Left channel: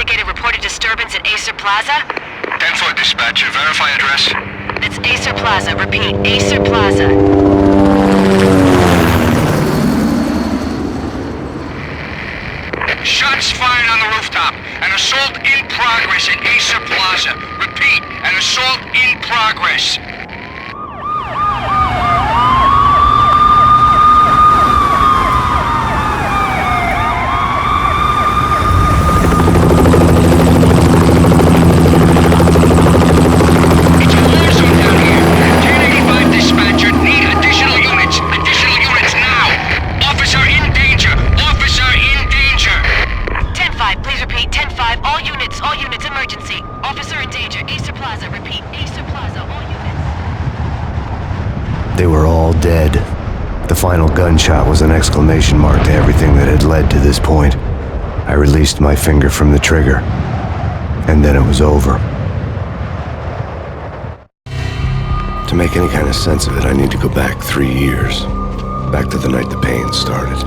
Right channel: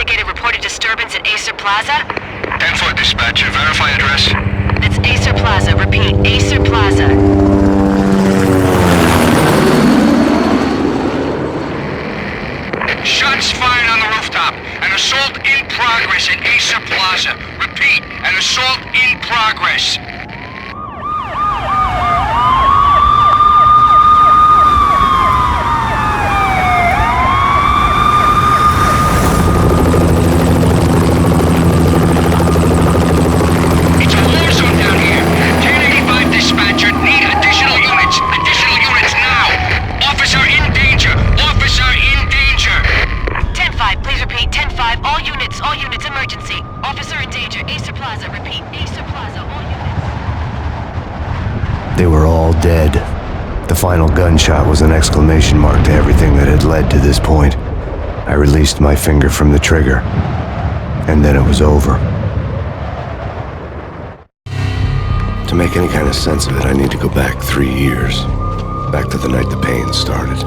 investigated reported disturbance at Acer Plaza? 10-4 dispatcher, verify address. That's Acer Plaza. Repeat, Acer Plaza. Shots fired on the rooftop. An assault in progress at Acer Plaza. Repeat, an assault in progress. It's a war zone down here. 1085 dispatcher, need additional units. Additional units now. Officer in danger. Officer in danger. 10-5, please repeat. 10-5, all units, emergency. Officer in danger, Acer Plaza. Repeat, Acer Plaza, all units. They were all dead. The final gunshot was an exclamation mark to everything that had led to this point. I released my finger from the trigger, and then it was over. To make any kind of sense of it, I need to go back 3 years. Back to the night the pain started.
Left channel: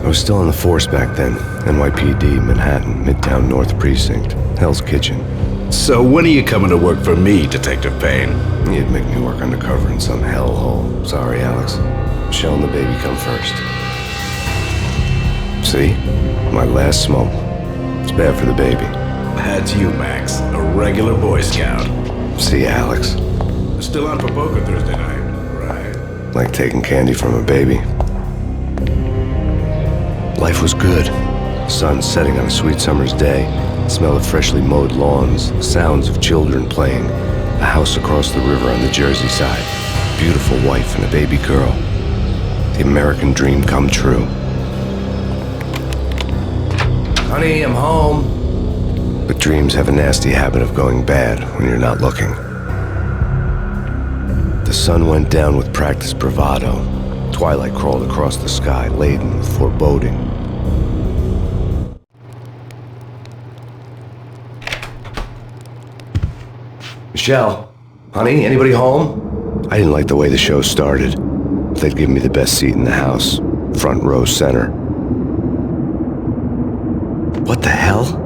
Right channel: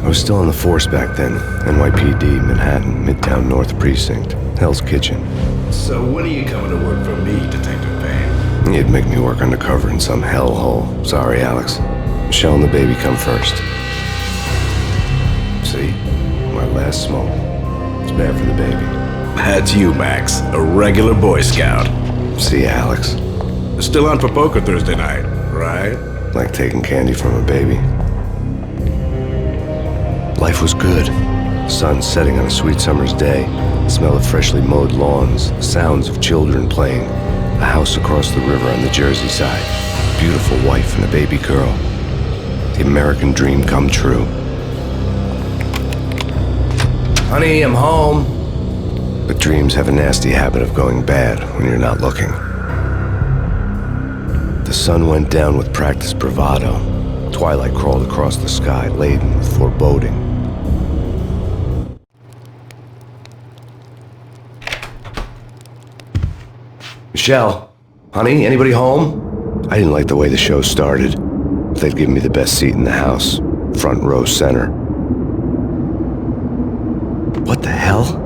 I was still on the force back then. NYPD, Manhattan, Midtown North Precinct, Hell's Kitchen. So when are you coming to work for me, Detective Payne? You'd make me work undercover in some hellhole. Sorry, Alex. Michelle and the baby come first. See? My last smoke. It's bad for the baby. That's you, Max. A regular Boy Scout. See, Alex? Still on for poker Thursday night, right? Like taking candy from a baby. Life was good. Sun setting on a sweet summer's day. The smell of freshly mowed lawns. The sounds of children playing. A house across the river on the Jersey side. Beautiful wife and a baby girl. The American dream come true. Honey, I'm home. But dreams have a nasty habit of going bad when you're not looking. The sun went down with practiced bravado. Twilight crawled across the sky, laden with foreboding. Michelle, honey, anybody home? I didn't like the way the show started. They'd give me the best seat in the house, front row center. What the hell?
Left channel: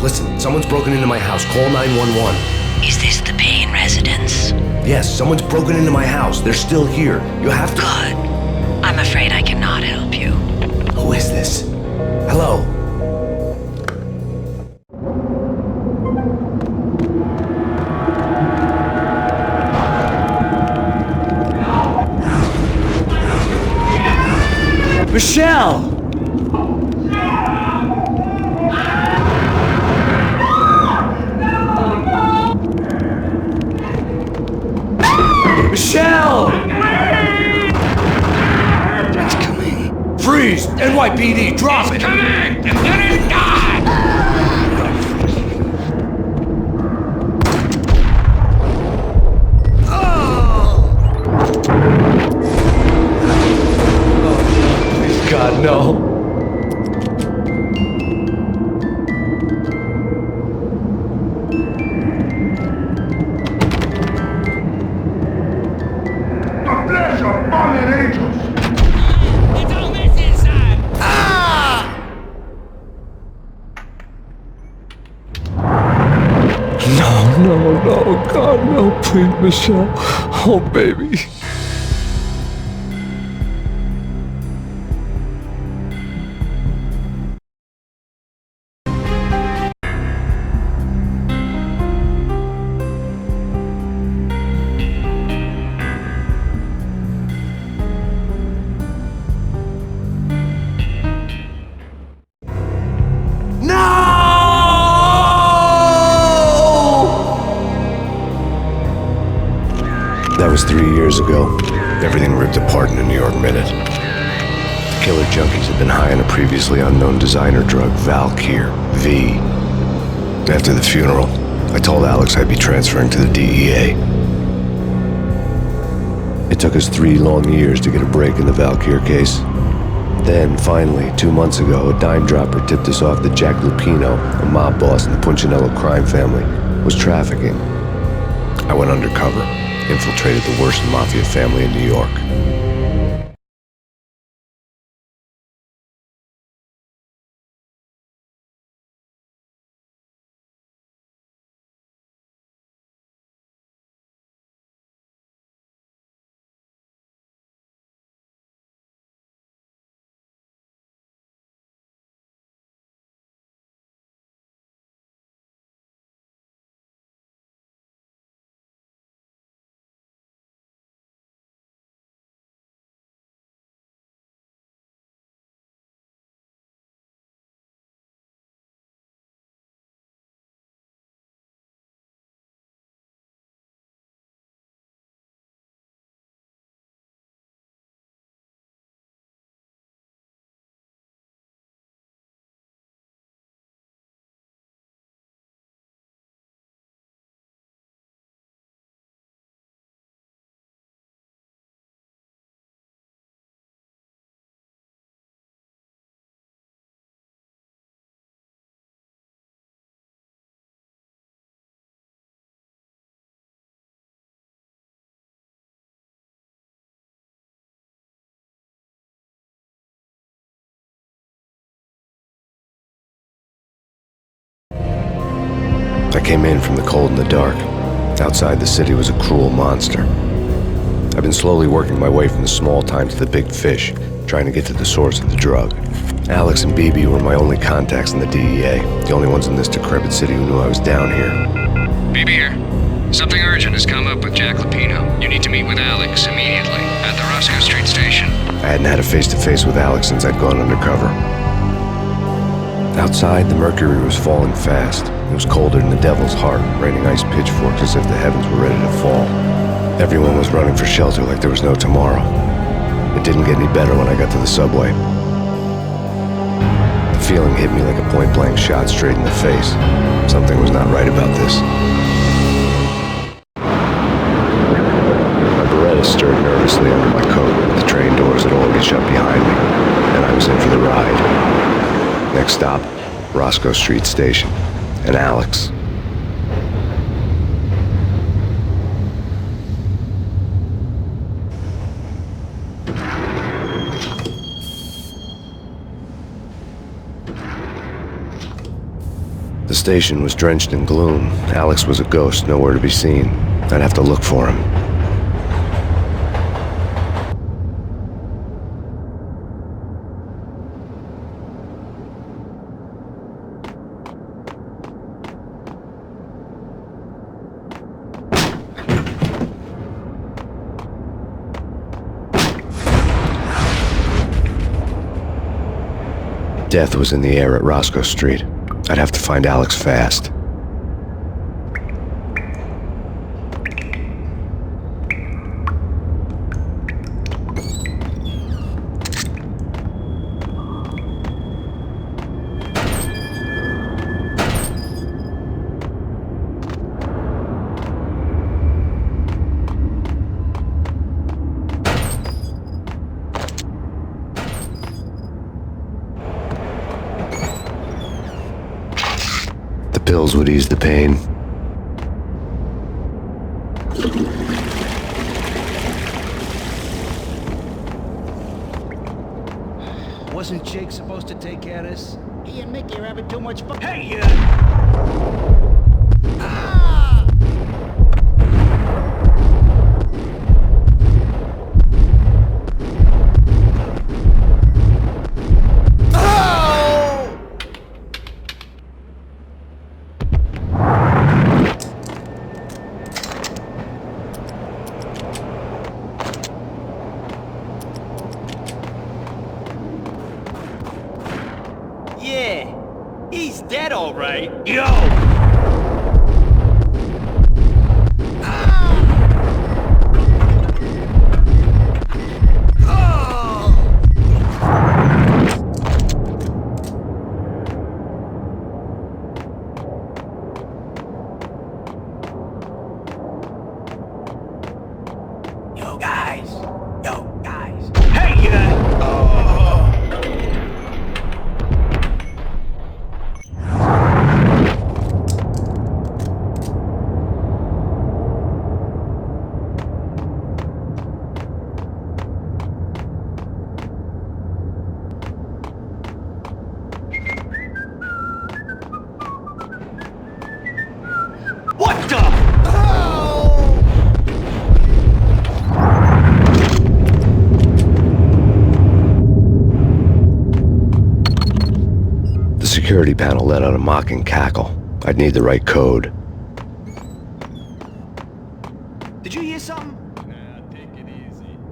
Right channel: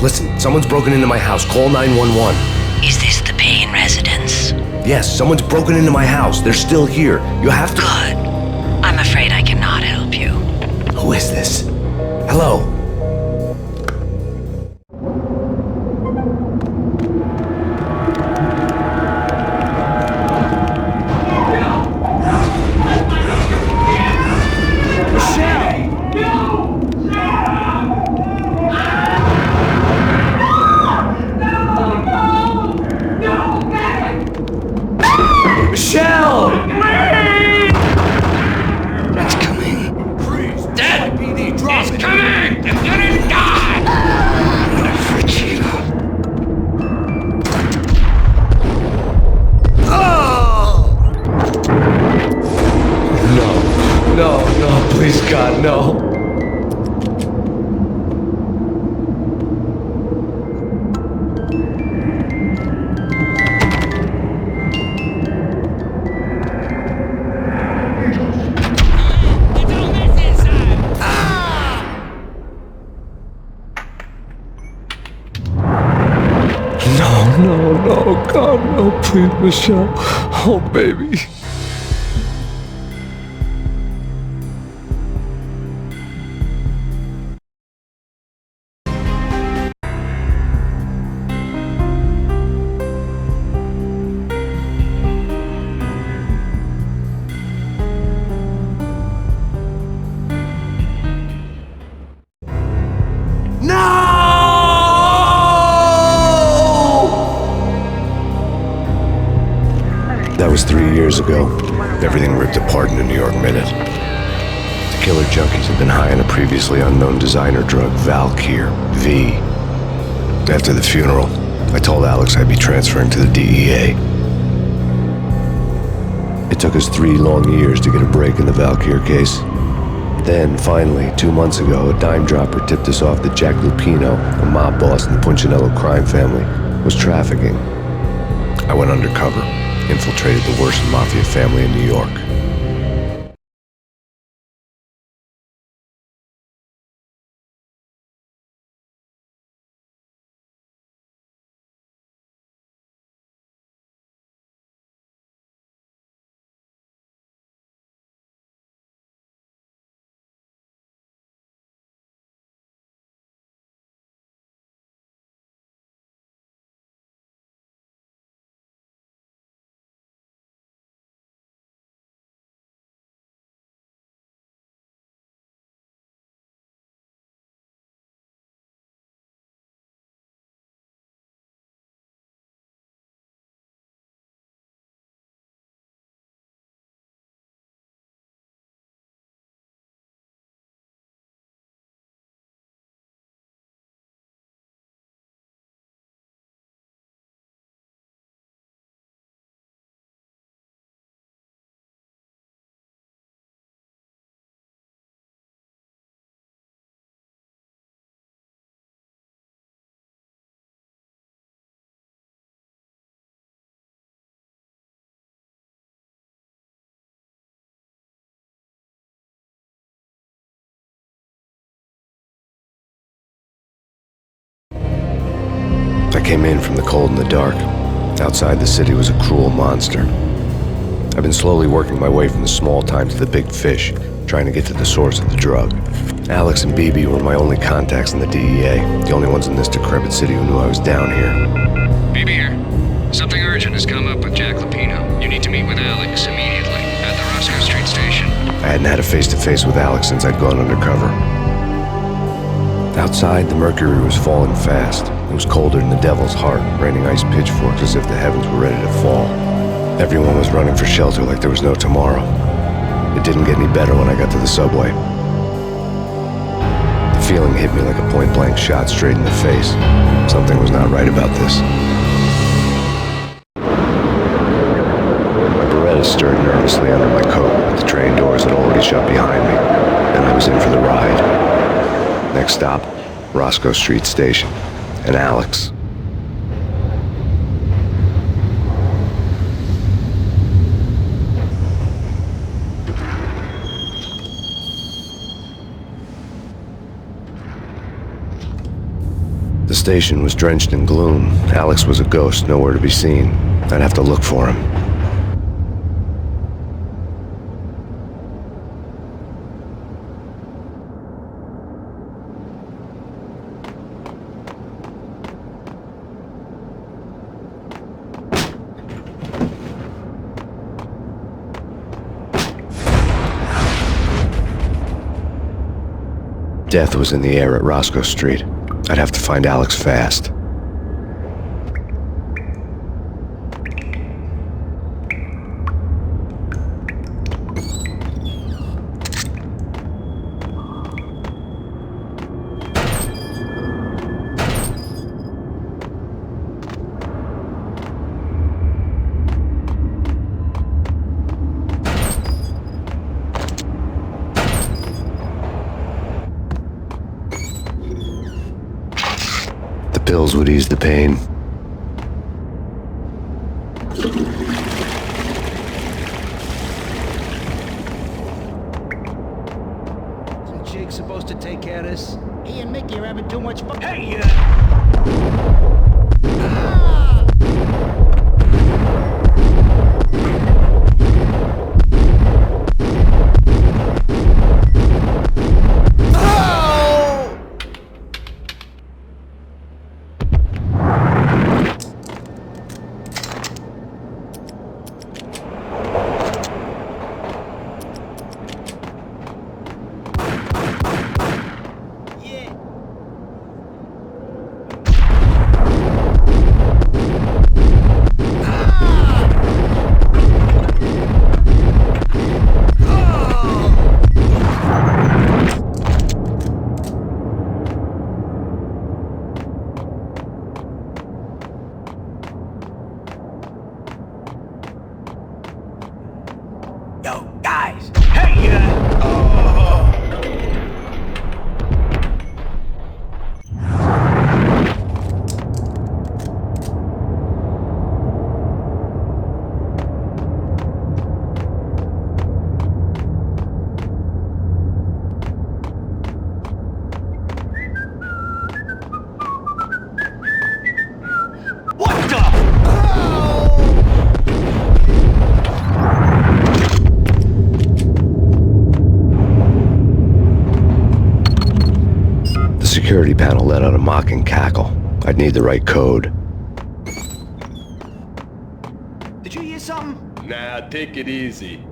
Listen, someone's broken into my house. Call 911. Is this the Payne residence? Yes, someone's broken into my house. They're still here. You have to... Good. I'm afraid I cannot help you. Who is this? Hello? Michelle! Michelle! It's coming. Freeze! NYPD, drop it! Coming! It's gonna die! No, please God, no. fallen angels! It's all messy inside! No, God, no, please, Michelle. Oh, baby. That was 3 years ago. Everything ripped apart in a New York minute. The killer junkies had been high on a previously unknown designer drug, Valkyr, V. After the funeral, I told Alex I'd be transferring to the DEA. It took us 3 long years to get a break in the Valkyr case. Then, finally, 2 months ago, a dime dropper tipped us off that Jack Lupino, a mob boss in the Punchinello crime family, was trafficking. I went undercover, infiltrated the worst mafia family in New York. I came in from the cold and the dark. Outside the city was a cruel monster. I've been slowly working my way from the small time to the big fish, trying to get to the source of the drug. Alex and BB were my only contacts in the DEA, the only ones in this decrepit city who knew I was down here. BB here. Something urgent has come up with Jack Lupino. You need to meet with Alex immediately at the Roscoe Street station. I hadn't had a face-to-face with Alex since I'd gone undercover. Outside, the mercury was falling fast. It was colder than the devil's heart, raining ice pitchforks as if the heavens were ready to fall. Everyone was running for shelter like there was no tomorrow. It didn't get any better when I got to the subway. The feeling hit me like a point-blank shot straight in the face. Something was not right about this. My Beretta stirred nervously under my coat, but the train doors had already shut behind me, and I was in for the ride. Next stop, Roscoe Street Station, and Alex. The station was drenched in gloom. Alex was a ghost, nowhere to be seen. I'd have to look for him. Death was in the air at Roscoe Street. I'd have to find Alex fast. Pills would ease the pain. Jake supposed to take care of this? He and Mickey are having too much fun. Hey, Yeah, he's dead all right. Yo! Yo, guys. Yo, guys. Hey, What the? The security panel let out a mocking cackle. I'd need the right code. Did you hear something? Nah, take it easy.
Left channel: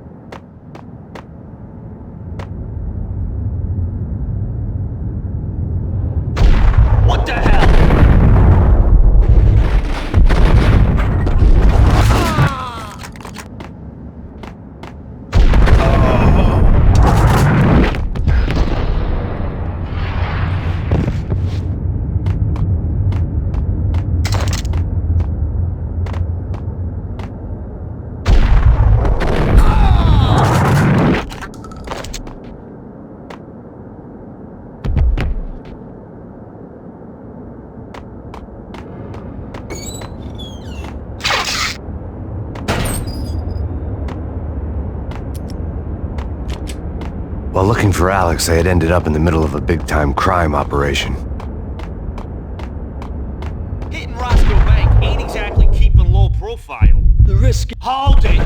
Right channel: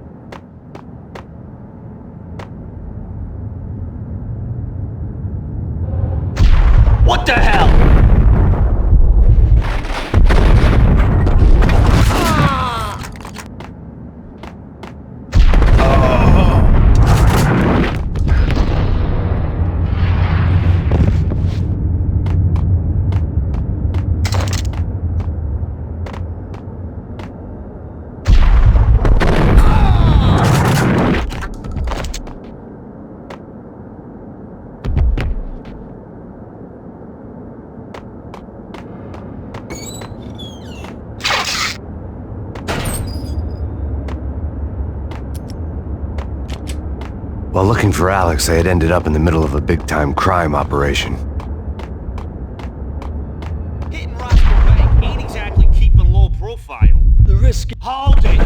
What the hell? While looking for Alex, I had ended up in the middle of a big-time crime operation. Hitting Roscoe Bank ain't exactly keeping low profile. The risk. Hold it!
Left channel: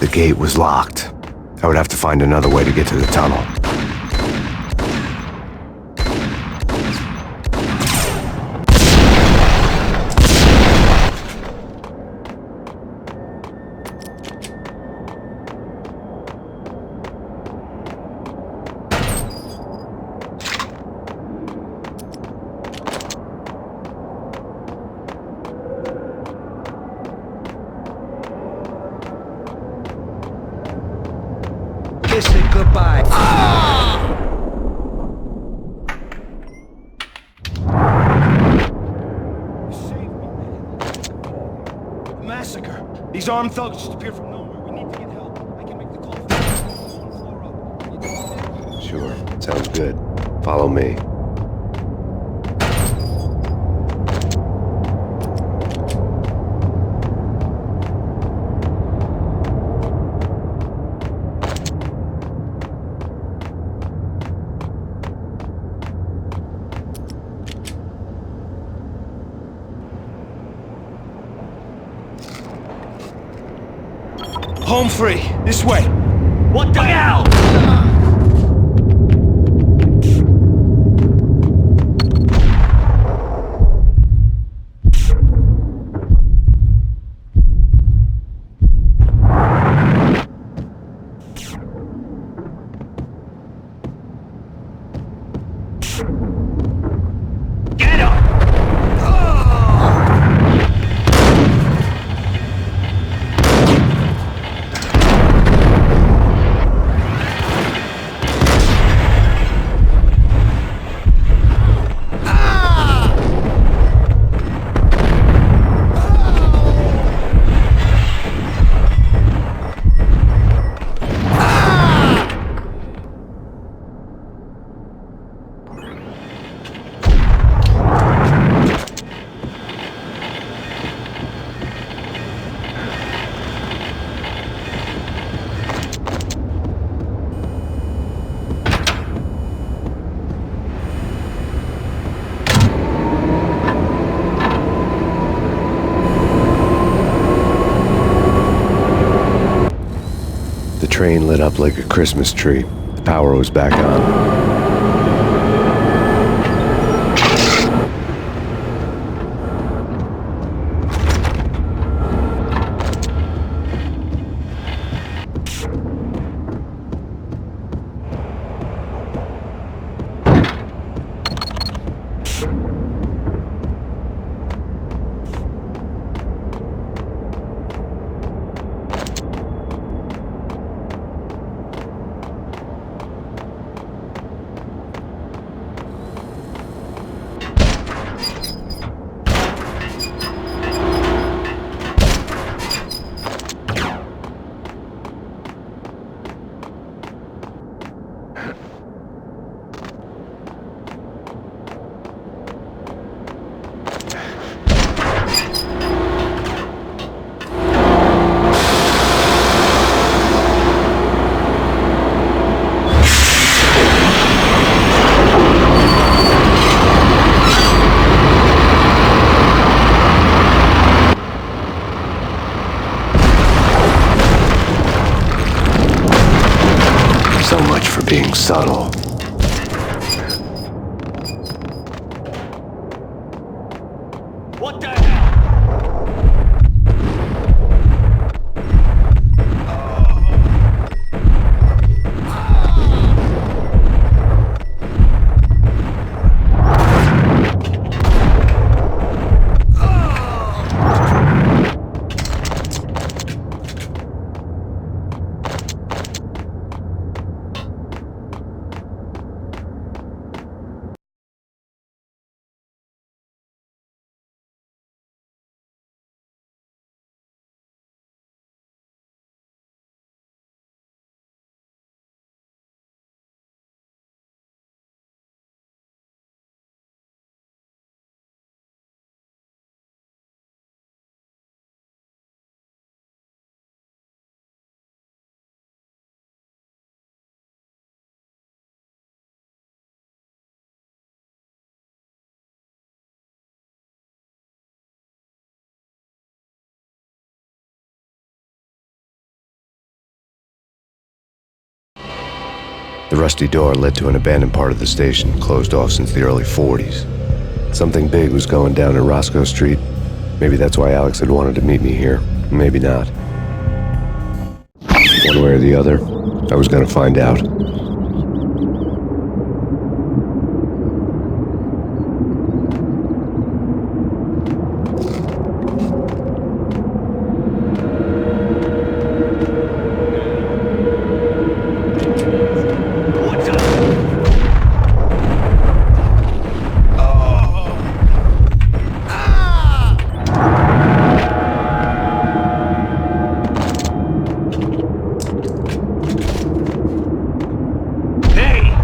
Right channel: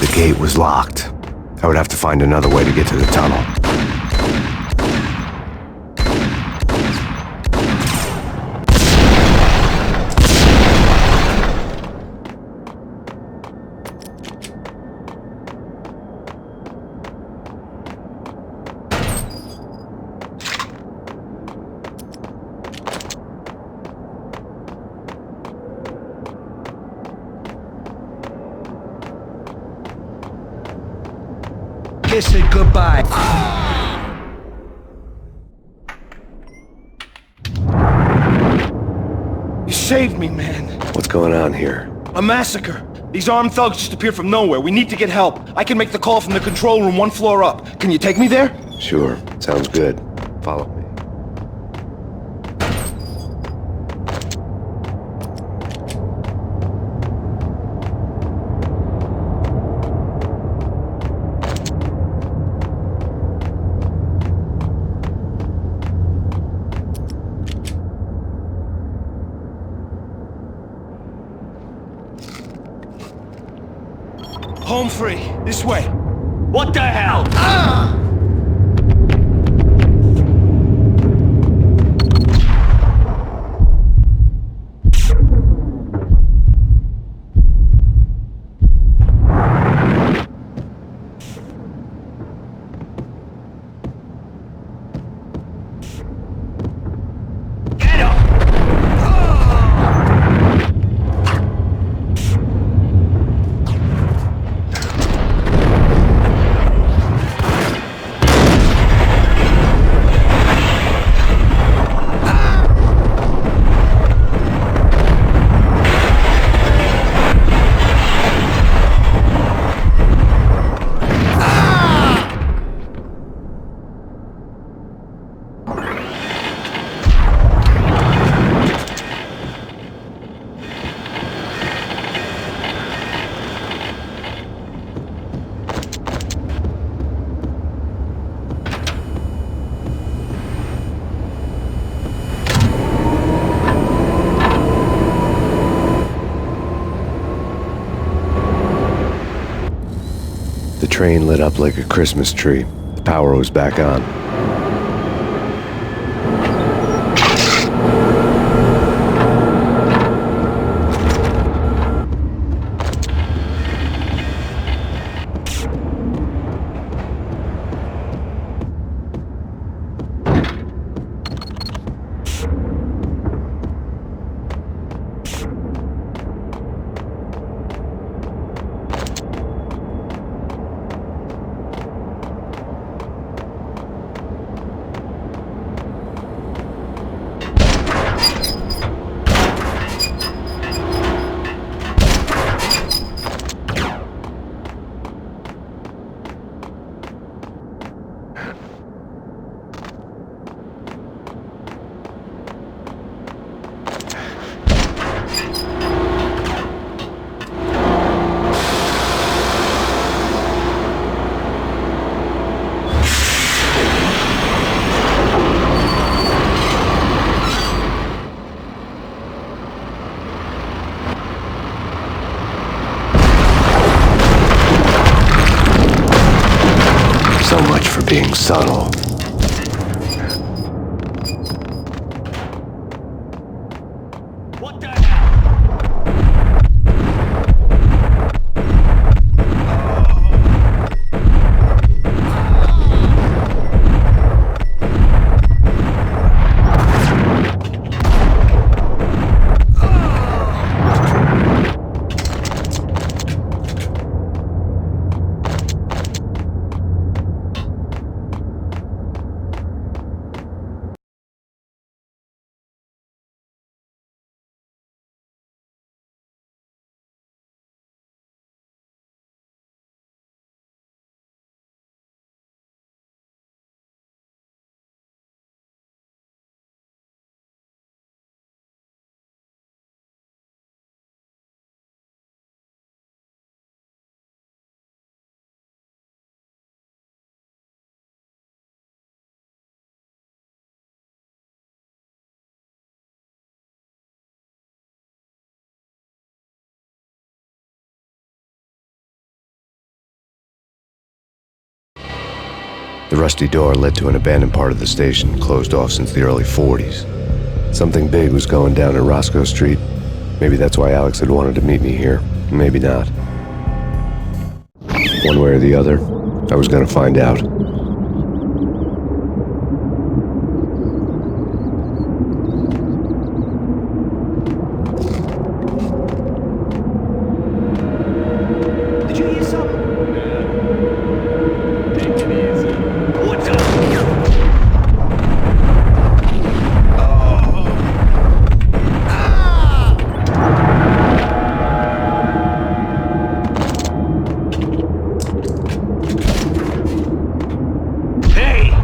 The gate was locked. I would have to find another way to get to the tunnel. Kiss it goodbye. You saved me, man. What's going on here? A massacre. These armed thugs just appeared from nowhere. We need to get help. I can make the call from the control room one floor up. Can you take me there? Sure, sounds good. Follow me. Home free. This way. What the hell? Get him! The train lit up like a Christmas tree. The power was back on. So much for being subtle. What the hell? The rusty door led to an abandoned part of the station, closed off since the early 40s. Something big was going down at Roscoe Street. Maybe that's why Alex had wanted to meet me here. Maybe not. One way or the other, I was gonna find out. Did you hear something? Nah. Take it easy. What's up? Hey!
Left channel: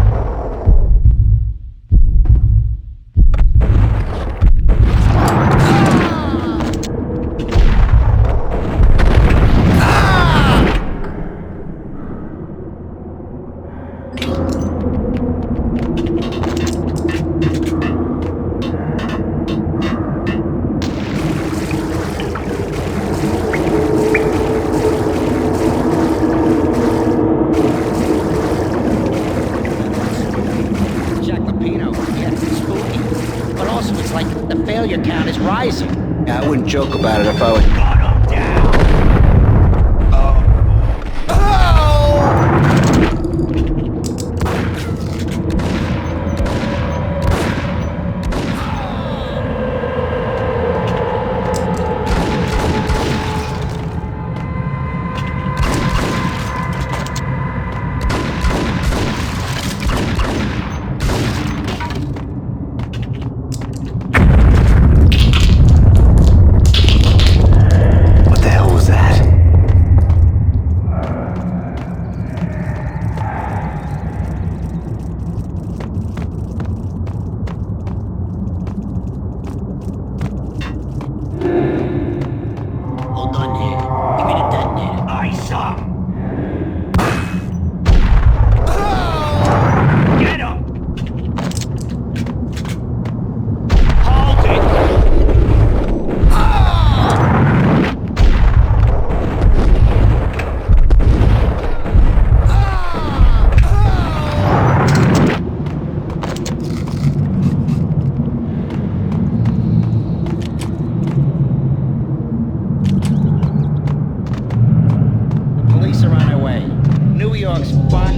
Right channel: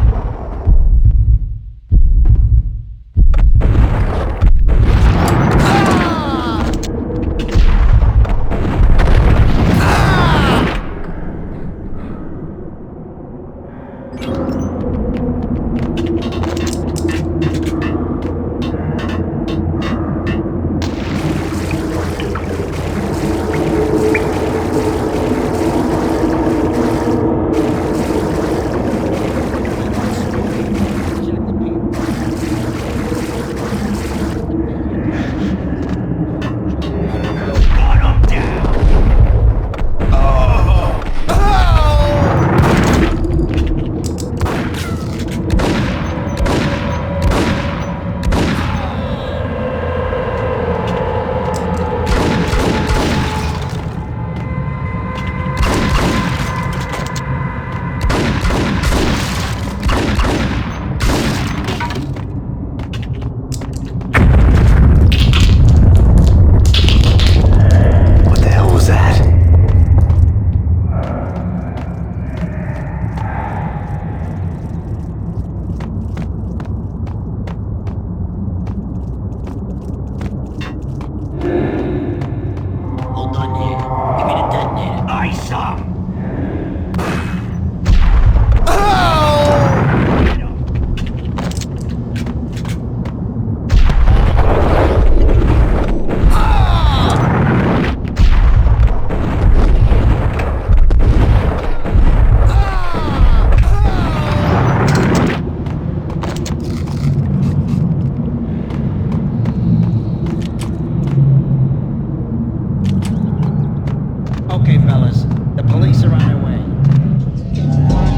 But also, it's like the failure count is rising. Yeah, I wouldn't joke about it if I was... Gun him down! What the hell was that? on their way. New York's fun.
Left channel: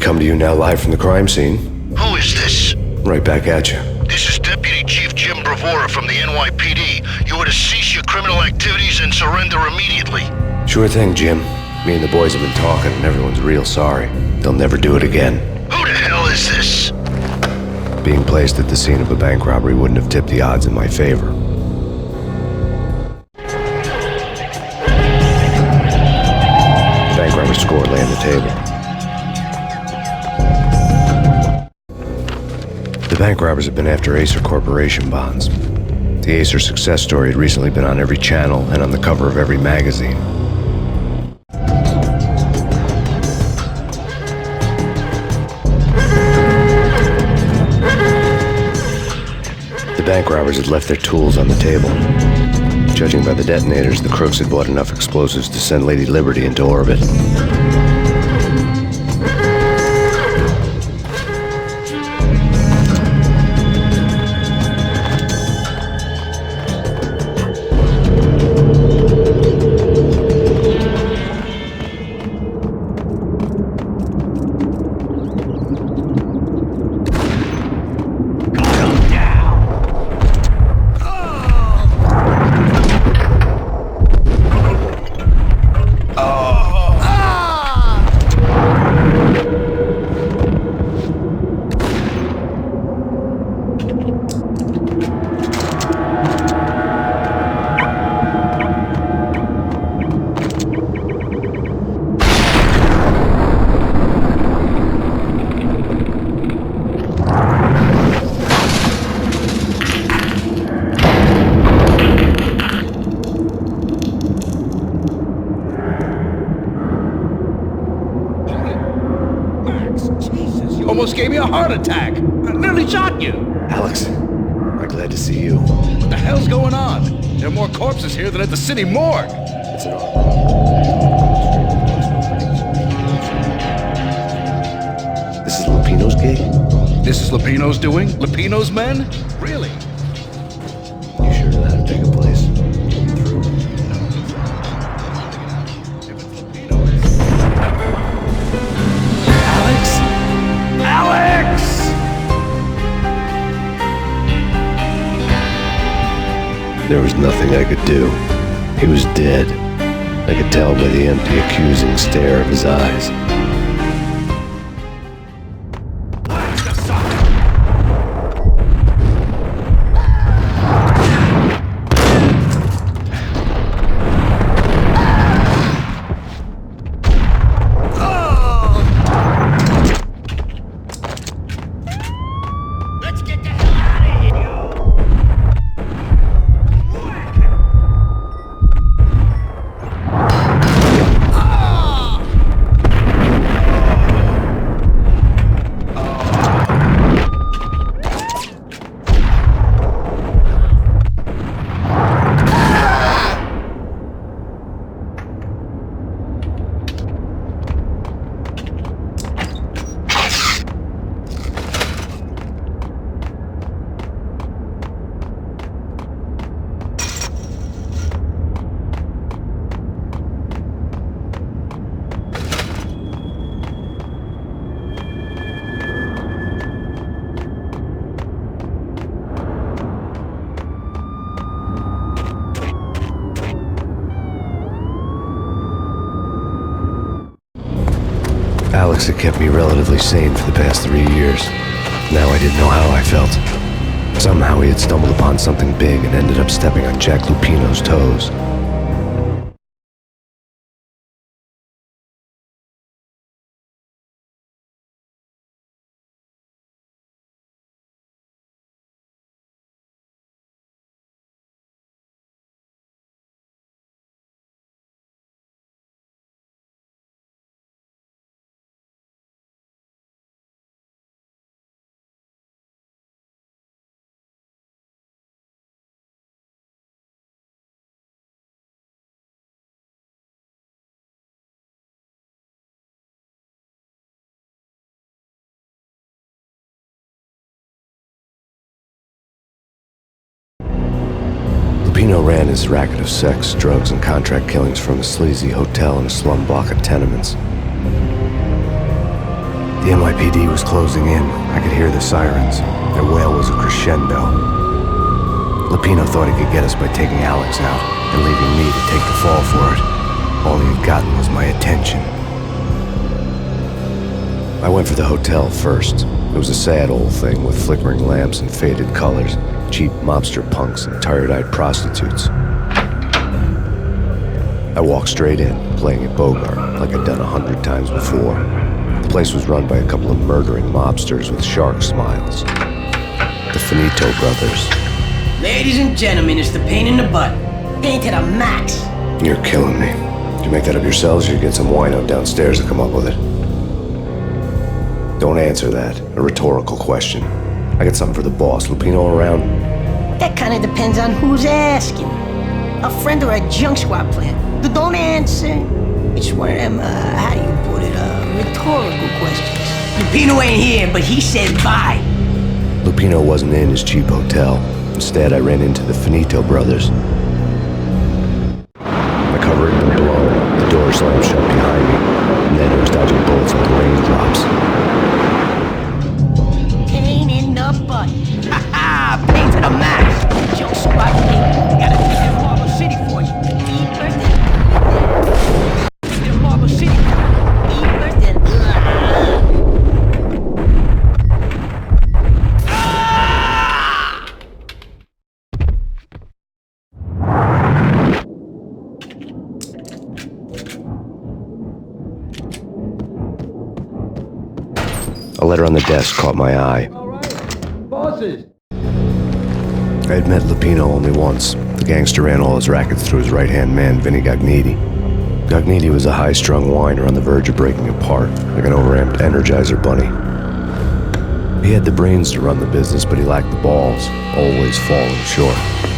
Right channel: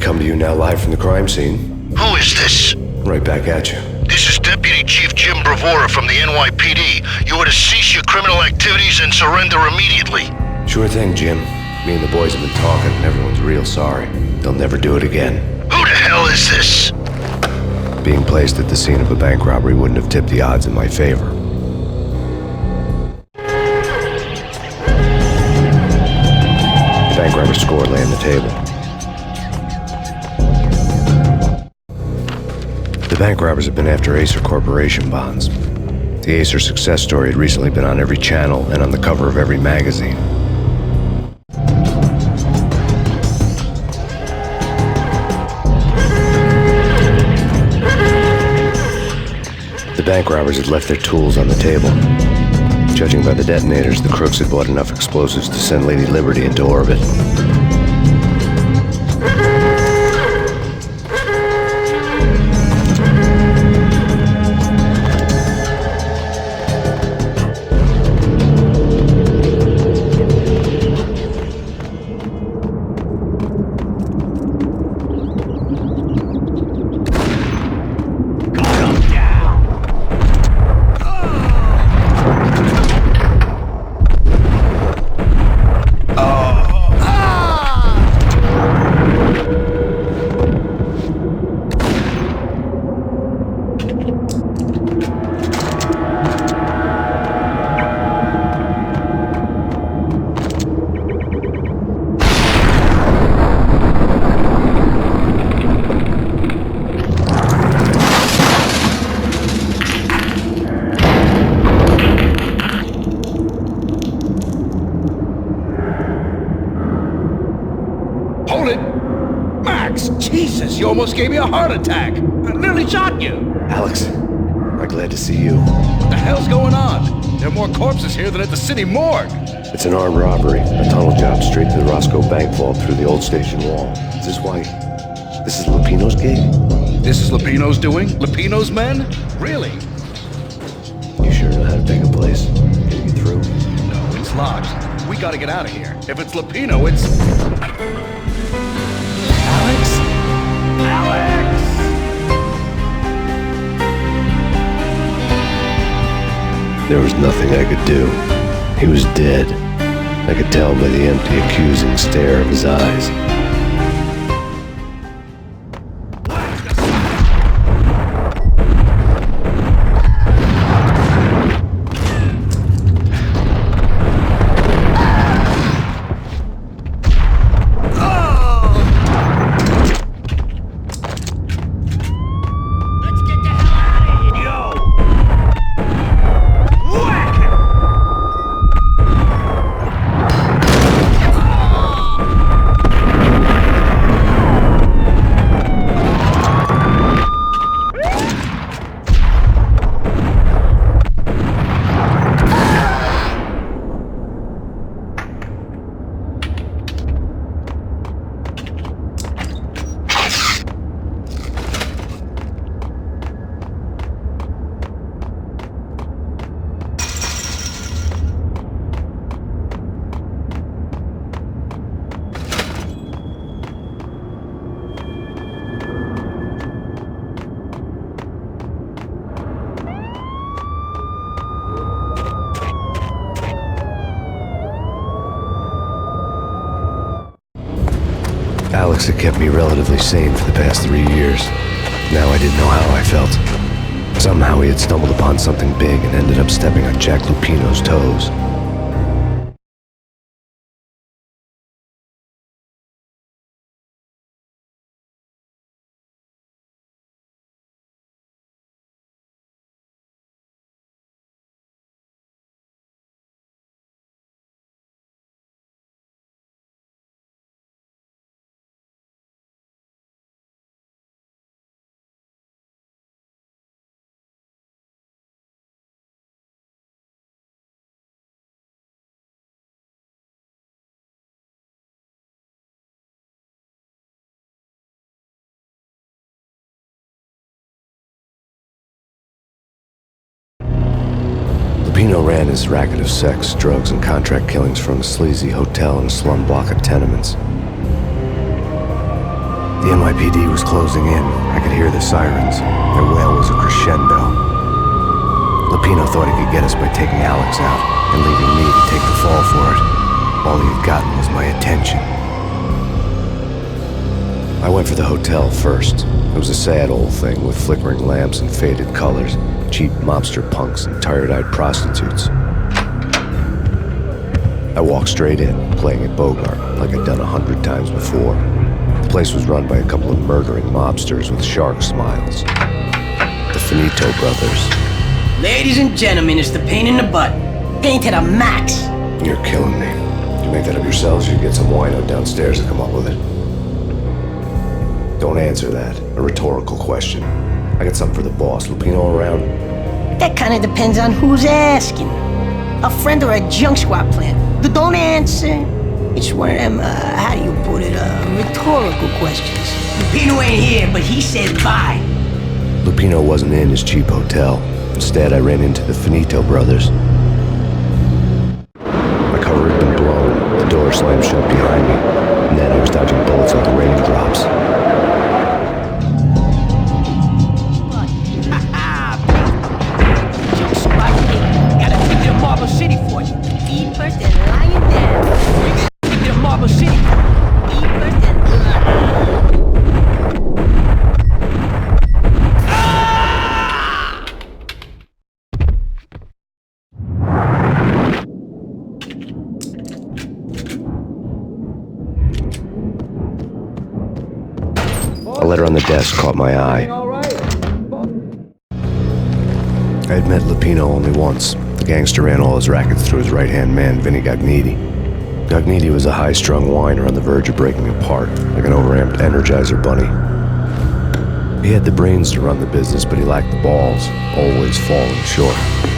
Come to you now live from the crime scene. Who is this? Right back at you. This is Deputy Chief Jim Bravura from the NYPD. You are to cease your criminal activities and surrender immediately. Sure thing, Jim. Me and the boys have been talking and everyone's real sorry. They'll never do it again. Who the hell is this? Being placed at the scene of a bank robbery wouldn't have tipped the odds in my favor. The bank robber's score lay on the table. The bank robbers have been after Acer Corporation bonds. The Acer success story had recently been on every channel and on the cover of every magazine. The bank robbers had left their tools on the table. Judging by the detonators, the crooks had bought enough explosives to send Lady Liberty into orbit. Hold it! Max! Jesus, you almost gave me a heart attack! I nearly shot you! Alex, am I glad to see you. What the hell's going on? There are more corpses here than at the city morgue! It's an armed robbery. A tunnel job straight to the Roscoe Bank vault through the old station wall. Is this why? This is Lupino's gig? This is Lupino's doing? Lupino's men? Really? You sure know how to pick a place? Can you get through? No, it's locked. We gotta get out of here. If it's Lupino, it's... Alex? Alex! There was nothing I could do. He was dead. I could tell by the empty, accusing stare of his eyes. Alex had kept me relatively sane for the past 3 years. Now I didn't know how I felt. Somehow he had stumbled upon something big and ended up stepping on Jack Lupino's toes. Lupino ran his racket of sex, drugs, and contract killings from a sleazy hotel in a slum block of tenements. The NYPD was closing in. I could hear the sirens. Their wail was a crescendo. Lupino thought he could get us by taking Alex out and leaving me to take the fall for it. All he had gotten was my attention. I went for the hotel first. It was a sad old thing with flickering lamps and faded colors, cheap mobster punks and tired-eyed prostitutes. I walked straight in, playing at Bogart, like I'd done 100 times before. The place was run by a couple of murdering mobsters with shark smiles. The Finito brothers. Ladies and gentlemen, it's the pain in the butt. Pain to the max. You're killing me. Did you make that up yourselves, or you get some wino downstairs to come up with it? Don't answer that. A rhetorical question. I got something for the boss. Lupino around? That kind of depends on who's asking. A friend or a junk squad plan. Don't answer. It's one of them, how do you put it, rhetorical questions. Lupino ain't here, but he said bye. Lupino wasn't in his cheap hotel. Instead, I ran into the Finito brothers. My cover had been blown, the door slammed shut behind me, and then I was dodging bullets like raindrops. Pain in the butt. Ha-ha! Pain to the max. Junk squad thing. Got a ticket to Marble City for you. Eat first and lying down. Ticket to Marble City. Eat first and A letter on the desk caught my eye. All right, bosses. I had met Lupino only once. The gangster ran all his rackets through his right-hand man, Vinny Gagniti. Gagniti was a high-strung whiner on the verge of breaking apart, like an overamped Energizer bunny. He had the brains to run the business, but he lacked the balls, always falling short,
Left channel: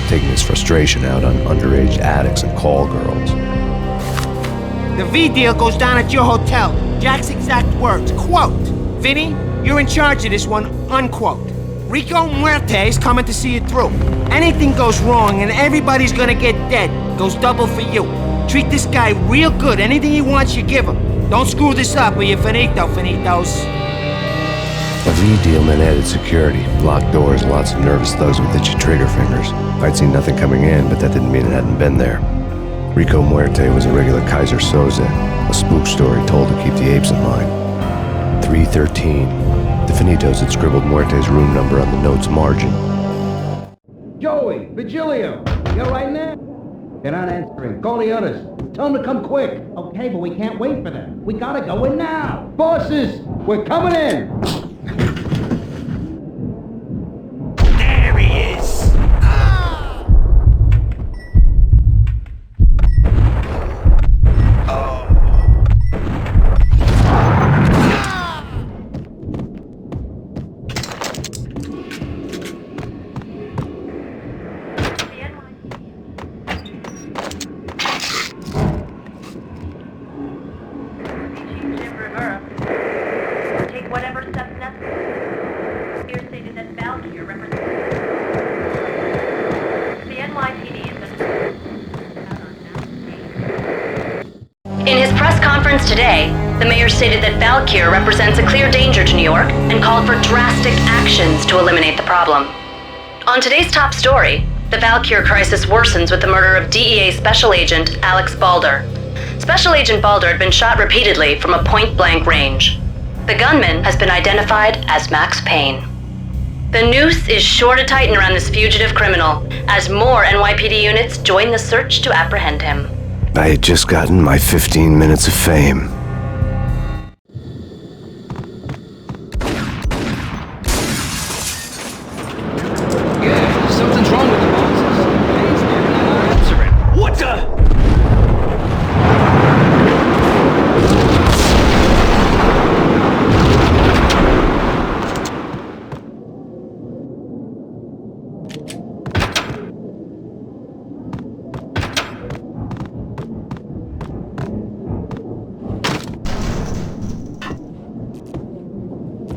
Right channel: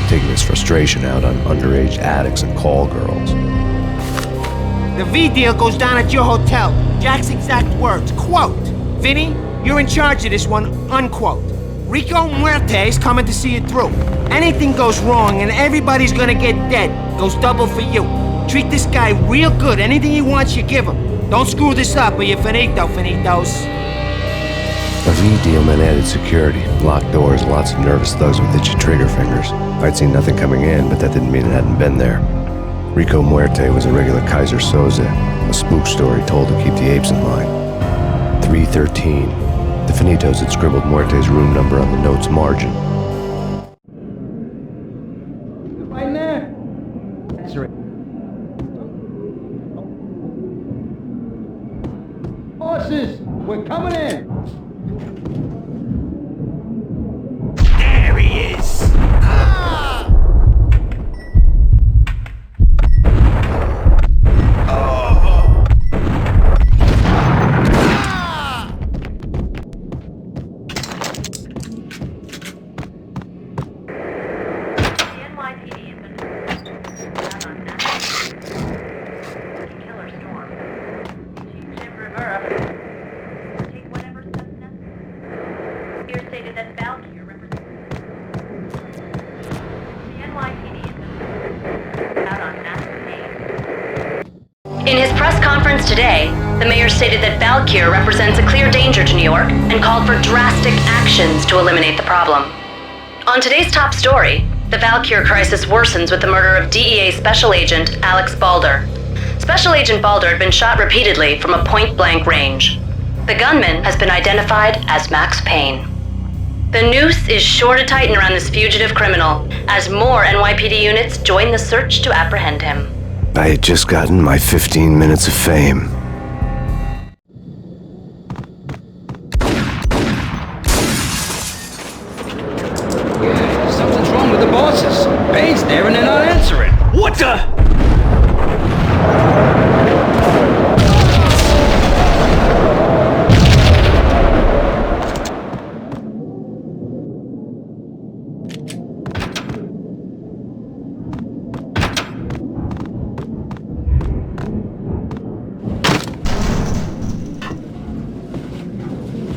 taking his frustration out on underage addicts and call girls. The V deal goes down at your hotel. Jack's exact words, quote, "Vinny, you're in charge of this one," unquote. Rico Muerte's coming to see it through. Anything goes wrong and everybody's gonna get dead, goes double for you. Treat this guy real good. Anything he wants, you give him. Don't screw this up or you're finito, finitos. A V deal meant added security, locked doors, and lots of nervous thugs with itchy trigger fingers. I'd seen nothing coming in, but that didn't mean it hadn't been there. Rico Muerte was a regular Kaiser Soze, a spook story told to keep the apes in line. 313. The Finitos had scribbled Muerte's room number on the note's margin. Joey, Vigilio, you right in there? They're not answering. Call the others. Tell them to come quick. Okay, but we can't wait for them. We gotta go in now. Bosses, we're coming in. There he is! In his press conference today, the mayor stated that Valkyr represents a clear danger to New York and called for drastic actions to eliminate the problem. On today's top story, the Valkyr crisis worsens with the murder of DEA Special Agent Alex Balder. Special Agent Balder had been shot repeatedly from a point-blank range. The gunman has been identified as Max Payne. The noose is sure to tighten around this fugitive criminal as more NYPD units join the search to apprehend him. I had just gotten my 15 minutes of fame. Yeah, something's wrong with the bosses. Payne's there and they're not answering. What the?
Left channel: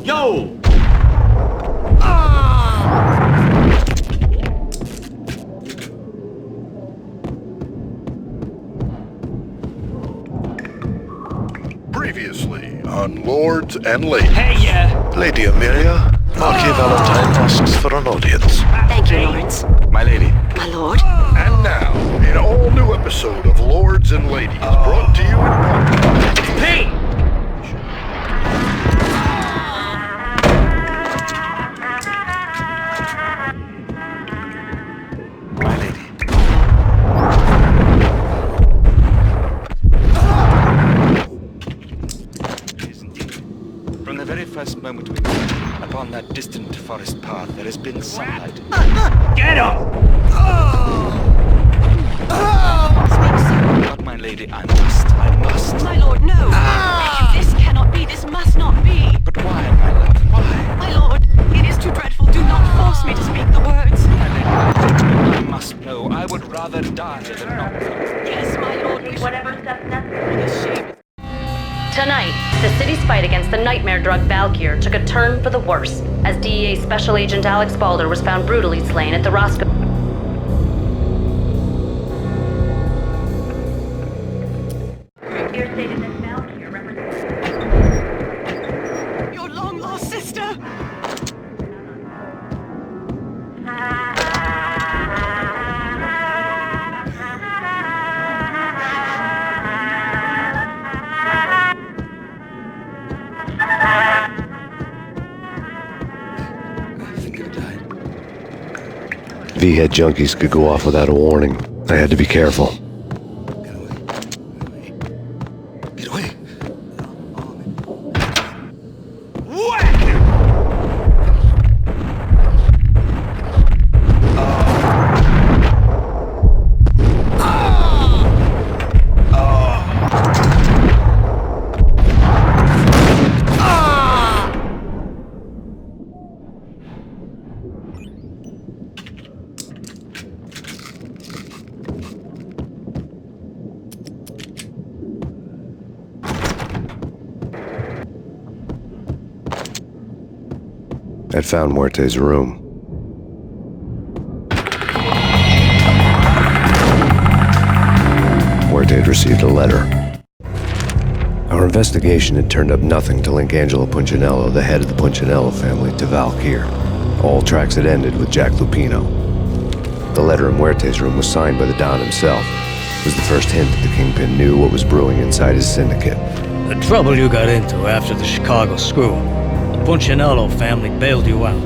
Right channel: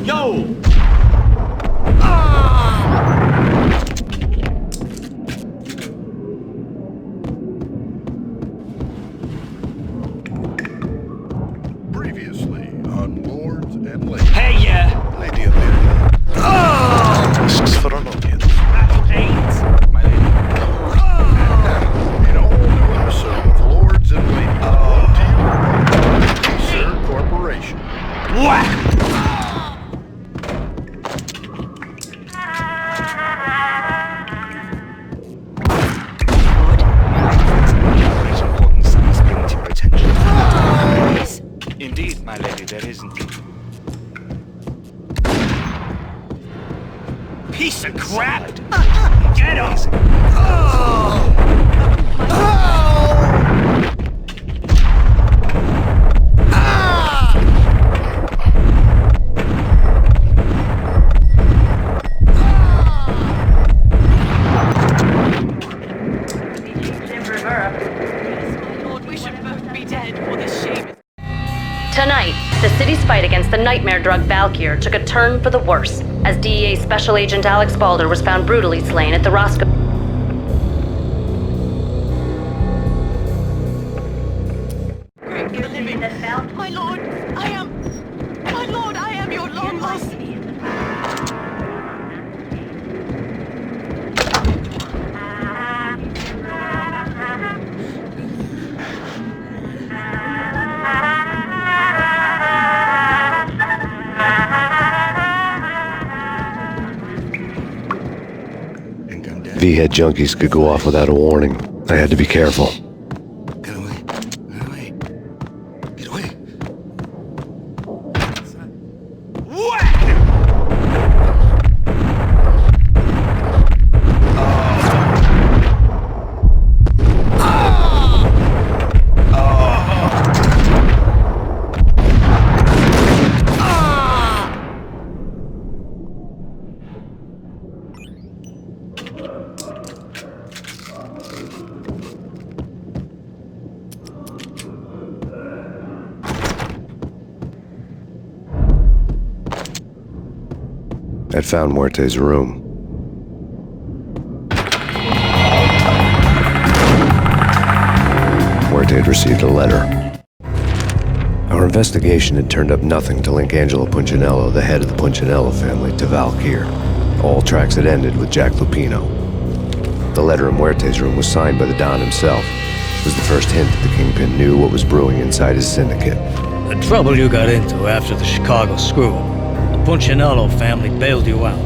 Yo! Previously on Lords and Ladies. Hey, Lady Amelia, Lucky Valentine asks for an audience. Thank you, Lawrence. my lady. My lord. And now, an all-new episode of Lords and Ladies, brought to you in part by Hey! Corporation. What? Indeed, my lady, there isn't. From the very first moment we met upon that distant forest path. Piece of crap! Get him! But my lady, I must. My lord, no! This cannot be, this must not be! My lord, it is too dreadful, do not force me to speak the words! I must know, I would rather die. Yes, my lord, we should both be dead, for this shame is... Tonight, the city's fight against the nightmare drug Valkyr took a turn for the worse, as DEA Special Agent Alex Balder was found brutally slain at the Roscoe. My lord, I am your long-lost sister! V-head junkies could go off without a warning. I had to be careful. Get away. Get away. Get away. Whack! I'd found Muerte's room. Muerte had received a letter. Our investigation had turned up nothing to link Angelo Punchinello, the head of the Punchinello family, to Valkyr. All tracks had ended with Jack Lupino. The letter in Muerte's room was signed by the Don himself. It was the first hint that the Kingpin knew what was brewing inside his syndicate. The trouble you got into after the Chicago screw-up. The Punchinello family bailed you out.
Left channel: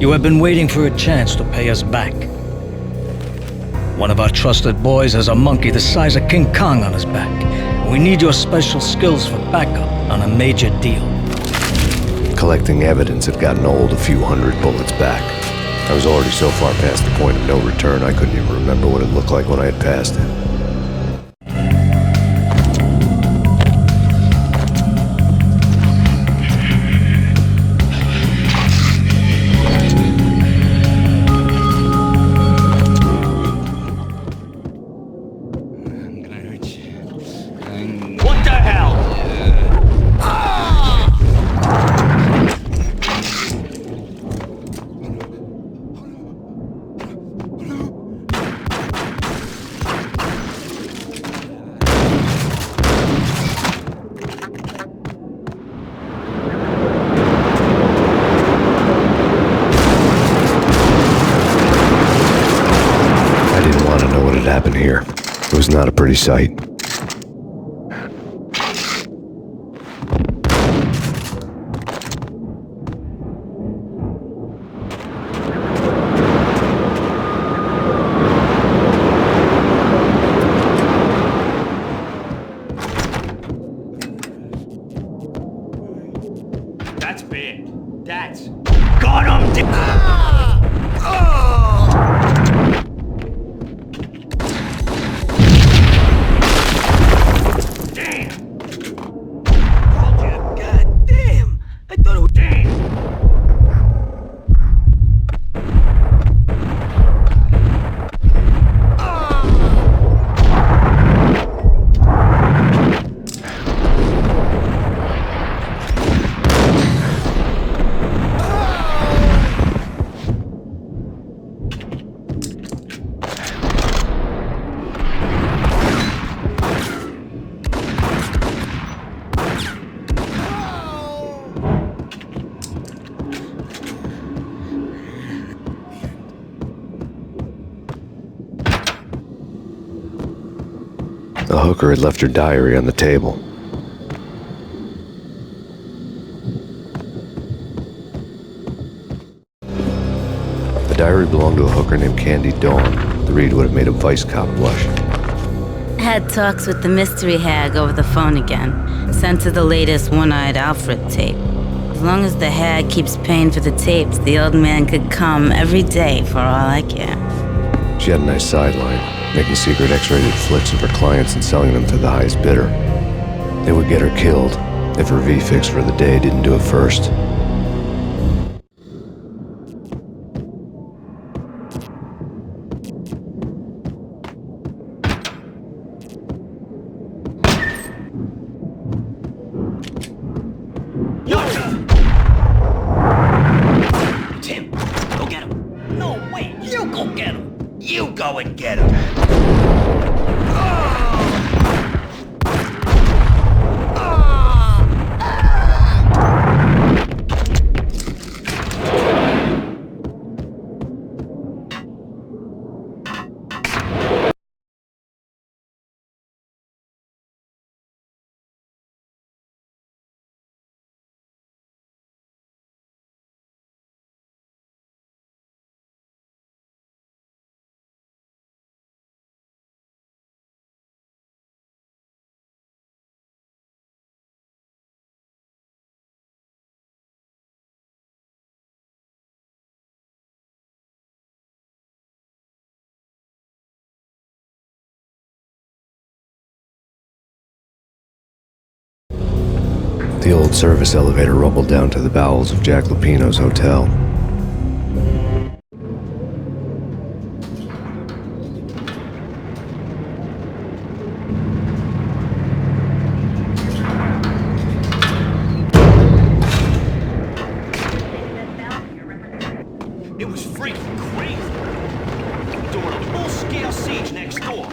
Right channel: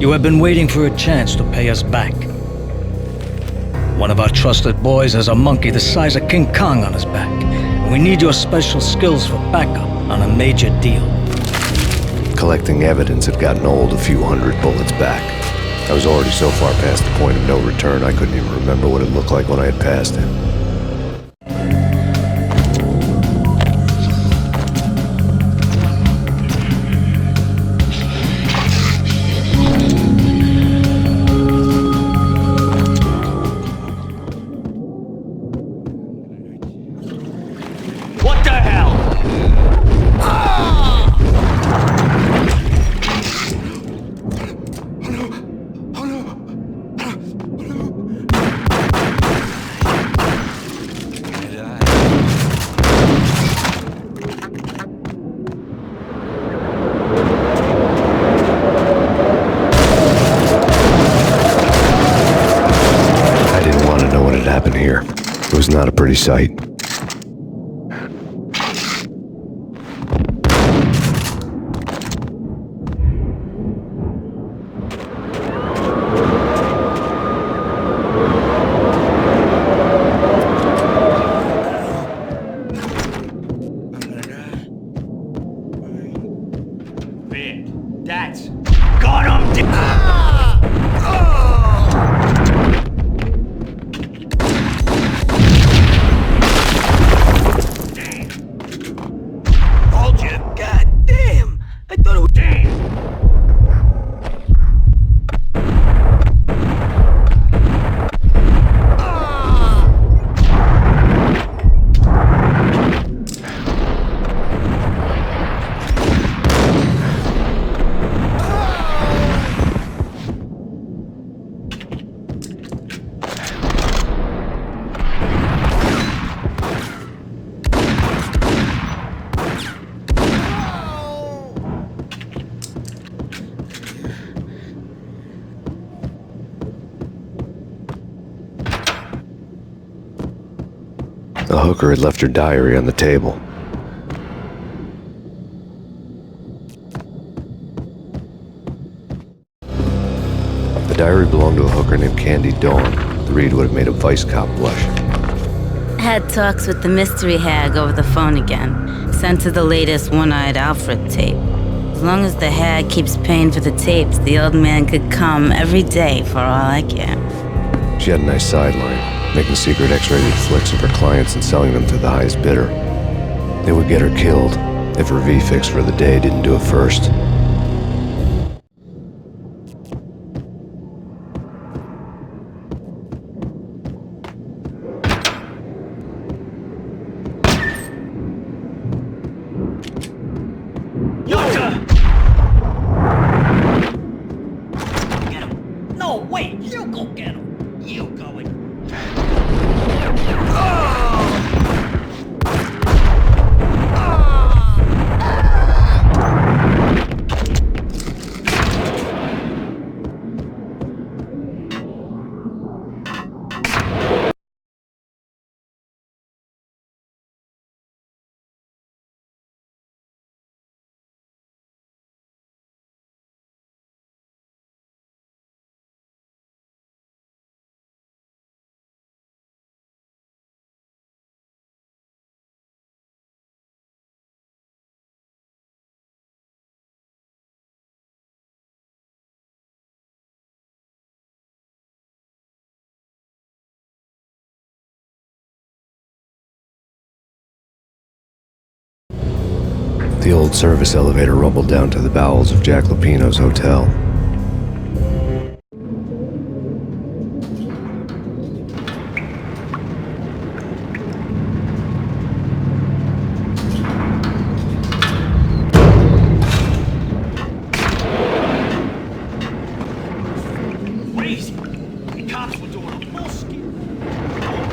You have been waiting for a chance to pay us back. One of our trusted boys has a monkey the size of King Kong on his back. And we need your special skills for backup on a major deal. Collecting evidence had gotten old a few hundred bullets back. I was already so far past the point of no return I couldn't even remember what it looked like when I had passed it. What the hell? I didn't want to know what had happened here. It was not a pretty sight. bad. That's... Got him! Damn! Told you. God damn! I thought it was... Damn! The hooker had left her diary on the table. The diary belonged to a hooker named Candy Dawn. The read would have made a vice cop blush. Had talks with the mystery hag over the phone again. Sent her the latest one-eyed Alfred tape. As long as the hag keeps paying for the tapes, the old man could come every day for all I care. She had a nice sideline, making secret X-rated flicks of her clients and selling them to the highest bidder. They would get her killed if her V-fix for the day didn't do it first. Tim, go get him. No, wait, you go get him. You go and get him. The old service elevator rumbled down to the bowels of Jack Lupino's hotel. It was freaking crazy. Cops were doing a full-scale siege next door.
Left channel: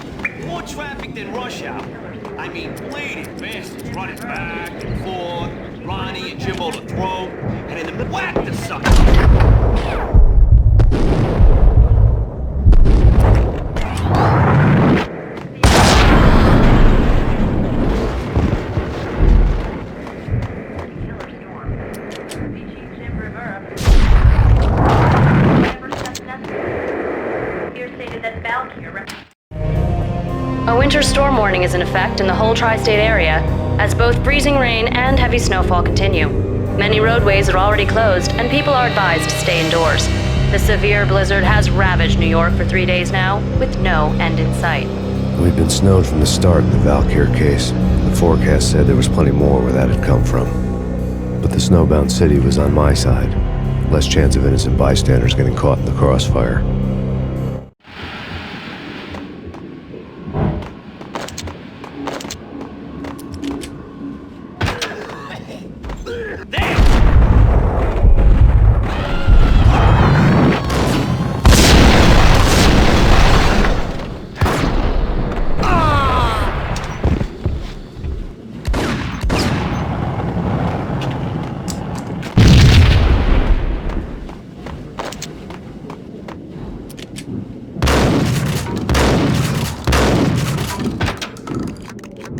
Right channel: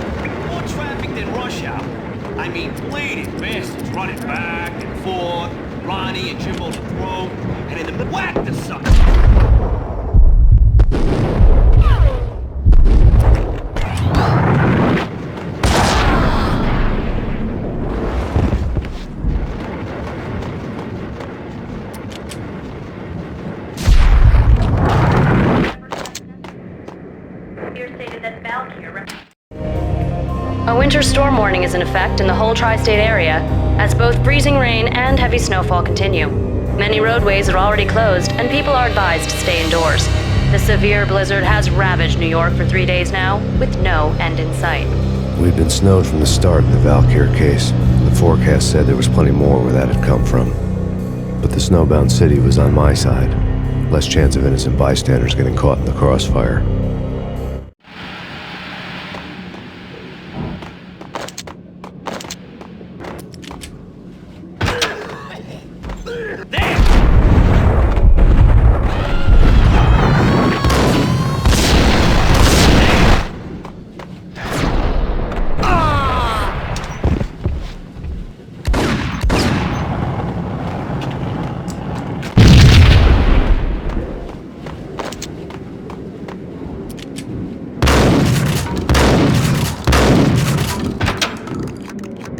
More traffic than rush hour. I mean, blatant bastards running back and forth, Ronnie and Jimbo to throw, and in the middle, whack the sucker. A winter storm warning is in effect in the whole tri-state area, as both freezing rain and heavy snowfall continue. Many roadways are already closed, and people are advised to stay indoors. The severe blizzard has ravaged New York for 3 days now, with no end in sight. We'd been snowed from the start in the Valkyr case. The forecast said there was plenty more where that had come from. But the snowbound city was on my side. Less chance of innocent bystanders getting caught in the crossfire.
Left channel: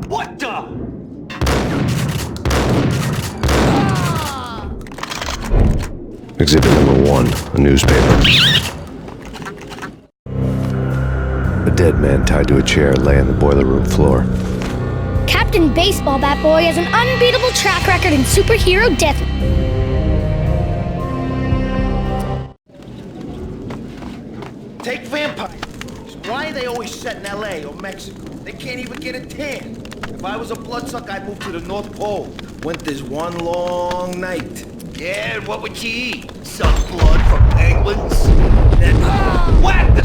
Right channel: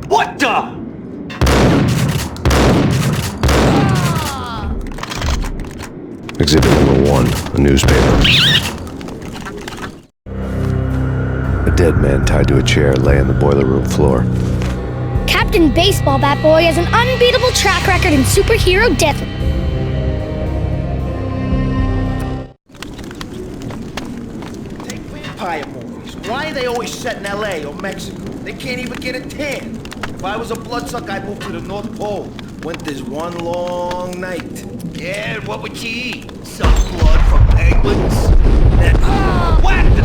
What the? Exhibit number 1, a newspaper. A dead man tied to a chair lay on the boiler room floor. Captain Baseball Bat Boy has an unbeatable track record in superhero death. Why are they always set in LA or Mexico? They can't even get a tan. If I was a bloodsucker, I'd move to the North Pole. Winter's one long night. Yeah, and what would you eat? Some blood from penguins? Then whack the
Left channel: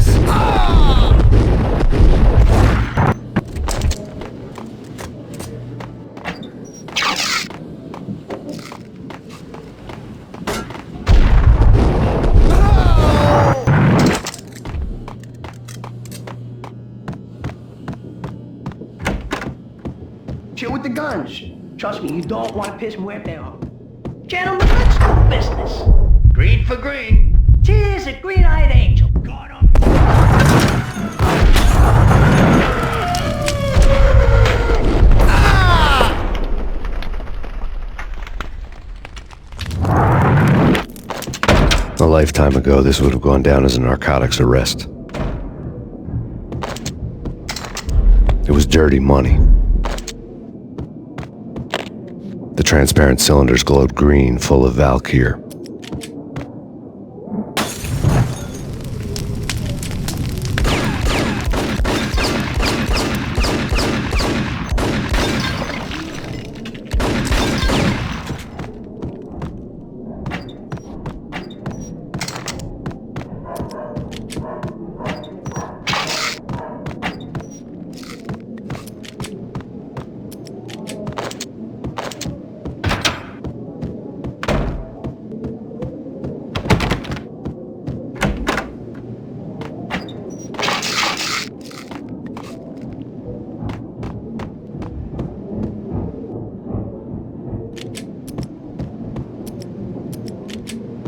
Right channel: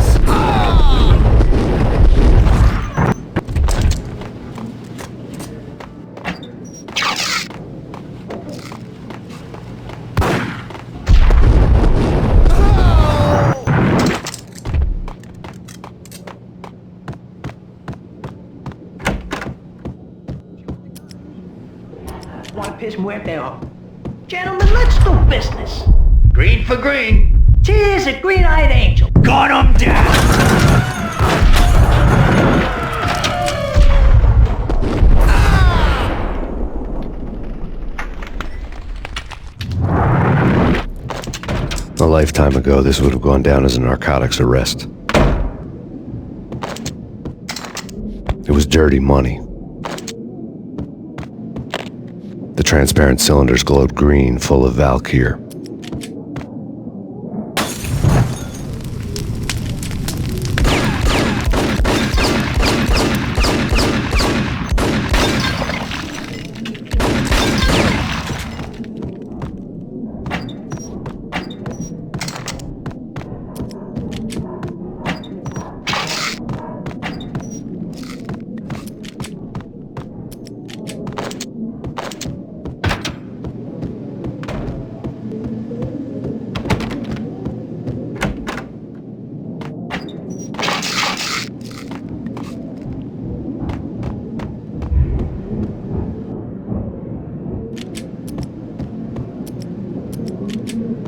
Chill with the guns. Trust me, you don't want to piss Muerte off. Gentlemen, let's do business. green for green. Cheers, a green-eyed angel. Gun 'em down. A lifetime ago, this would have gone down as a narcotics arrest. It was dirty money. The transparent cylinders glowed green, full of Valkyr.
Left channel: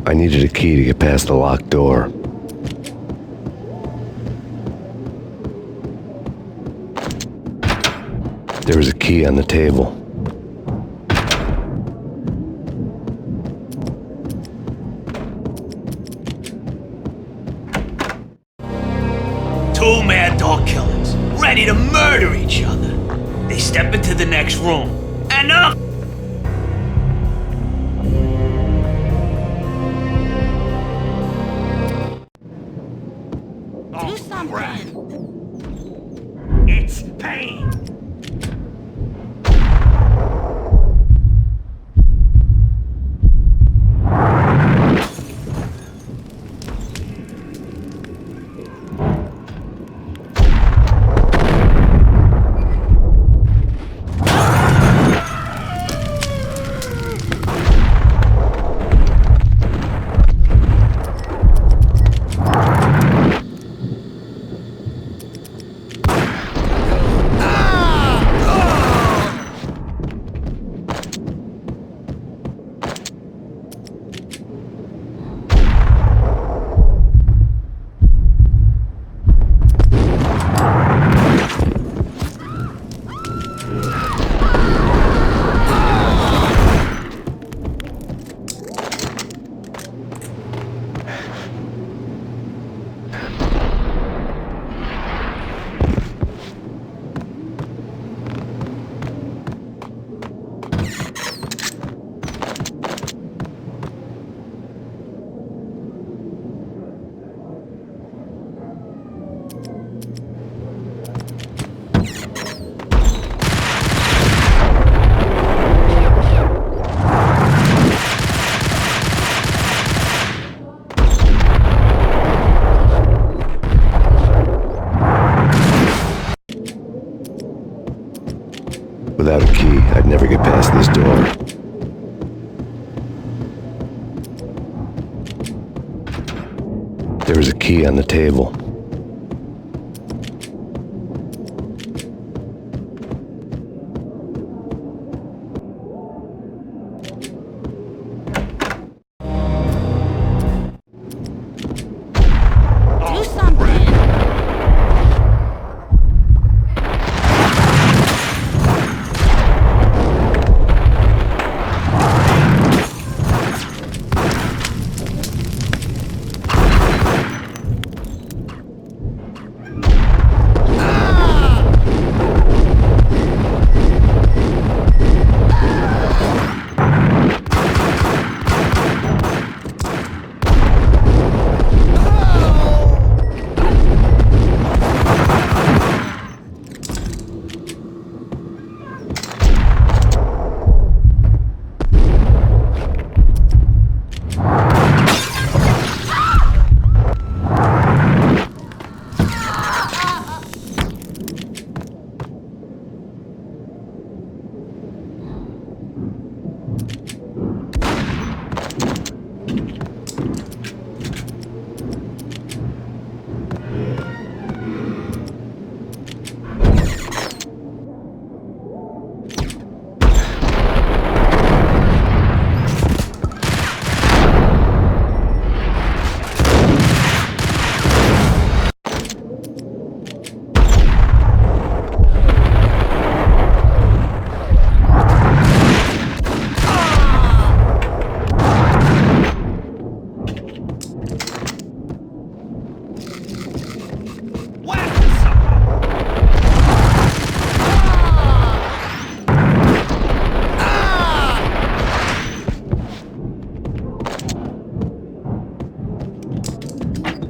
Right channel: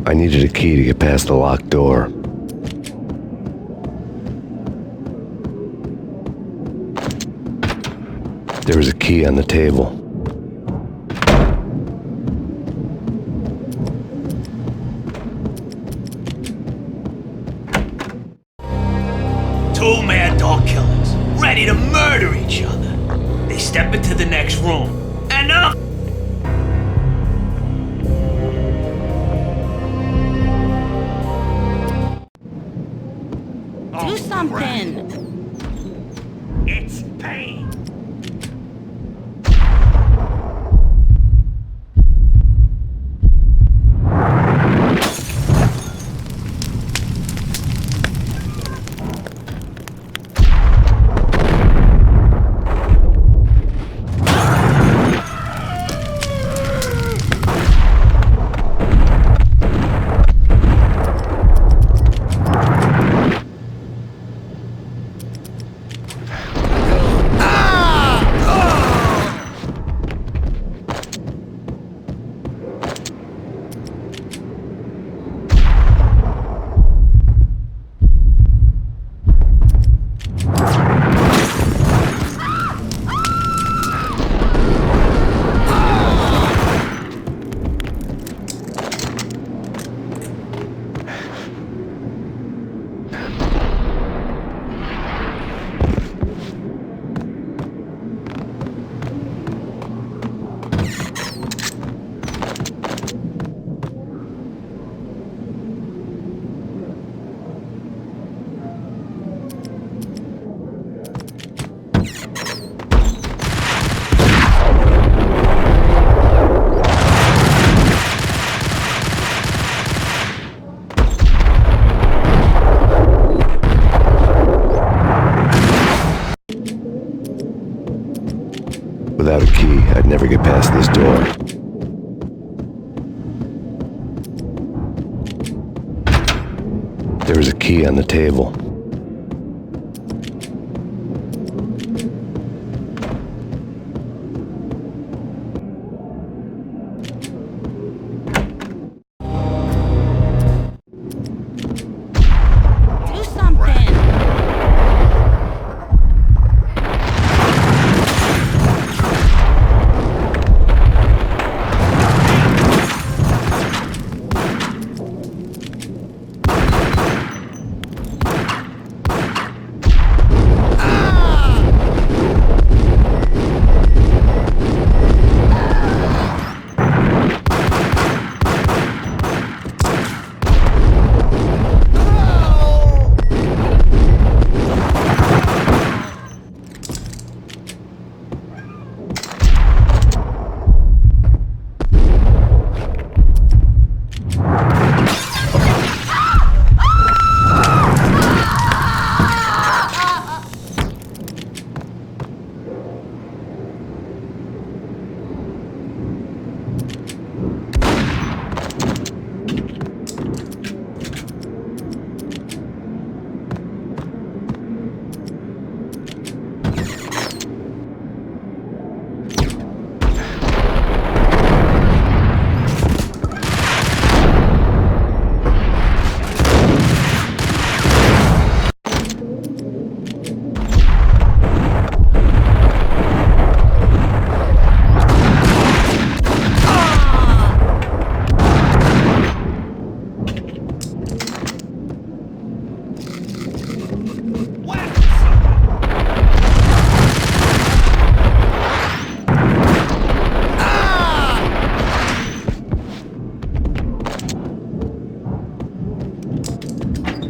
I needed a key to get past the locked door. There was a key on the table. Two mad dog killers, ready to murder each other. They step into the next room, and up. Do something! It's Payne. Without a key, I'd never get past this door. There was a key on the table. Do something!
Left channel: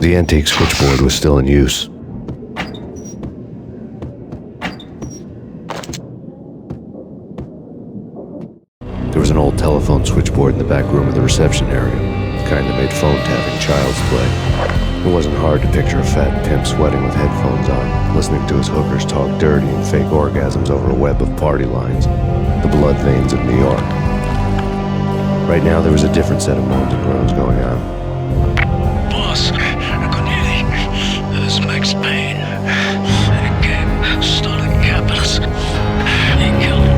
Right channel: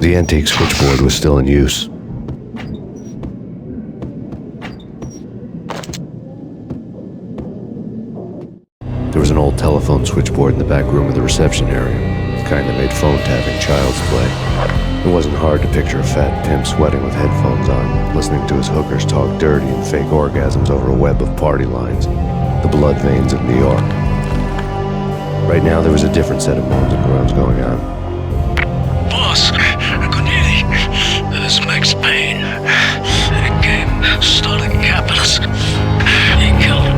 The antique switchboard was still in use. There was an old telephone switchboard in the back room of the reception area, the kind that made phone tapping child's play. It wasn't hard to picture a fat pimp sweating with headphones on, listening to his hookers talk dirty and fake orgasms over a web of party lines, the blood veins of New York. Right now, there was a different set of moans and groans going on. Boss, Cornelia, this is Max Payne. He came, started capping us. He killed him.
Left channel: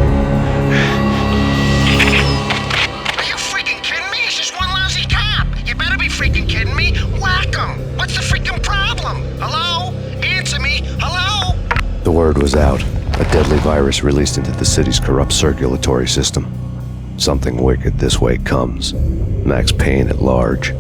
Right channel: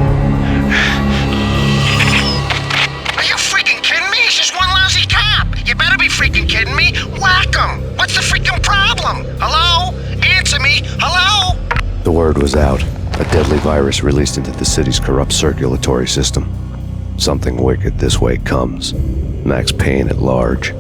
Are you freaking kidding me? He's just one lousy cop. You better be freaking kidding me. Whack him. What's the freaking problem? Hello? Answer me. Hello? The word was out. A deadly virus released into the city's corrupt circulatory system. Something wicked this way comes. Max Payne at large.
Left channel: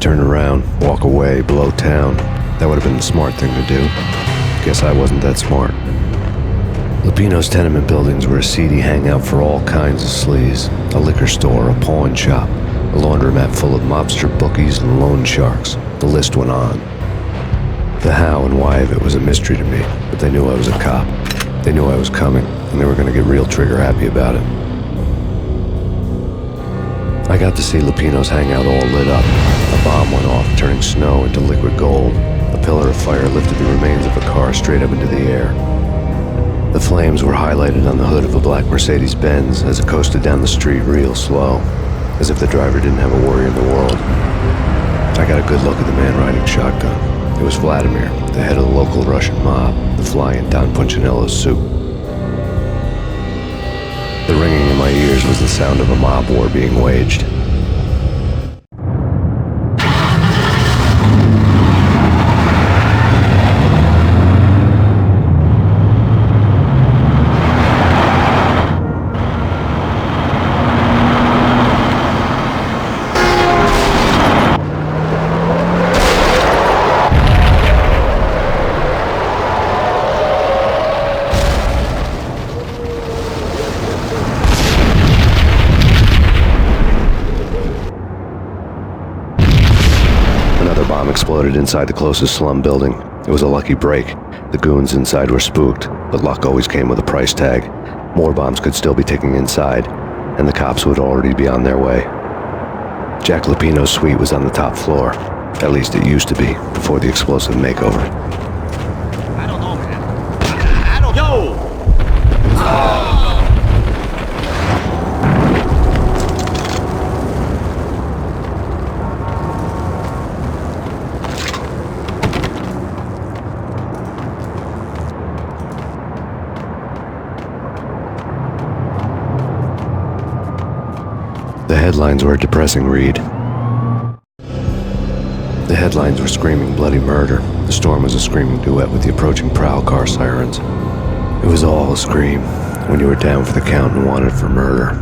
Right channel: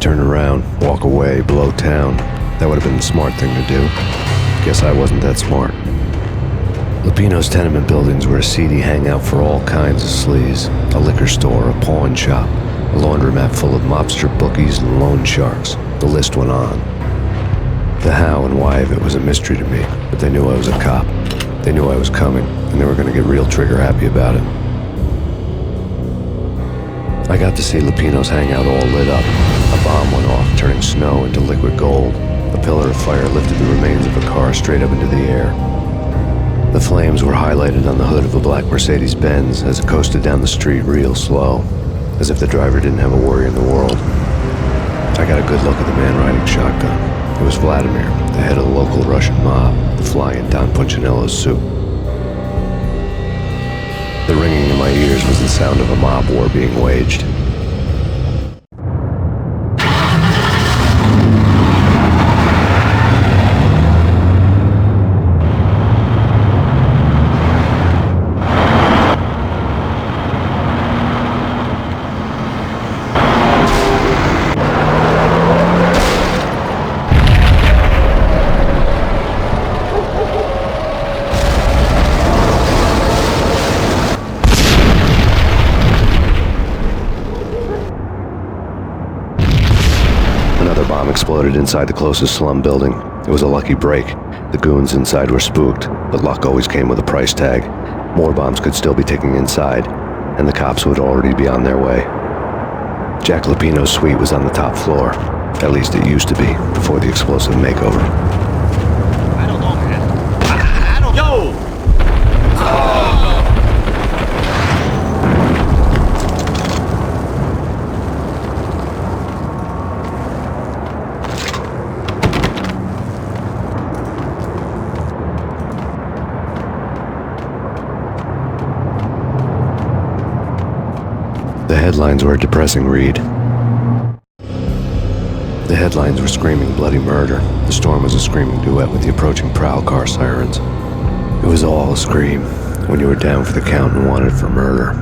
Turn around, walk away, blow town. That would have been the smart thing to do. Guess I wasn't that smart. Lupino's tenement buildings were a seedy hangout for all kinds of sleaze. A liquor store, a pawn shop, a laundromat full of mobster bookies and loan sharks. The list went on. The how and why of it was a mystery to me, but they knew I was a cop. They knew I was coming, and they were going to get real trigger happy about it. I got to see Lupino's hangout all lit up. A bomb went off, turning snow into liquid gold. A pillar of fire lifted the remains of a car straight up into the air. The flames were highlighted on the hood of a black Mercedes-Benz as it coasted down the street real slow, as if the driver didn't have a worry in the world. I got a good look at the man riding shotgun. It was Vladimir, the head of the local Russian mob, the fly in Don Punchinello's soup. The ringing in my ears was the sound of a mob war being waged. Exploded inside the closest slum building. It was a lucky break. The goons inside were spooked, but luck always came with a price tag. More bombs could still be ticking inside, and the cops would already be on their way. Jack Lupino's suite was on the top floor. At least it used to be, before the explosive makeover. I don't know, man. I don't... Yo! The headlines were a depressing read. The headlines were screaming bloody murder. The storm was a screaming duet with the approaching prowl car sirens. It was all a scream when you were down for the count and wanted for murder.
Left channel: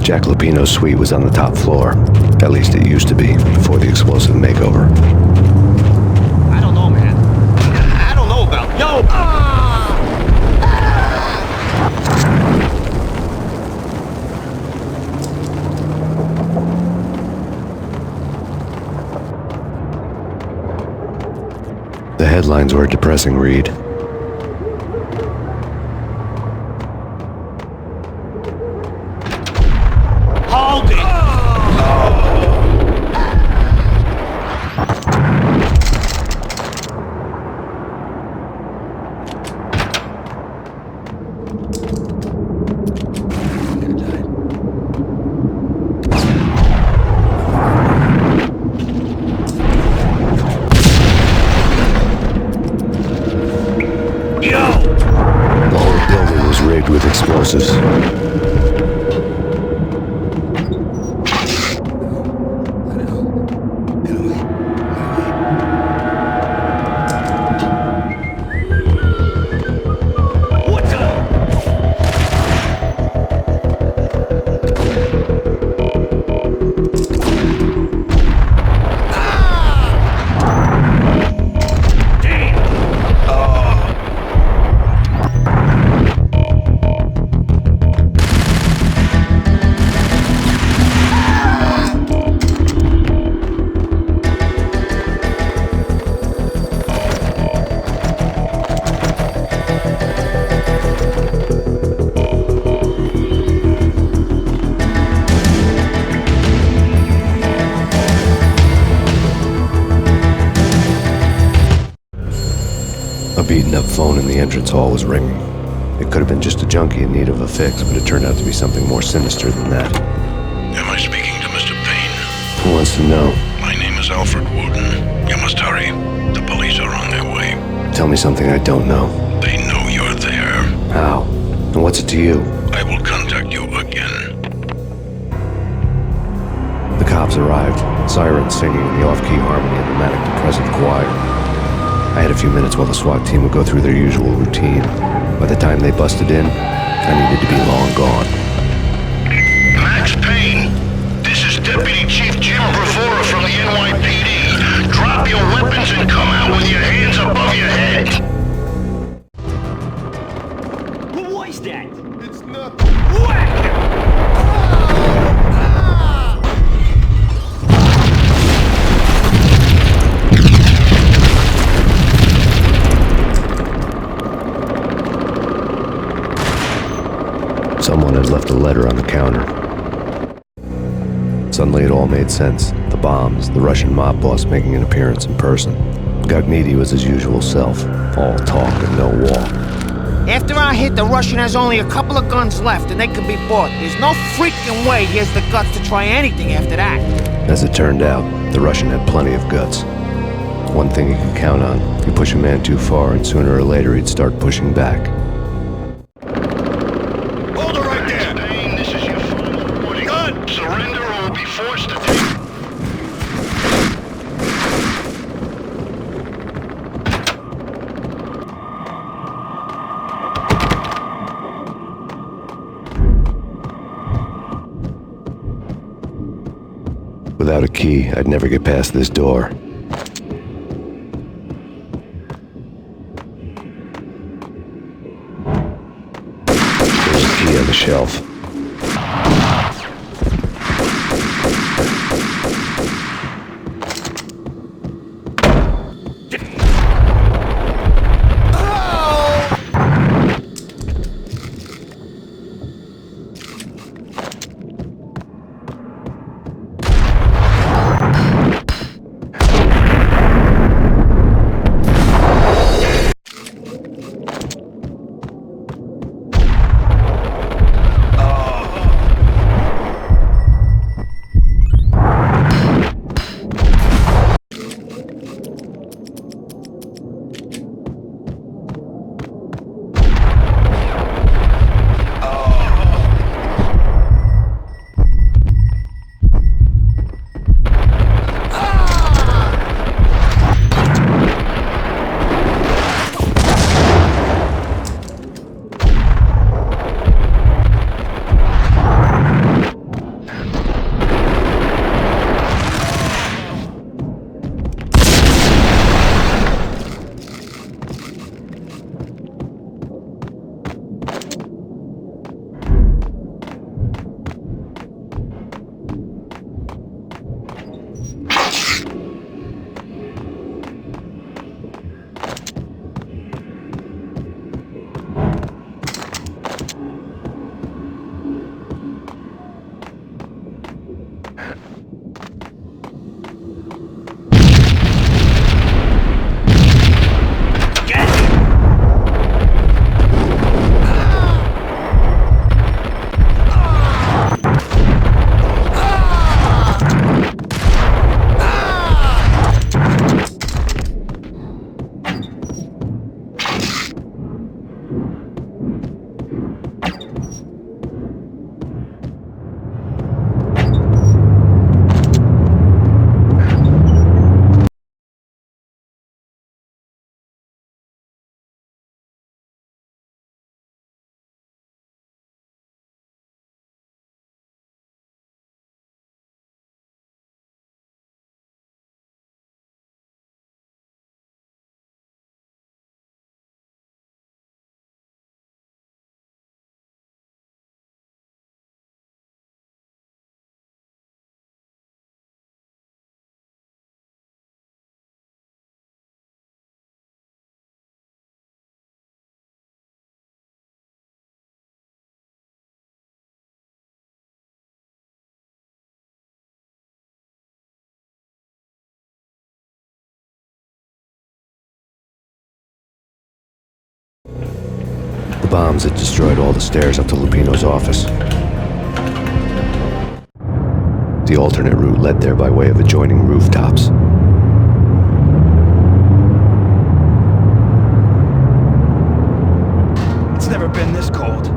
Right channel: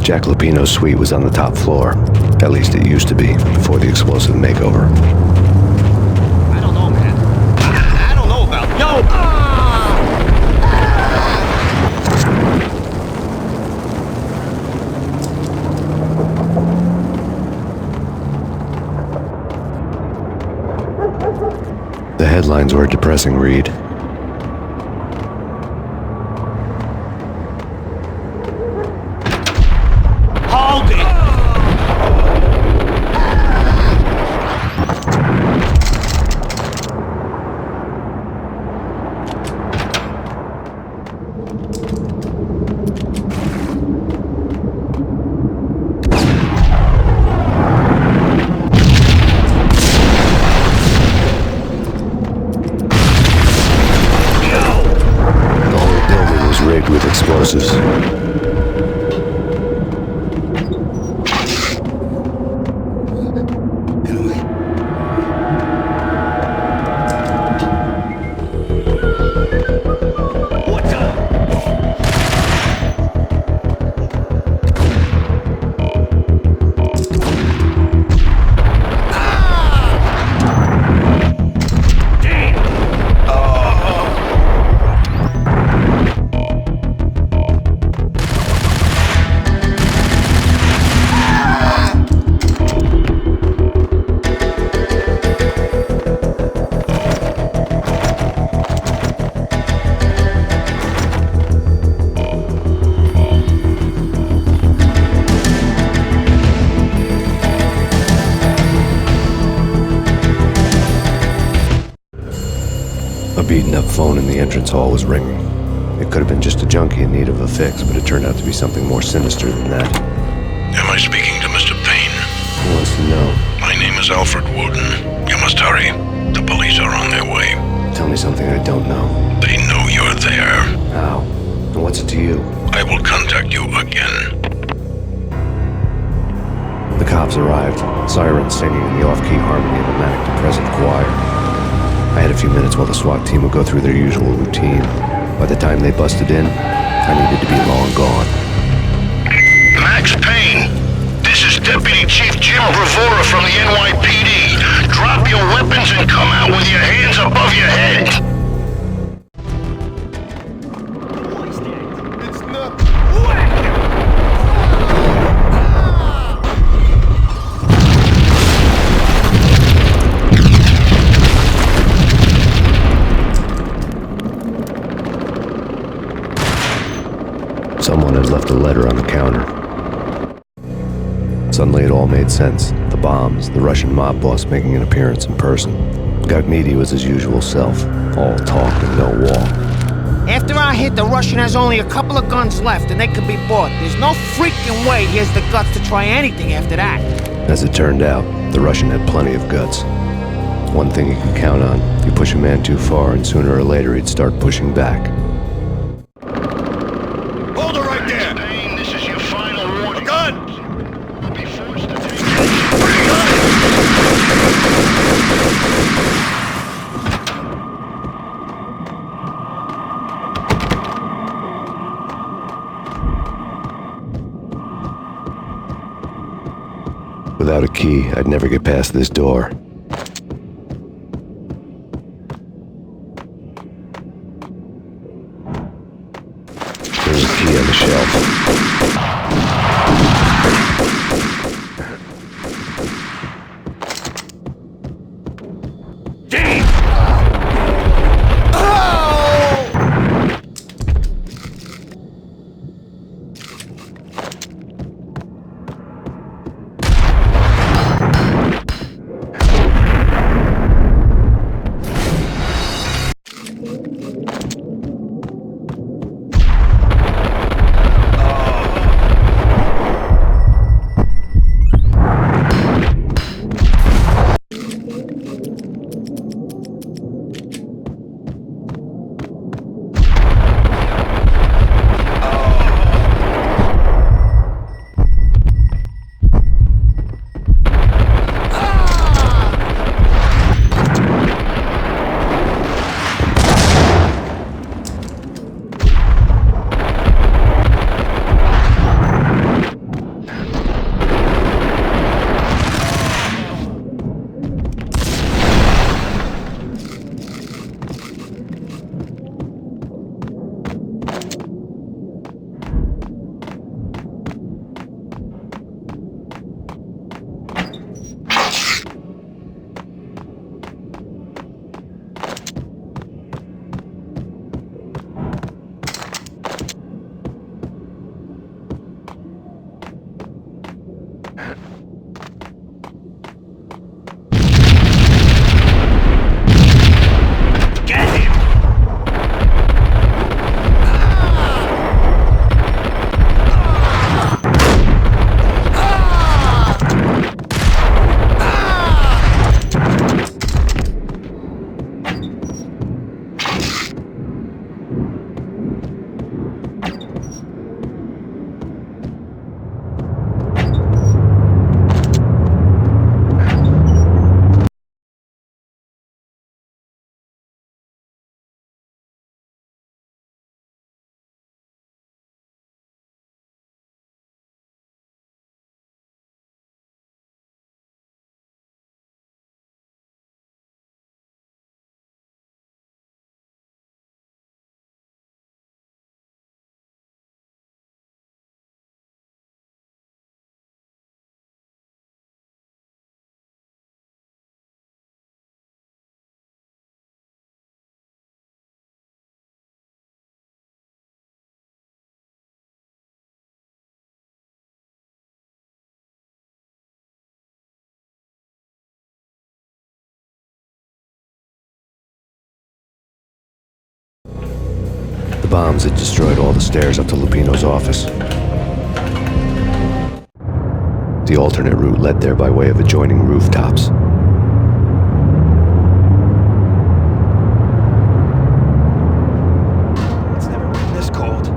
Jack Lupino's suite was on the top floor. At least it used to be, before the explosive makeover. I don't know, man. I don't know about... Yo! The headlines were a depressing read. Hold it! The whole building was rigged with explosives. A beaten-up phone in the entrance hall was ringing. It could have been just a junkie in need of a fix, but it turned out to be something more sinister than that. Am I speaking to Mr. Payne? Who wants to know? My name is Alfred Woden. You must hurry. The police are on their way. Tell me something I don't know. They know you're there. How? And what's it to you? I will contact you again. The cops arrived, sirens singing in the off-key harmony of the manic-depressive choir. I had a few minutes while the SWAT team would go through their usual routine. By the time they busted in, I needed to be long gone. Max Payne, this is Deputy Chief Jim Bravura from the NYPD. Drop your weapons and come out with your hands above your head. What is that? It's nothing. Someone had left a letter on the counter. Suddenly it all made sense. The bombs, the Russian mob boss making an appearance in person. Gagniti was his usual self, all talk and no walk. After our hit, the Russian has only a couple of guns left, and they can be bought. There's no freaking way he has the guts to try anything after that. As it turned out, the Russian had plenty of guts. One thing you could count on, you push a man too far and sooner or later he'd start pushing back. Hold it right there! Payne, this is your final warning. Gun! Surrender or we'll be forced to take you. Without a key, I'd never get past this door. There's a key on the shelf. The bombs had destroyed all the stairs up to Lupino's office. The alternate route led there by way of adjoining rooftops. It's never been this cold.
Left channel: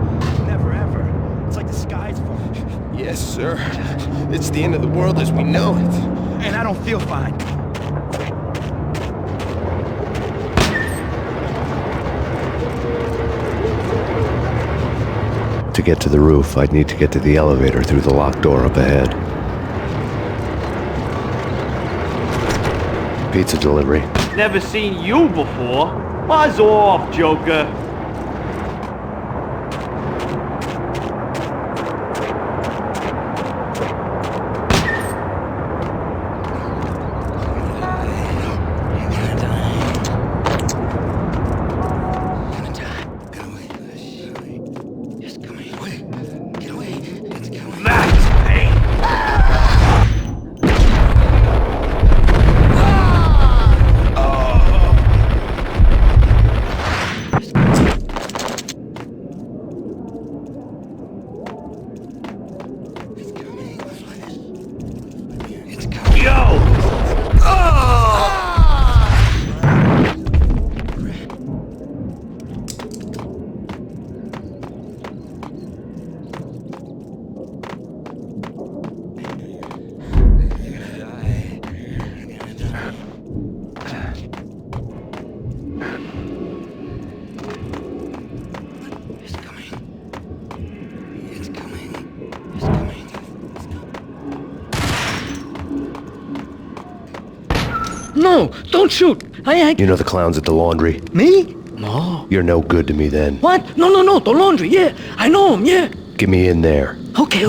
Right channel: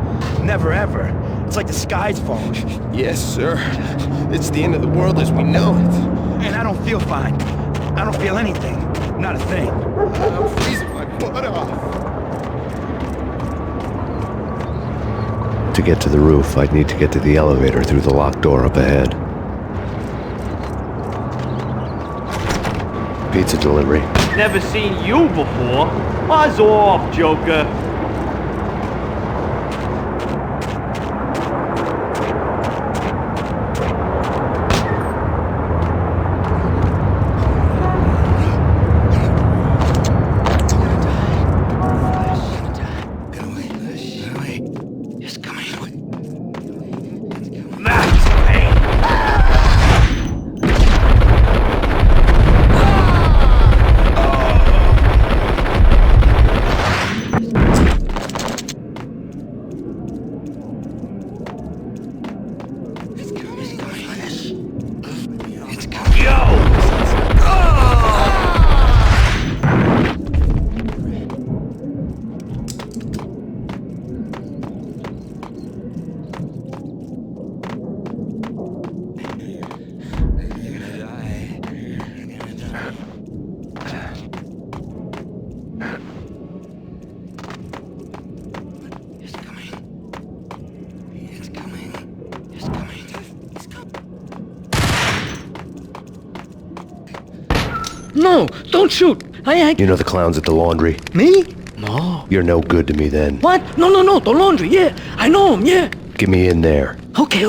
Never ever. It's like the sky's falling. Yes, sir. It's the end of the world as we know it. And I don't feel fine. I don't feel anything. Not a thing. To get to the roof, I'd need to get to the elevator through the locked door up ahead. Pizza delivery. Never seen you before. Buzz off, Joker. Max Payne! No, don't shoot. You know the clowns at the laundry? Me? No. You're no good to me then. What? No, the laundry, yeah. I know him, yeah. Get me in there. Okay.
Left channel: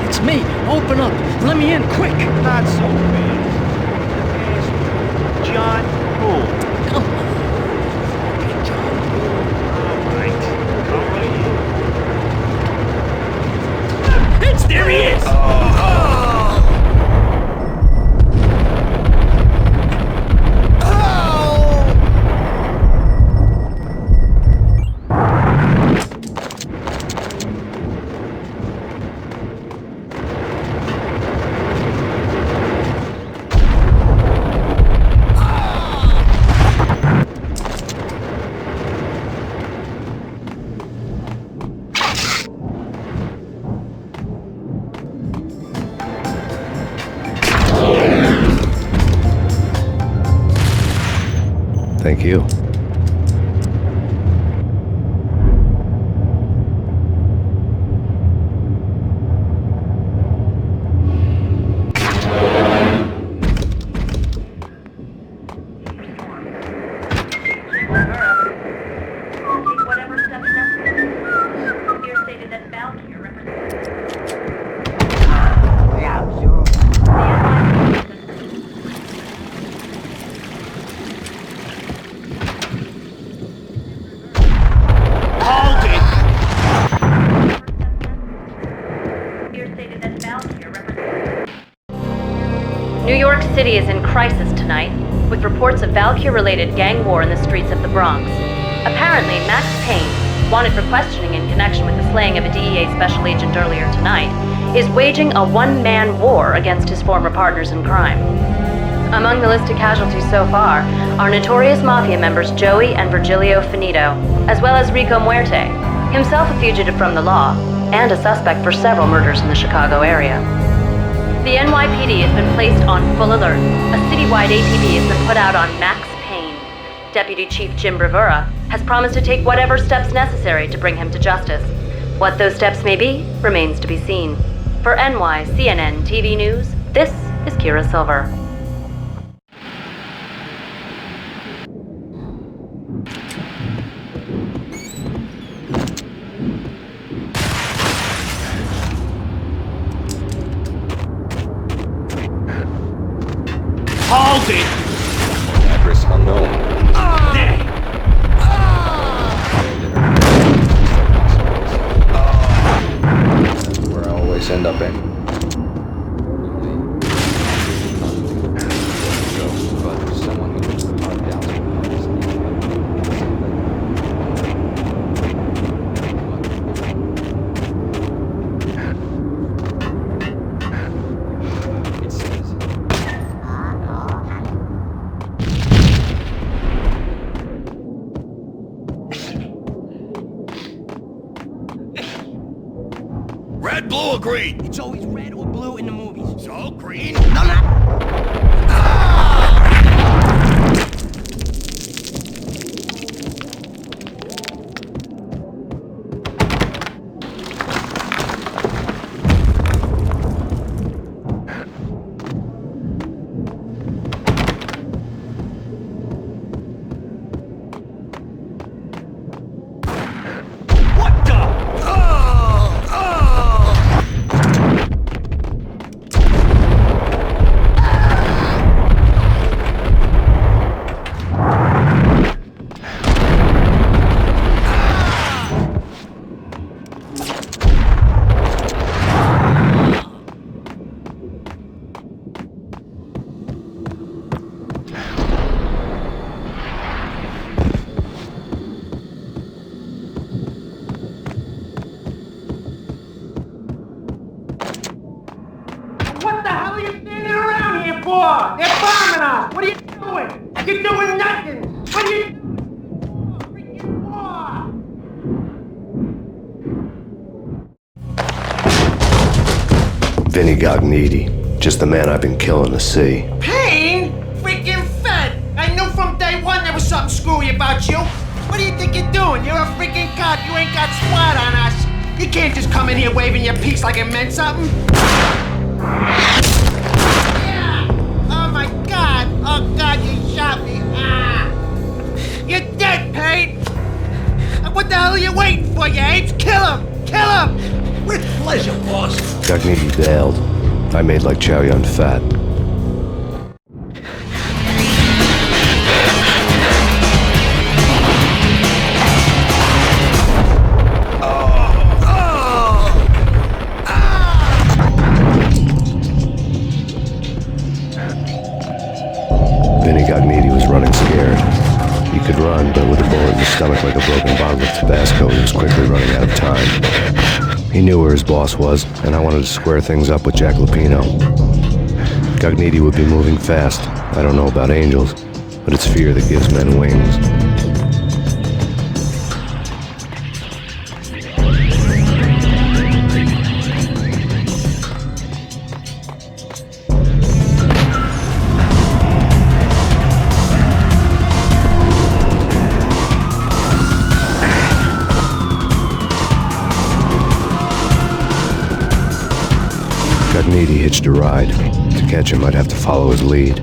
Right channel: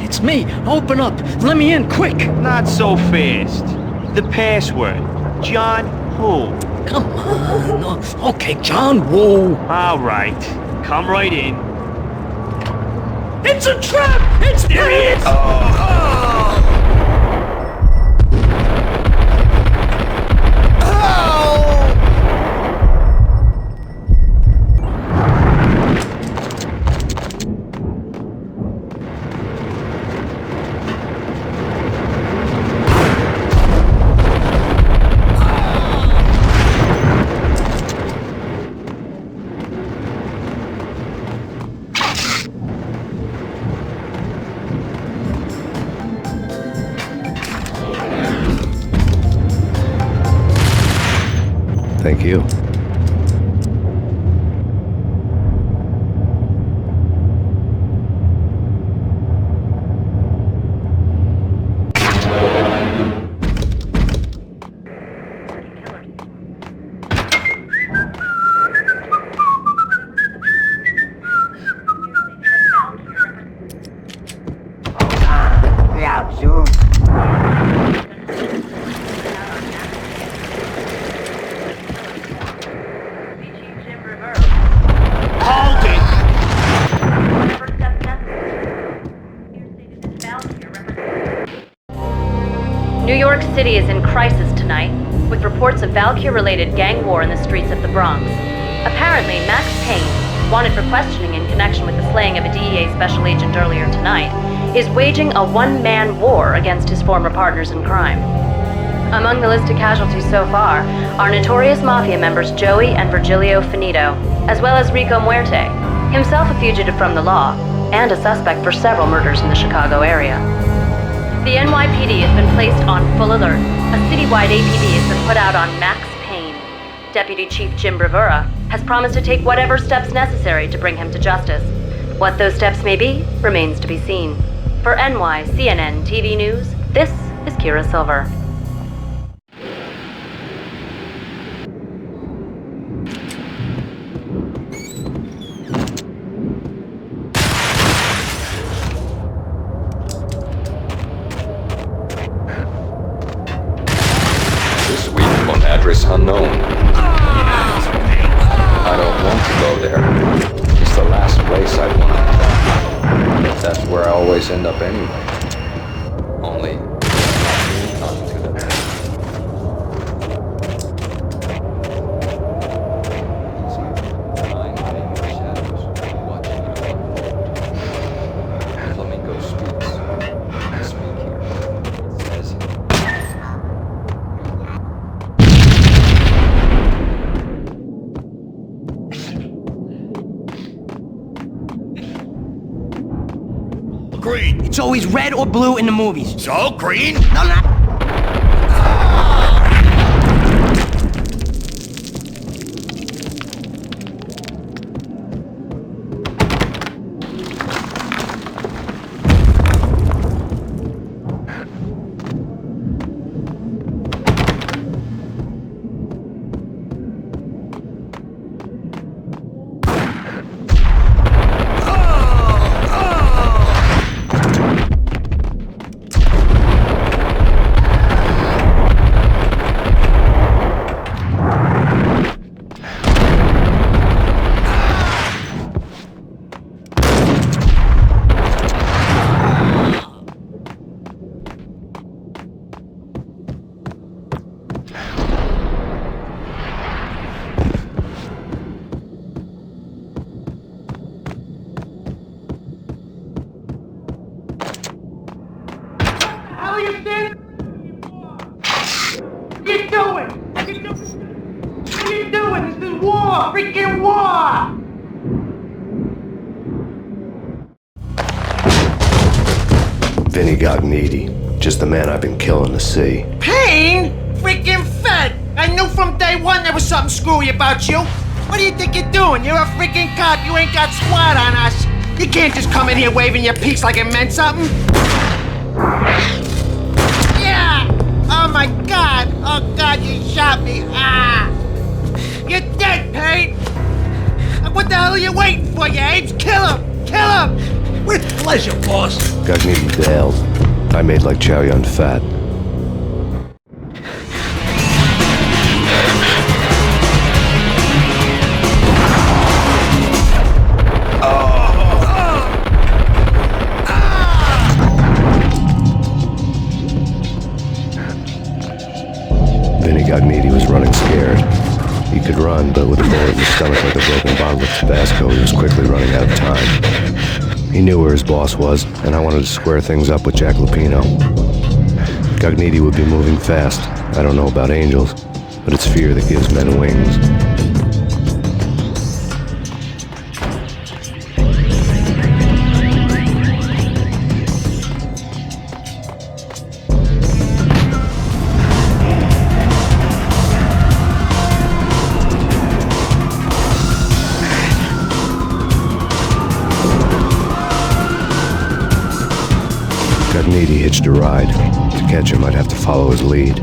It's me. Open up. Let me in, quick. Not so fast. The password. John Woo. Come on. Okay, John Woo. All right. Come right in. It's a trap! There he is! Thank you. New York City is in crisis tonight, with reports of Valkyr-related gang war in the streets of the Bronx. Apparently, Max Payne, wanted for questioning in connection with the slaying of a DEA special agent earlier tonight, is waging a one-man war against his former partners in crime. Among the listed casualties so far are notorious mafia members Joey and Virgilio Finito, as well as Rico Muerte, himself a fugitive from the law, and a suspect for several murders in the Chicago area. The NYPD has been placed on full alert. A citywide APB has been put out on Max Payne. Deputy Chief Jim Bravura has promised to take whatever steps necessary to bring him to justice. What those steps may be remains to be seen. For CNN TV News, this is Kira Silver. Address unknown. I don't want to go there. It's the last place I want. But that's where I always end up anyway. Only not to the or green? It's always red or blue in the movies. So, green? No, no. What the hell are you standing around here for? They're bombing us! What are you doing? You're doing nothing! What are you doing? This is war! Freaking war! Vinny Gognitti, just the man I've been killing to see. Payne? Freaking Fed! I knew from day one there was something screwy about you. What do you think you're doing? You're a freaking cop. You ain't got SWAT on us. You can't just come in here waving your piece like it meant something. Yeah! Oh my God! Oh God, you shot me! Ah! You're dead, Payne! What the hell are you waiting for, you apes? Kill him! Kill him! With pleasure, boss. Gognitti bailed. I made like Chow Yun Fat. Vinny Gognitti was running scared. He could run, but with a bullet in his stomach like a broken bottle of Tabasco, he was quickly running out of time. He knew where his boss was, and I wanted to square things up with Jack Lupino. Gognitti would be moving fast. I don't know about angels, but it's fear that gives men wings. Gognitti hitched a ride. To catch him, I'd have to follow his lead.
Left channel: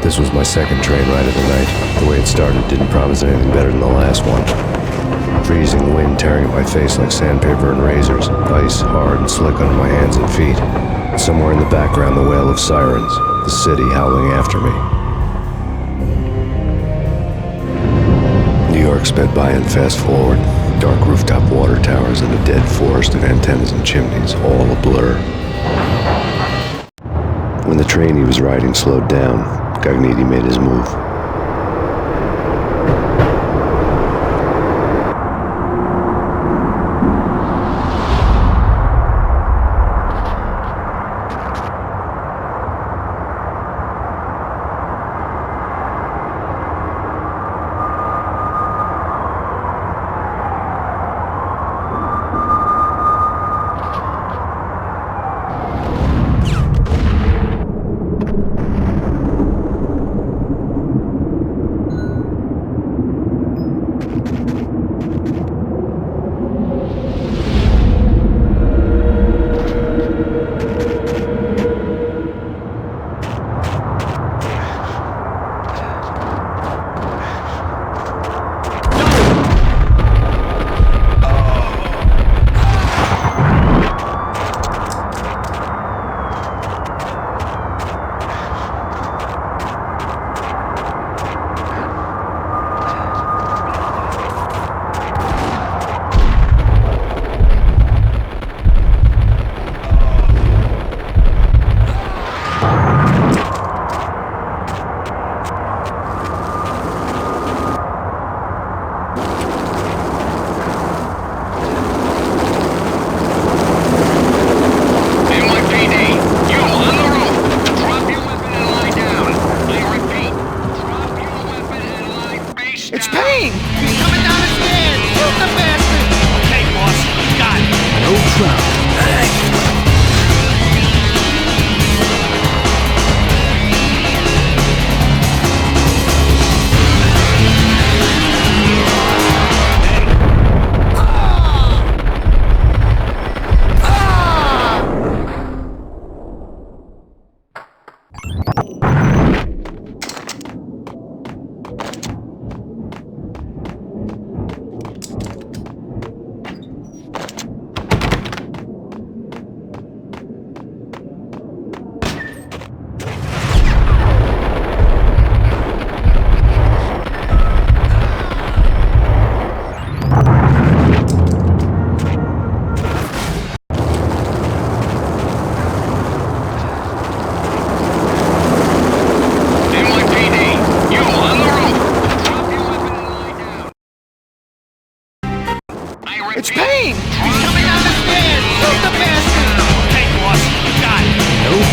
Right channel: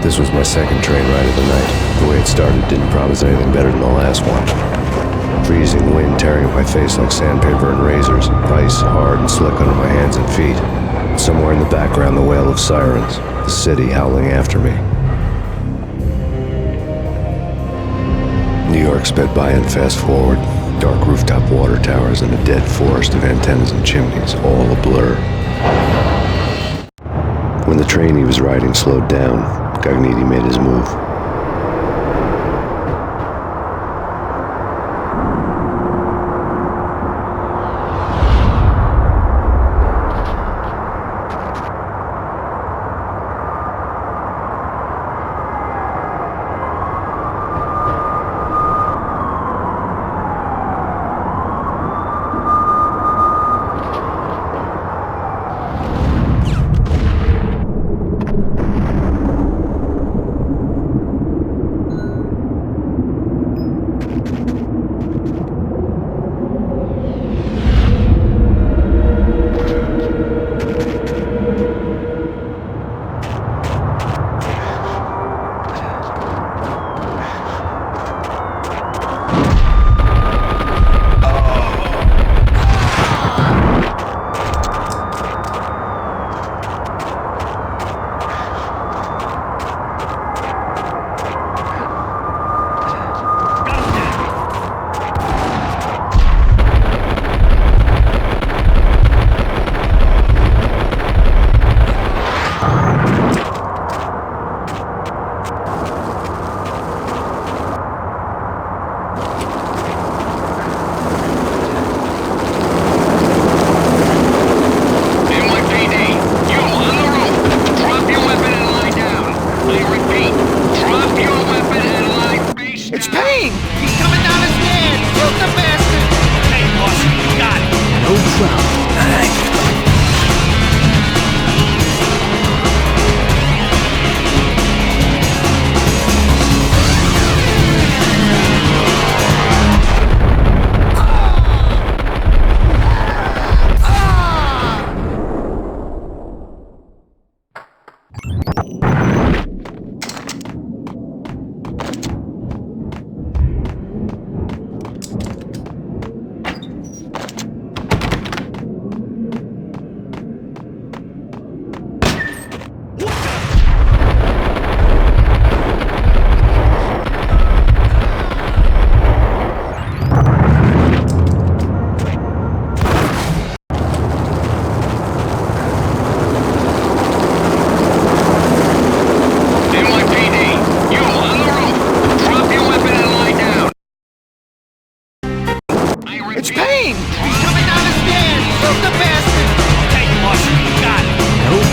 This was my second train ride of the night. The way it started didn't promise anything better than the last one. Freezing wind tearing at my face like sandpaper and razors, ice hard and slick under my hands and feet. Somewhere in the background, the wail of sirens, the city howling after me. New York sped by and fast forward. Dark rooftop water towers and a dead forest of antennas and chimneys, all a blur. When the train he was riding slowed down, Gognitti made his move.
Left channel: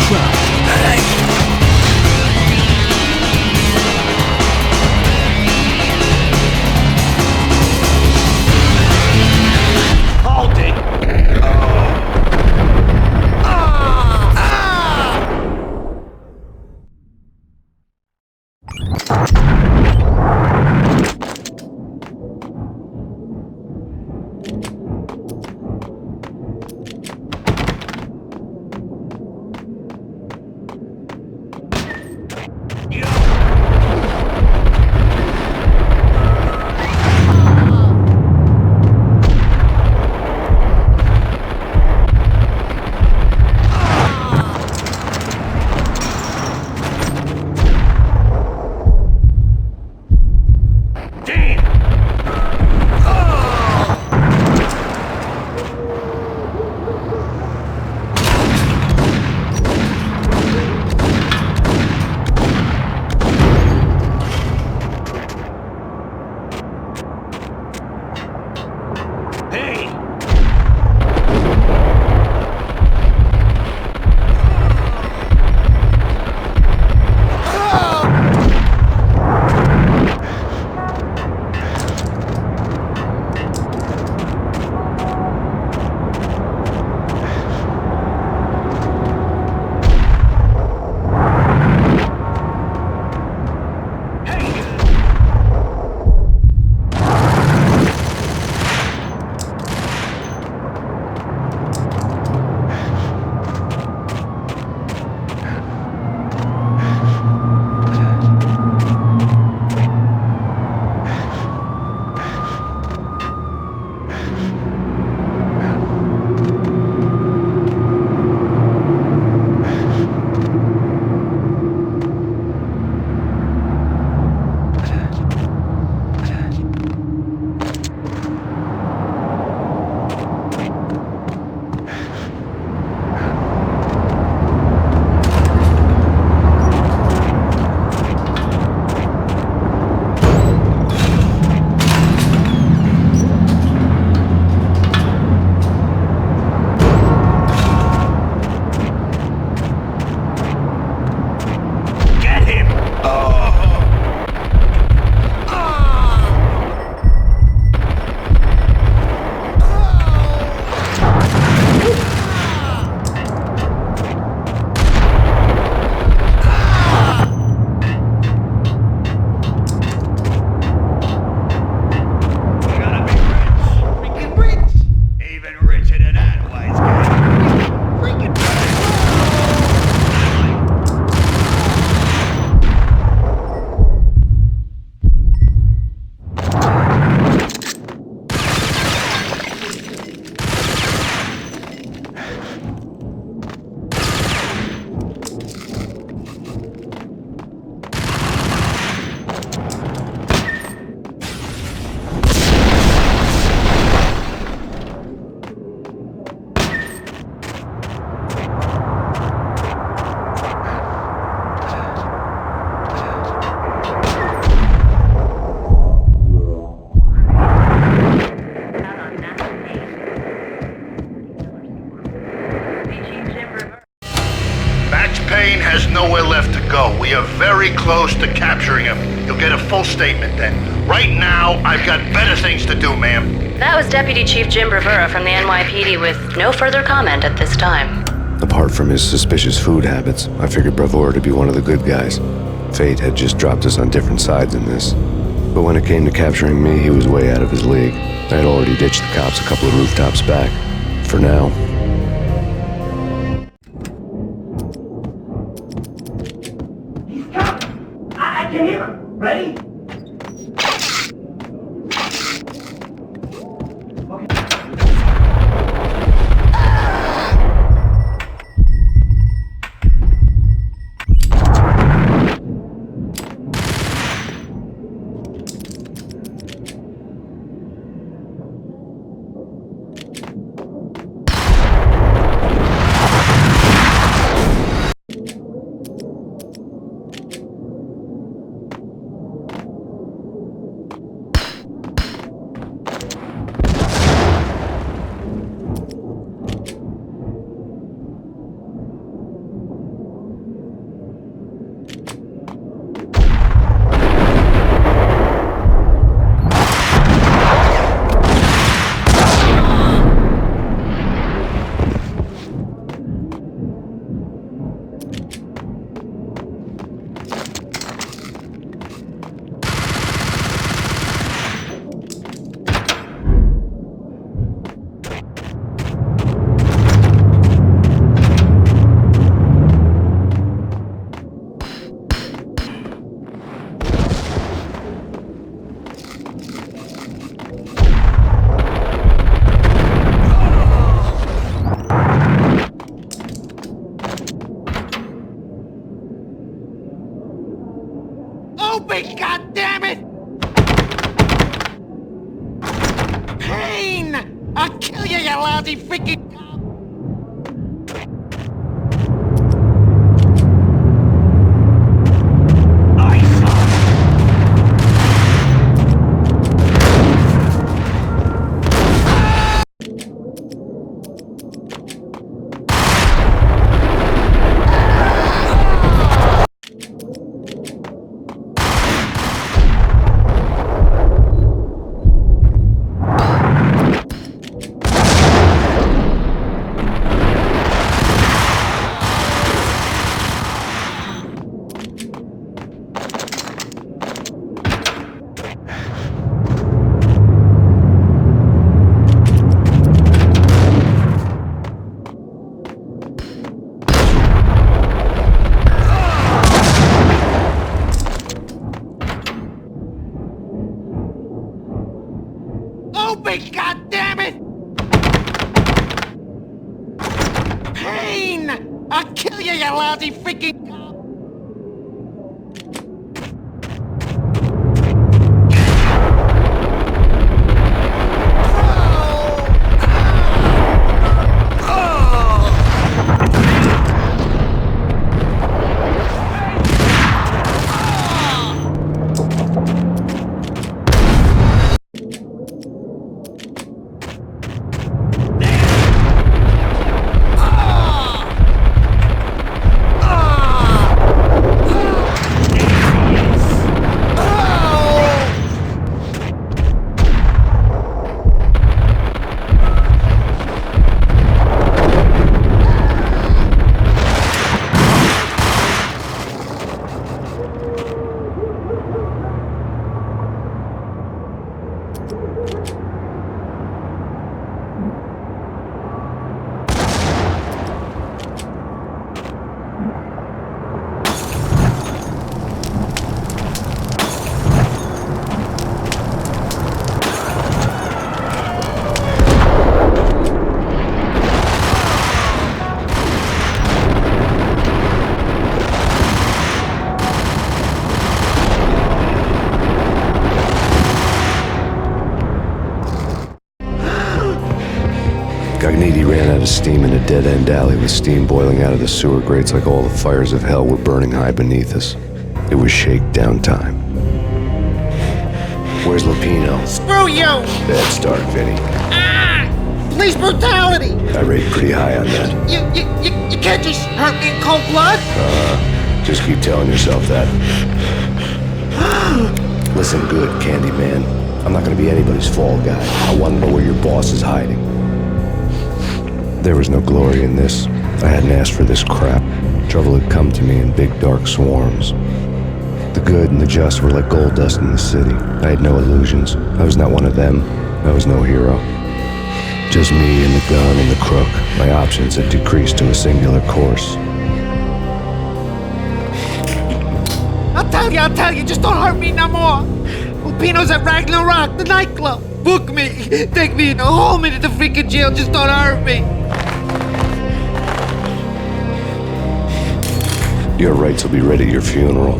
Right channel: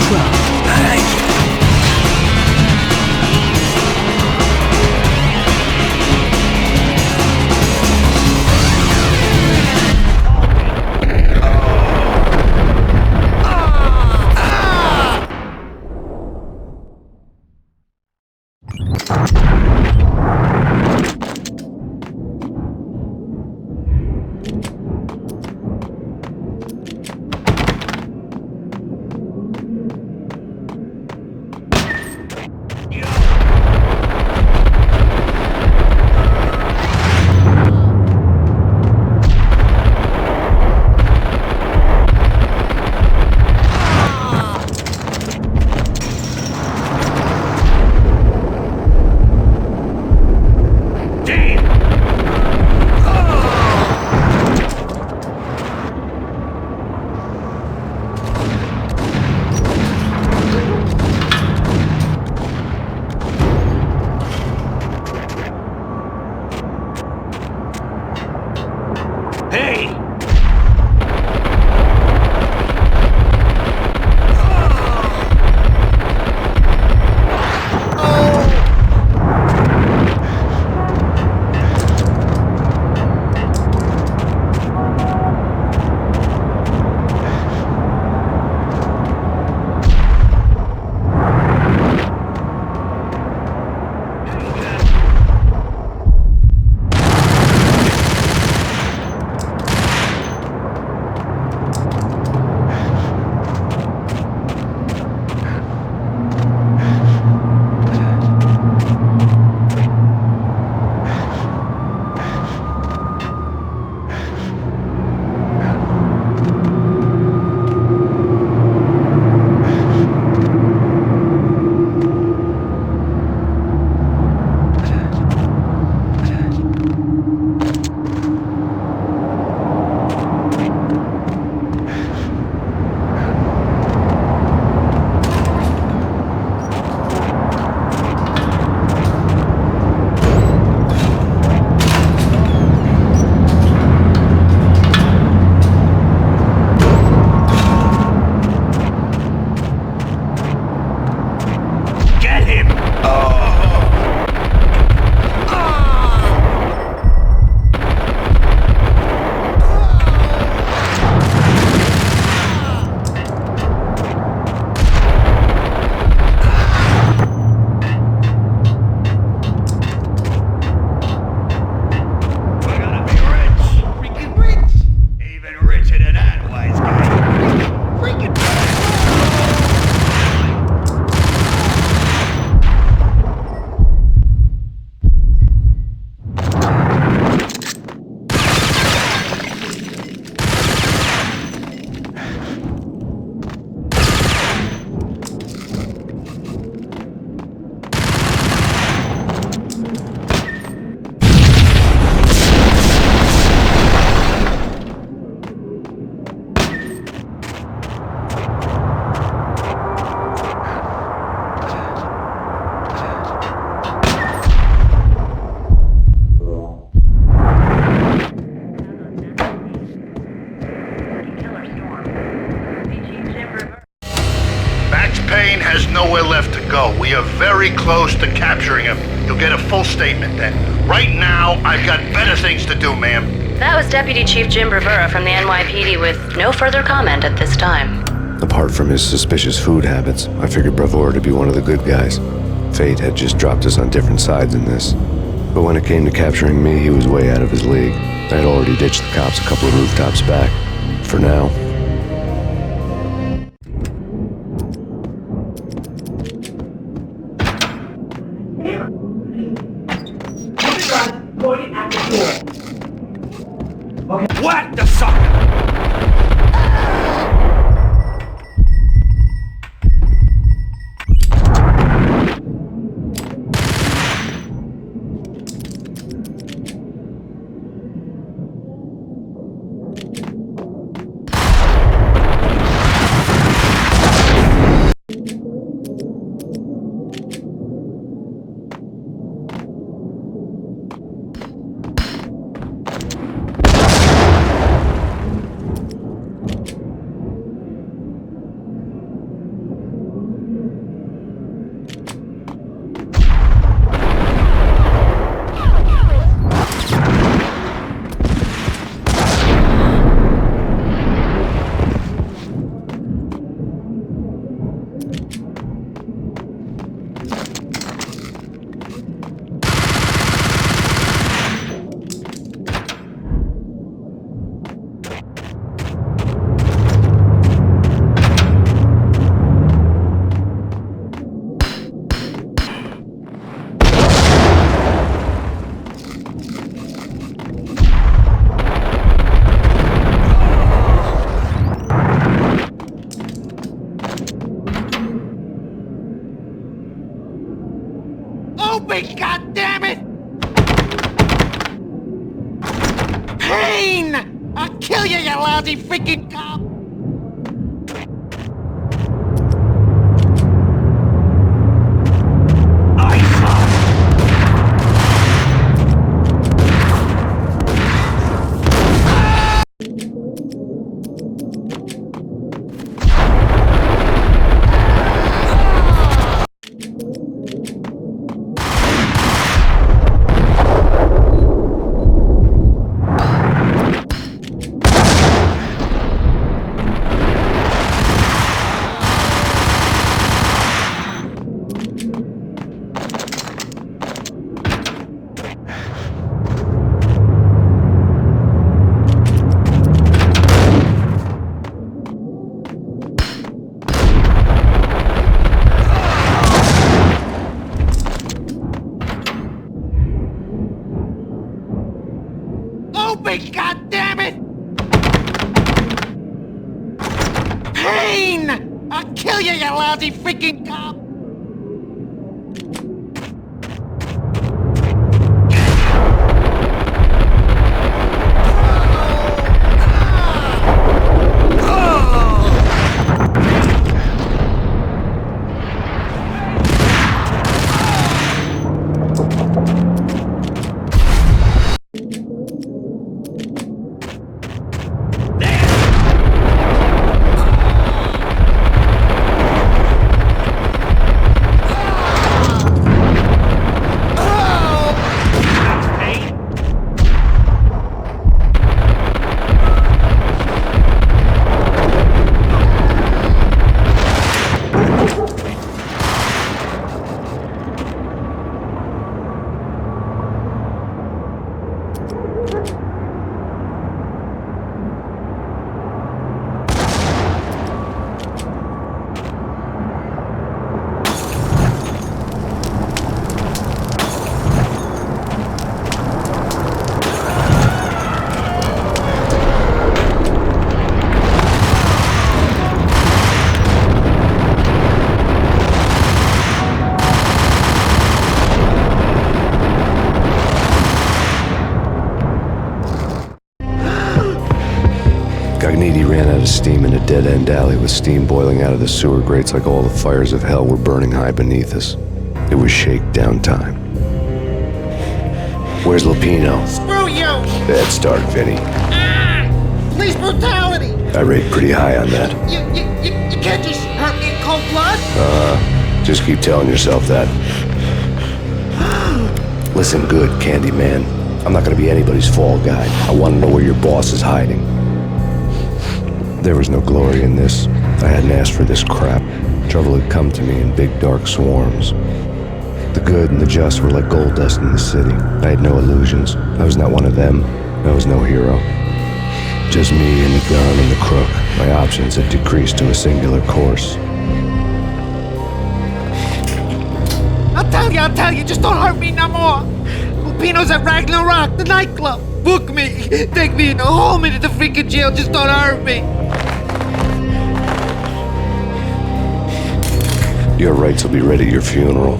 crowd. Hold it! Hey! Get him! We're gonna be rich! Freaking rich! Even richer than that, wise guy. Freaking Max Payne has nowhere left to go. We are very close to capturing him. You'll get a full statement then. Right now, I've got better things to do, ma'am. That was Deputy Chief Jim Rivera from the NYPD with no further comment at this time. Apart from his suspicious food habits, I figured Bravura to be one of the good guys. Fate had just dropped us on different sides in this. But when it came to capturing me, he was way out of his league. I had already ditched the cops a couple of rooftops back. For now. I can hear him. Ready? Pointing at the door. Okay. What the sucker? Open, goddammit! Payne! I'll kill you, you lousy freaking cop! Open, goddammit! Payne! I'll kill you, you lousy freaking cop! Gagniti ran out of steam in a dead-end alley with steam boiling out of the sewer grates like all the fires of hell were burning high beneath us. It was shakedown time. Where's Lupino? Screw you! Bad start, Vinny. Ah! Police brutality! I rate pretty high on that. You can't just hurt me in cold blood? Just keep telling yourself that. Listen good, Candyman. I'm not gonna be anybody's fall guy. I want to know where your boss is hiding. There was no glory in this. I hadn't asked for this crap. Trouble had come to me in big dark swarms. The good and the just were like gold dust in the city. I had no illusions. I was not one of them. I was no hero. Just me and the gun and the crook. My options had decreased to a singular course. I'll tell you, just don't hurt me no more. Lupino's at Ragnarok, the nightclub. Book me, take me in, haul me to the freaking jail, just don't hurt me. Your rights will be ready at your funeral.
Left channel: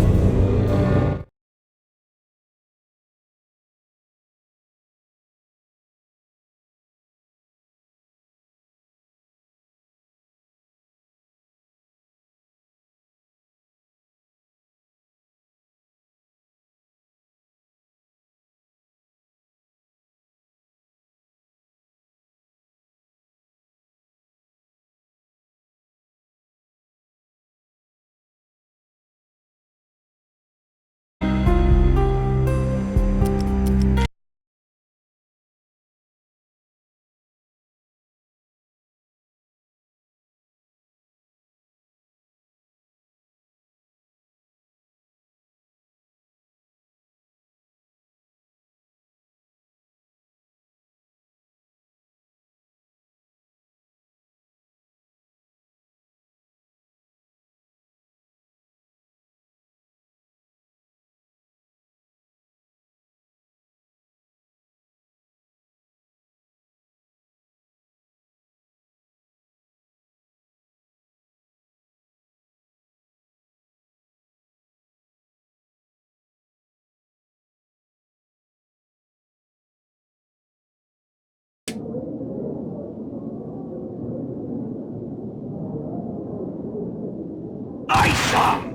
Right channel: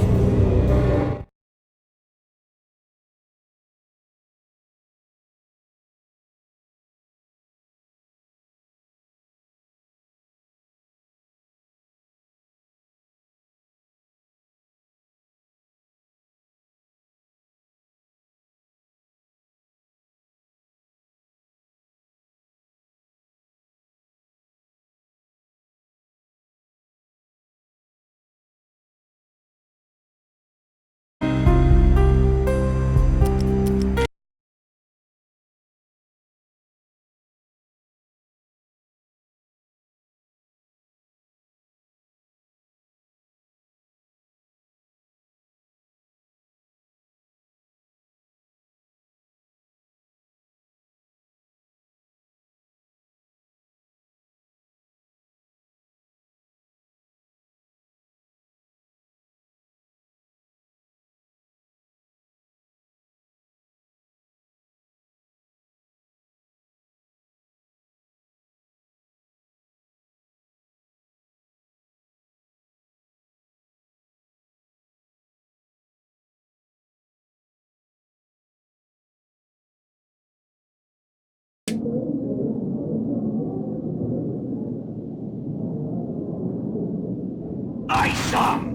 some!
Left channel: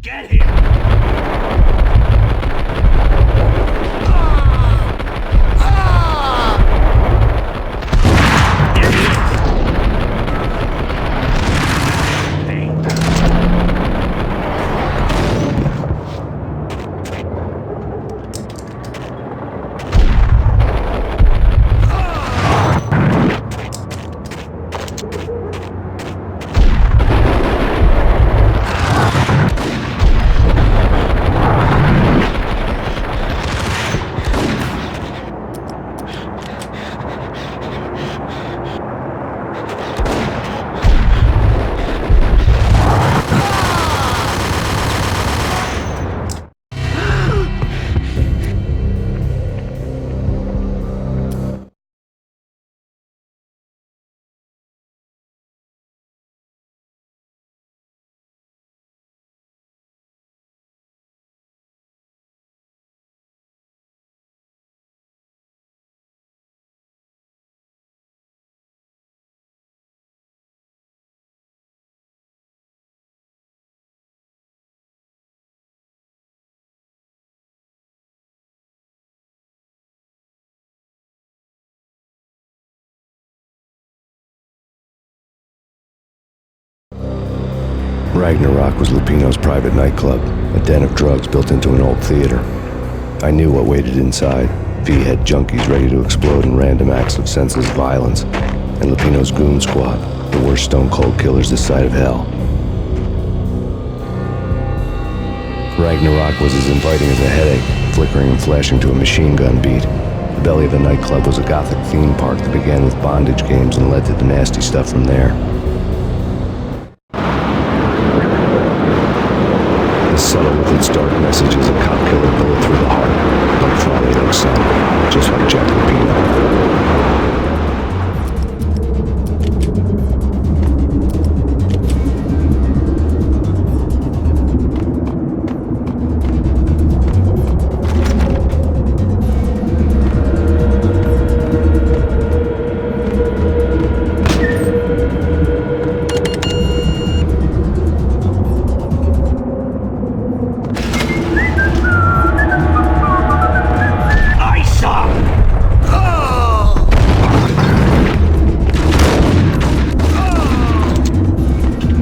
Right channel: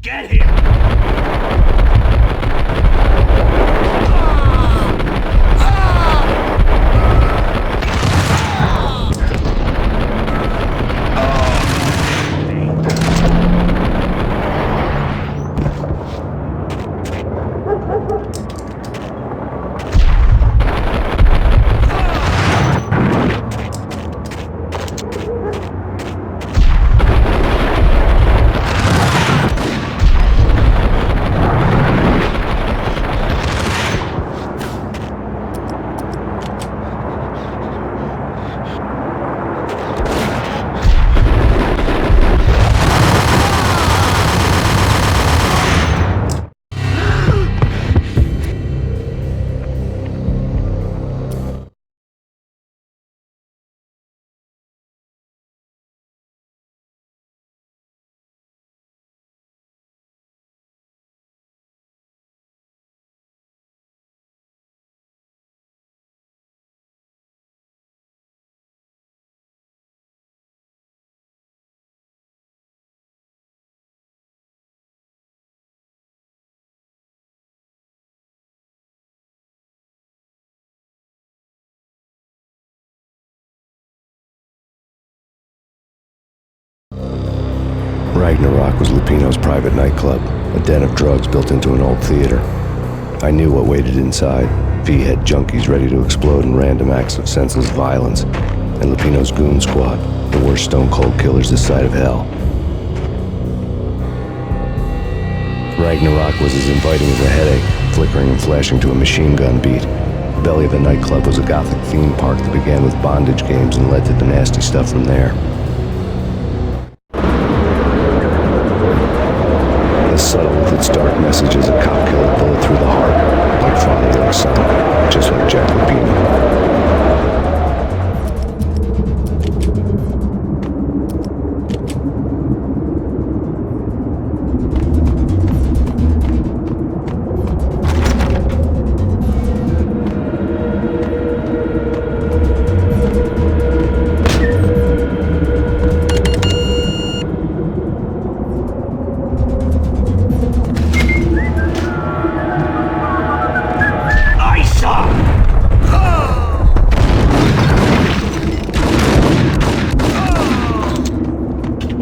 Get here! Ragnarok was Lupino's private nightclub, a den of drugs built into an old theater. I knew what waited inside. V-head junkies ready to explode in random acts of senseless violence, and Lupino's goon squad, the worst stone-cold killers this side of hell. Ragnarok was as inviting as a headache, flickering and flashing to a machine gun beat. The belly of the nightclub was a gothic theme park that began with bondage games and led to the nasty stuff from there. As subtle with its dark message as a cop-killer bullet through the heart, like father, like son, just like Jack Lupino.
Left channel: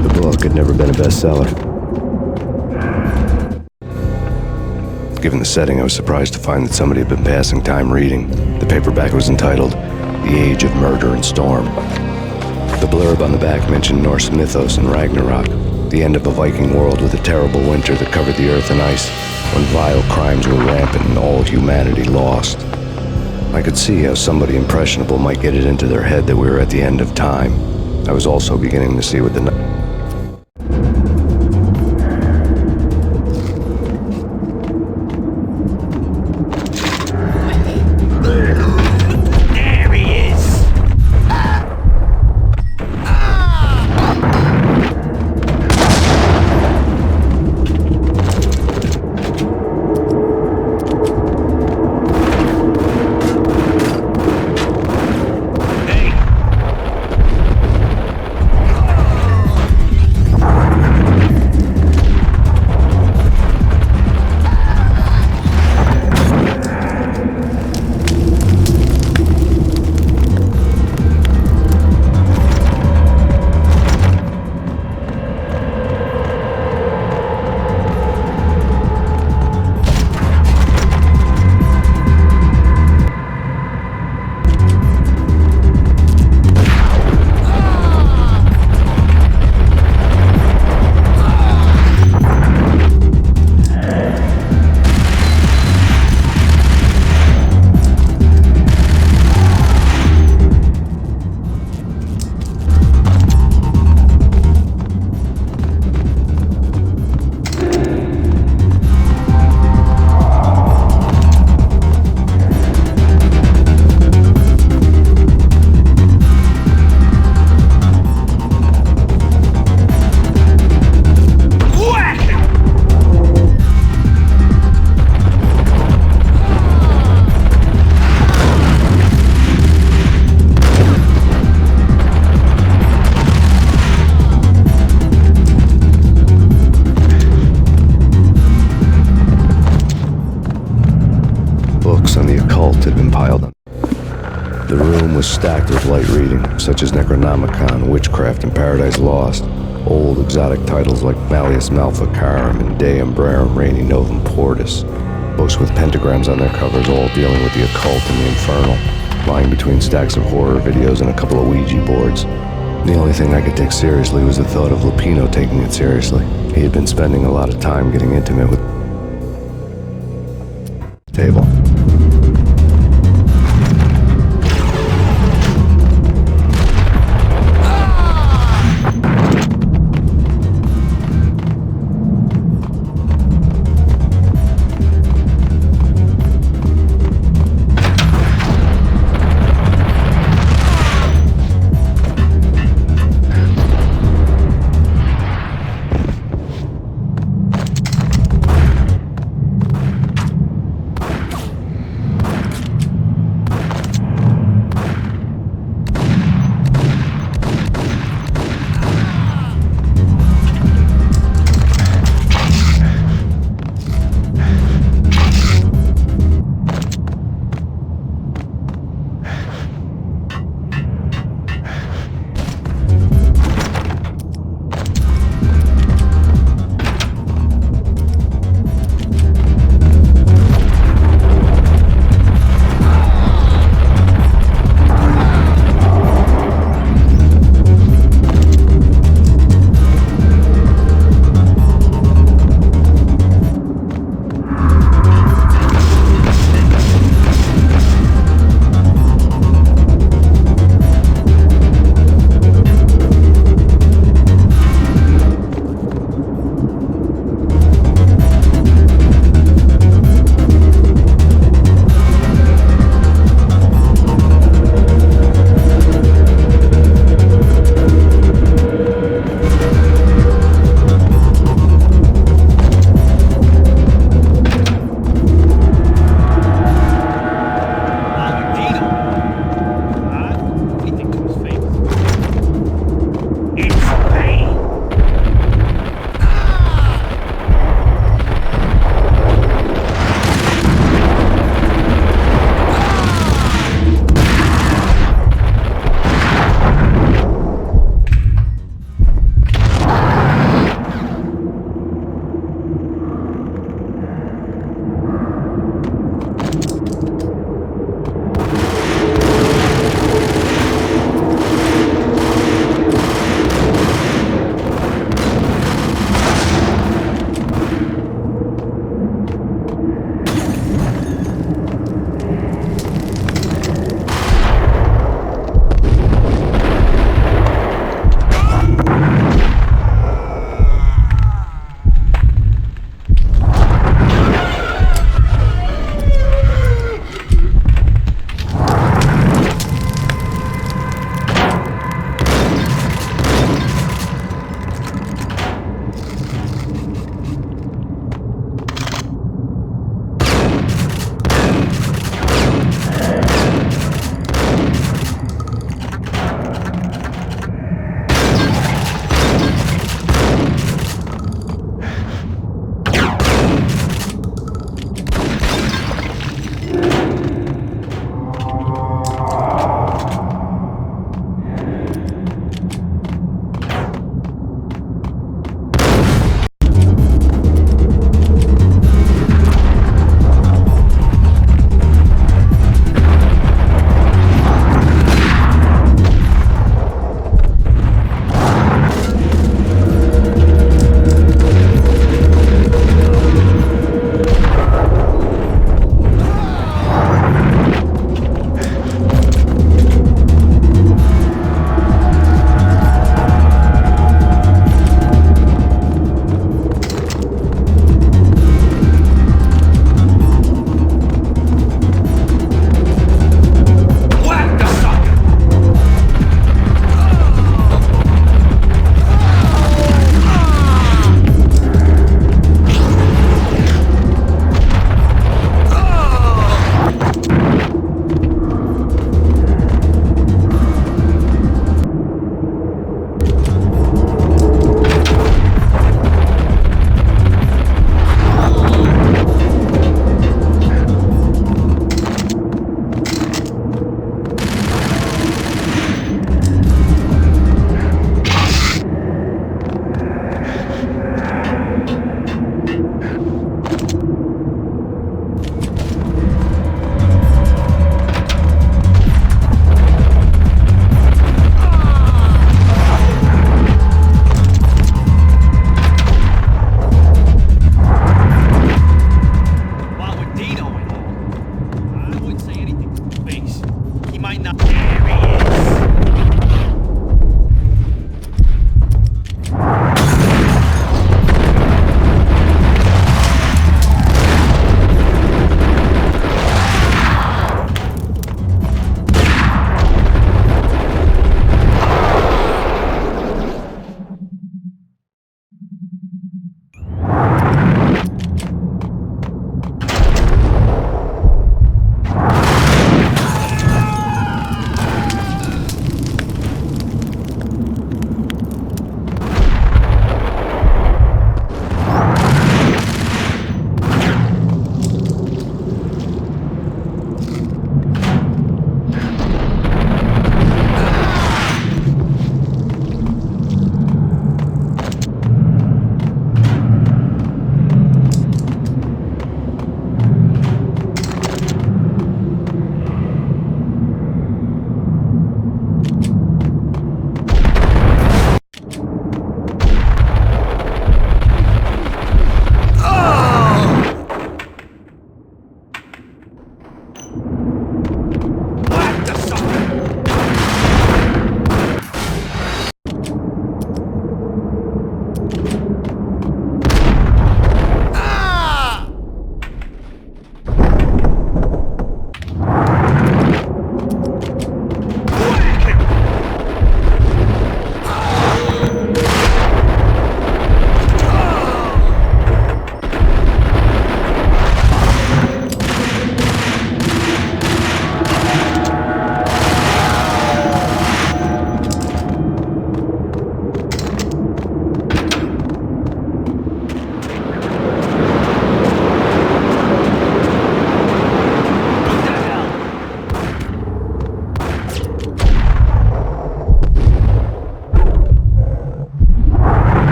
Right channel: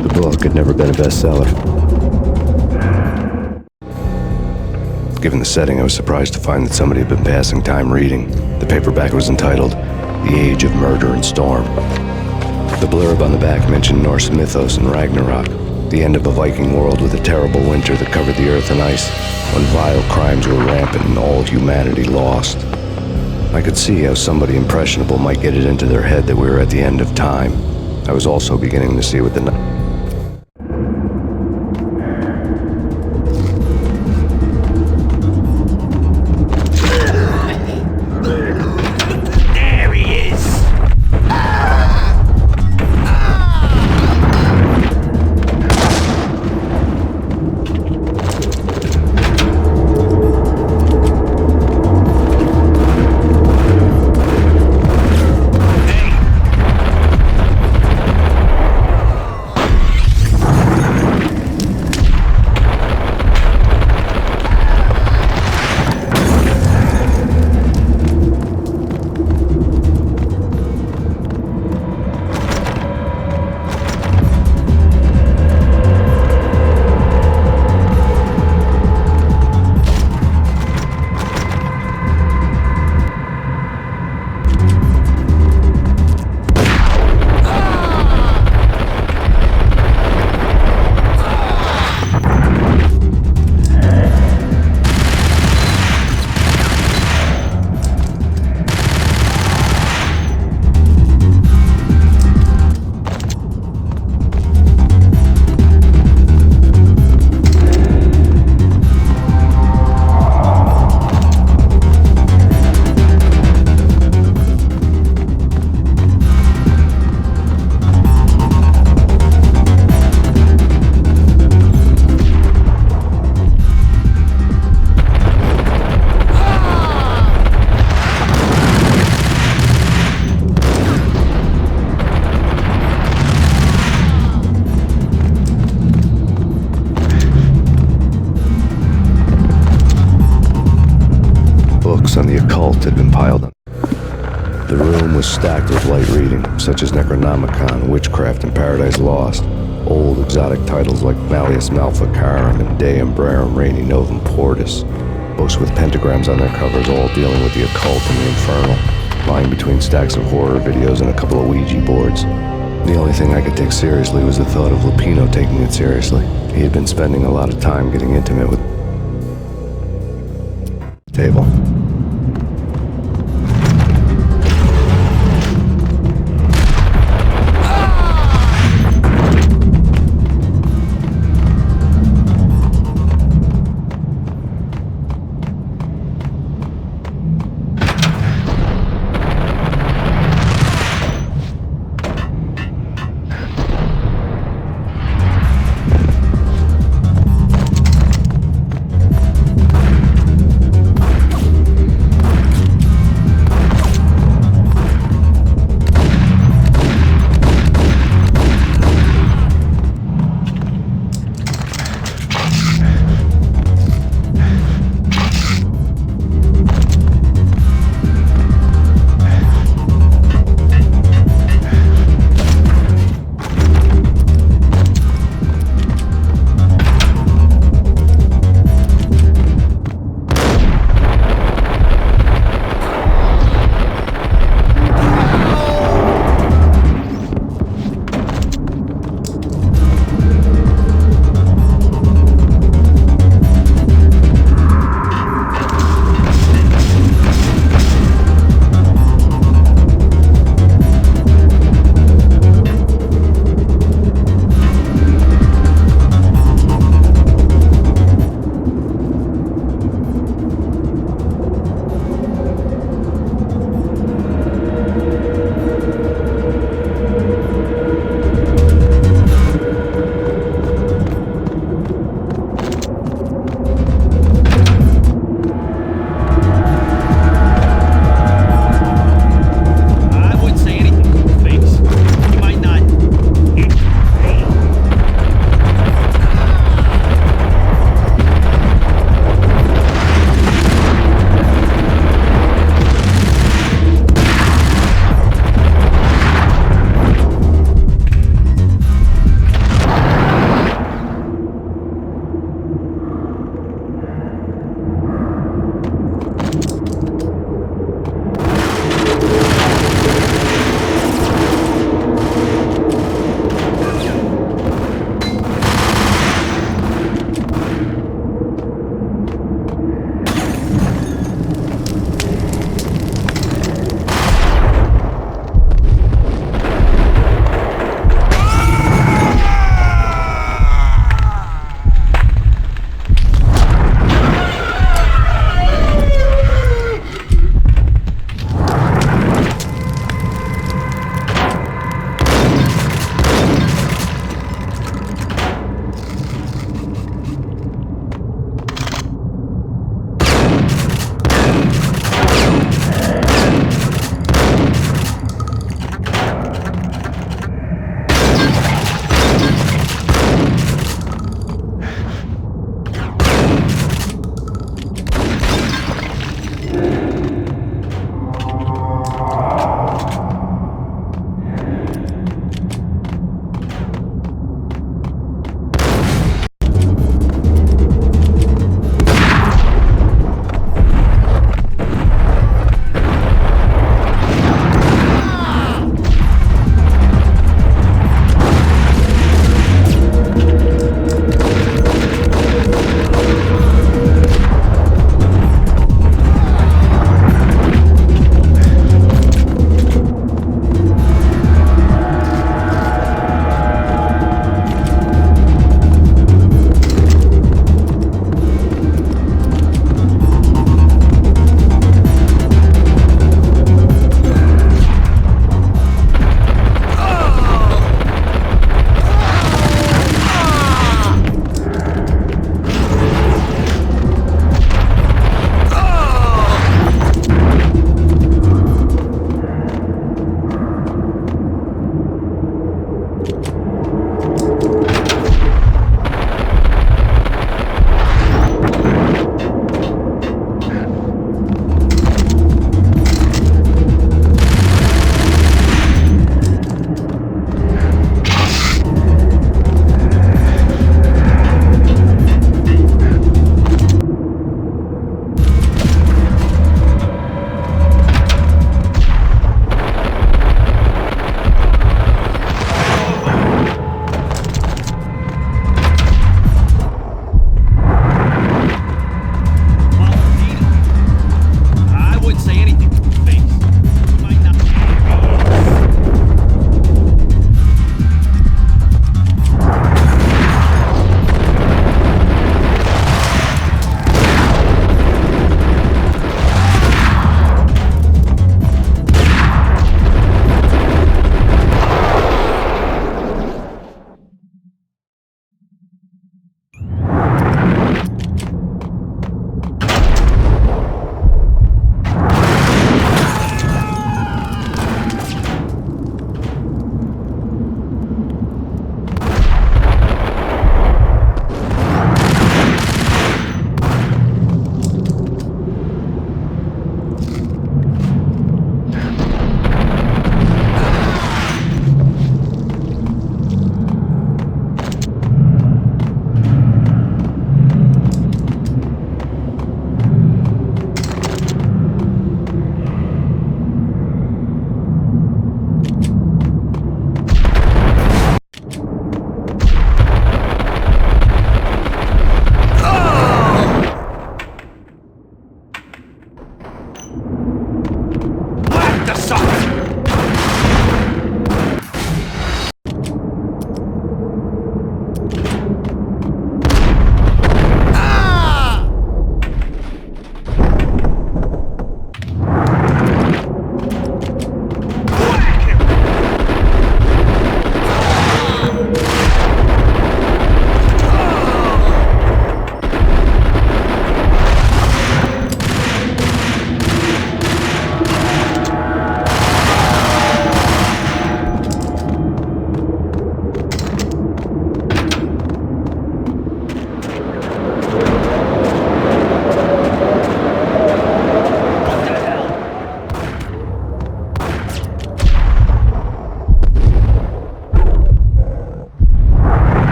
The book had never been a bestseller. Given the setting, I was surprised to find that somebody had been passing time reading. The paperback was entitled The Age of Murder and Storm. The blurb on the back mentioned Norse mythos and Ragnarok, the end of a Viking world with a terrible winter that covered the earth in ice, when vile crimes were rampant and all humanity lost. I could see how somebody impressionable might get it into their head that we were at the end of time. I was also beginning to see what the books on the occult had been piled on. The room was stacked with light reading, such as Necronomicon, Witchcraft, and Paradise Lost. Old exotic titles like Malleus Maleficarum and De Umbrarum Reini Novum Portis. Books with pentagrams on their covers, all dealing with the occult and the infernal, lying between stacks of horror videos and a couple of Ouija boards. The only thing I could take seriously was the thought of Lupino taking it seriously. He had been spending a lot of time getting intimate with the table.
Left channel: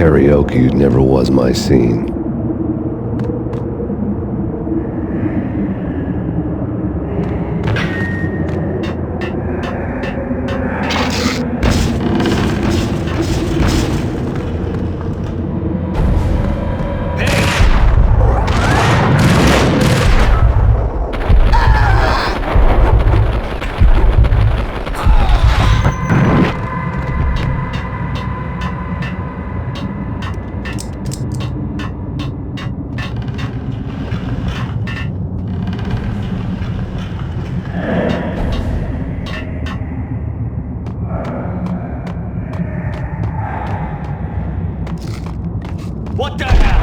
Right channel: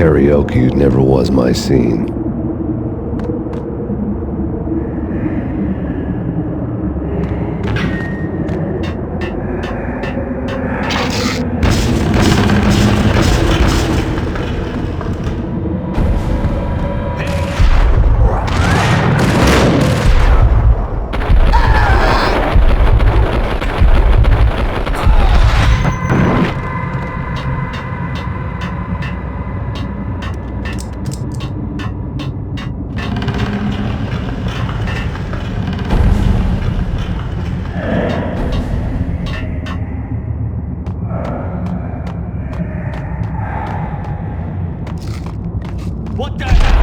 Karaoke never was my scene. What the hell?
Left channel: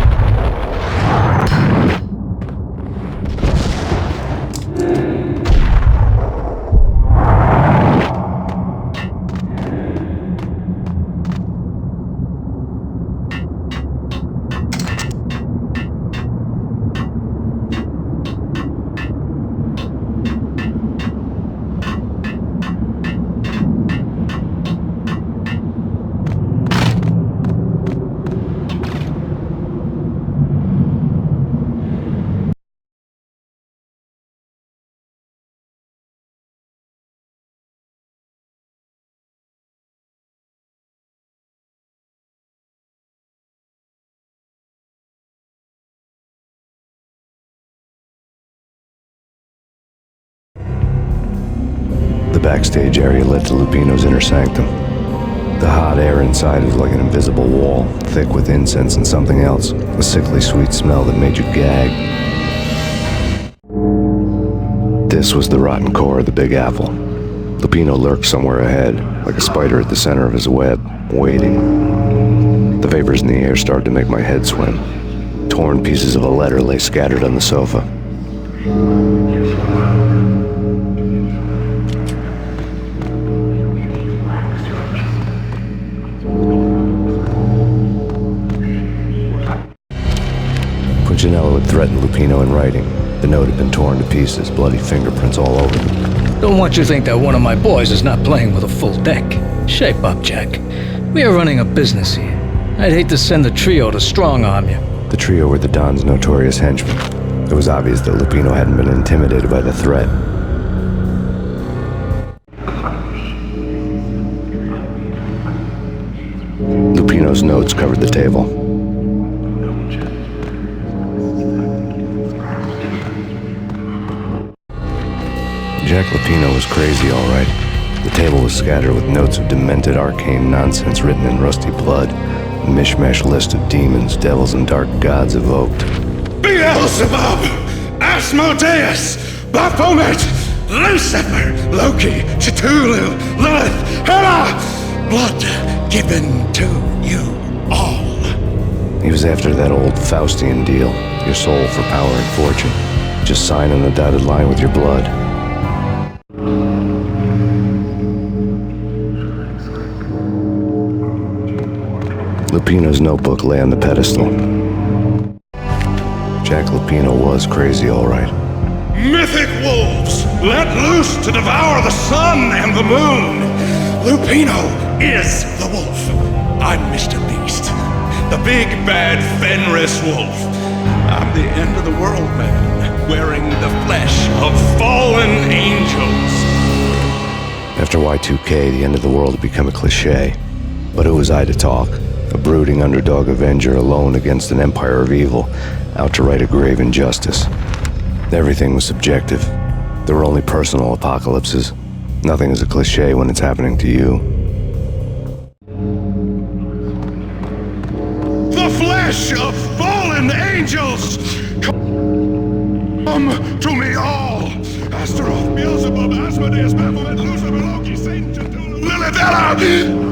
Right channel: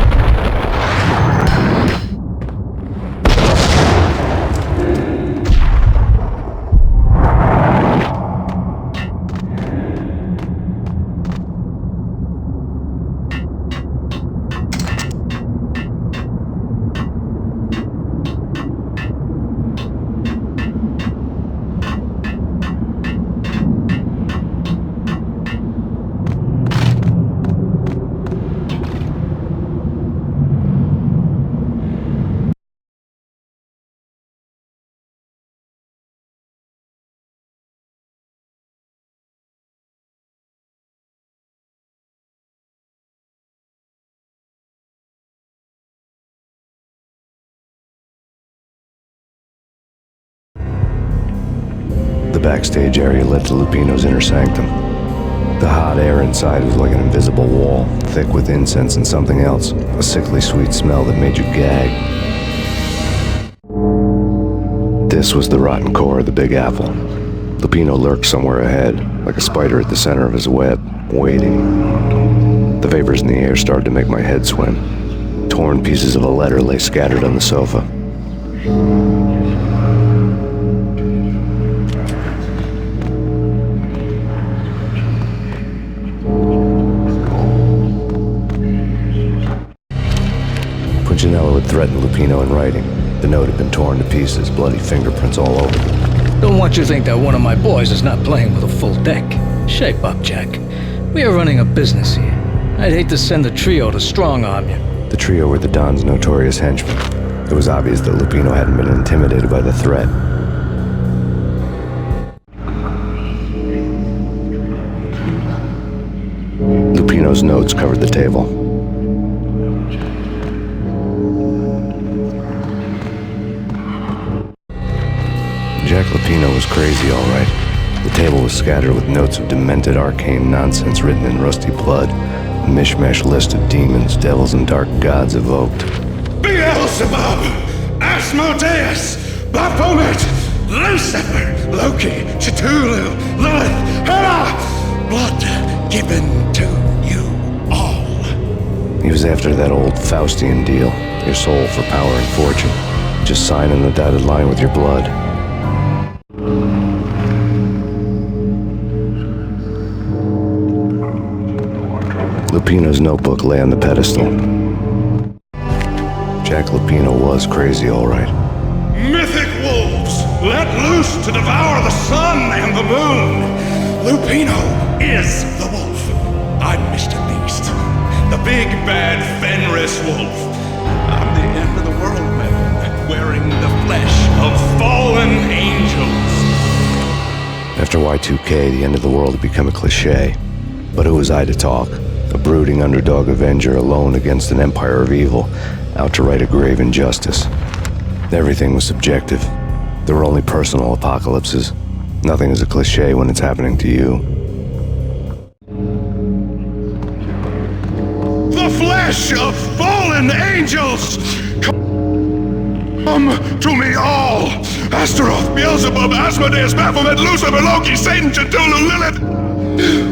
The backstage area led to Lupino's inner sanctum. The hot air inside was like an invisible wall, thick with incense and something else, a sickly sweet smell that made you gag. This was the rotten core of the Big Apple. Lupino lurked somewhere ahead, like a spider at the center of his web, waiting. The vapors in the air started to make my head swim. Torn pieces of a letter lay scattered on the sofa. Punchinello had threatened Lupino in writing. The note had been torn to pieces, bloody fingerprints all over them. Don't want you to think that one of my boys is not playing with a full deck. Shape up, Jack. We are running a business here. I'd hate to send the trio to strong-arm you. The trio were the Don's notorious henchmen. It was obvious that Lupino hadn't been intimidated by the threat. Lupino's notes covered the table. Jack Lupino was crazy, all right. The table was scattered with notes of demented arcane nonsense written in rusty blood. A mishmash list of demons, devils, and dark gods evoked. Beelzebub! Asmodeus! Baphomet! Lucifer! Loki! Cthulhu! Lilith! Hela! Blood given to you all. He was after that old Faustian deal. Your soul for power and fortune. Just sign on the dotted line with your blood. Lupino's notebook lay on the pedestal. Jack Lupino was crazy, all right. Mythic wolves, let loose to devour the sun and the moon. Lupino is the wolf. I'm Mr. Beast, the big bad Fenris wolf. I'm the end of the world man, wearing the flesh of fallen angels. After Y2K, the end of the world had become a cliche. But who was I to talk? A brooding underdog avenger alone against an empire of evil, out to right a grave injustice. Everything was subjective. There were only personal apocalypses. Nothing is a cliche when it's happening to you. The flesh of fallen angels! Come to me all! Astaroth, Beelzebub, Asmodeus, Baphomet, Lucifer, Loki, Satan, Cthulhu, Lilith, Hela!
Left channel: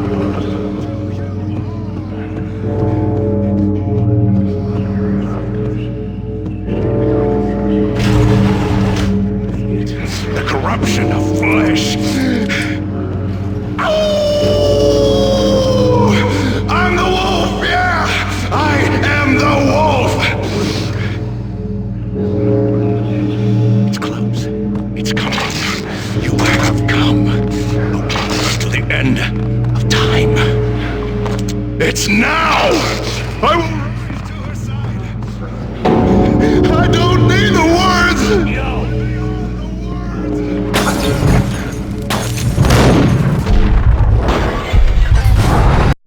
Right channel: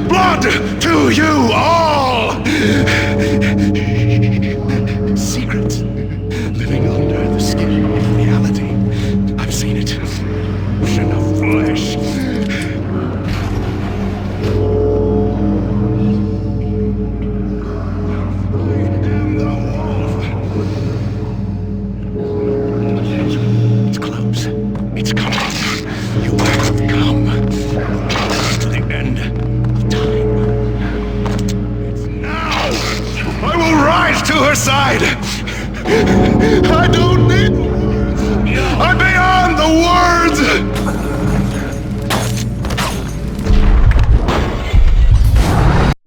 Blood to you all! Secret, living under the skin. I've seen it. The corruption of flesh. Oh! I'm the wolf, yeah! I am the wolf! It's close. It's coming. You have come to the end of time. It's now! I will rise to her side! I don't need the words! I'm beyond the words!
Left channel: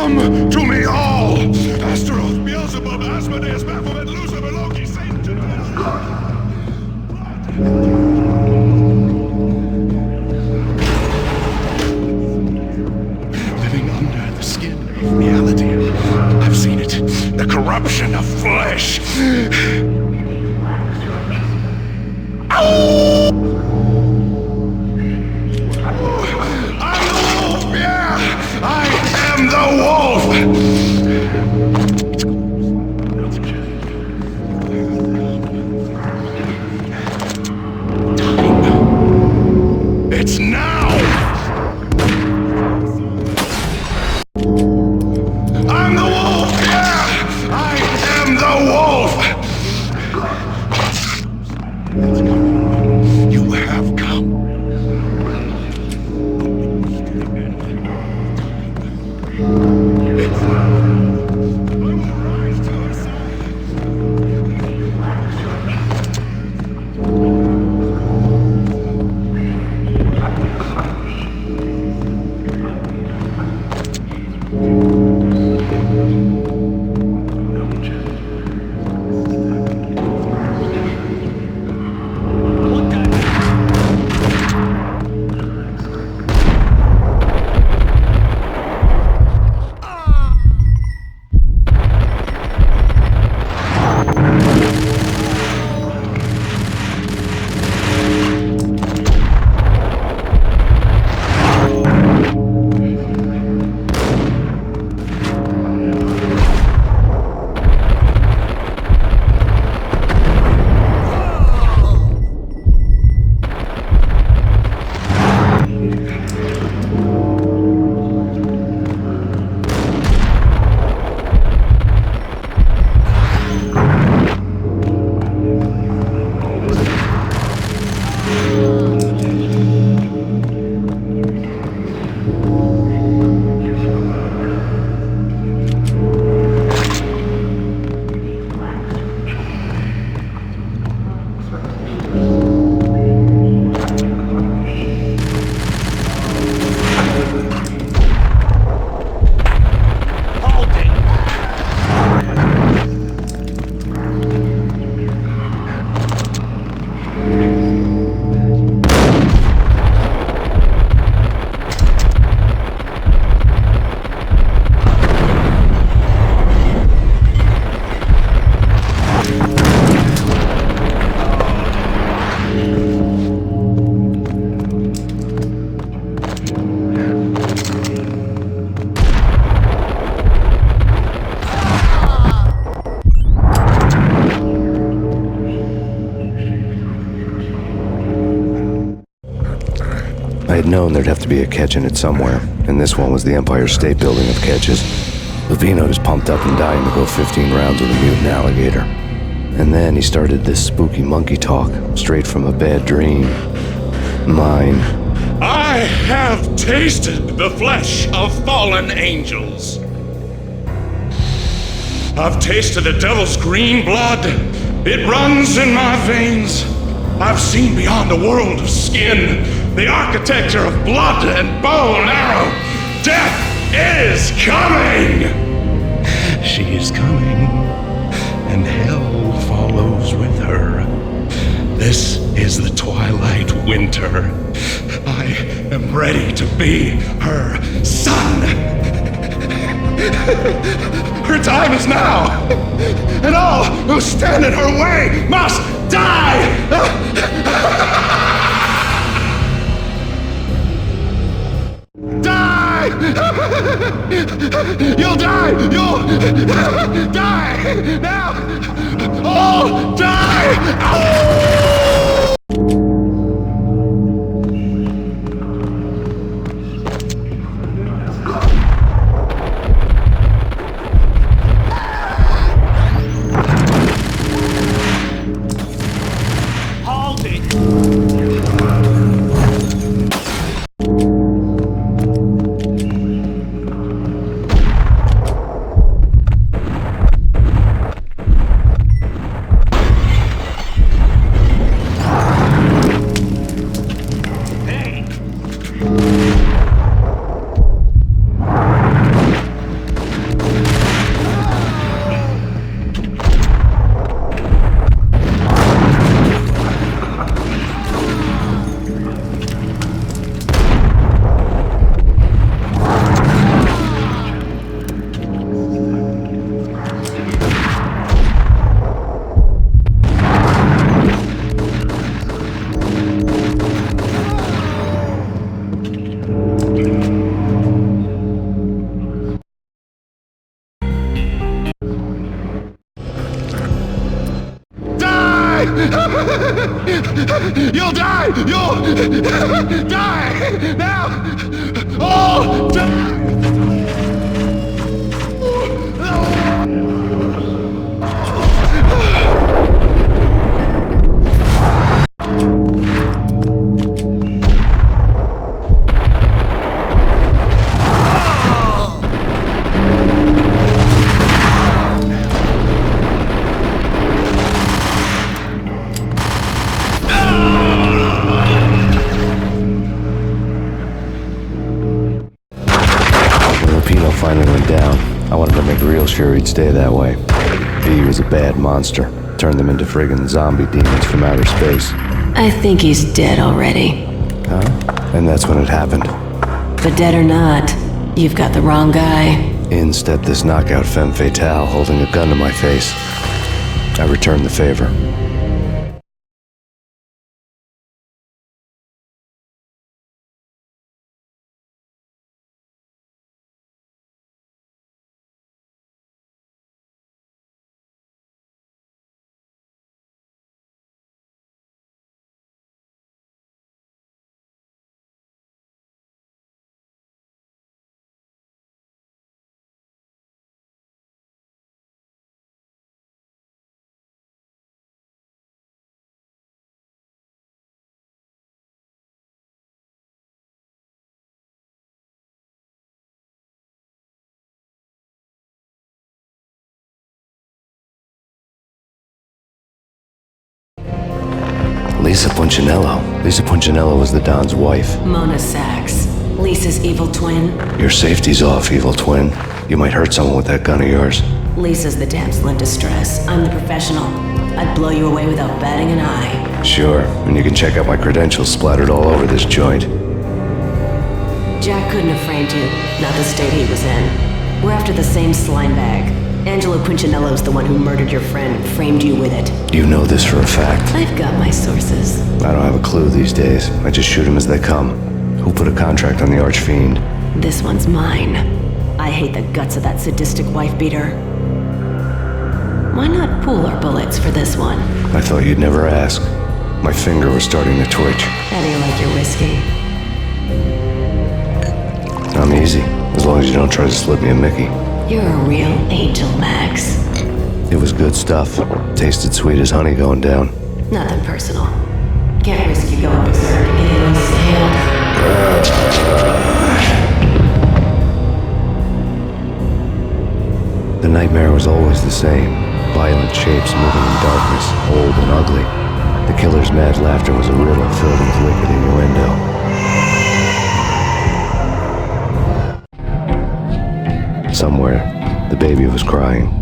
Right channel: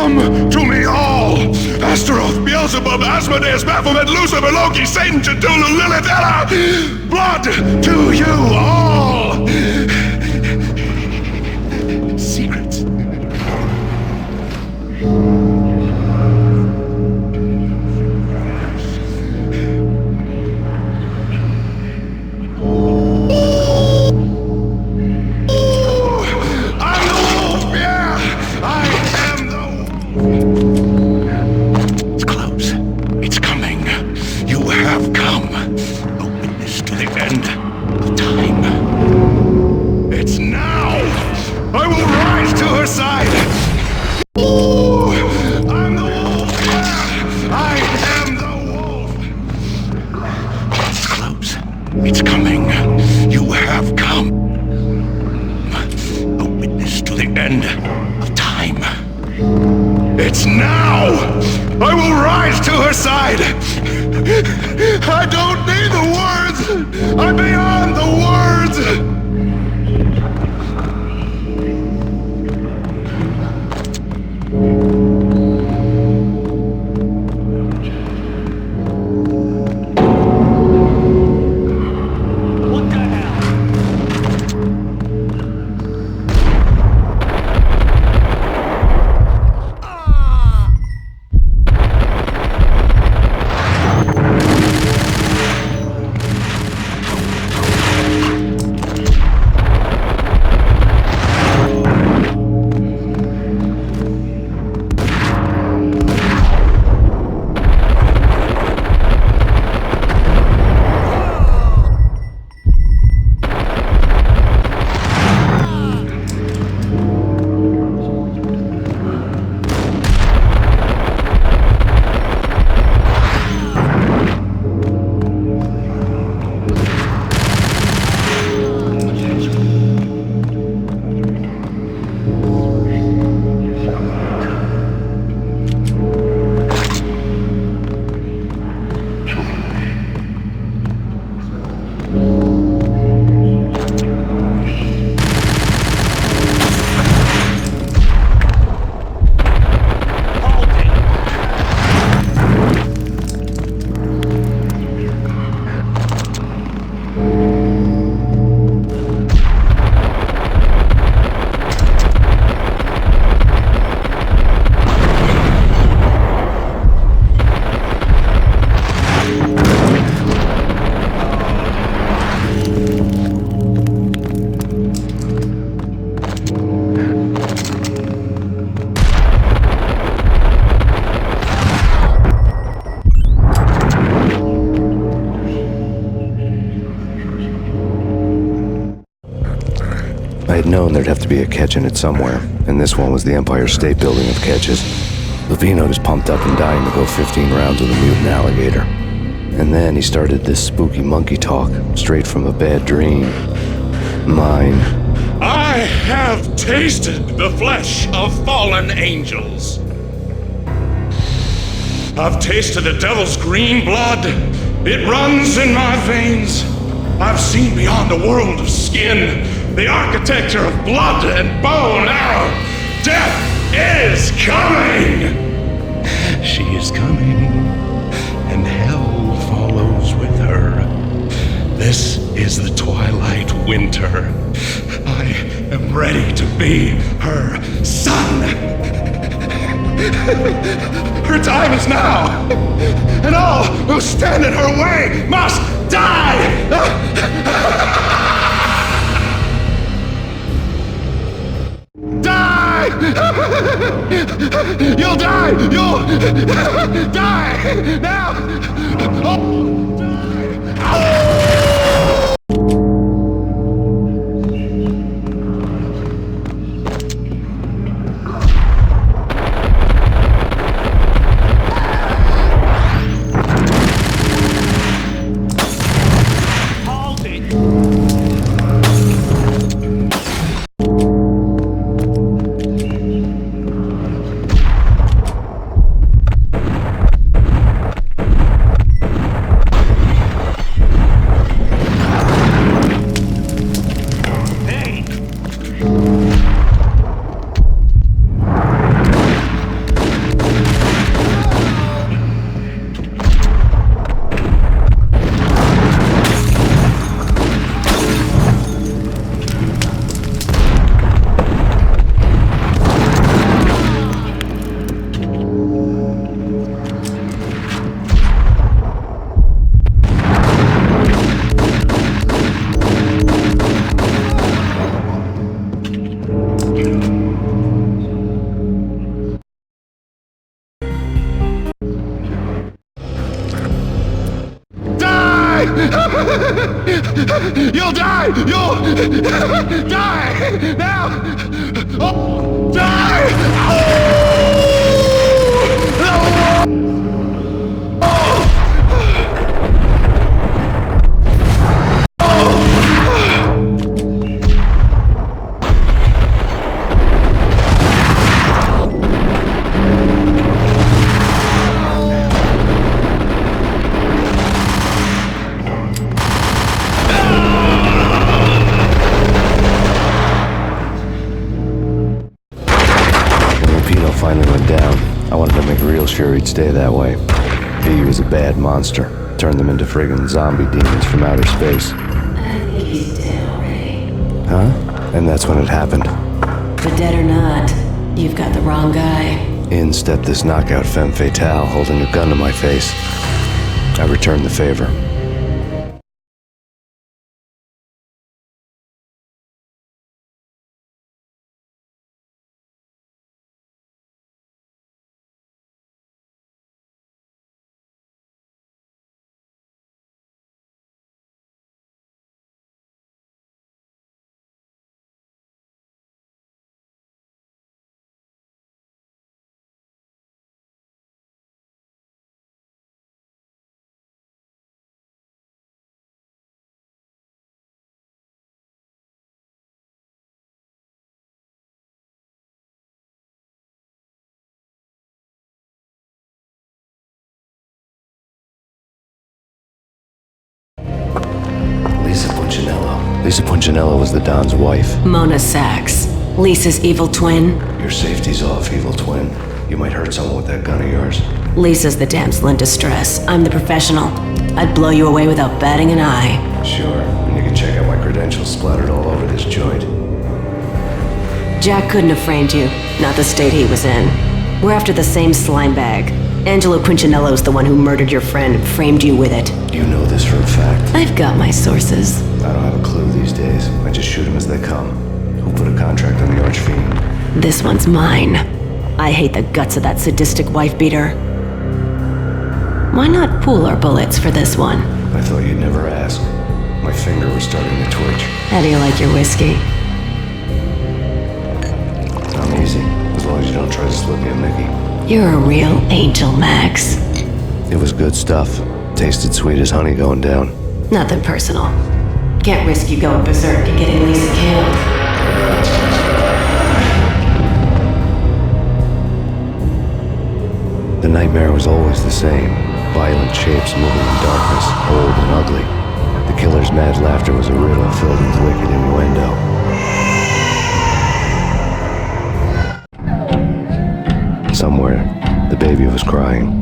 Come to me all! Astaroth, Beelzebub, Asmodeus, Baphomet, Lucifer, Loki, Satan, Cthulhu, Lilith, Ella! Blood to you all! Secret. Living under the skin of reality. I've seen it. The corruption of flesh. I'm the wolf, yeah! I am the wolf! It's close. It's coming. You have come. A witness to the end of time. It's now! I will rise to her side! I'm the wolf, yeah! I am the wolf! It's close. It's coming. You have come. A witness to the end of time. It's now! I will rise to her side! I don't need the words! I'm beyond the words! I had known there'd have to be a catch in it somewhere, and this one was the Empire State Building of catches. Lupino was pumped up and dying to go 15 rounds with a mutant alligator. And then he started this spooky monkey talk, straight from a bad dream. Mine. I have tasted the flesh of fallen angels. I've tasted the devil's green blood. It runs in my veins. I've seen beyond a world of skin, the architecture of blood and bow and arrow. Death is coming! She is coming, and hell follows with her. This is the twilight winter. I am ready to be her son. Her time is now, and all who stand in her way must die! Die! You'll die! You'll die! Now! All die! Oh! Hold it! You'll die! You'll die! Now! All die! Finally went down. I wanted to make real sure he'd stay that way. V was a bad monster. Turned them into friggin' zombie demons from outer space. I think he's dead already. Huh? And that's when it happened. But dead or not, you've got the wrong guy. In stepped this knockout femme fatale holding a gun to my face. I returned the favor. Lisa Punchinello. Lisa Punchinello was the Don's wife. Mona Sachs. Lisa's evil twin. Your safety's off, evil twin. You might hurt someone with that gun of yours. Lisa's the damsel in distress. I'm the professional. I'd blow you away without batting an eye. Sure, and you can check out my credentials splattered all over this joint. Jack couldn't have framed you. Not the state he was in. We're after the same slime bag. Angelo Punchinello's the one who murdered your friend and framed you with it. You know this for a fact. I've got my sources. I don't have a clue these days. I just shoot them as they come. Who put a contract on the Archfiend? This one's mine. I hate the guts of that sadistic wife-beater. Why not pool our bullets for this one? I thought you'd never ask. My finger was starting to twitch. How do you like your whiskey? I'm easy, as long as you don't try to slip me a Mickey. You're a real angel, Max. It was good stuff. Tasted sweet as honey going down. Nothing personal. Can't risk you going berserk and getting Lisa killed. The nightmare was always the same. Violent shapes moving in darkness, old and ugly. The killer's mad laughter was a riddle filled with wicked innuendo. Somewhere, the baby was crying.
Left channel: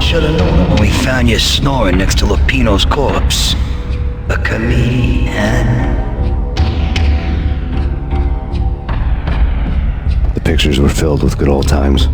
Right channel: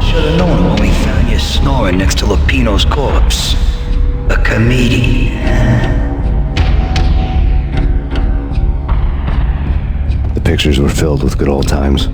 Should have known it when we found you snoring next to Lupino's corpse. A comedian, huh? The pictures were filled with good old times.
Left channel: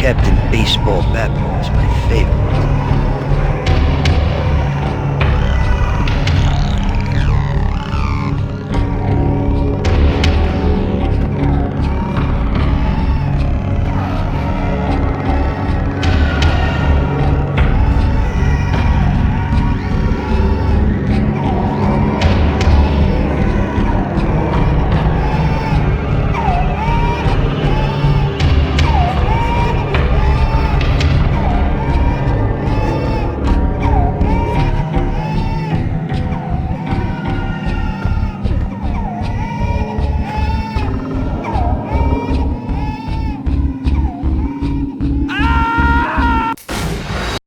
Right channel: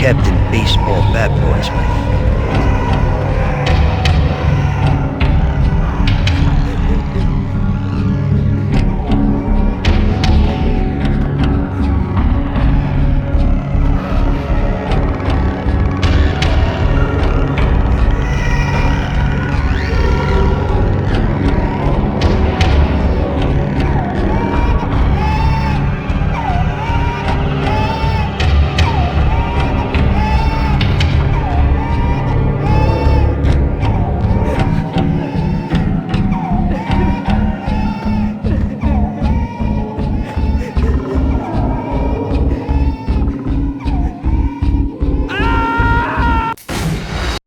Captain Baseball Bat Boy's my favorite.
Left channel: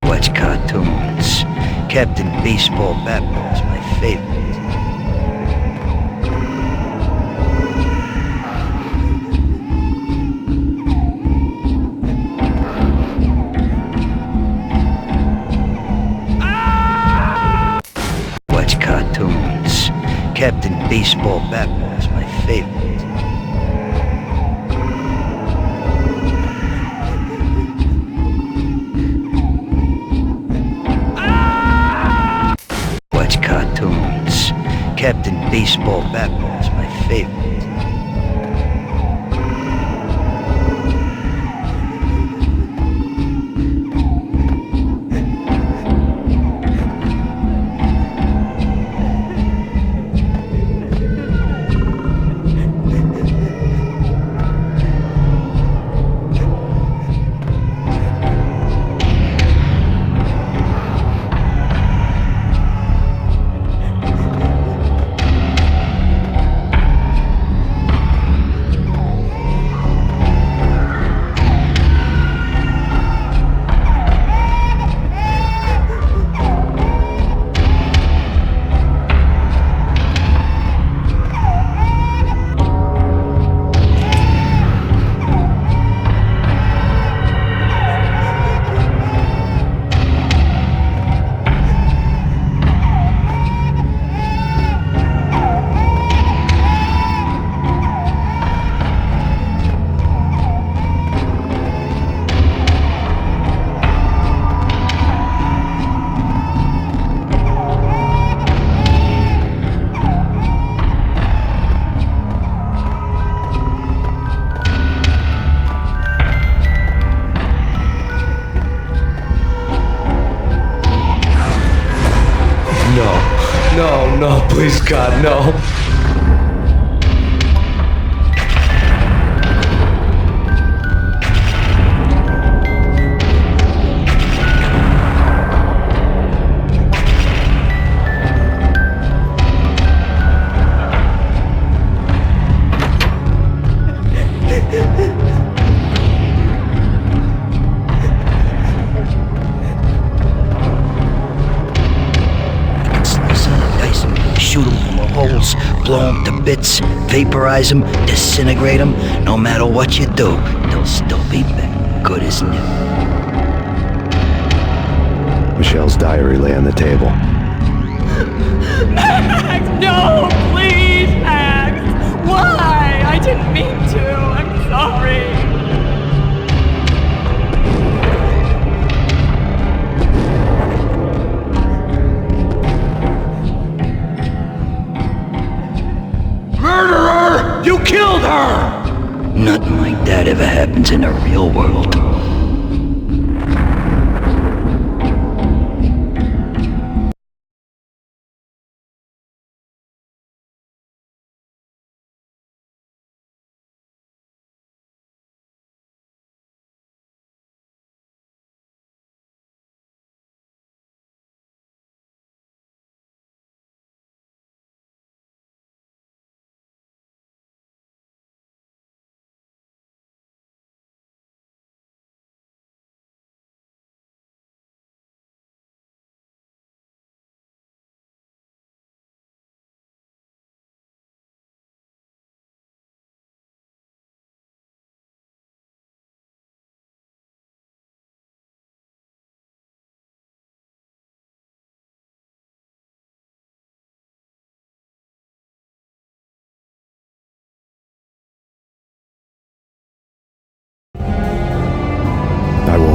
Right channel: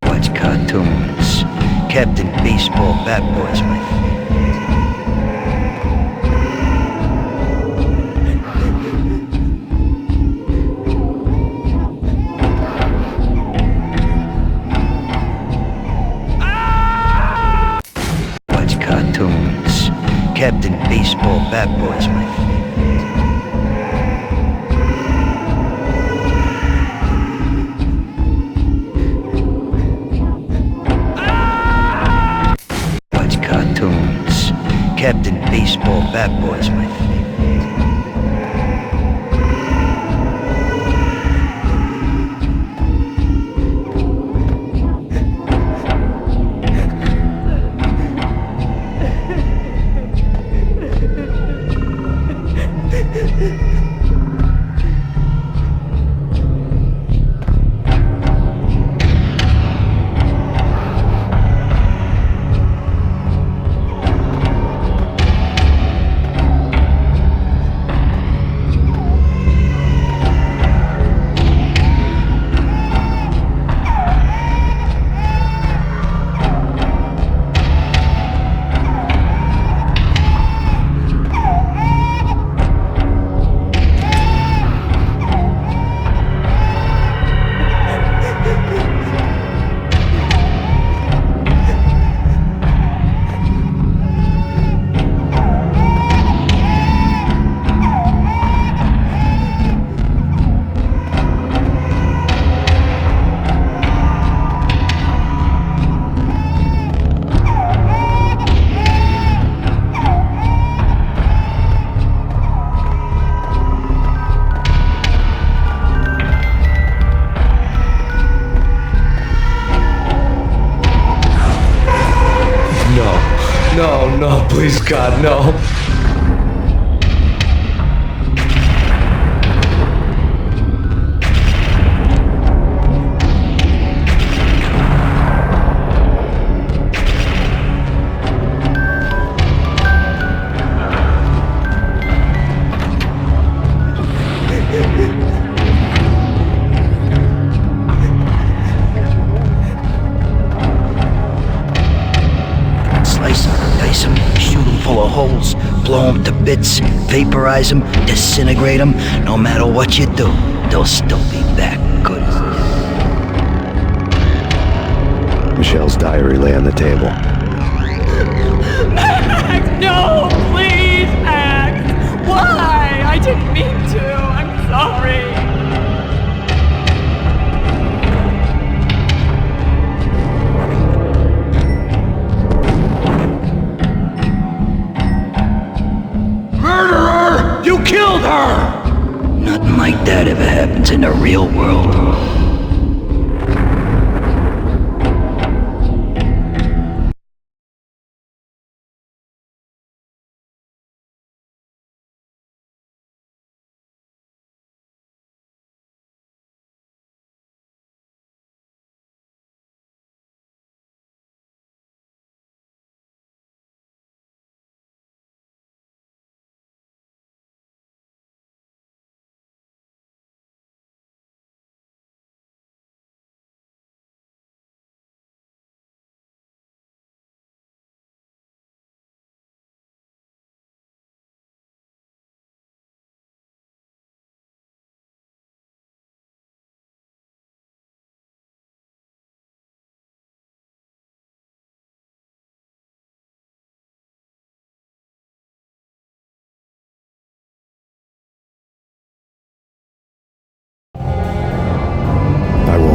Watch cartoons. Captain Baseball Bat Boy's my favorite. Watch cartoons. Captain Baseball Bat Boy's my favorite. Watch cartoons. Captain Baseball Bat Boy's my favorite. No, please, God, no. Slice 'em, dice 'em, shoot 'em full of holes, blow 'em to bits, vaporize 'em, disintegrate 'em. No matter what you do, they'll still be back, good as new. Michelle's diary lay on the table. Max, no, please, Max. Why? I didn't mean to. I'm sorry. Murderer! You killed her! Nothing like that ever happens in the real world.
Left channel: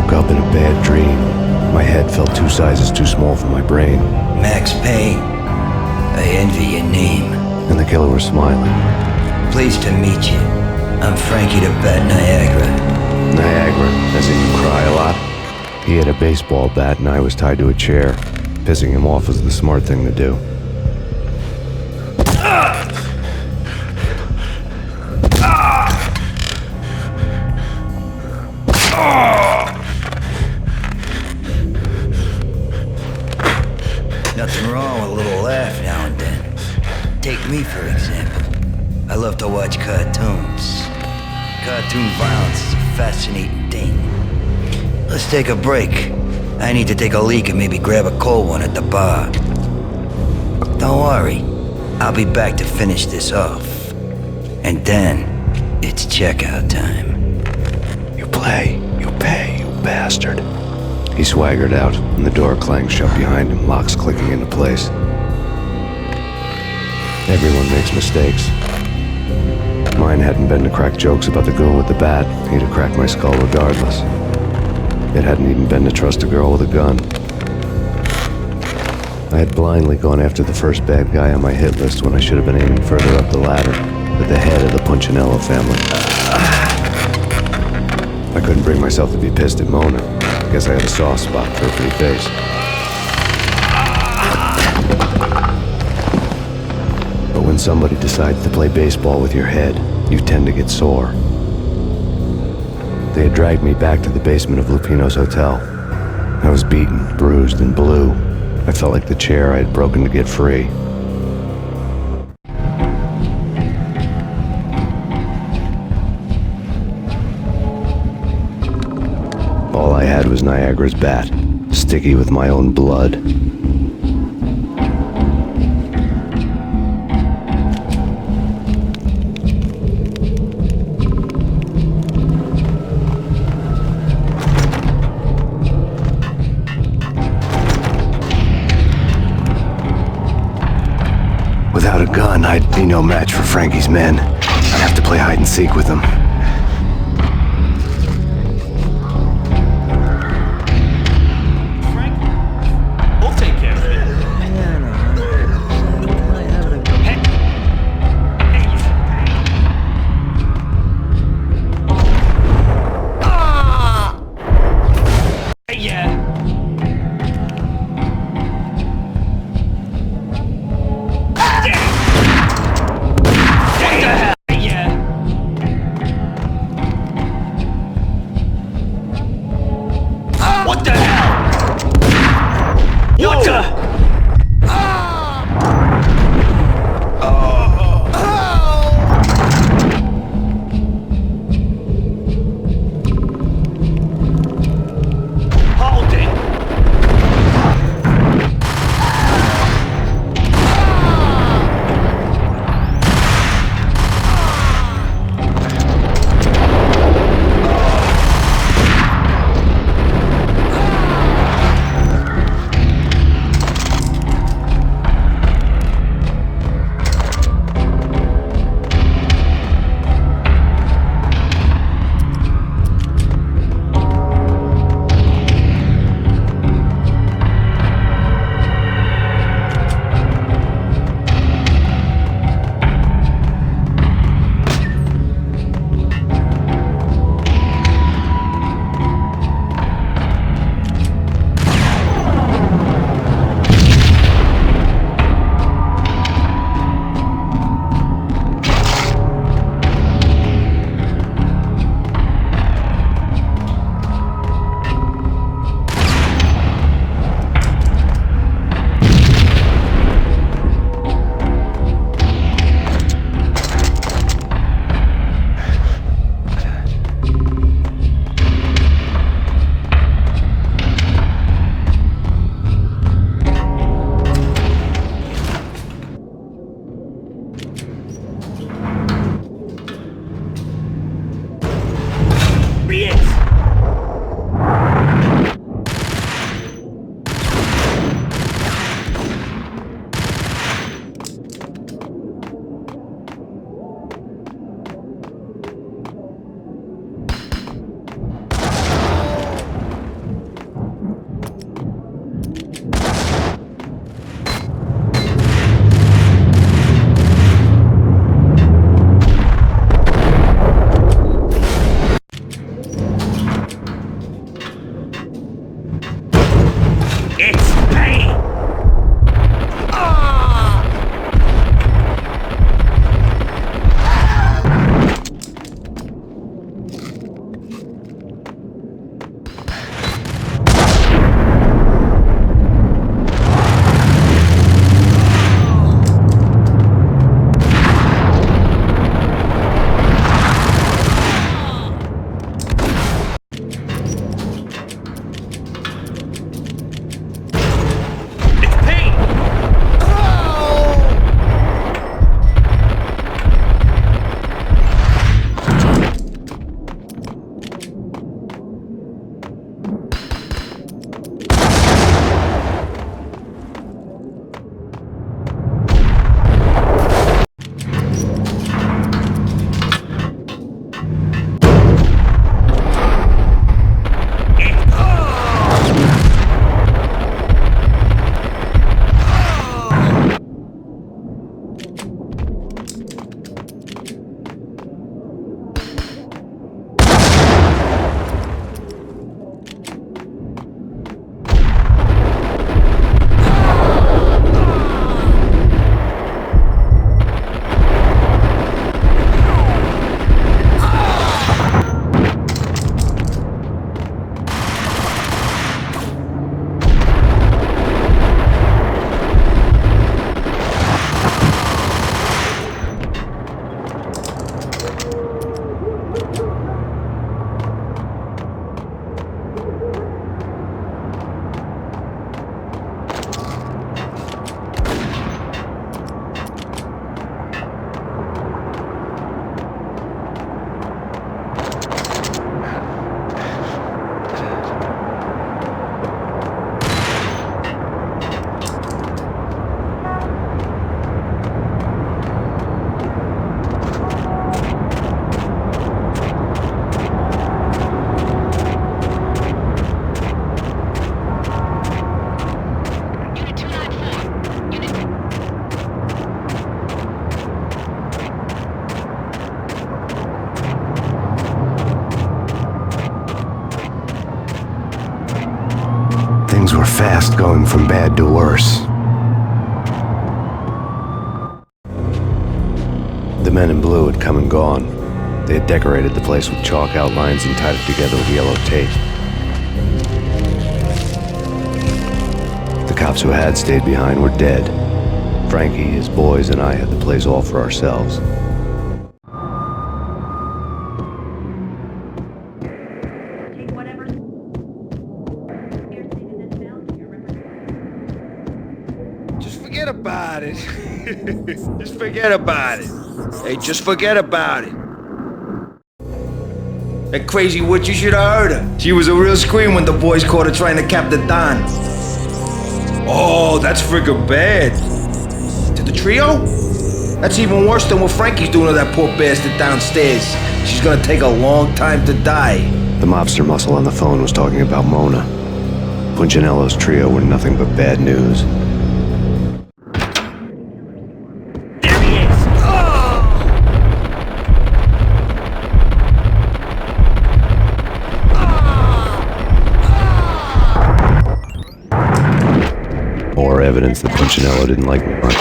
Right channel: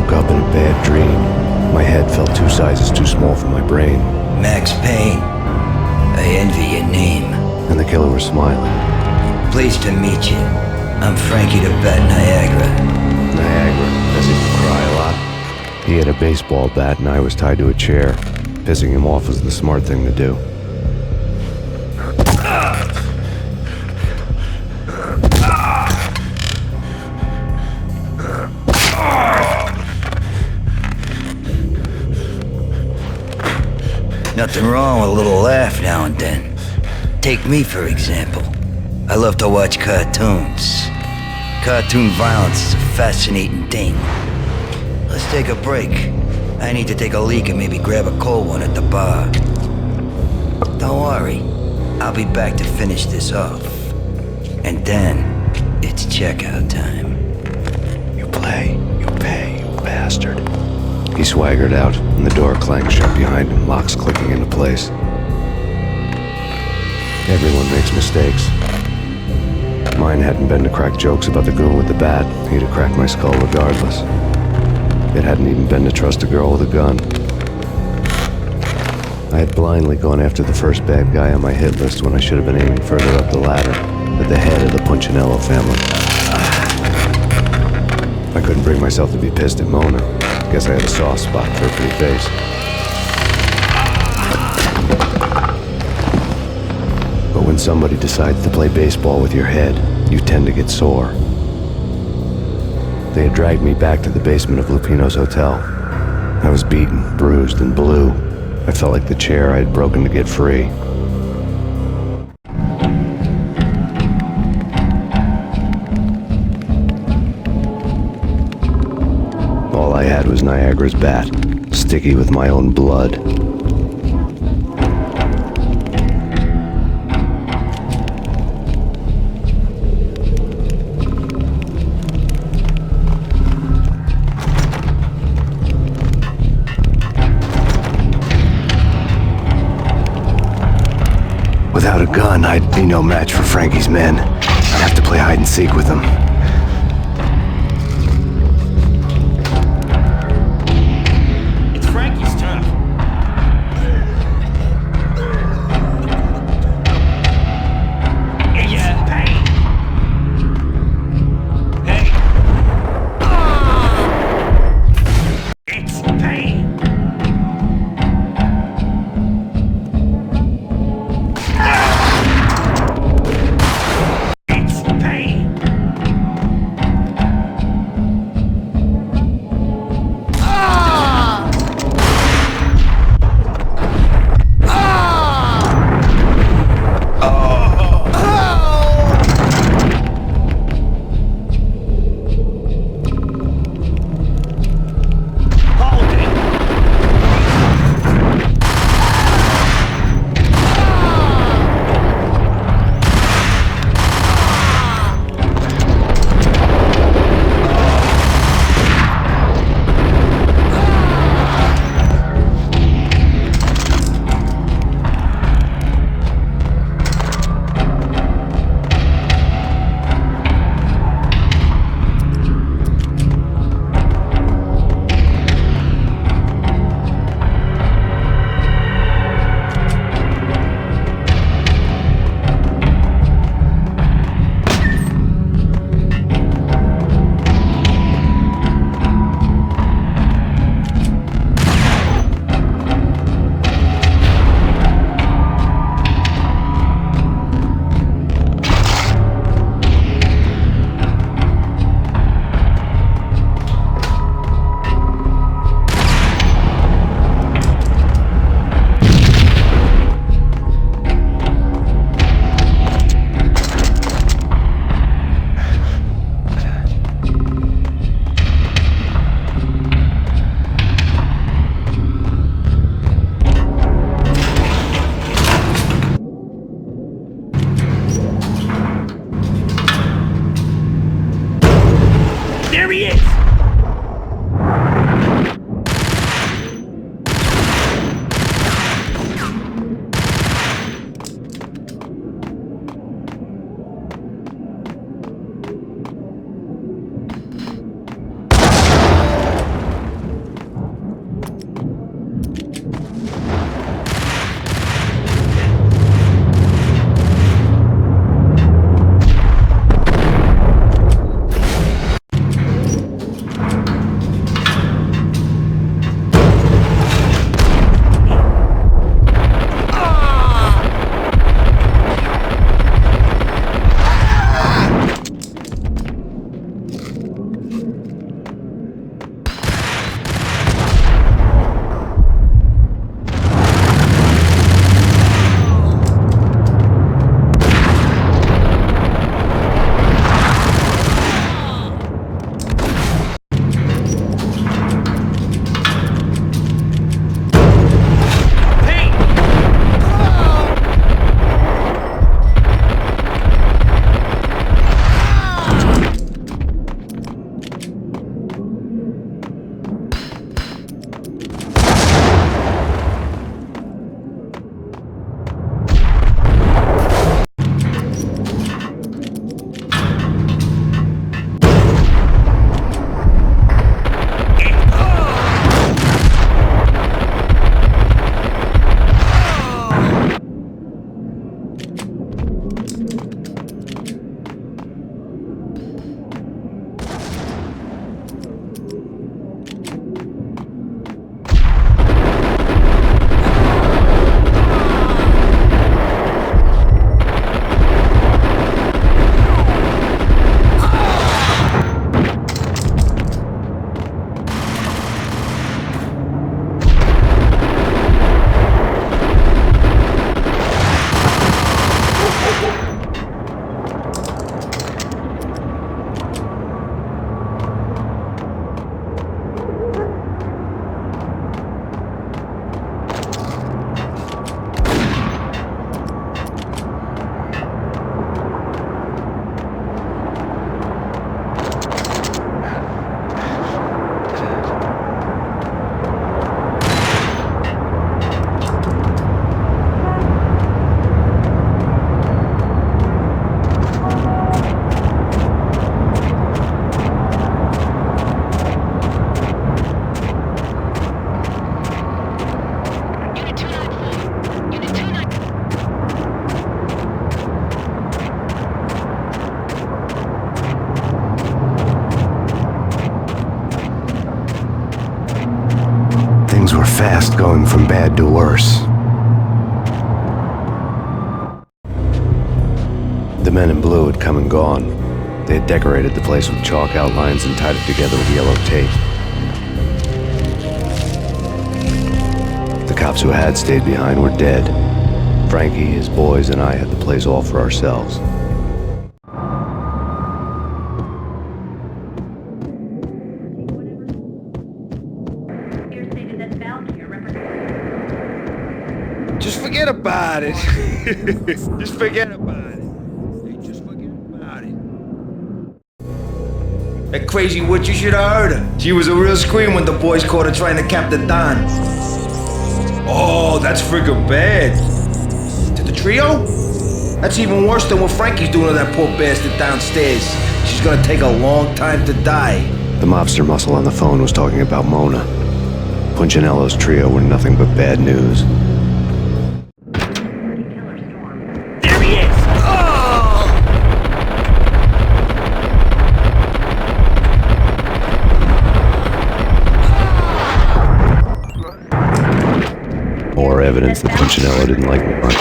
woke up in a bad dream. My head felt 2 sizes too small for my brain. Max Payne. I envy your name. And the killer was smiling. Pleased to meet you. I'm Frankie the Bat Niagara. Niagara, as in you cry a lot? He had a baseball bat and I was tied to a chair. Pissing him off was the smart thing to do. Nothing wrong with a little laugh now and then. Take me, for example. I love to watch cartoons. Cartoon violence is a fascinating thing. Let's take a break. I need to take a leak and maybe grab a cold one at the bar. Don't worry. I'll be back to finish this off. And then, it's checkout time. You play, you pay, you bastard. He swaggered out, and the door clanged shut behind him, locks clicking into place. Everyone makes mistakes. Mine hadn't been to crack jokes about the goon with the bat. He'd have cracked my skull regardless. It hadn't even been to trust a girl with a gun. I had blindly gone after the first bad guy on my hit list when I should have been aiming further up the ladder, at the head of the Punchinello family. I couldn't bring myself to be pissed at Mona. Guess I had a soft spot for her pretty face. But when somebody decides to play baseball with your head, you tend to get sore. They had dragged me back to the basement of Lupino's hotel. I was beaten, bruised, and blue. I felt like the chair I had broken to get free. All I had was Niagara's bat, sticky with my own blood. Without a gun, I'd be no match for Frankie's men. I'd have to play hide and seek with them. fast going from bad to worse. The men in blue had come and gone. They had decorated the place with chalk outlines and tied it together with yellow tape. The cops who had stayed behind were dead. Frankie, his boys, and I had the place all for ourselves. Just forget about it. Just forget about it. Hey, just forget about it. That crazy witch, you should have heard her. She was a real scream when the boys caught her trying to cap the Don. Oh, that's friggin' bad. To the trio? That's even worse than what Frankie's doing to that poor bastard downstairs. She's gonna take a long time to die. The mobster muscle on the phone was talking about Mona. Punchinello's trio were nothing but bad news. There he is! More evidence that Punchinello didn't like me much.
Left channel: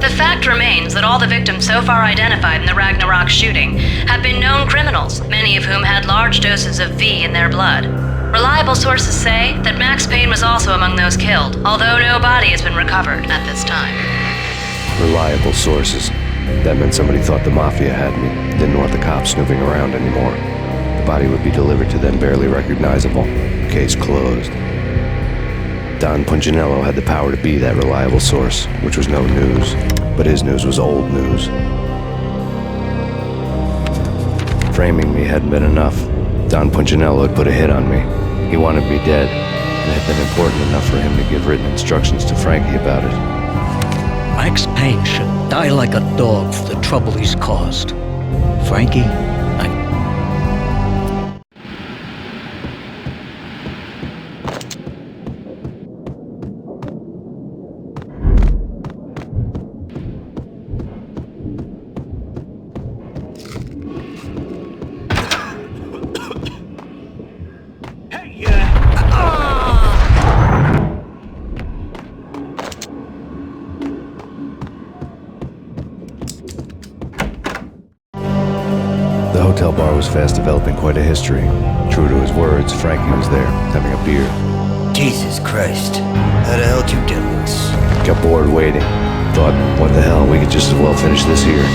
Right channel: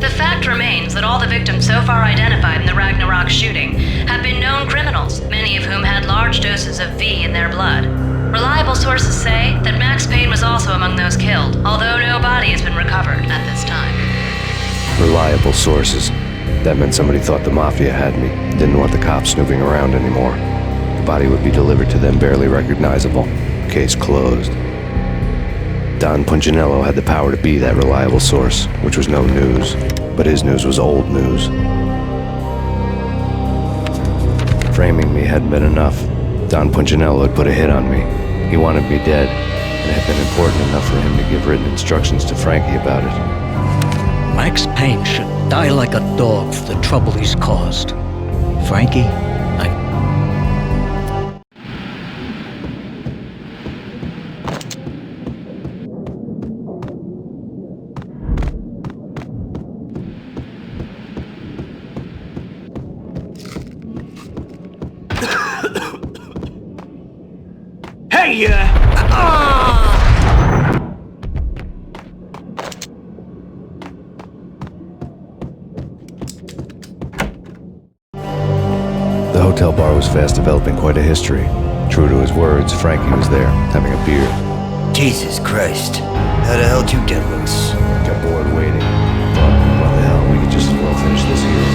The fact remains that all the victims so far identified in the Ragnarok shooting have been known criminals, many of whom had large doses of V in their blood. Reliable sources say that Max Payne was also among those killed, although no body has been recovered at this time. Reliable sources. That meant somebody thought the Mafia had me, didn't want the cops snooping around anymore. The body would be delivered to them barely recognizable. Case closed. Don Punchinello had the power to be that reliable source, which was no news, but his news was old news. Framing me hadn't been enough. Don Punchinello had put a hit on me. He wanted me dead, and it had been important enough for him to give written instructions to Frankie about it. Max Payne should die like a dog for the trouble he's caused. Frankie, Hey, The hotel bar was fast developing quite a history. True to his words, Frankie was there, having a beer. Jesus Christ. How the hell did you get loose? Got bored waiting. Thought, what the hell, we could just as well finish this here.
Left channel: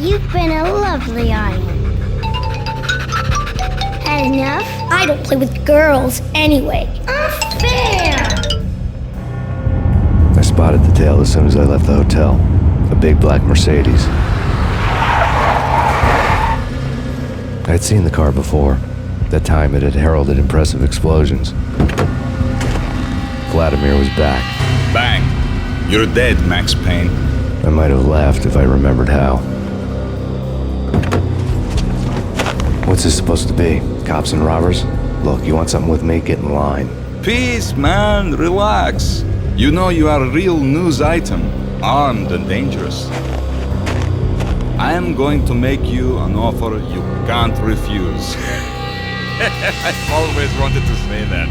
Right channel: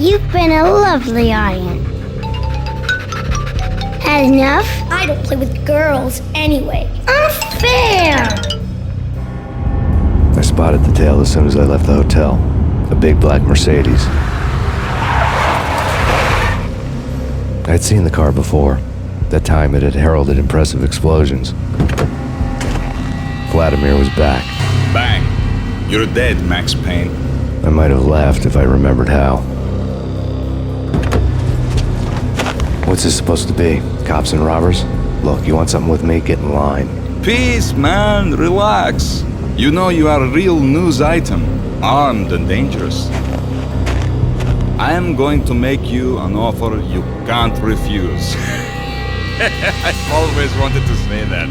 You've been a lovely iron. Had enough? I don't play with girls anyway. Unfair! I spotted the tail as soon as I left the hotel. A big black Mercedes. I had seen the car before. That time it had heralded impressive explosions. Vladimir was back. Bang! You're dead, Max Payne. I might have laughed if I remembered how. What's this supposed to be? Cops and robbers? Look, you want something with me? Get in line. Peace, man. Relax. You know you are a real news item. Armed and dangerous. I am going to make you an offer you can't refuse. I've always wanted to say that.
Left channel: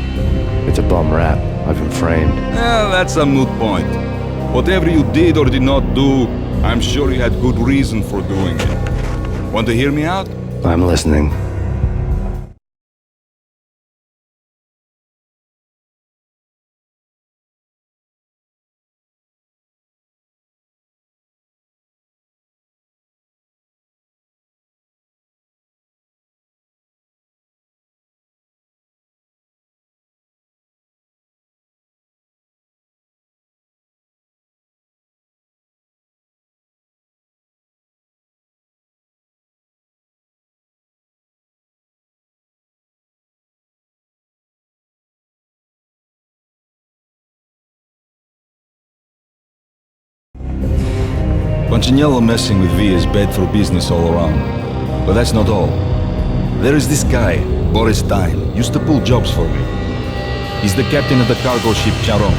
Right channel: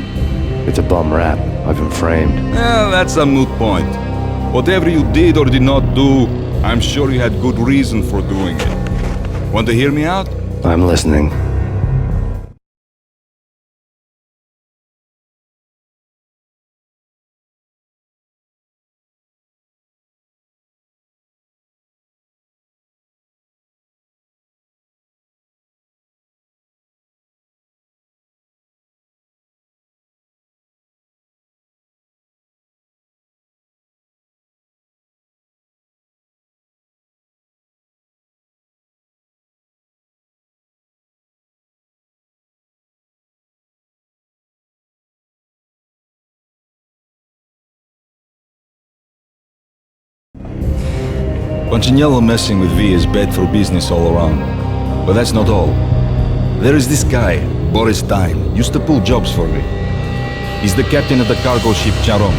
It's a bum rap. I've been framed. That's a moot point. Whatever you did or did not do, I'm sure you had good reason for doing it. Want to hear me out? I'm listening. Punchinello messing with V is bad for business all around. But that's not all. There is this guy, Boris Time, used to pull jobs for me. He's the captain of the cargo ship Charon.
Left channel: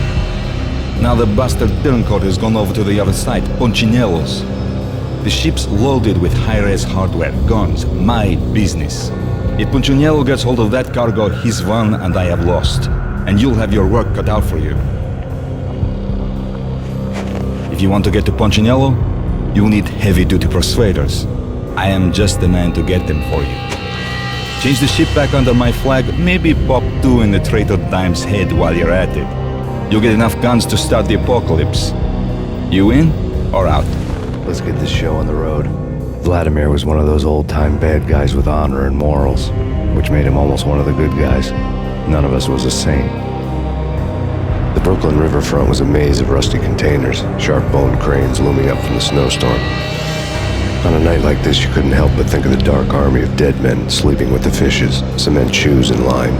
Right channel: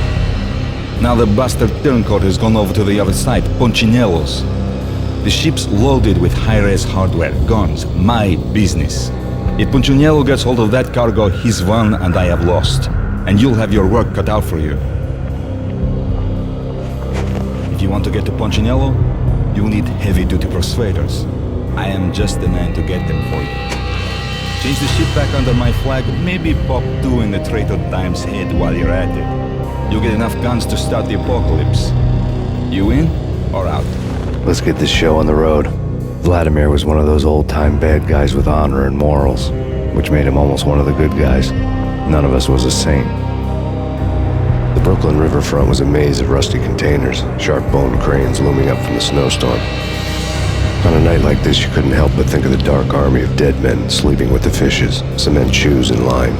Now the bastard turncoat has gone over to the other side, Punchinello's. The ship's loaded with high-res hardware, guns, my business. If Punchinello gets hold of that cargo, he's won and I have lost. And you'll have your work cut out for you. If you want to get to Punchinello, you'll need heavy-duty persuaders. I am just the man to get them for you. Change the ship back under my flag, maybe pop 2 in the traitor Dime's head while you're at it. You'll get enough guns to start the apocalypse. You in or out? Let's get this show on the road. Vladimir was one of those old-time bad guys with honor and morals, which made him almost one of the good guys. None of us was a saint. The Brooklyn riverfront was a maze of rusty containers, sharp-boned cranes looming up from the snowstorm. On a night like this, you couldn't help but think of the dark army of dead men sleeping with the fishes, cement shoes in line.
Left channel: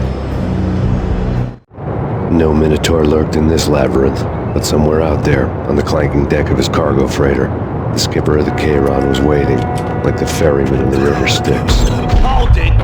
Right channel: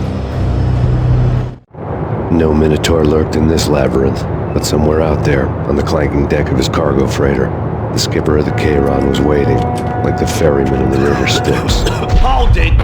No Minotaur lurked in this labyrinth, but somewhere out there, on the clanking deck of his cargo freighter, the skipper of the Chiron was waiting, like the ferryman in the river Styx. Hold it!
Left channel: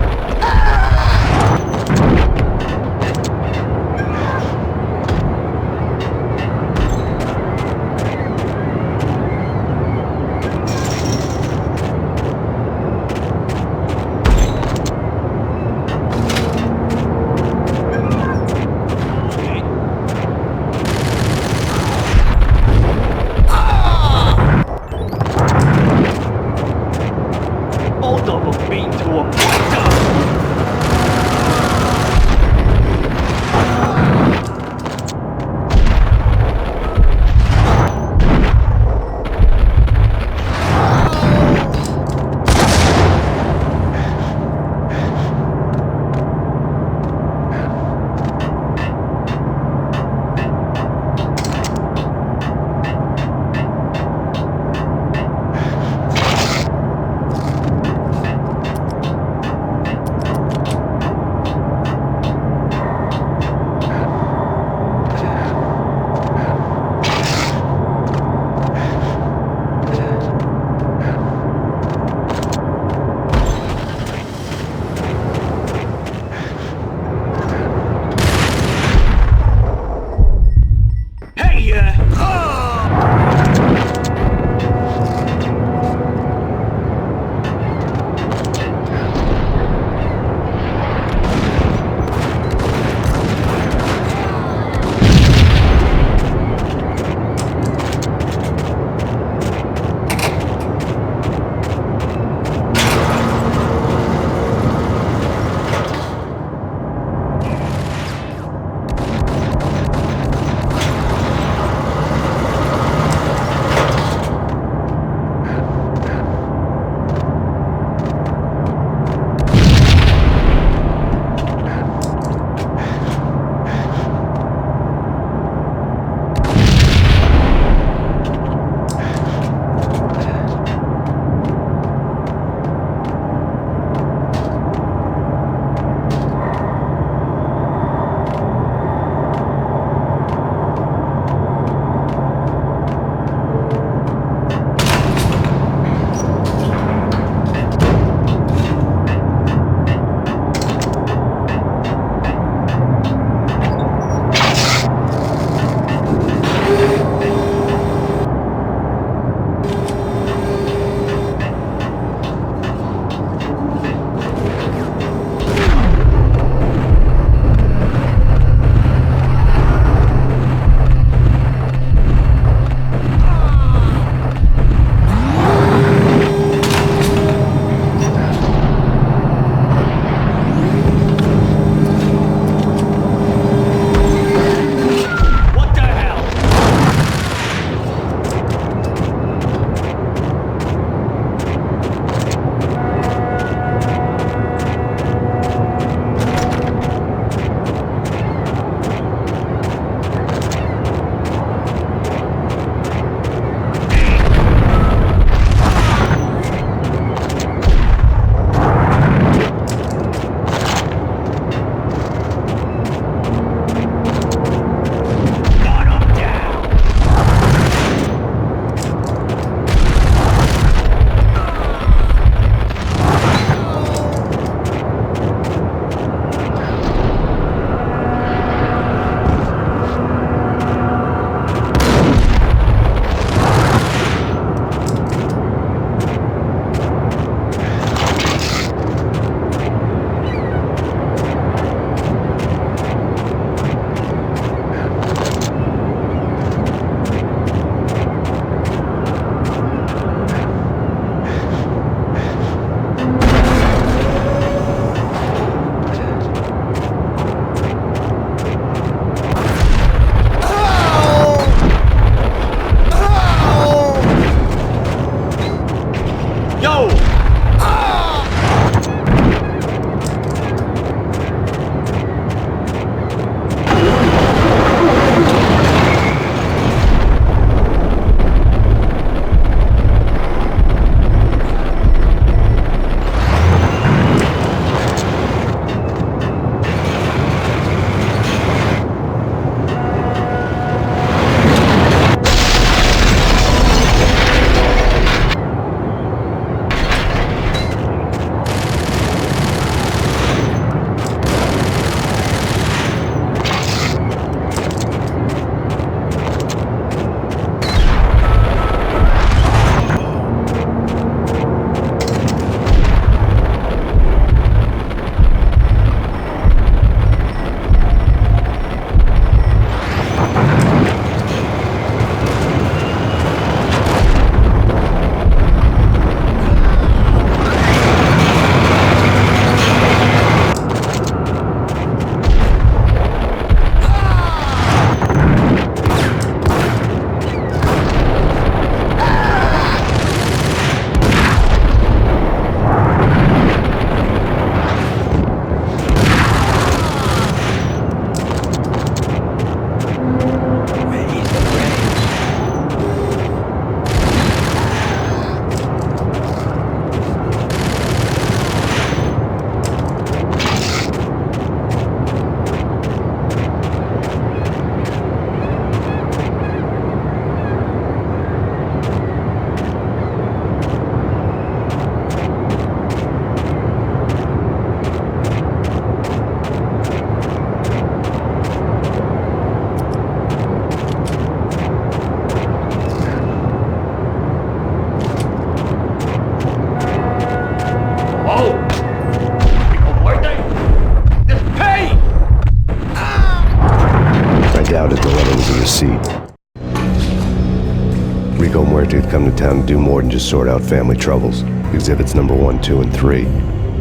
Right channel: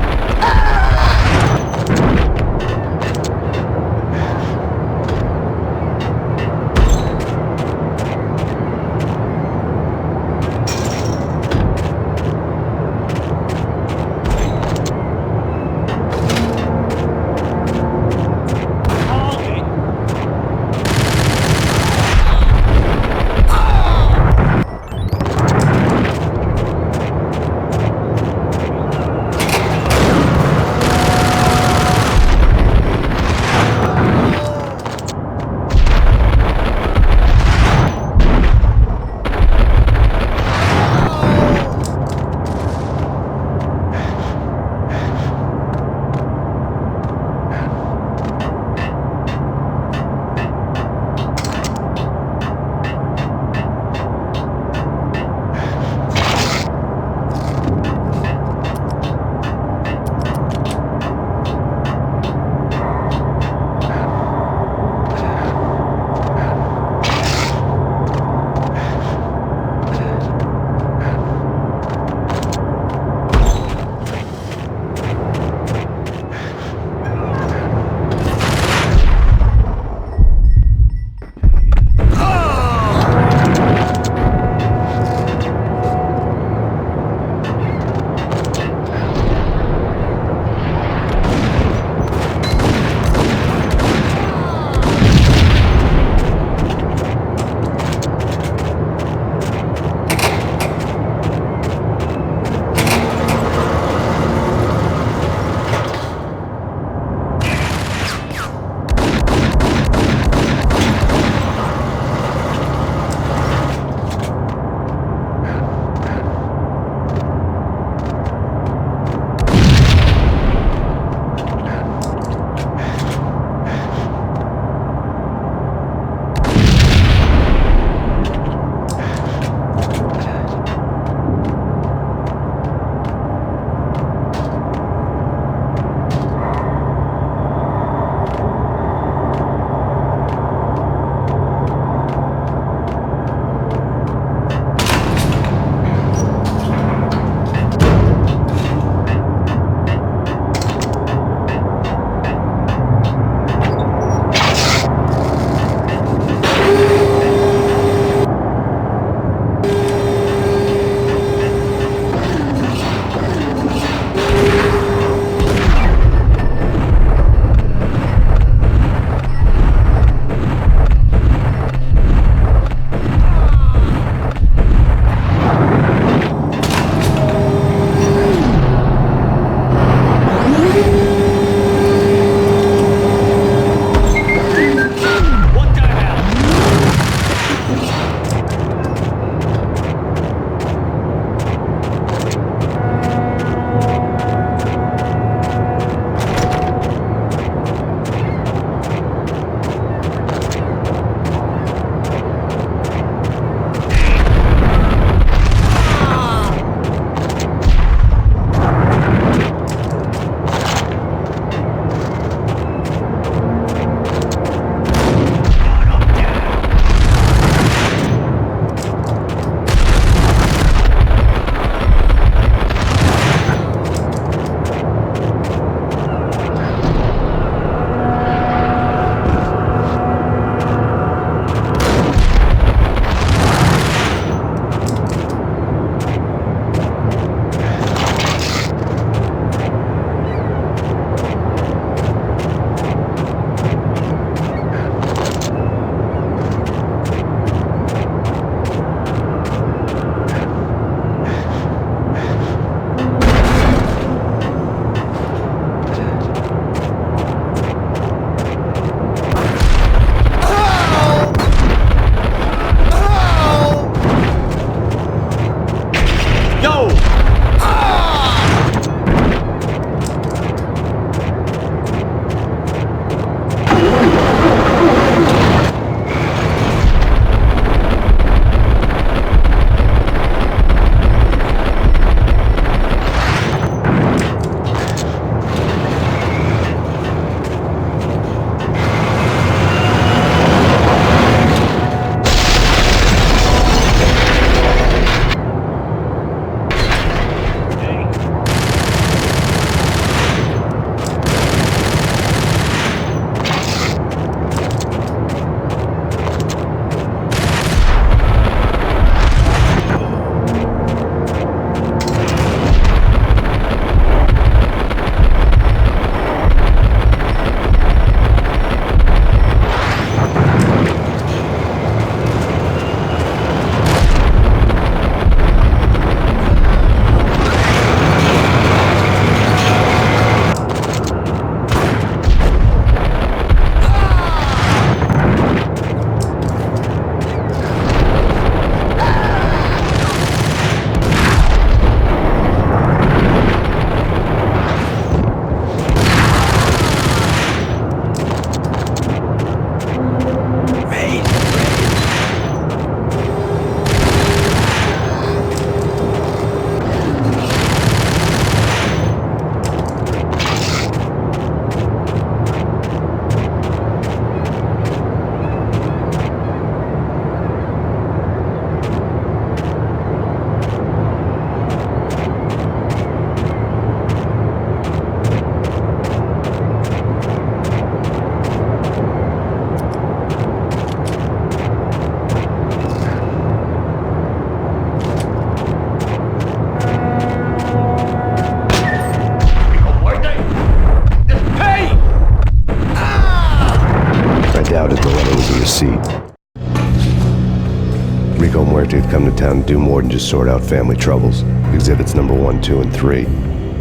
Rico Muerte had come to town to do more than just sort out family troubles. Exhibits number 1, 2, and 3.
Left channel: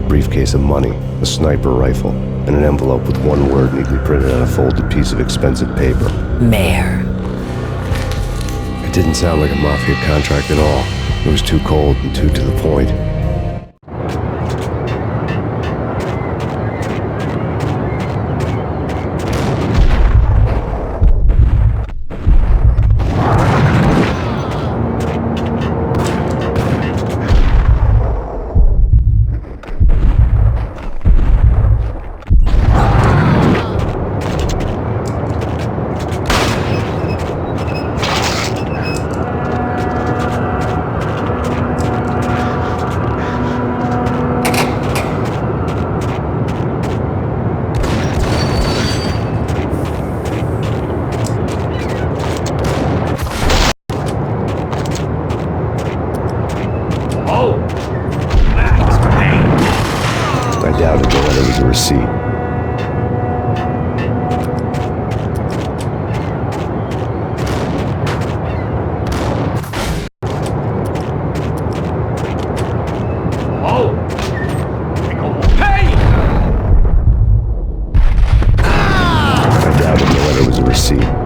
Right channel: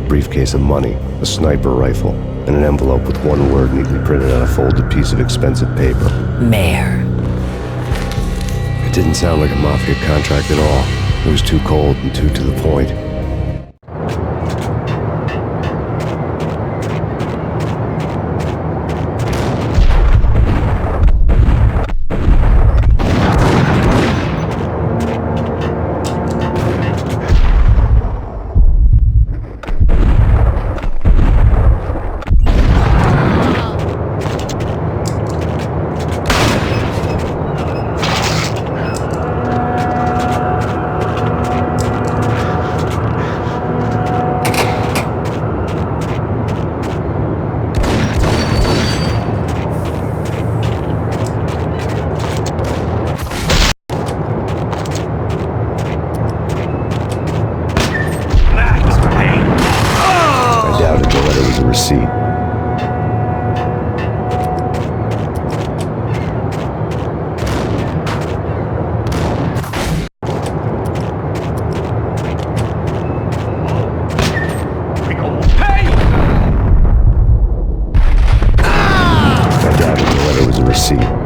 Briefcase of money, a sniper rifle, and an envelope with one word neatly printed on a folded piece of expensive paper. Mayor. It didn't sound like a mafia contract at all. It was too cold and too to the point. Receipt. I doubted the letter was a receipt.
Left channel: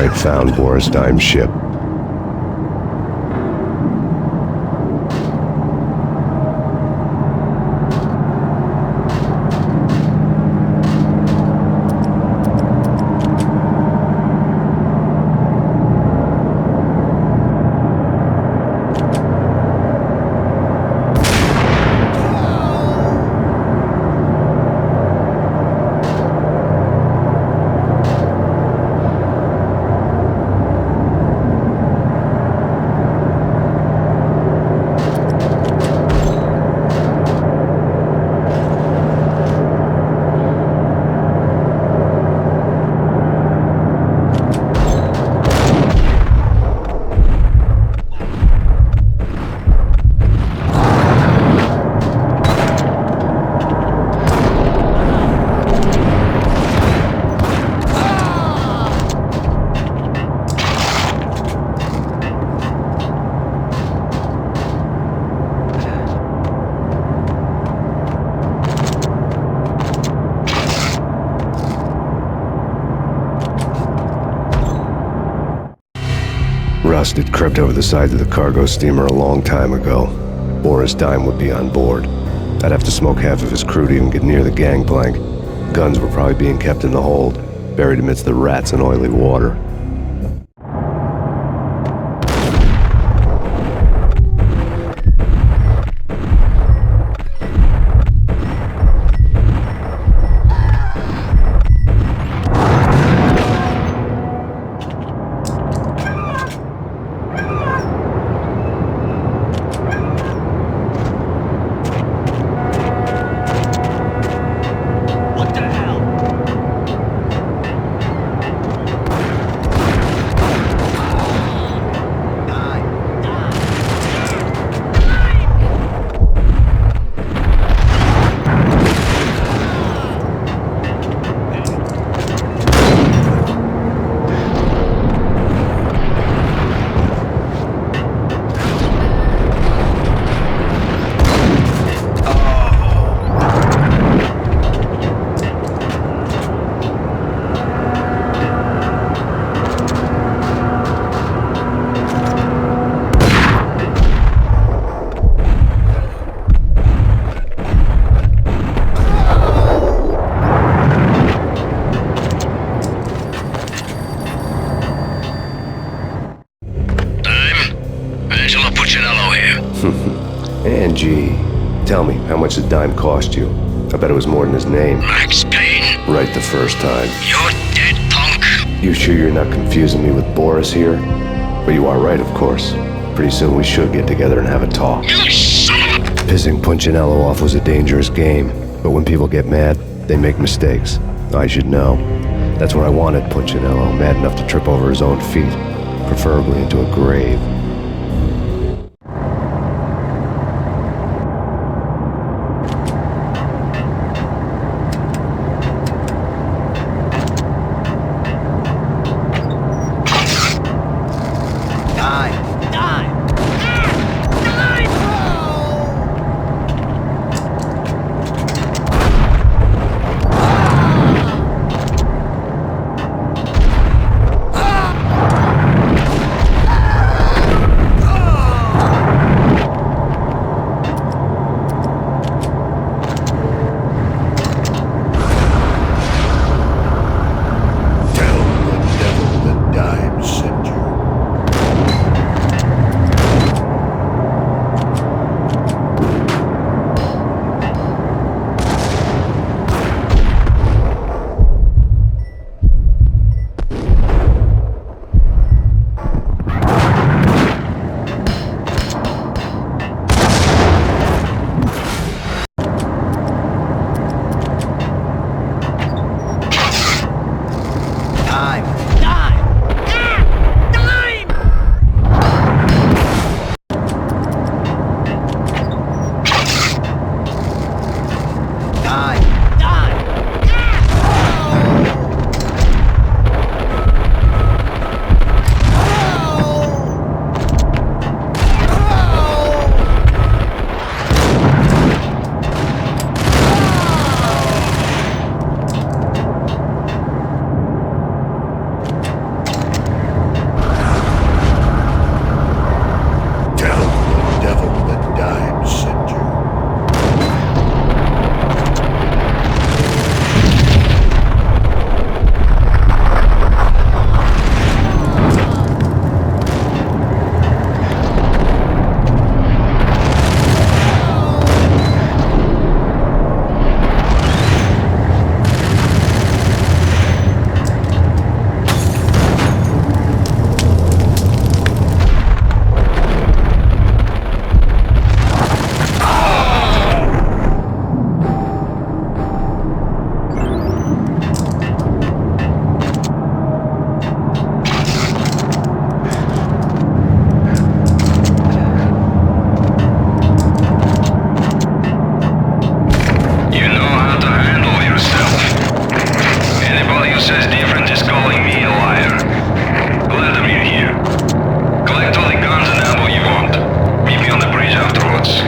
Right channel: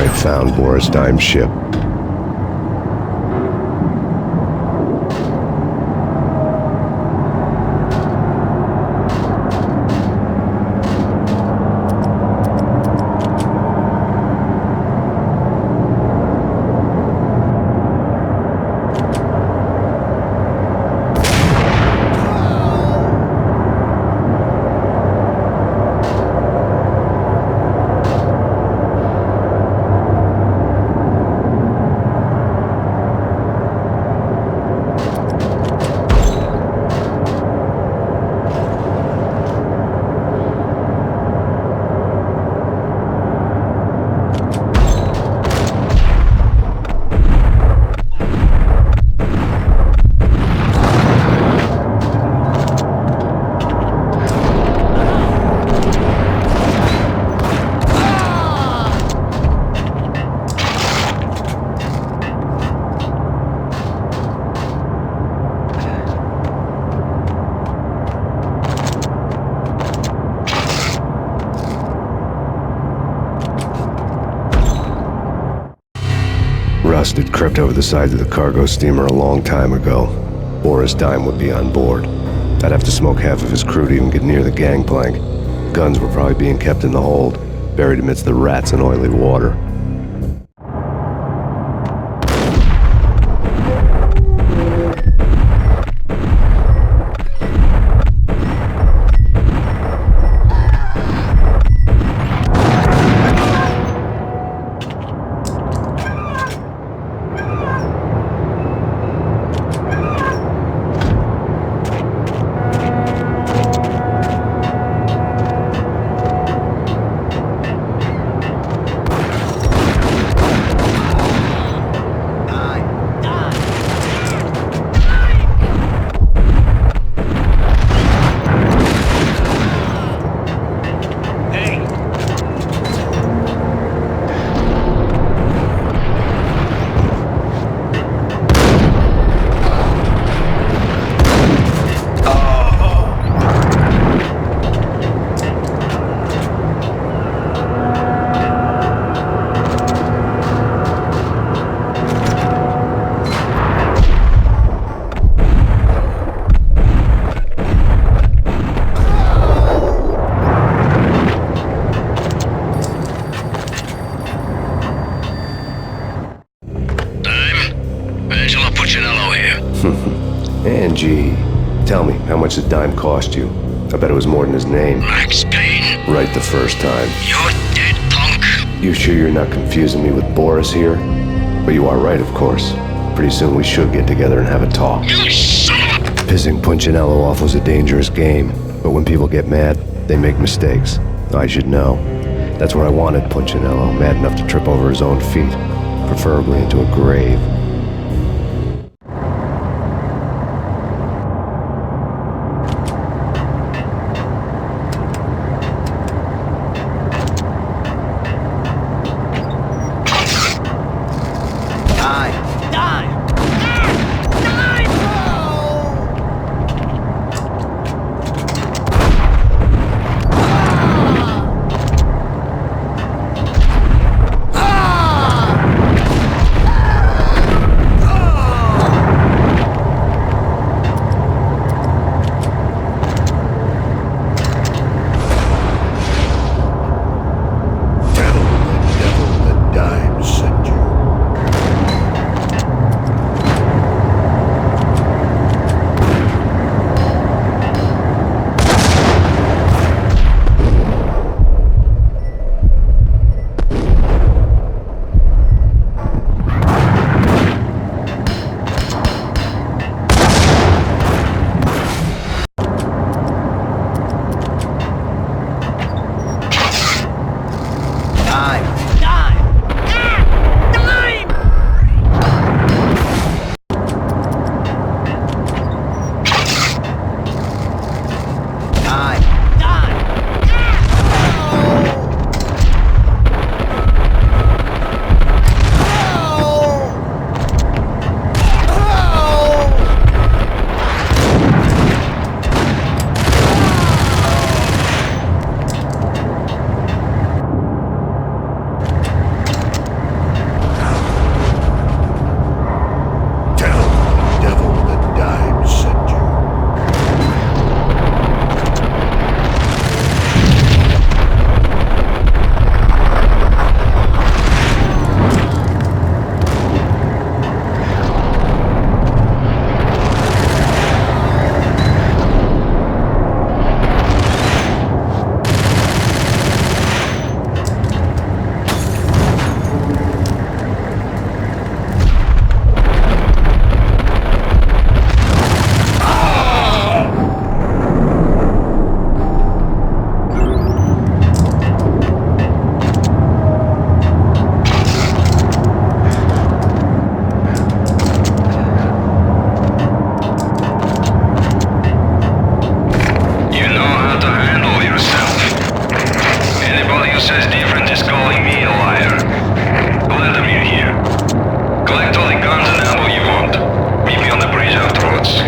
I had found Boris Dime's ship. Rust had crept over the sides of the cargo steamer a long time ago. Boris Dime would be on board. I'd have to smoke half of his crew to even get near the gangplank. Guns were probably being kept in the hold, buried amidst the rats and oily water. Angie, tell me, how much did Dime cost you? I bet it was more than his name. Max Payne. Right the first time. You're dead, punk. You sure you're not confusing me with Boris here? But you are right, of course. Pretty soon we should get together and have a talk. You son of a... Pissing Punchinello off was a dangerous game, but when people get mad, they make mistakes. I should know. That's where I wanted Punchinello, mad enough to trip over his own feet, preferably into a grave. once.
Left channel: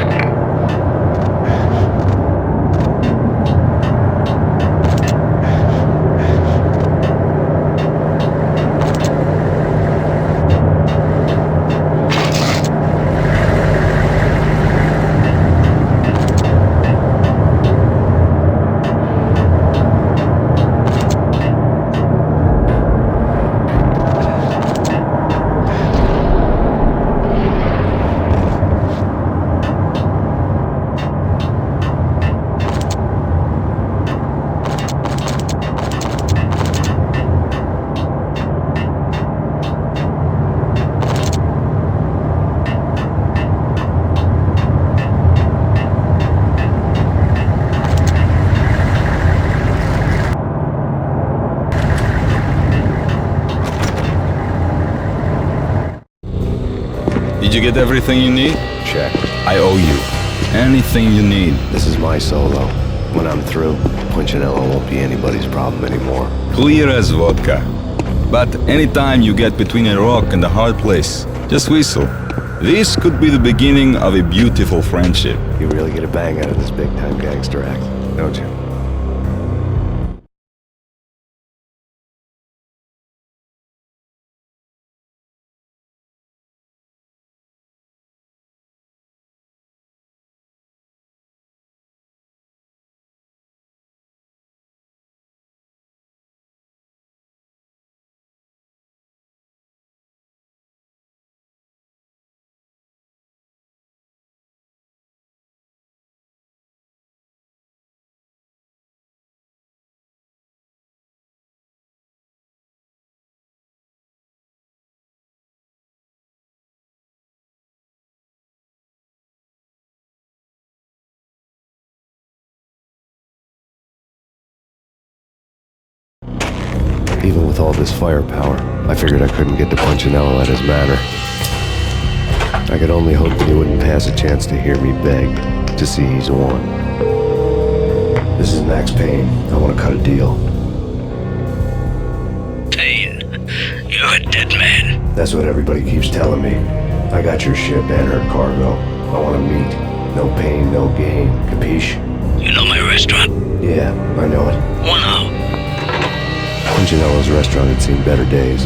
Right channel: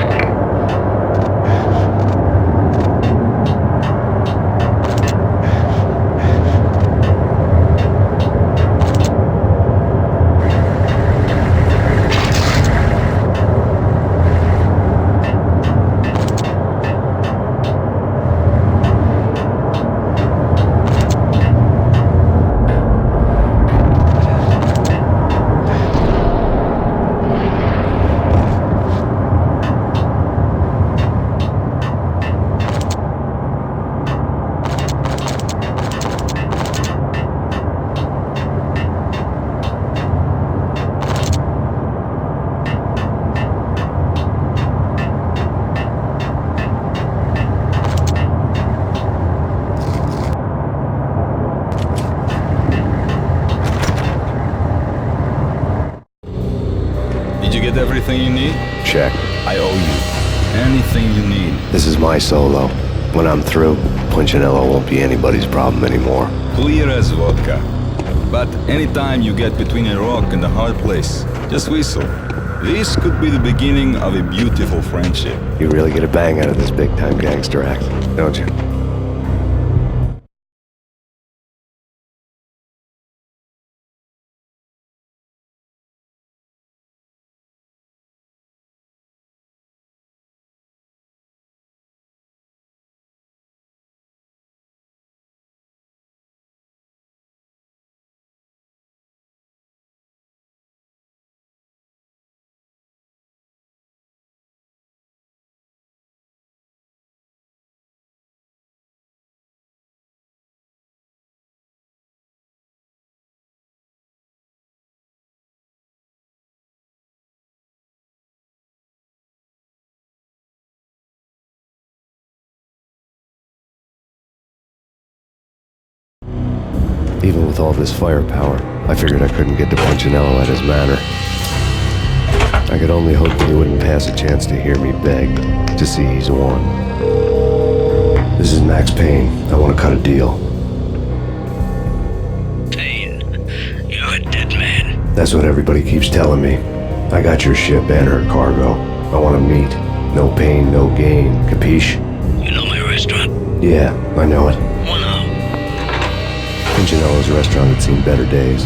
Did you get everything you need? Check. I owe you. Anything you need. This is my solo. When I'm through, Punchinello won't be anybody's problem anymore. Clear as vodka. But anytime you get between a rock and a hard place, just whistle. This could be the beginning of a beautiful friendship. You really get a bang out of this big-time gangster act, don't you? Even with all this firepower, I figured I couldn't get to Punchinello at his manor. I could only hope that he wouldn't pass a chance to hear me beg to see he's won. This is Max Payne. I want to cut a deal. Payne, you're a dead man. That's what everybody keeps telling me. I got your ship and her cargo. I want to meet. No pain, no gain. Capiche? You know my restaurant? Yeah, I know it. One out. Punchinello's restaurant had seen better days.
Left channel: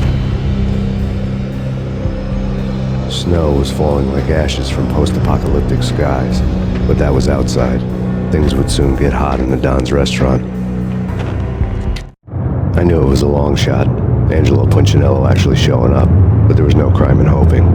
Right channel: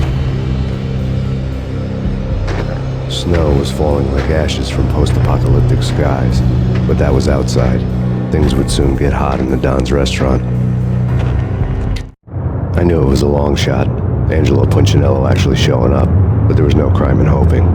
Snow was falling like ashes from post-apocalyptic skies, but that was outside. Things would soon get hot in the Don's restaurant. I knew it was a long shot, Angelo Punchinello actually showing up, but there was no crime in hoping.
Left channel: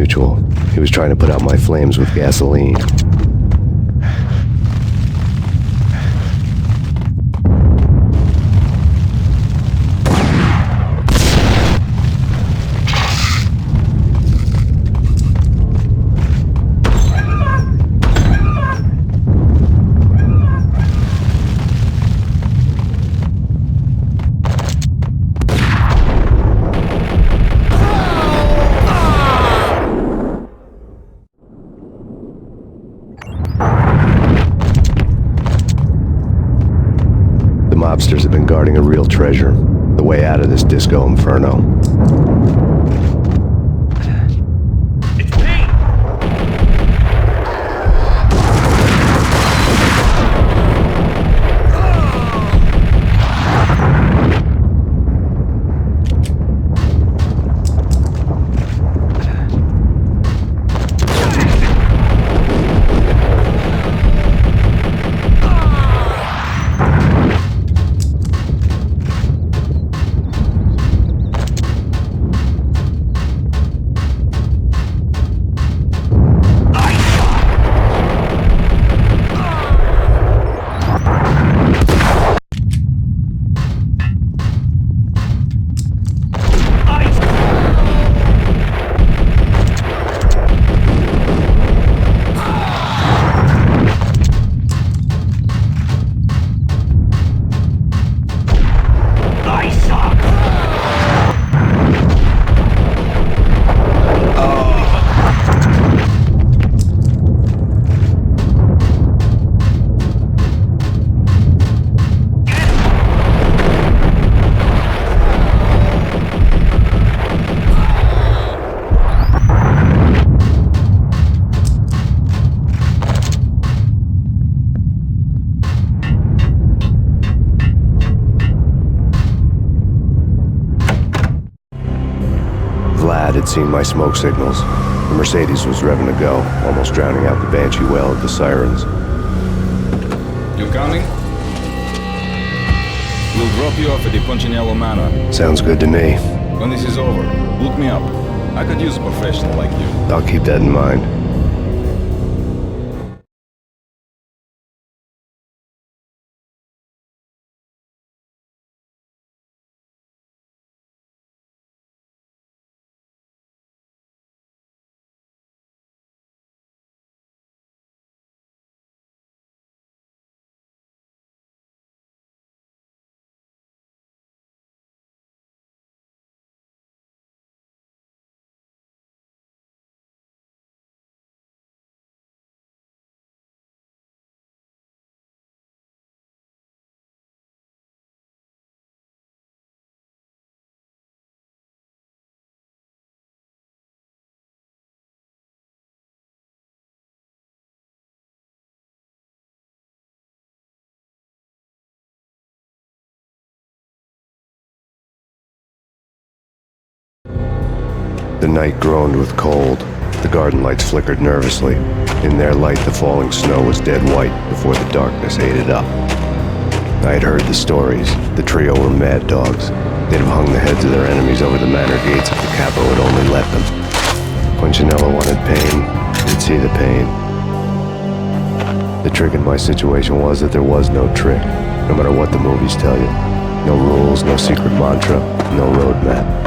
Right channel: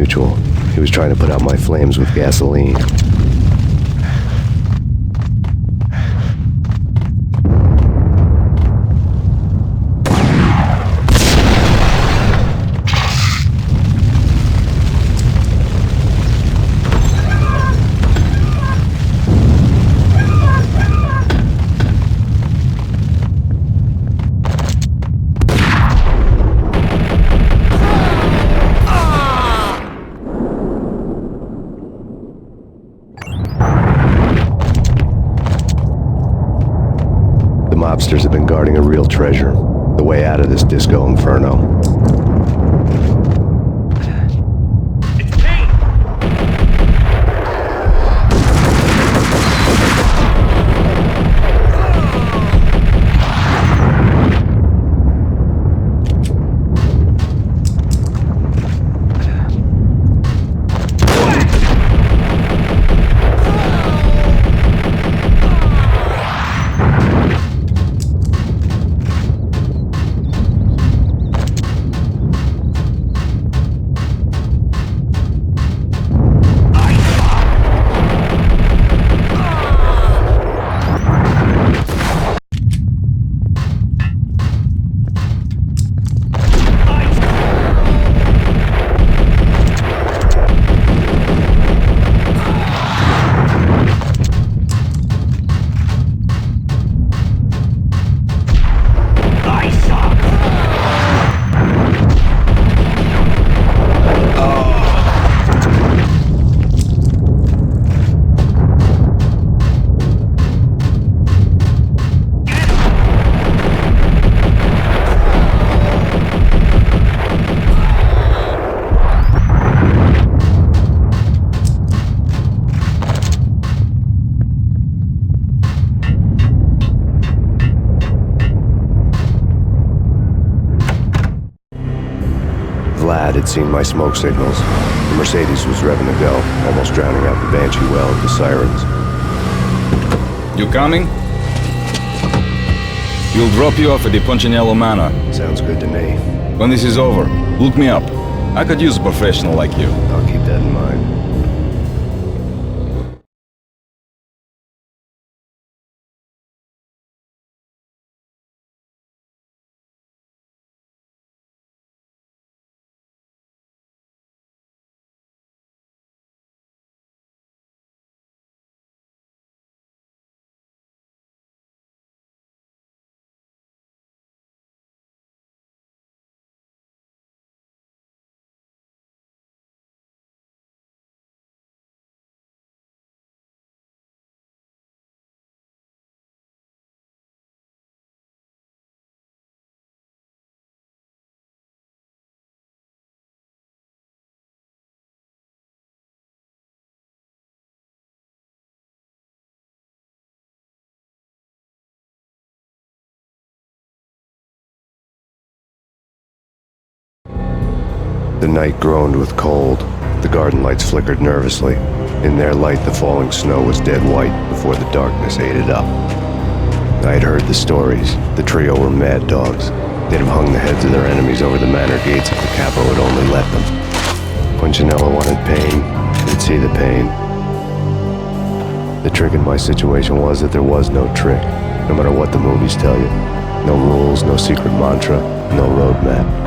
mutual. He was trying to put out my flames with gasoline. Mobsters have been guarding a real treasure, the way out of this disco inferno. It's Payne! Vlad had seen my smoke signals. The Mercedes was revving to go, almost drowning out the banshee wail of the sirens. You coming? We'll drop you off at the Punchinello Manor. Sounds good to me. When this is over, look me up. I could use a professional like you. I'll keep that in mind. The night groaned with cold. The garden lights flickered nervously. In their light, the falling snow was dead white before the darkness ate it up. I had heard the stories. The trio were mad dogs. They'd have hung the heads of their enemies over the manor gates if the capo had only let them. Punchinello wanted pain. He'd see the pain. The trick in my situation was that there was no trick, no matter what the movies tell you. No rules, no secret mantra, no roadmap.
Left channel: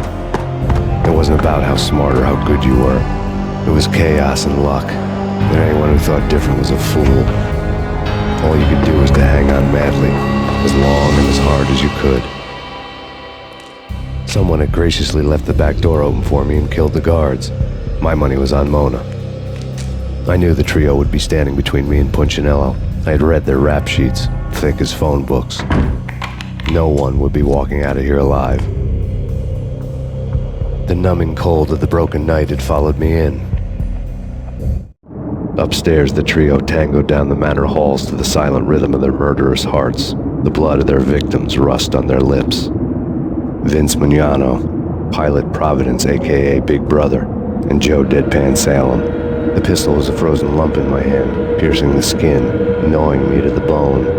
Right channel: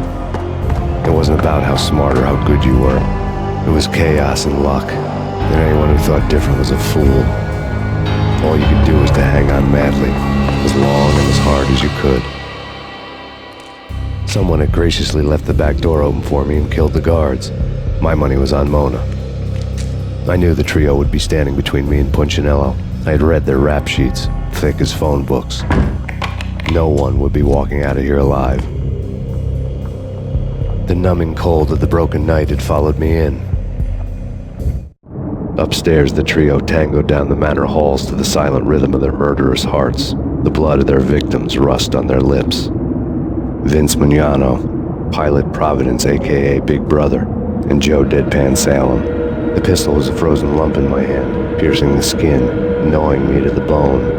It wasn't about how smart or how good you were. It was chaos and luck. And anyone who thought different was a fool. All you could do was to hang on madly, as long and as hard as you could. Someone had graciously left the back door open for me and killed the guards. My money was on Mona. I knew the trio would be standing between me and Punchinello. I had read their rap sheets, thick as phone books. No one would be walking out of here alive. The numbing cold of the broken night had followed me in. Upstairs, the trio tangoed down the manor halls to the silent rhythm of their murderous hearts, the blood of their victims rust on their lips. Vince Mignano, Pilot Providence aka Big Brother, and Joe Deadpan Salem. The pistol was a frozen lump in my hand, piercing the skin, gnawing me to the bone.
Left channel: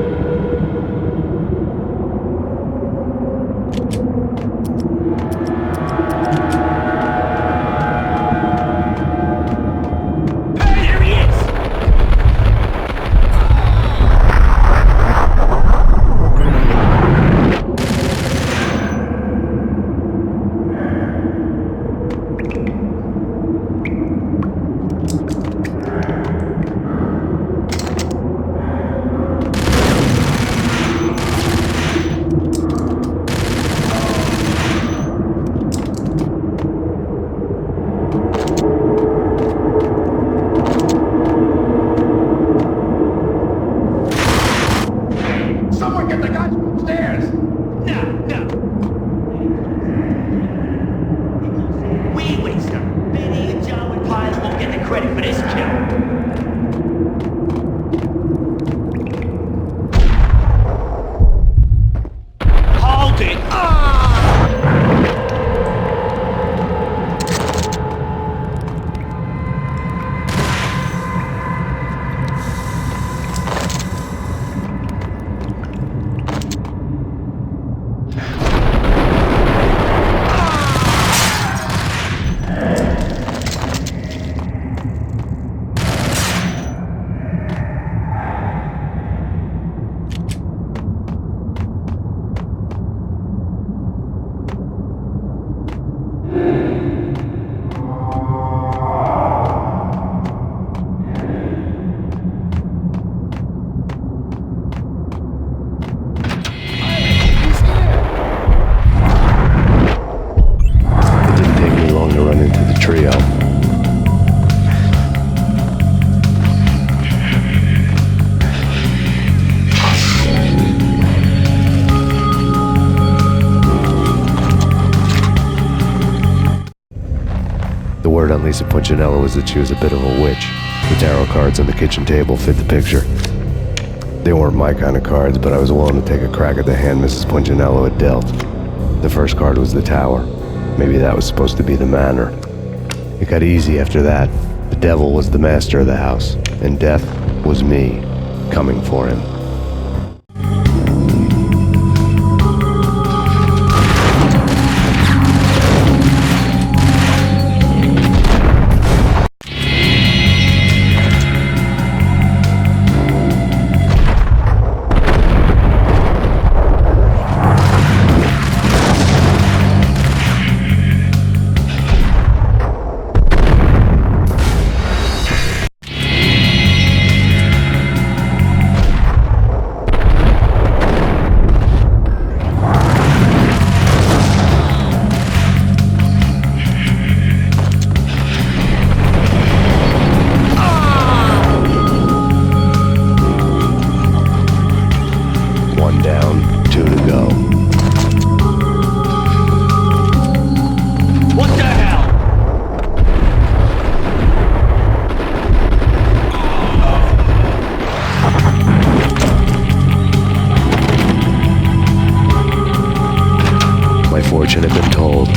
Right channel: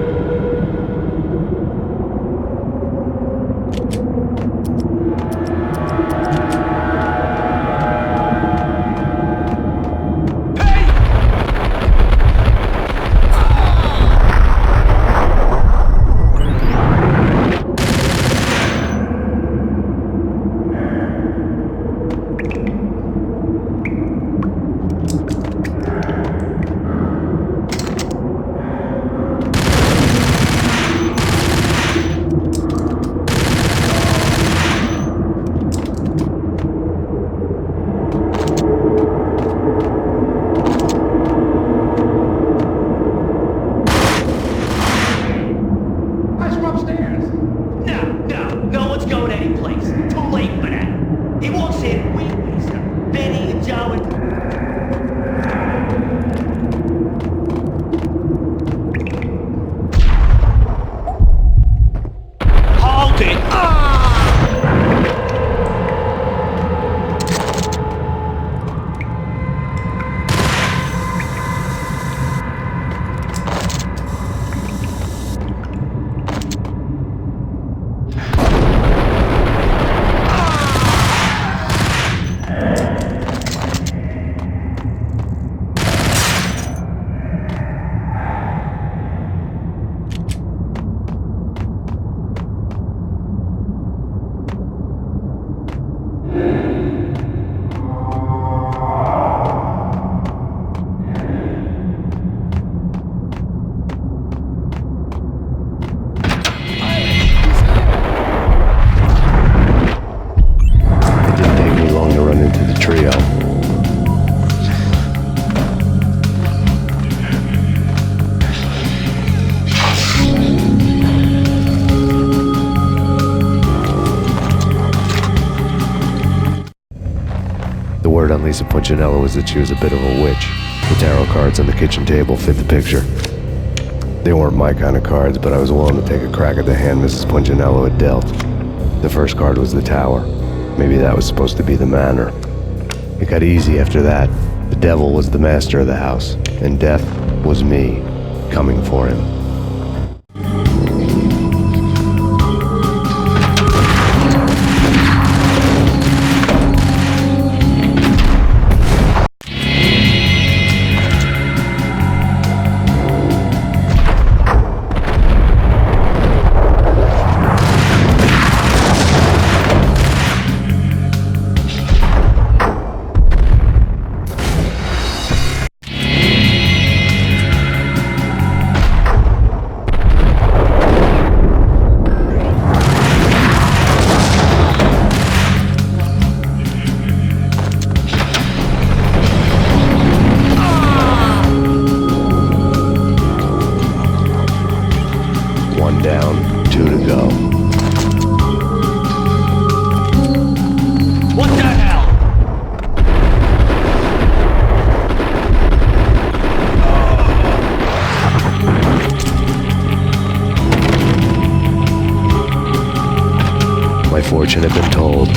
get the guys from upstairs! No one's going anyplace. Too late for that. He walks in, we waste him. Vinny and Joe and Pilot won't get the credit for this kill. Hold it! It didn't take me long to run into the trio. The word on Lisa Punchinello was that she was a bit of a witch. The tarot cards on the kitchen table fit the picture. They weren't my kind of cards, but I was willing to take a crack at the hand Mrs. Punchinello had dealt. The first card was the Tower. Maybe that was supposed to be the manor. It got easy after that. The devil was the master of the house, and death was me, coming for him. One down, two to go. What the hell? My fortune had been told.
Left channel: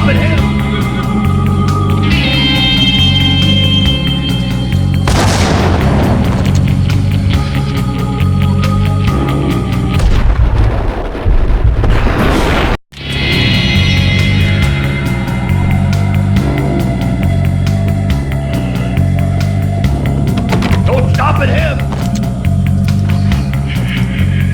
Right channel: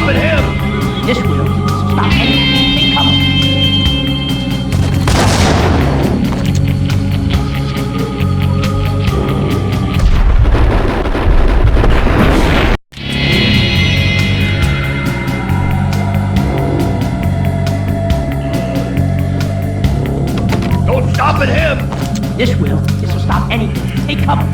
stopping him! This will stop anything. Come on. Don't stop at him! This will stop anything. Take cover.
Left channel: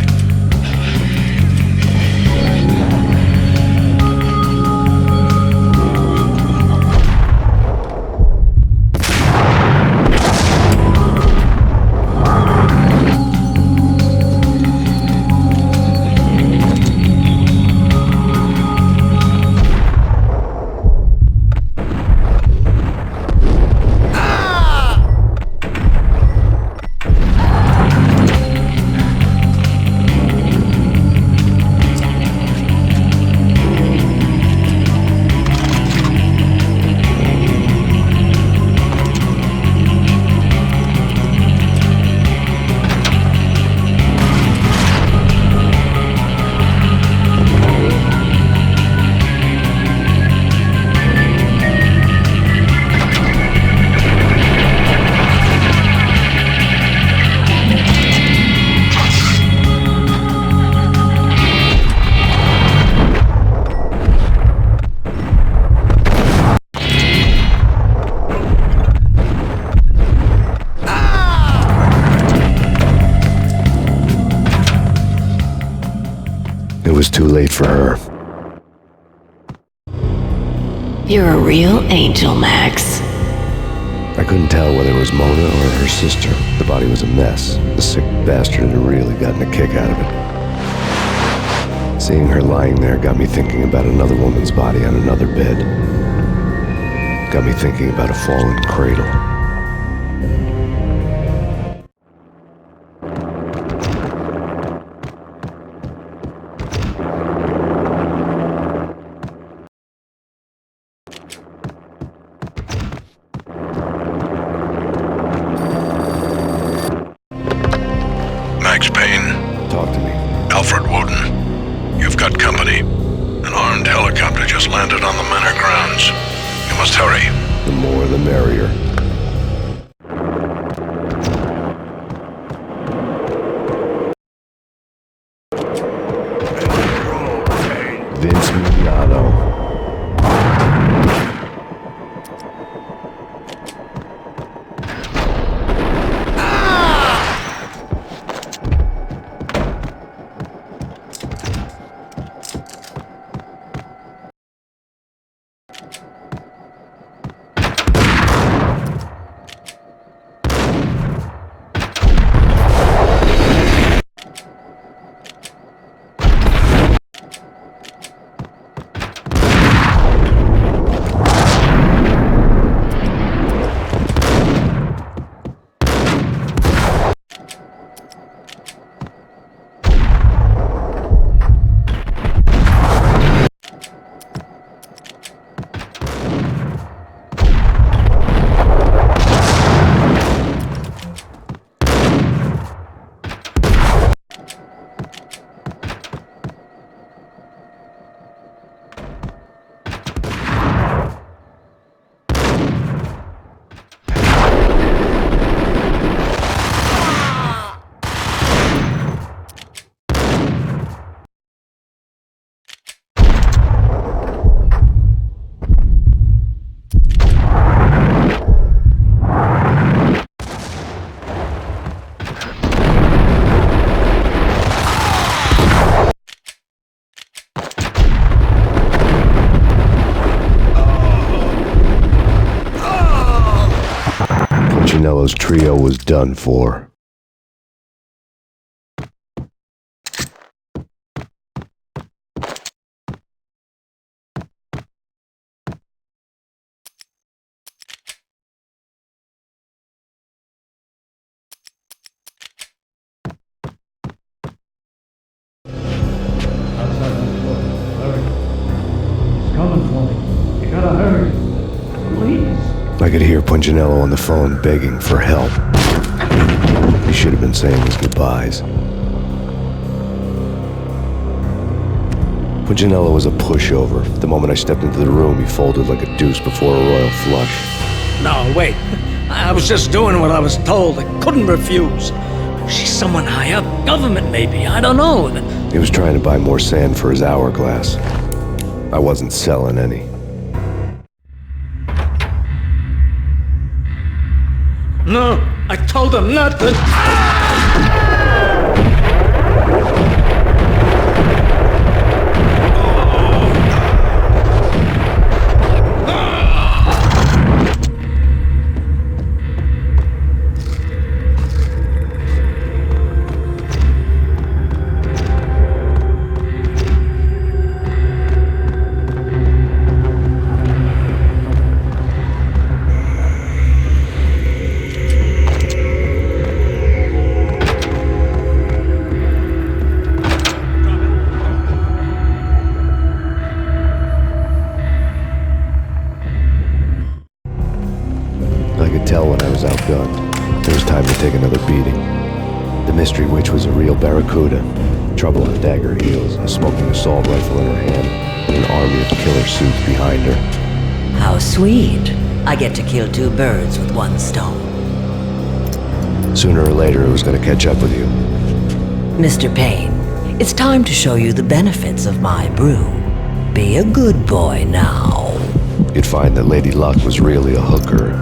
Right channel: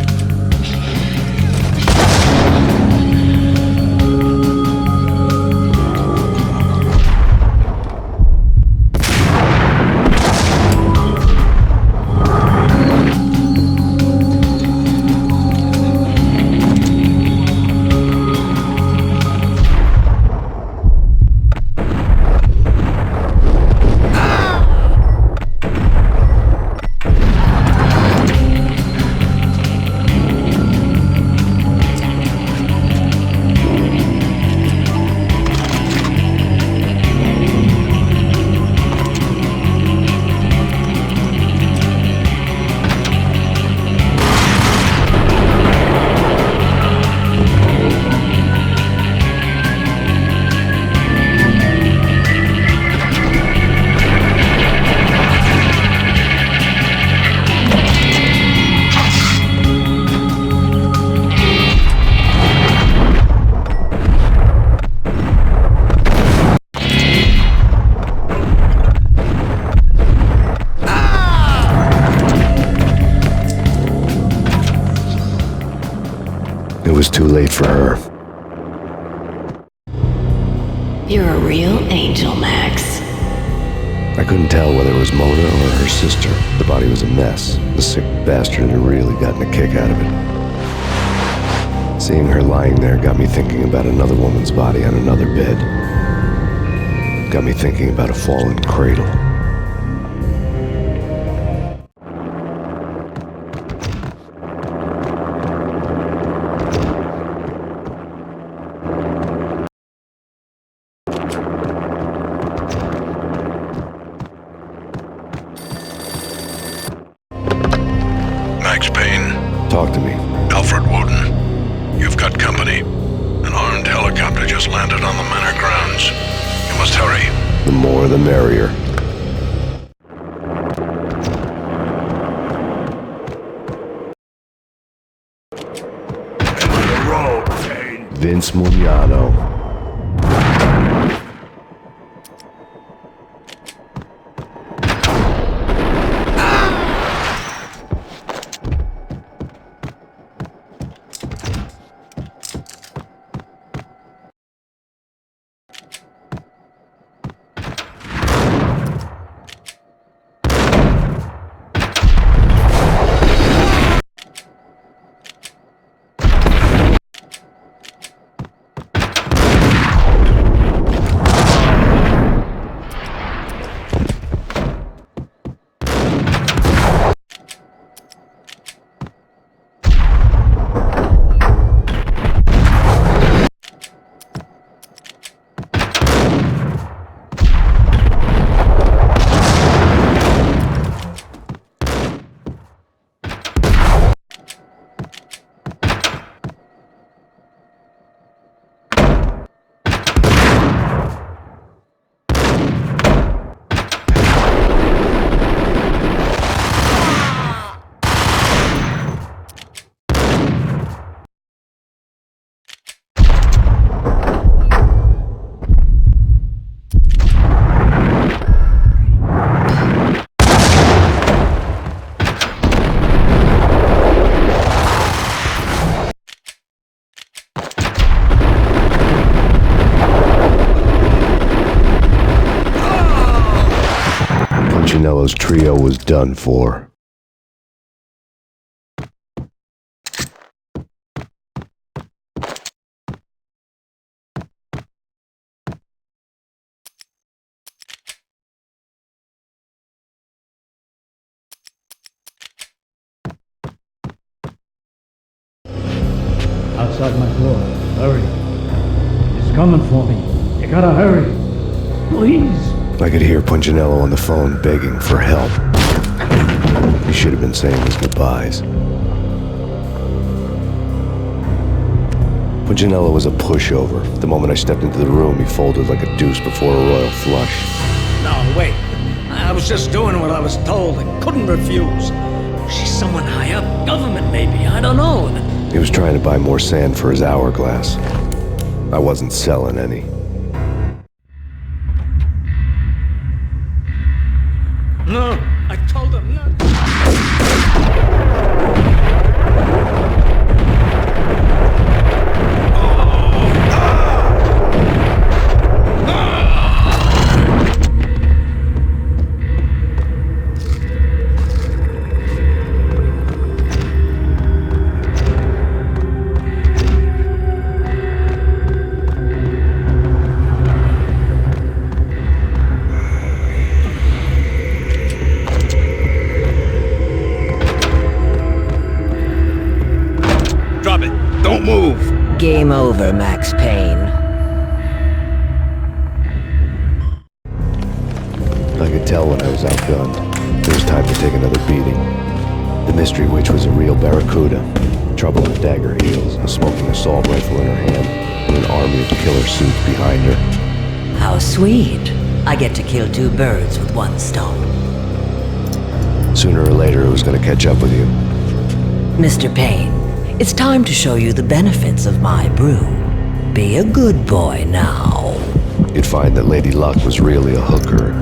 It was too late for her. You're a real angel, Max. I couldn't tell whether it was Mona or her sister. The body was a mess. The sick bastard had really gotten a kick out of it. Seeing her lying there got me thinking about another woman's body on another bed. Got me thinking about a fallen cradle. Max Payne. Talk to me. Alfred Woden. You've got company. An armed helicopter just landed on the manor grounds. You must hurry. The more the merrier. Vince Mugliano. Punchinello's trio was done for. Outside my door. Hurry. He's coming for me. You gotta hurry. Please. I could hear Punchinello on the phone begging for help. He should have been saying his goodbyes. Punchinello was a pushover. The moment I stepped into the room, he folded like a deuce before a royal flush. No, wait. I was just doing what I was told. I couldn't refuse. She's someone high up. Government, maybe. I don't know. He was trying to buy more sand for his hourglass. I wasn't selling any. No, I told him not to. Game over, Max Payne. I could tell when I was outgunned. It was time to take another beating. The mystery witch was a real barracuda. Trouble on dagger heels, a smoking assault rifle in her hand, and an army of killer suits behind her. How sweet. I get to kill two birds with one stone. Sooner or later, it was going to catch up with you. Mr. Payne, it's time to show you the benefits of my brew. Be a good boy now. You'd find that Lady Luck was really a hooker.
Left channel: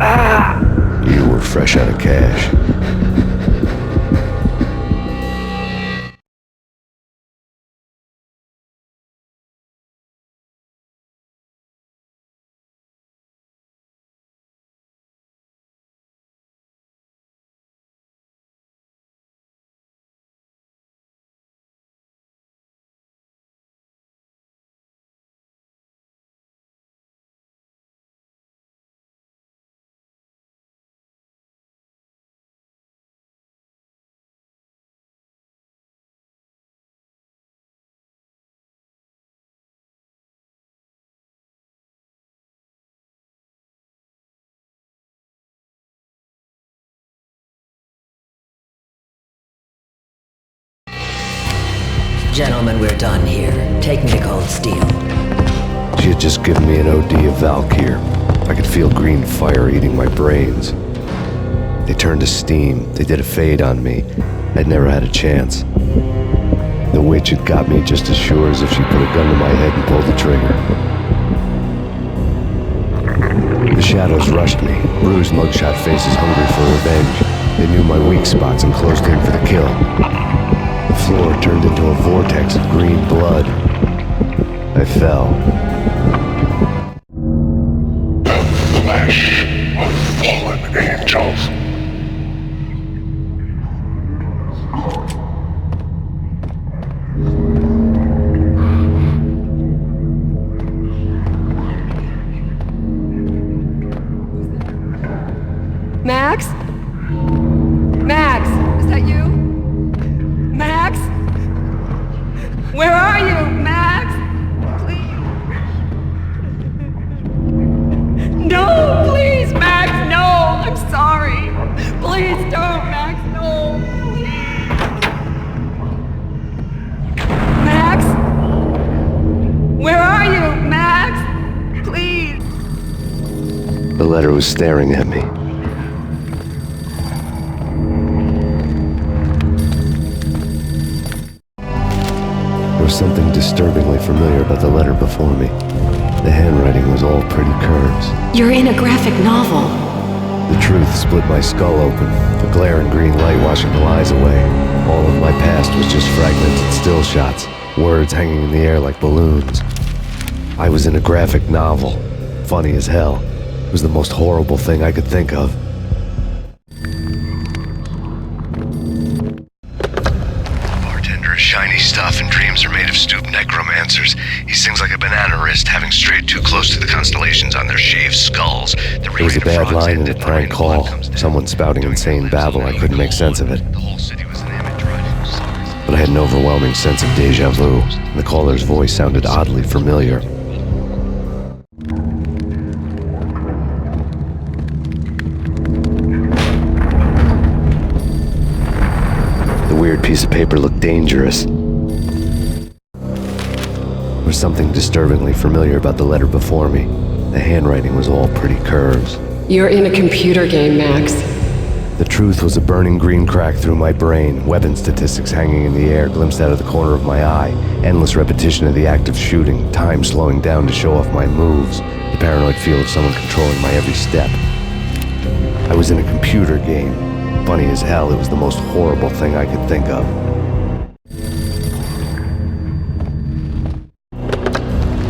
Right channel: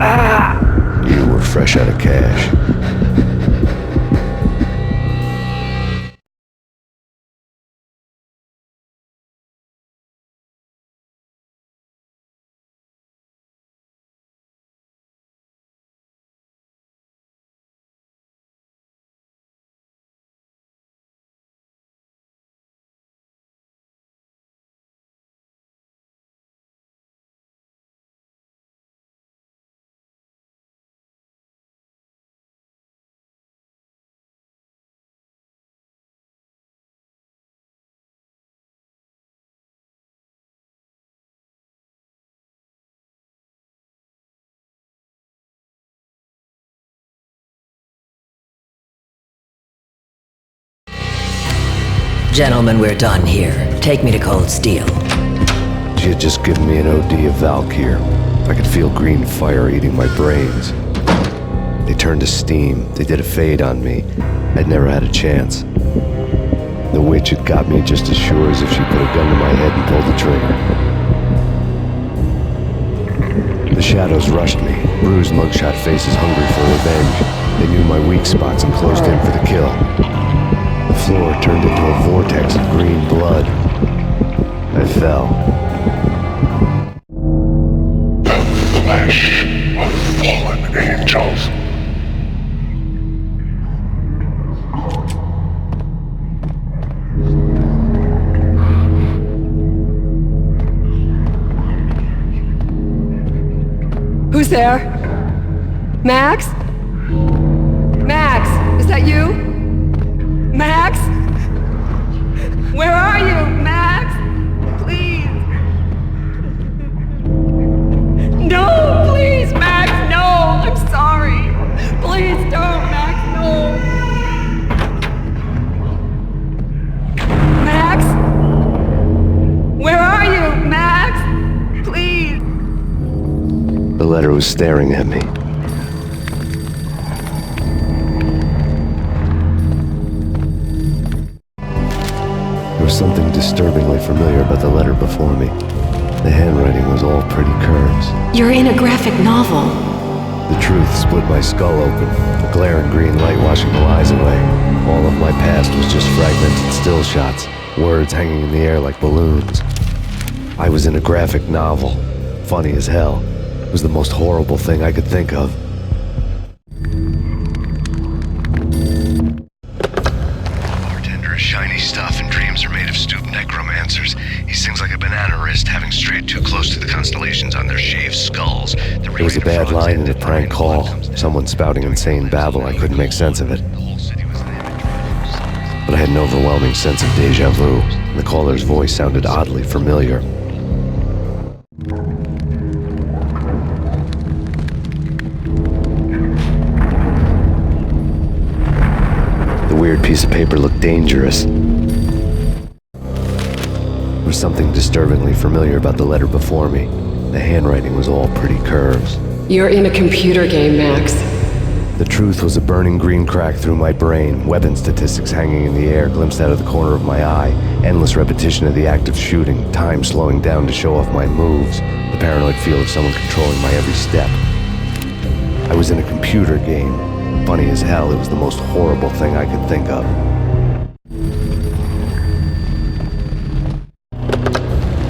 You were fresh out of cash. Gentlemen, we're done here. Take me to Cold Steel. She had just given me an OD of Valkyr. I could feel green fire eating my brains. They turned to steam. They did a fade on me. I'd never had a chance. The witch had got me just as sure as if she put a gun to my head and pulled the trigger. The shadows rushed me. Bruised mugshot faces hungry for revenge. They knew my weak spots and closed in for the kill. The floor turned into a vortex of green blood. I fell. The flesh of fallen angels. Who's there? Max? Max, is that you? Max? Where are you, Max? Please. No, please, Max, no. I'm sorry. Please don't, Max, no. Max? Where are you, Max? Please. The letter was staring at me. There was something disturbingly familiar about the letter before me. The handwriting was all pretty curves. You're in a graphic novel. The truth split my skull open, the glaring green light washing the lies away. All of my past was just fragmented still shots, words hanging in the air like balloons. I was in a graphic novel. Funny as hell. It was the most horrible thing I could think of. Bartender is shiny stuff and dreams are made of stooped necromancers. He sings like a banana wrist, having strayed too close to the constellations on their shaved skulls. There was a bad line in a prank call. Someone spouting insane babble. I couldn't make sense of it. But I had an overwhelming sense of deja vu. The caller's voice sounded oddly familiar. The weird piece of paper looked dangerous. There was was something disturbingly familiar about the letter before me. The handwriting was all pretty curves. You're in a computer game, Max. The truth was a burning green crack through my brain, weapon statistics hanging in the air, glimpsed out of the corner of my eye, endless repetition of the act of shooting, time slowing down to show off my moves, the paranoid feel of someone controlling my every step. I was in a computer game. Funny as hell, it was the most horrible thing I could think of.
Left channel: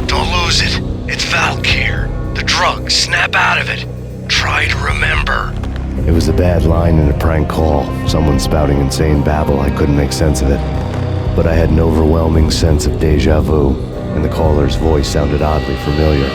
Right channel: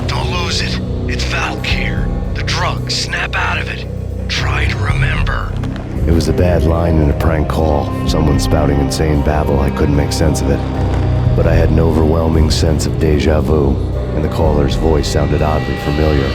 Don't lose it. It's Valk here. The drug. Snap out of it. Try to remember. It was a bad line in a prank call, someone spouting insane babble. I couldn't make sense of it. But I had an overwhelming sense of deja vu, and the caller's voice sounded oddly familiar.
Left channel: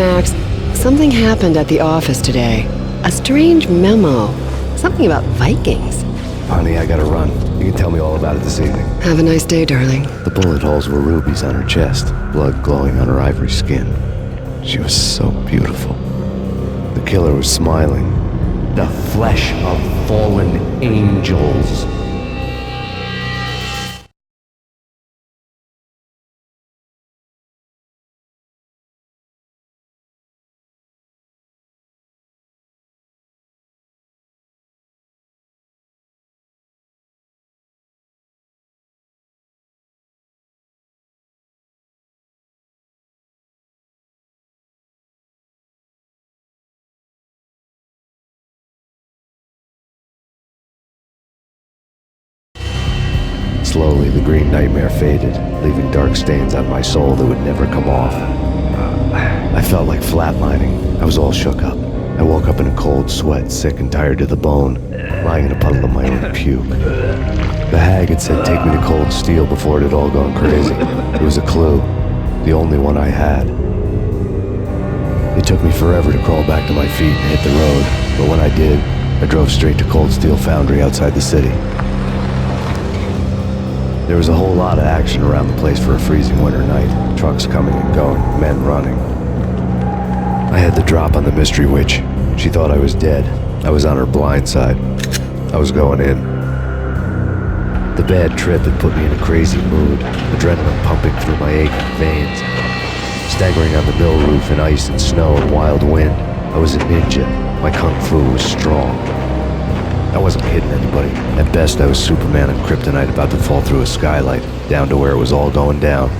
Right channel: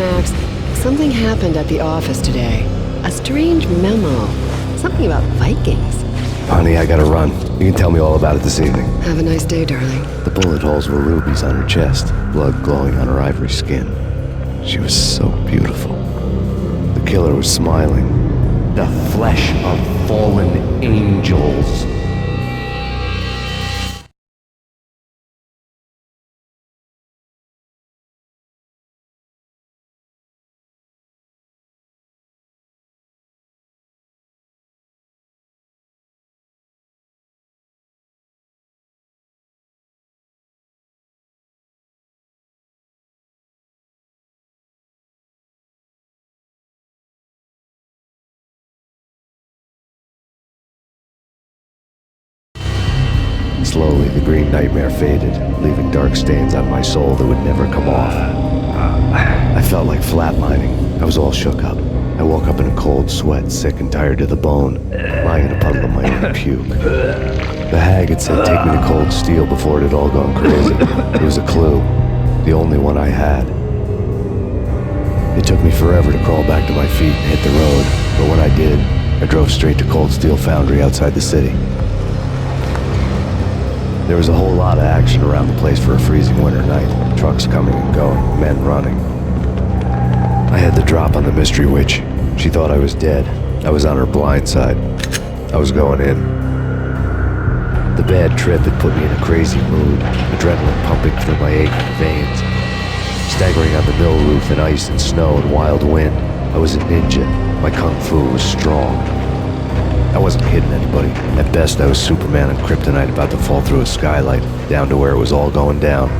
Max. Something happened at the office today. A strange memo. Something about Vikings. Honey, I gotta run. You can tell me all about it this evening. Have a nice day, darling. The bullet holes were rubies on her chest, blood glowing on her ivory skin. She was so beautiful. The killer was smiling. The flesh of fallen angels. Slowly, the green nightmare faded, leaving dark stains on my soul that would never come off. I felt like flatlining. I was all shook up. I woke up in a cold sweat, sick and tired to the bone, lying in a puddle of my own puke. The hag had said take me to Cold Steel before it had all gone crazy. It was a clue, the only one I had. It took me forever to crawl back to my feet and hit the road, but when I did, I drove straight to Cold Steel Foundry outside the city. There was a whole lot of action around the place for a freezing winter night. Trucks coming and going, men running. I had the drop on the mystery witch. She thought I was dead. I was on her blind side. I was going in. The bad trip had put me in a crazy mood, adrenaline pumping through my aching veins. Staggering on the mill roof in ice and snow and wild wind, I was a ninja. My kung fu was strong. I wasn't kidding anybody. At best, I was Superman on kryptonite about to fall through a skylight, down to where it was all going down.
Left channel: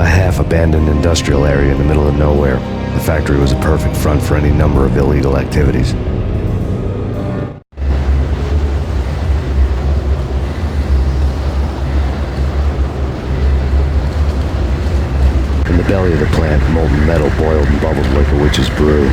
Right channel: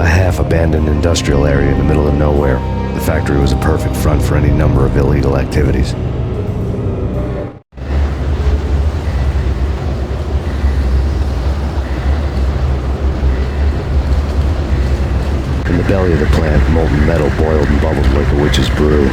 A half-abandoned industrial area in the middle of nowhere. The factory was a perfect front for any number of illegal activities. In the belly of the plant, molten metal boiled and bubbled like a witch's brew.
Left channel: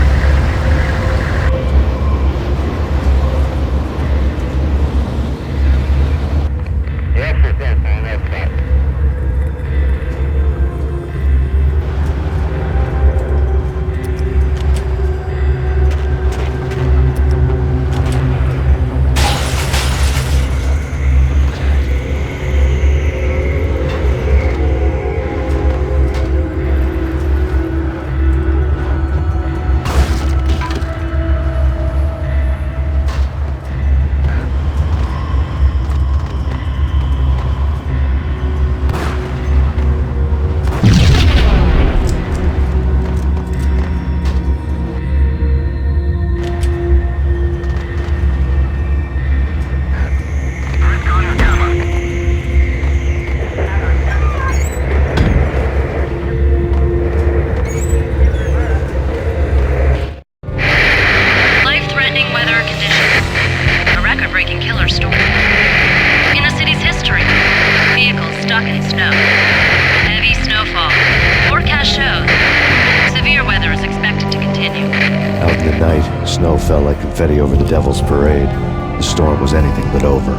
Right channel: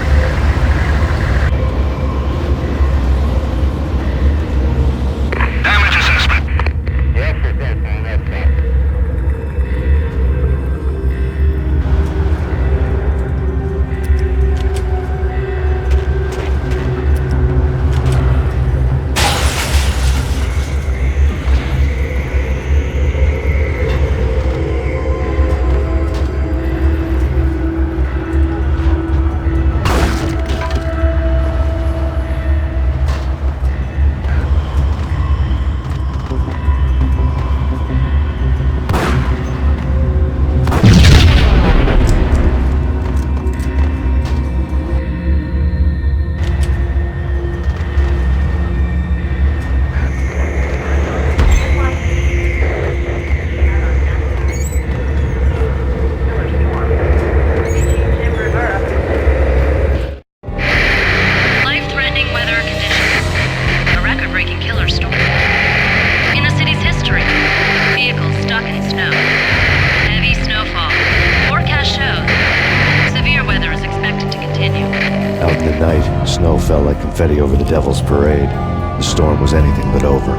Snow fell like confetti over the Devil's Parade. The storm was anything but over.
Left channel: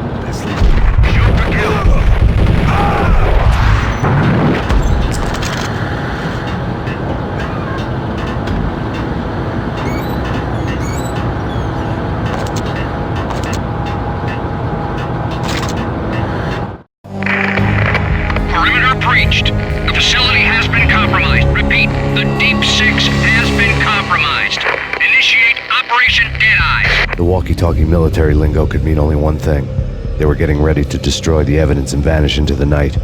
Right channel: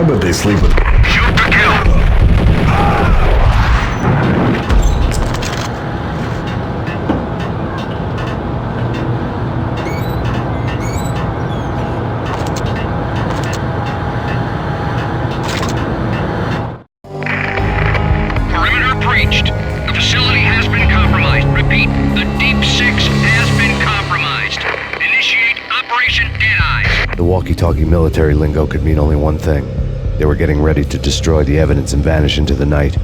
I bet they sleep with Shoot to kill. Perimeter breached. The facility has been compromised. Repeat, the Deep Six has been compromised. Initiate Operation Deadeye. The walkie-talkie military lingo could mean only one thing. They were getting ready to destroy the evidence and vanish into the night.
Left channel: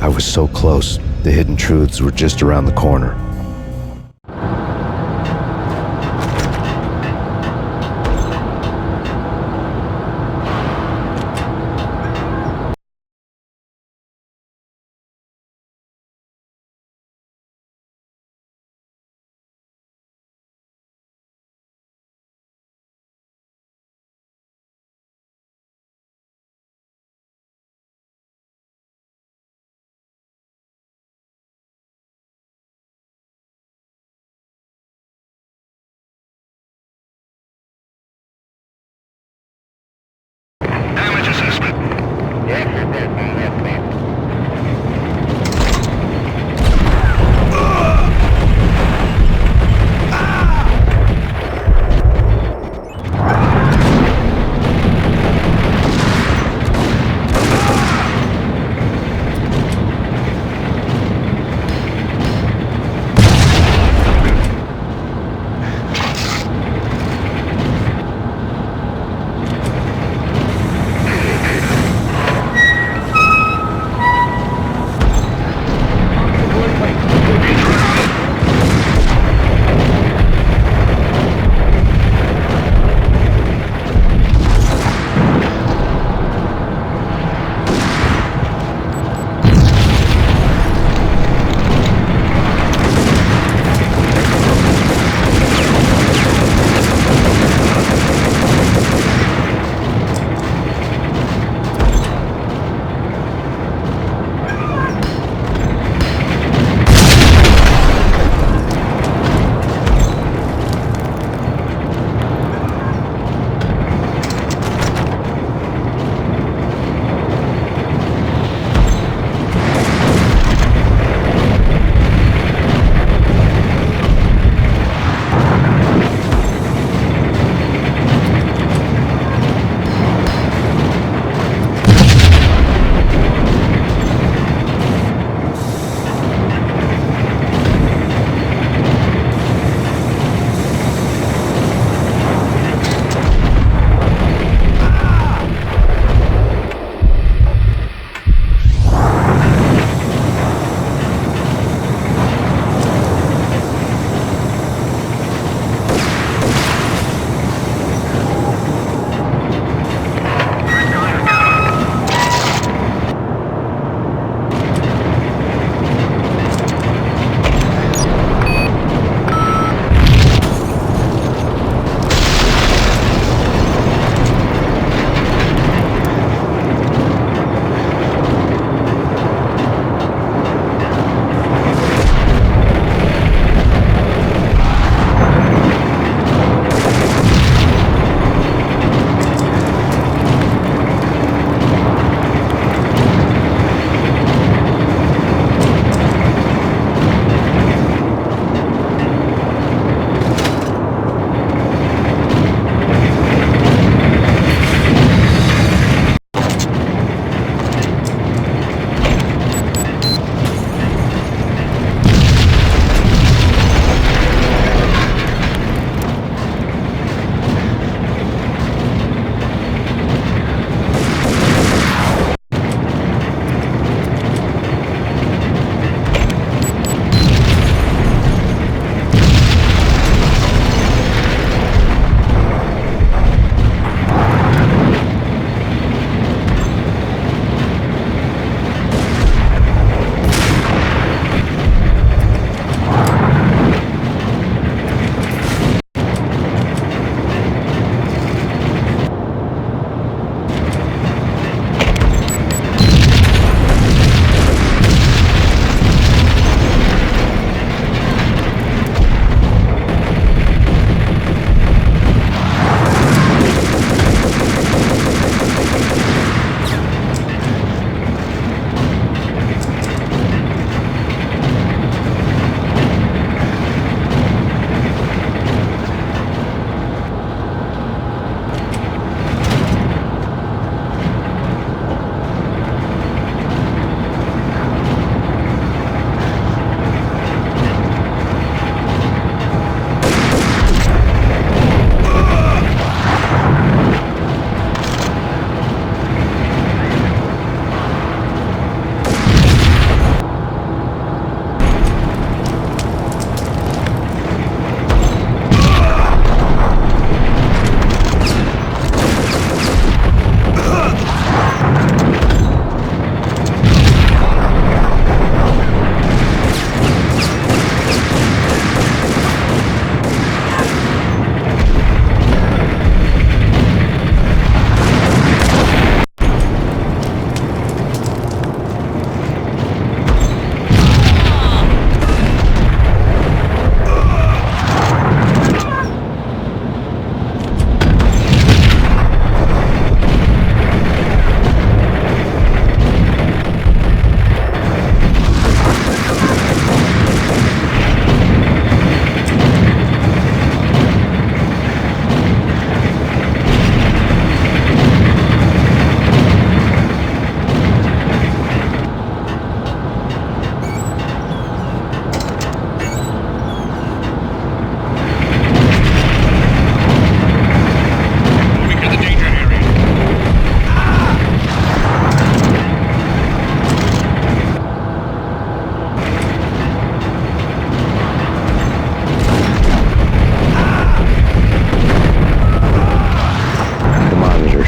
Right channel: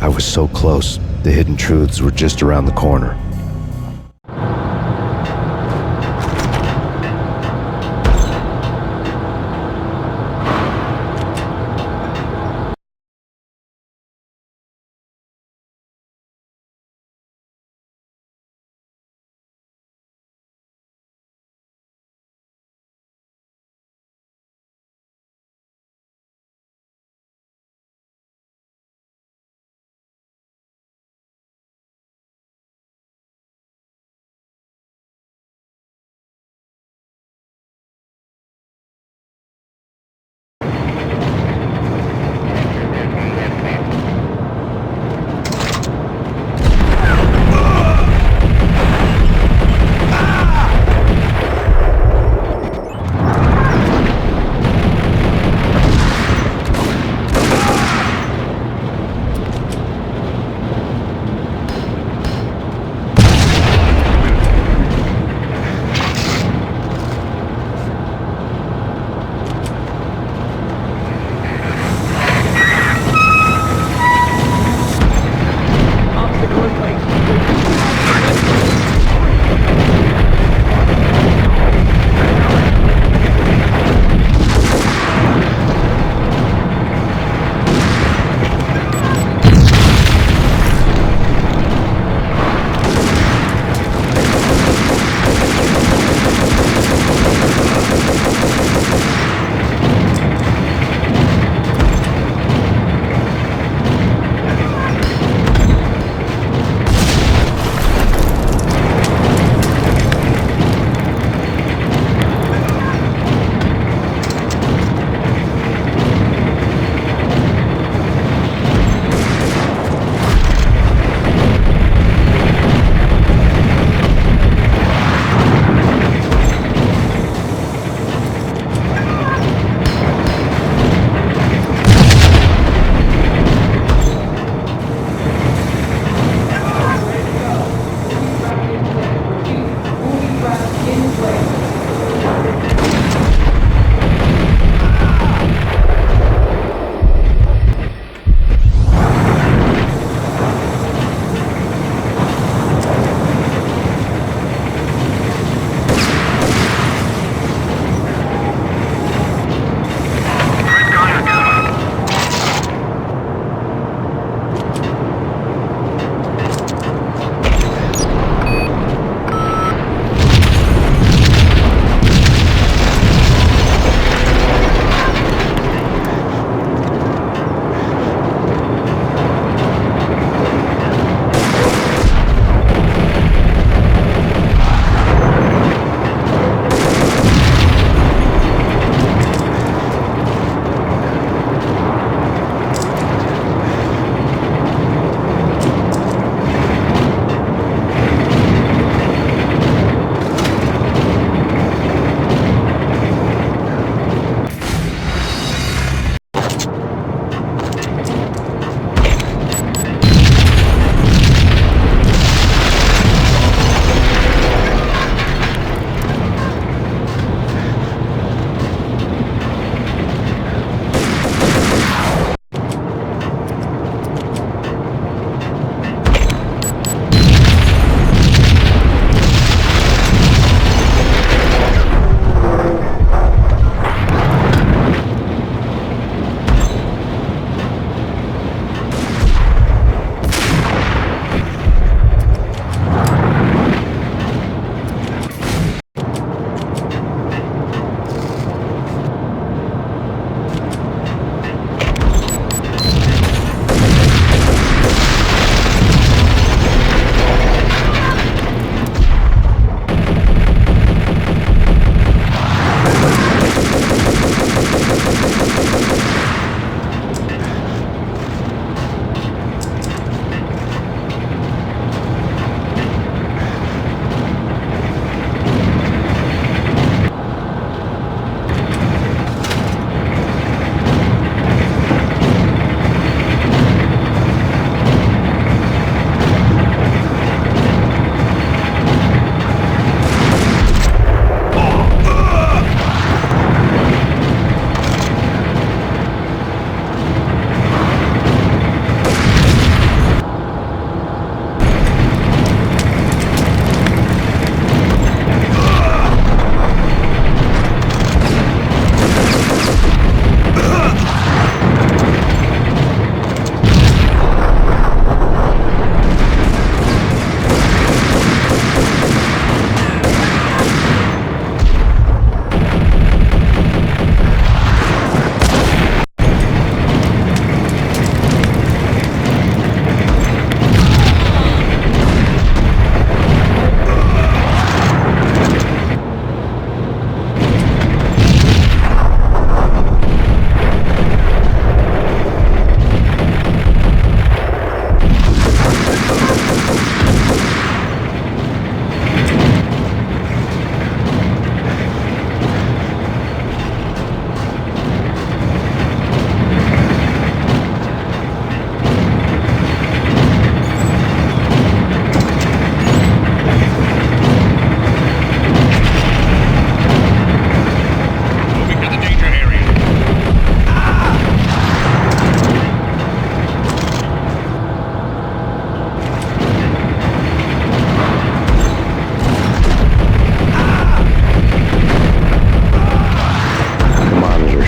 I was so close. The hidden truths were just around the corner.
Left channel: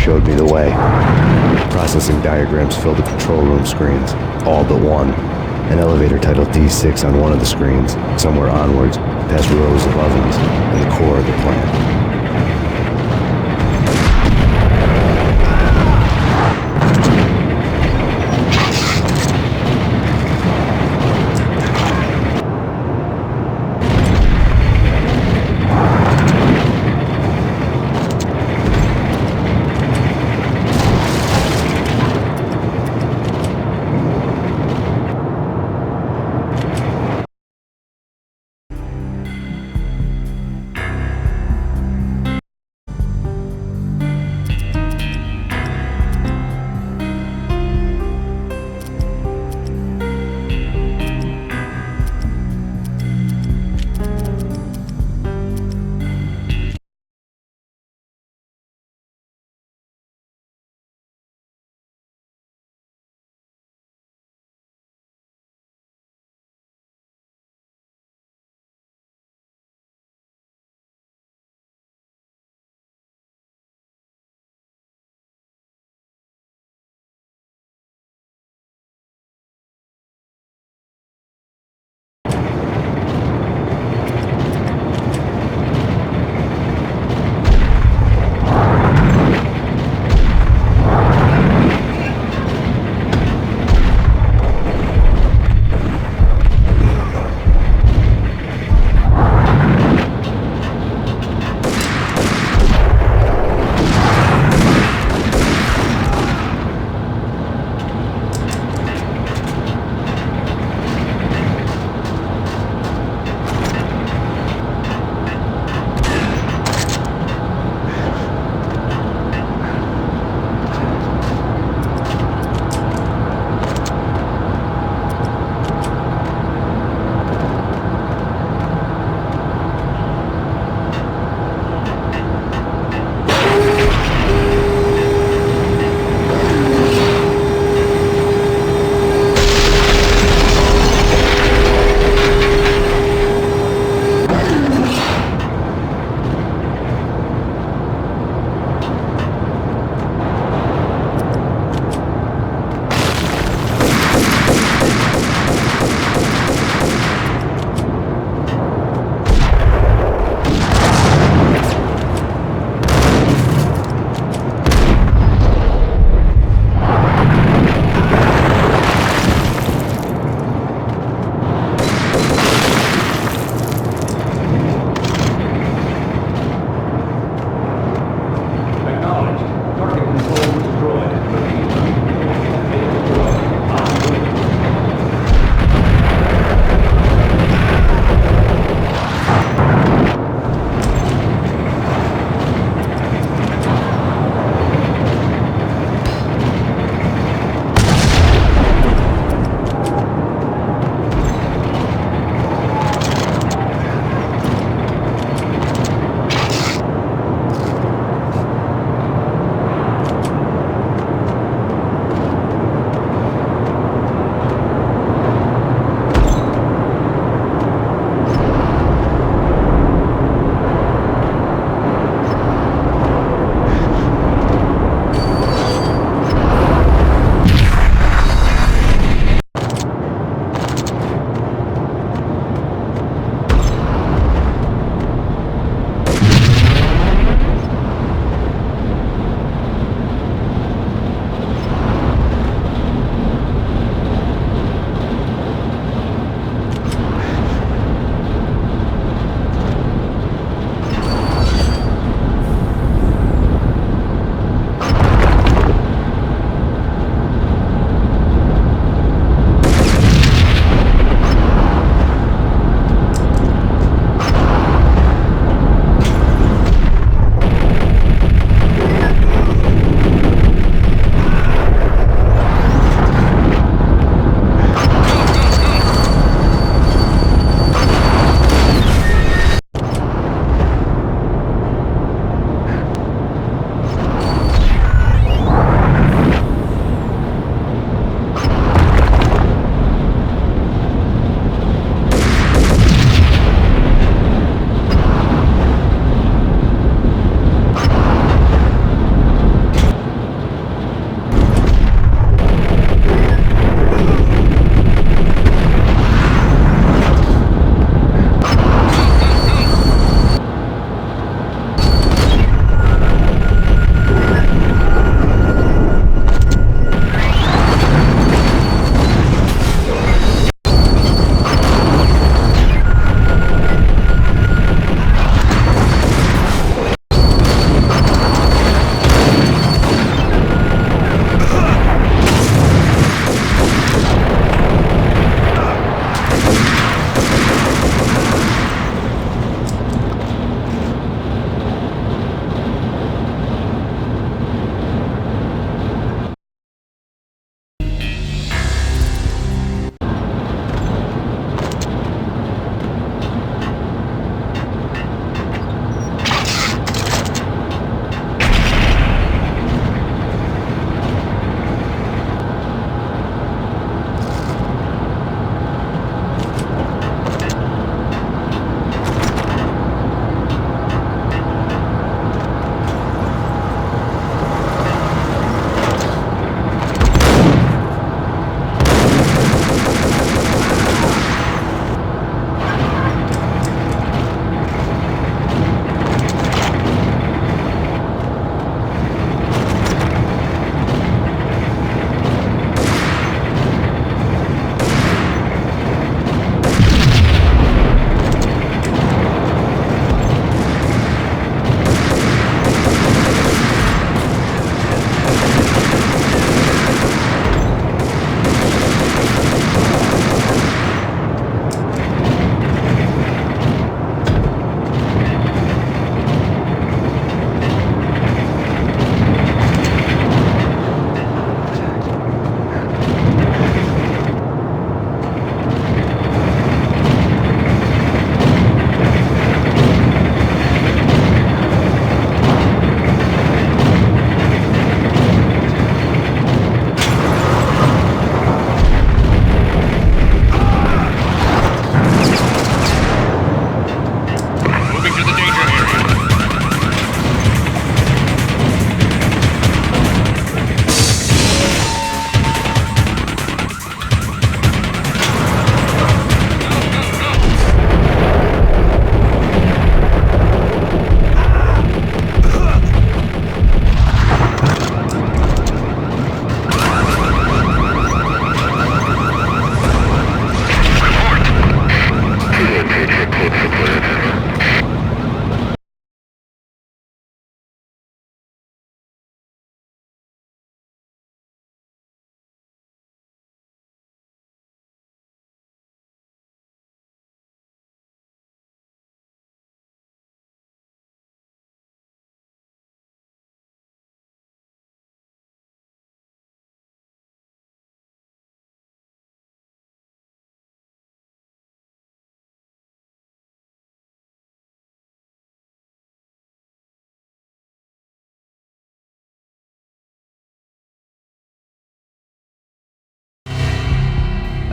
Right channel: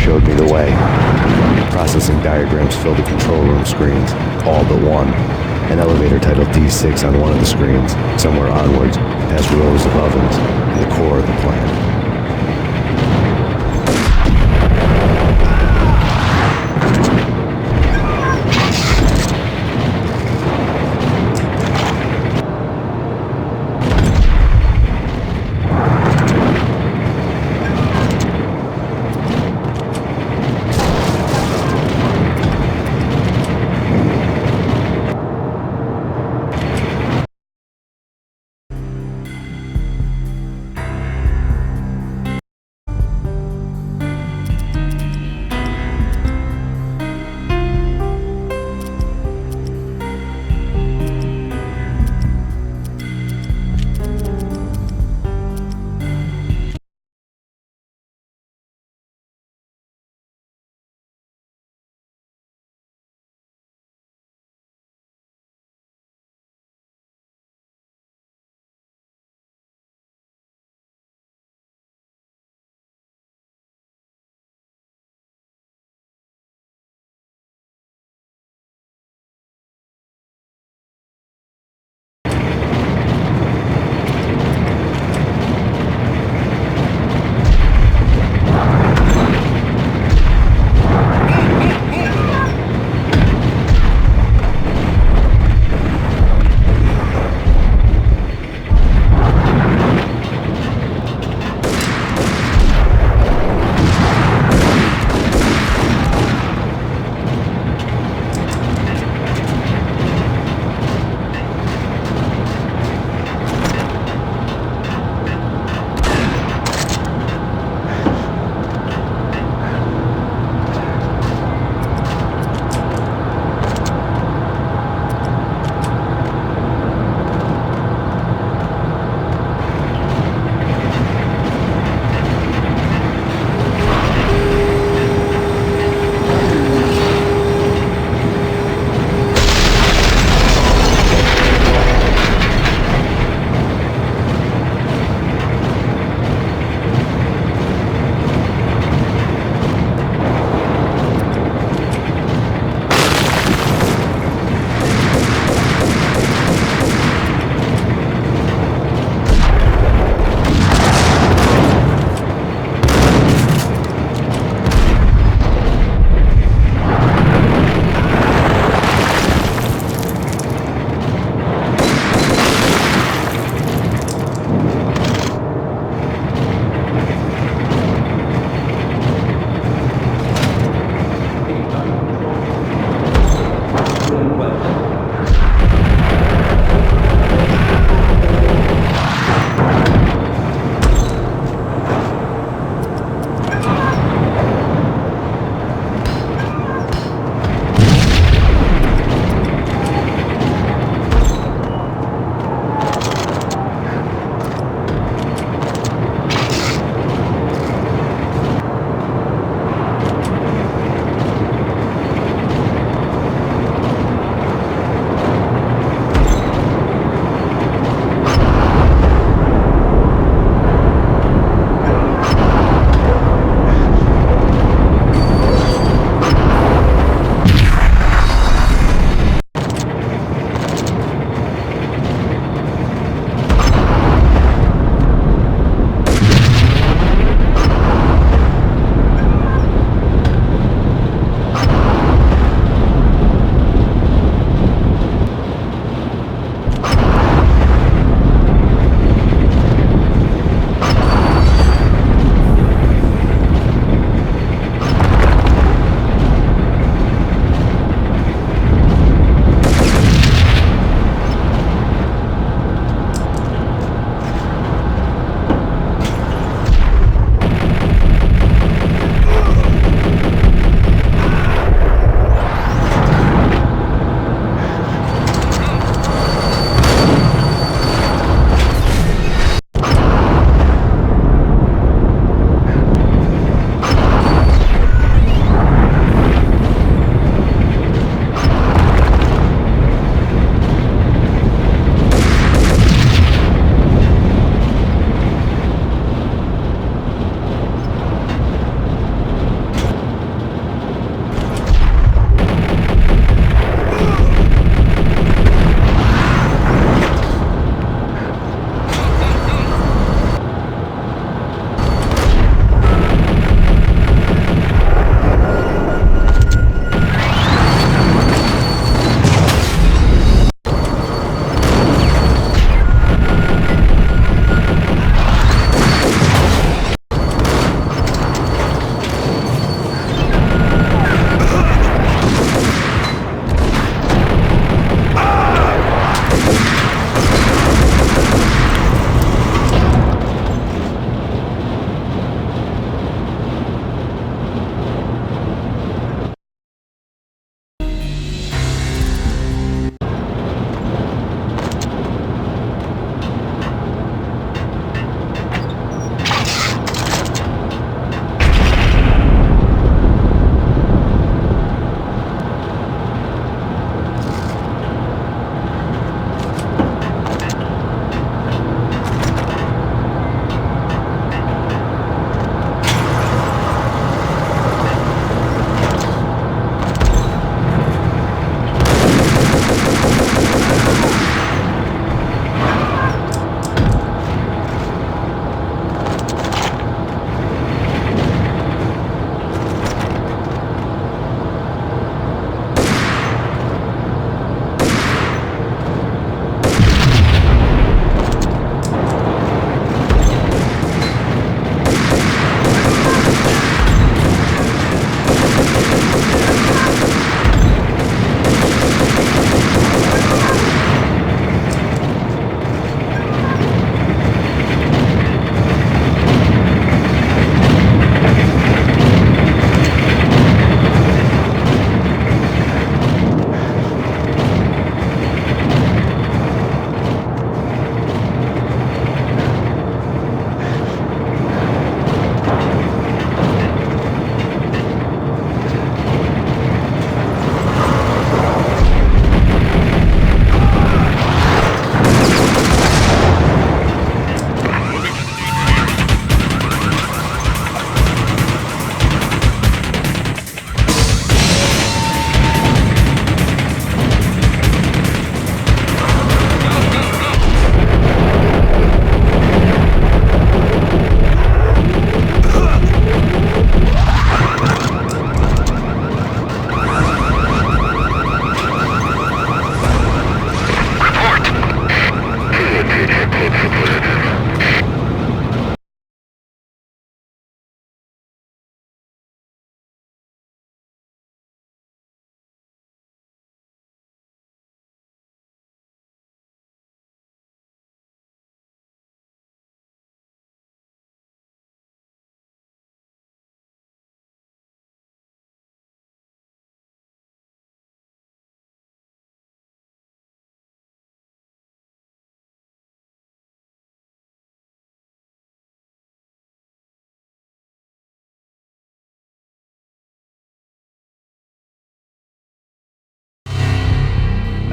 showed me the way. Processing diagrams filled the control room screens, all but one. An elevator titled D6 on one of the screens, somewhere onwards, past rows of ovens, in the core of the plant.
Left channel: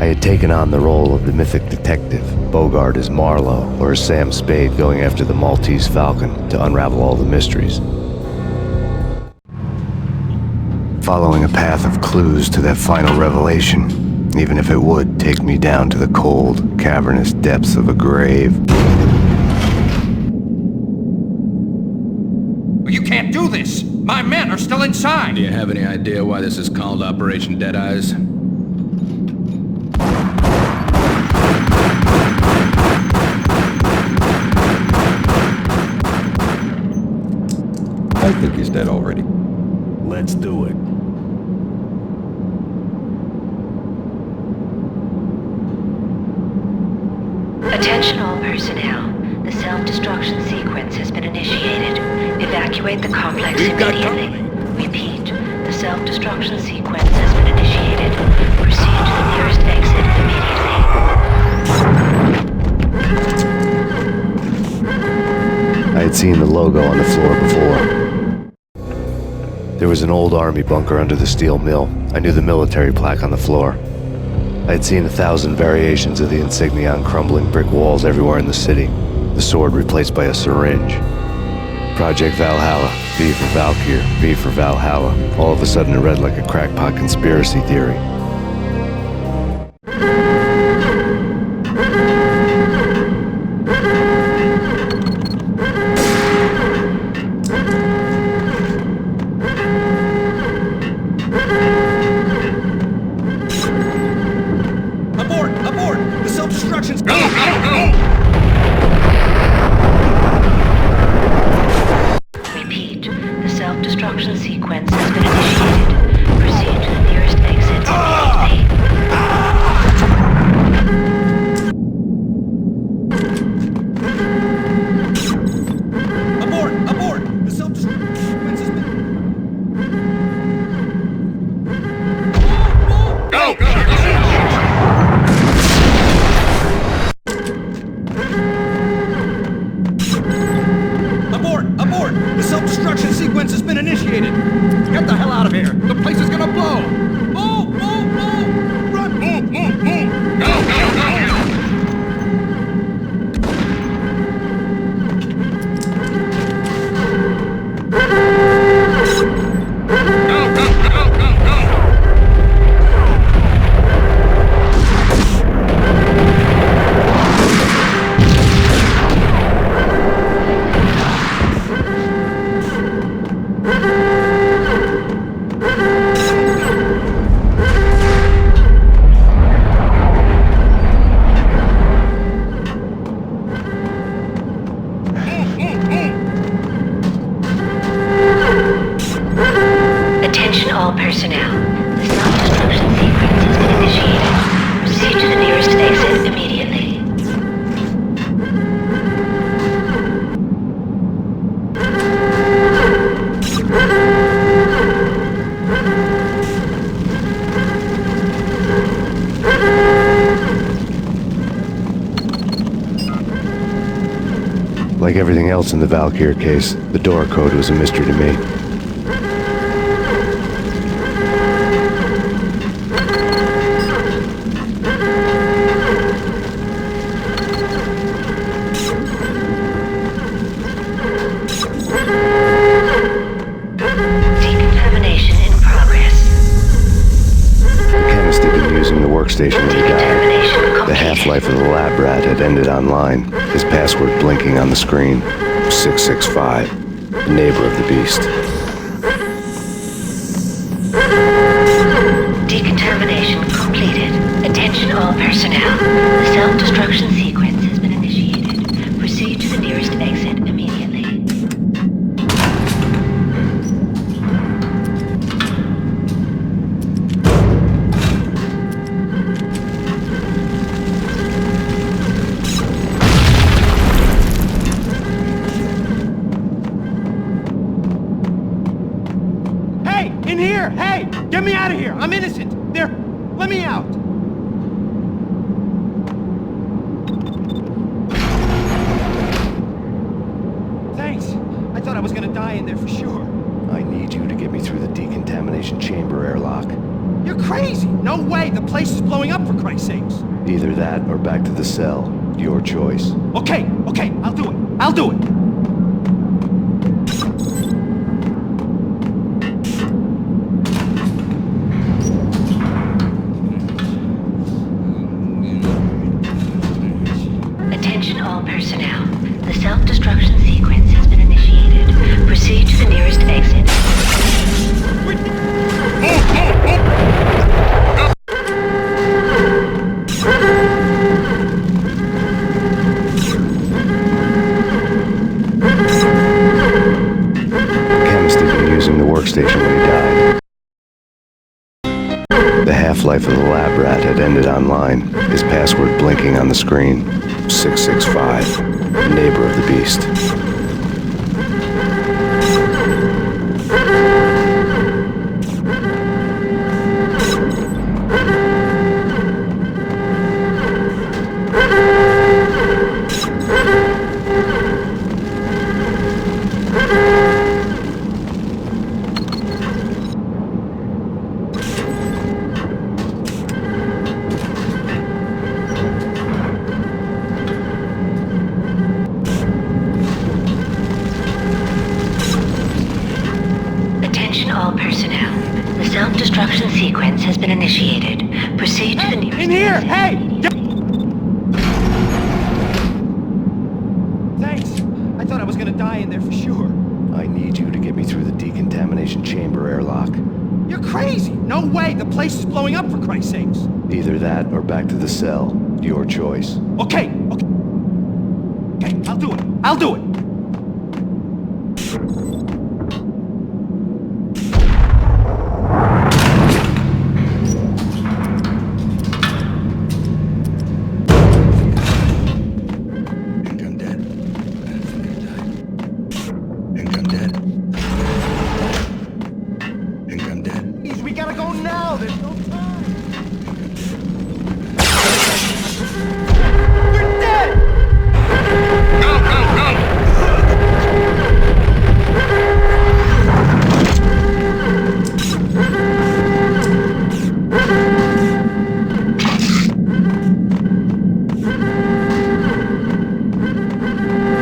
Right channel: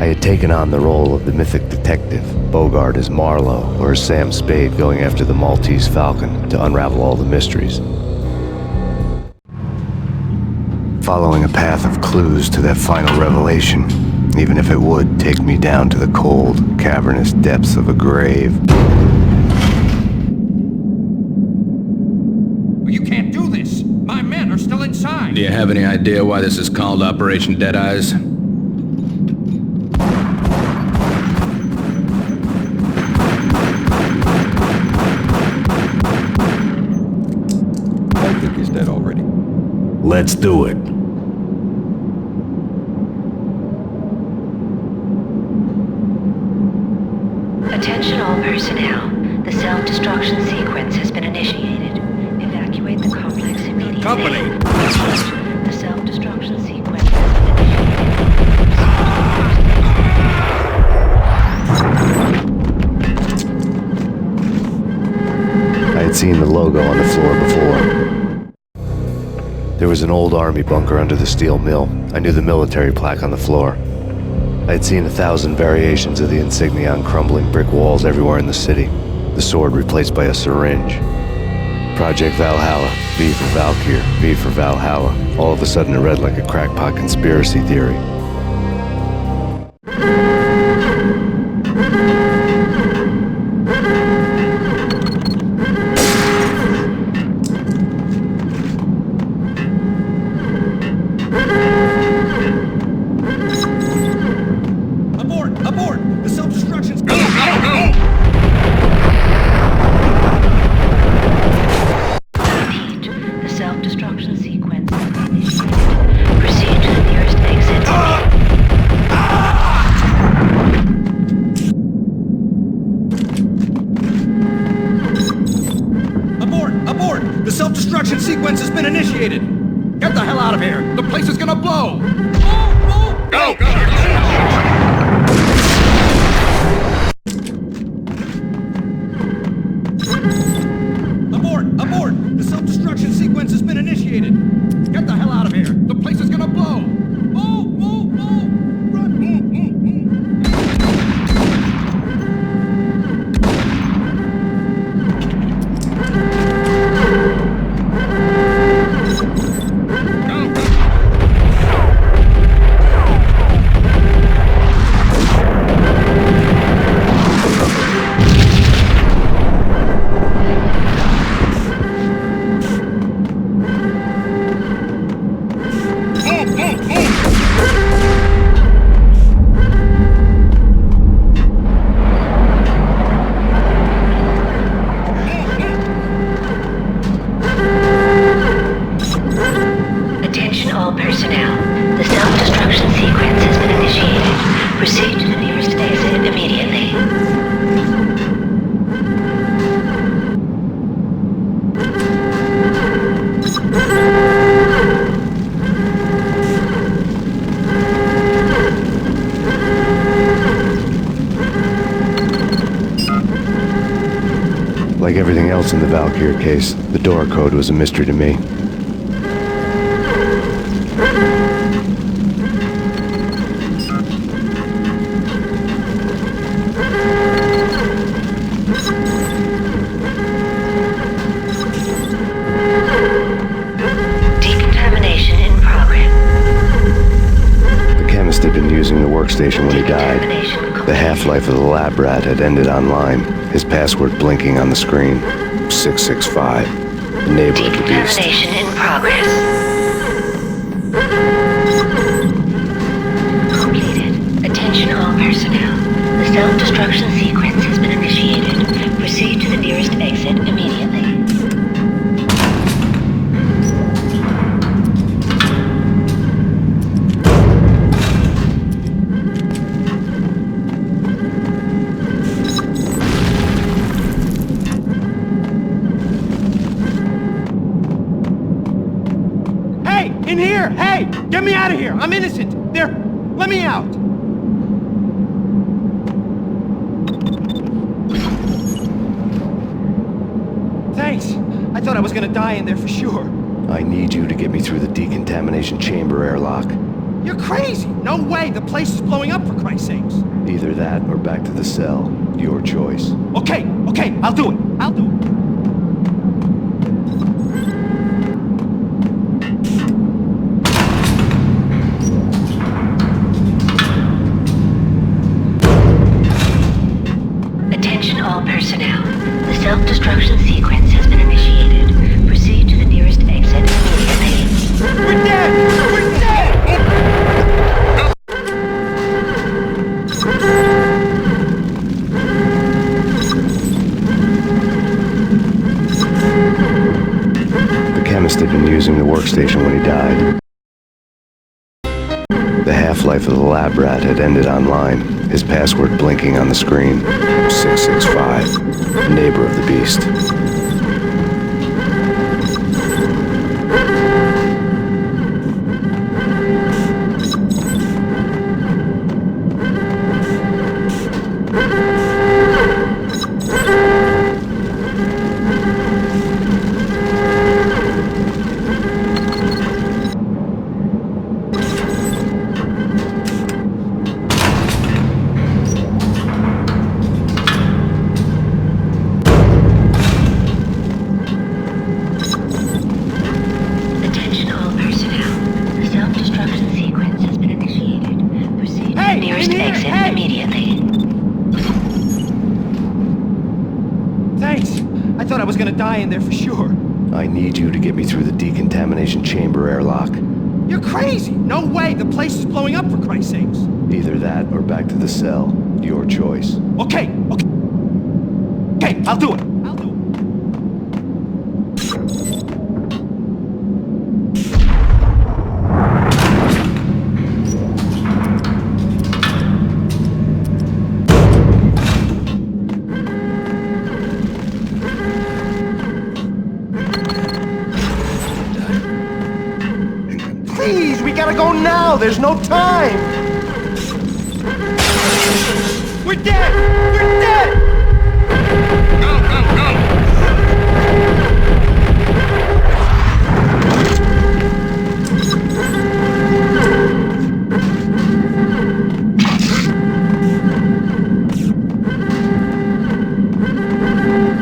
had taken on the role of the mythic detective, Bogart as Marlowe, or as Sam Spade going after the Maltese Falcon to unravel all the mysteries. Following a path of clues to that final revelation, even if it would take me down to the cold, cavernous depths of a grave. You can't do this! My men are still inside! Do you have any idea why this is called Operation Deadeyes? I think he's dead already. Let's do it. Attention all personnel. The self-destruction sequence has been initiated. Evacuate the complex immediately. Repeat. The self-destruction sequence has been initiated. Proceed to the nearest exit immediately. I had seen the logo on the floor before. There was an old army bunker under the steel mill. I knew the military plaque on the floor. I had seen 1,000 variations of the insignia on crumbling brick walls everywhere in the city. The sword replaced by a syringe. Project Valhalla, V for Valkyr, V for Valhalla. All of a sudden it read like a crackpot conspiracy theory. Abort! The self-destruction's... Go! Repeat. The self-destruction sequence has been initiated. Proceed to the nearest exit immediately. Abort! The self-destruction sequence has been initiated. Get the hell out of here. The place is gonna blow. Go! Abort! The self-destruction sequence has been initiated. Get the hell out of here. The place is gonna blow. Run! Attention all personnel. The self-destruction sequence has been initiated. Proceed to the nearest exit immediately. Like everything else in the Valkyr case, the door code was a mystery to me. Decontamination in progress. The chemist had been using the workstation when he died. The half-life of the lab rat had ended online, his password blinking on the screen. 665, the neighbor of the beast. Decontamination in progress. Decontamination completed. Attention all personnel. The self-destruction sequence has been initiated. Proceed to the nearest exit immediately. In here! Hey! Get me out of here! I'm innocent! There! Let me out! Thanks! I thought I was gonna die in there for sure. I need you to get me through the decontamination chamber airlock. You're crazy! No way! The place is blowing up, for Christ's sakes! Either that or back to the cell. Your choice. Okay, I'll do it. I'll do it. Attention all personnel. The self-destruction sequence has been initiated. Proceed to the nearest exit. We're dead! The chemist had been using the workstation when he died. The half-life of the lab rat had ended online, his password blinking on the screen. 665, neighbor of the beast. Self-destruction sequence has been initiated. Proceed to the nearest exit immediately. Thanks. I thought I was gonna die in there for sure. I need you to get me through the decontamination chamber airlock. You're crazy! No way! The place is blowing up, for Christ's sakes! Either that or back to the cell. Your choice. Okay, I'll do it. I'll do it. Please, we gotta go now! There's no time! We're dead! We're dead! Go, go, go!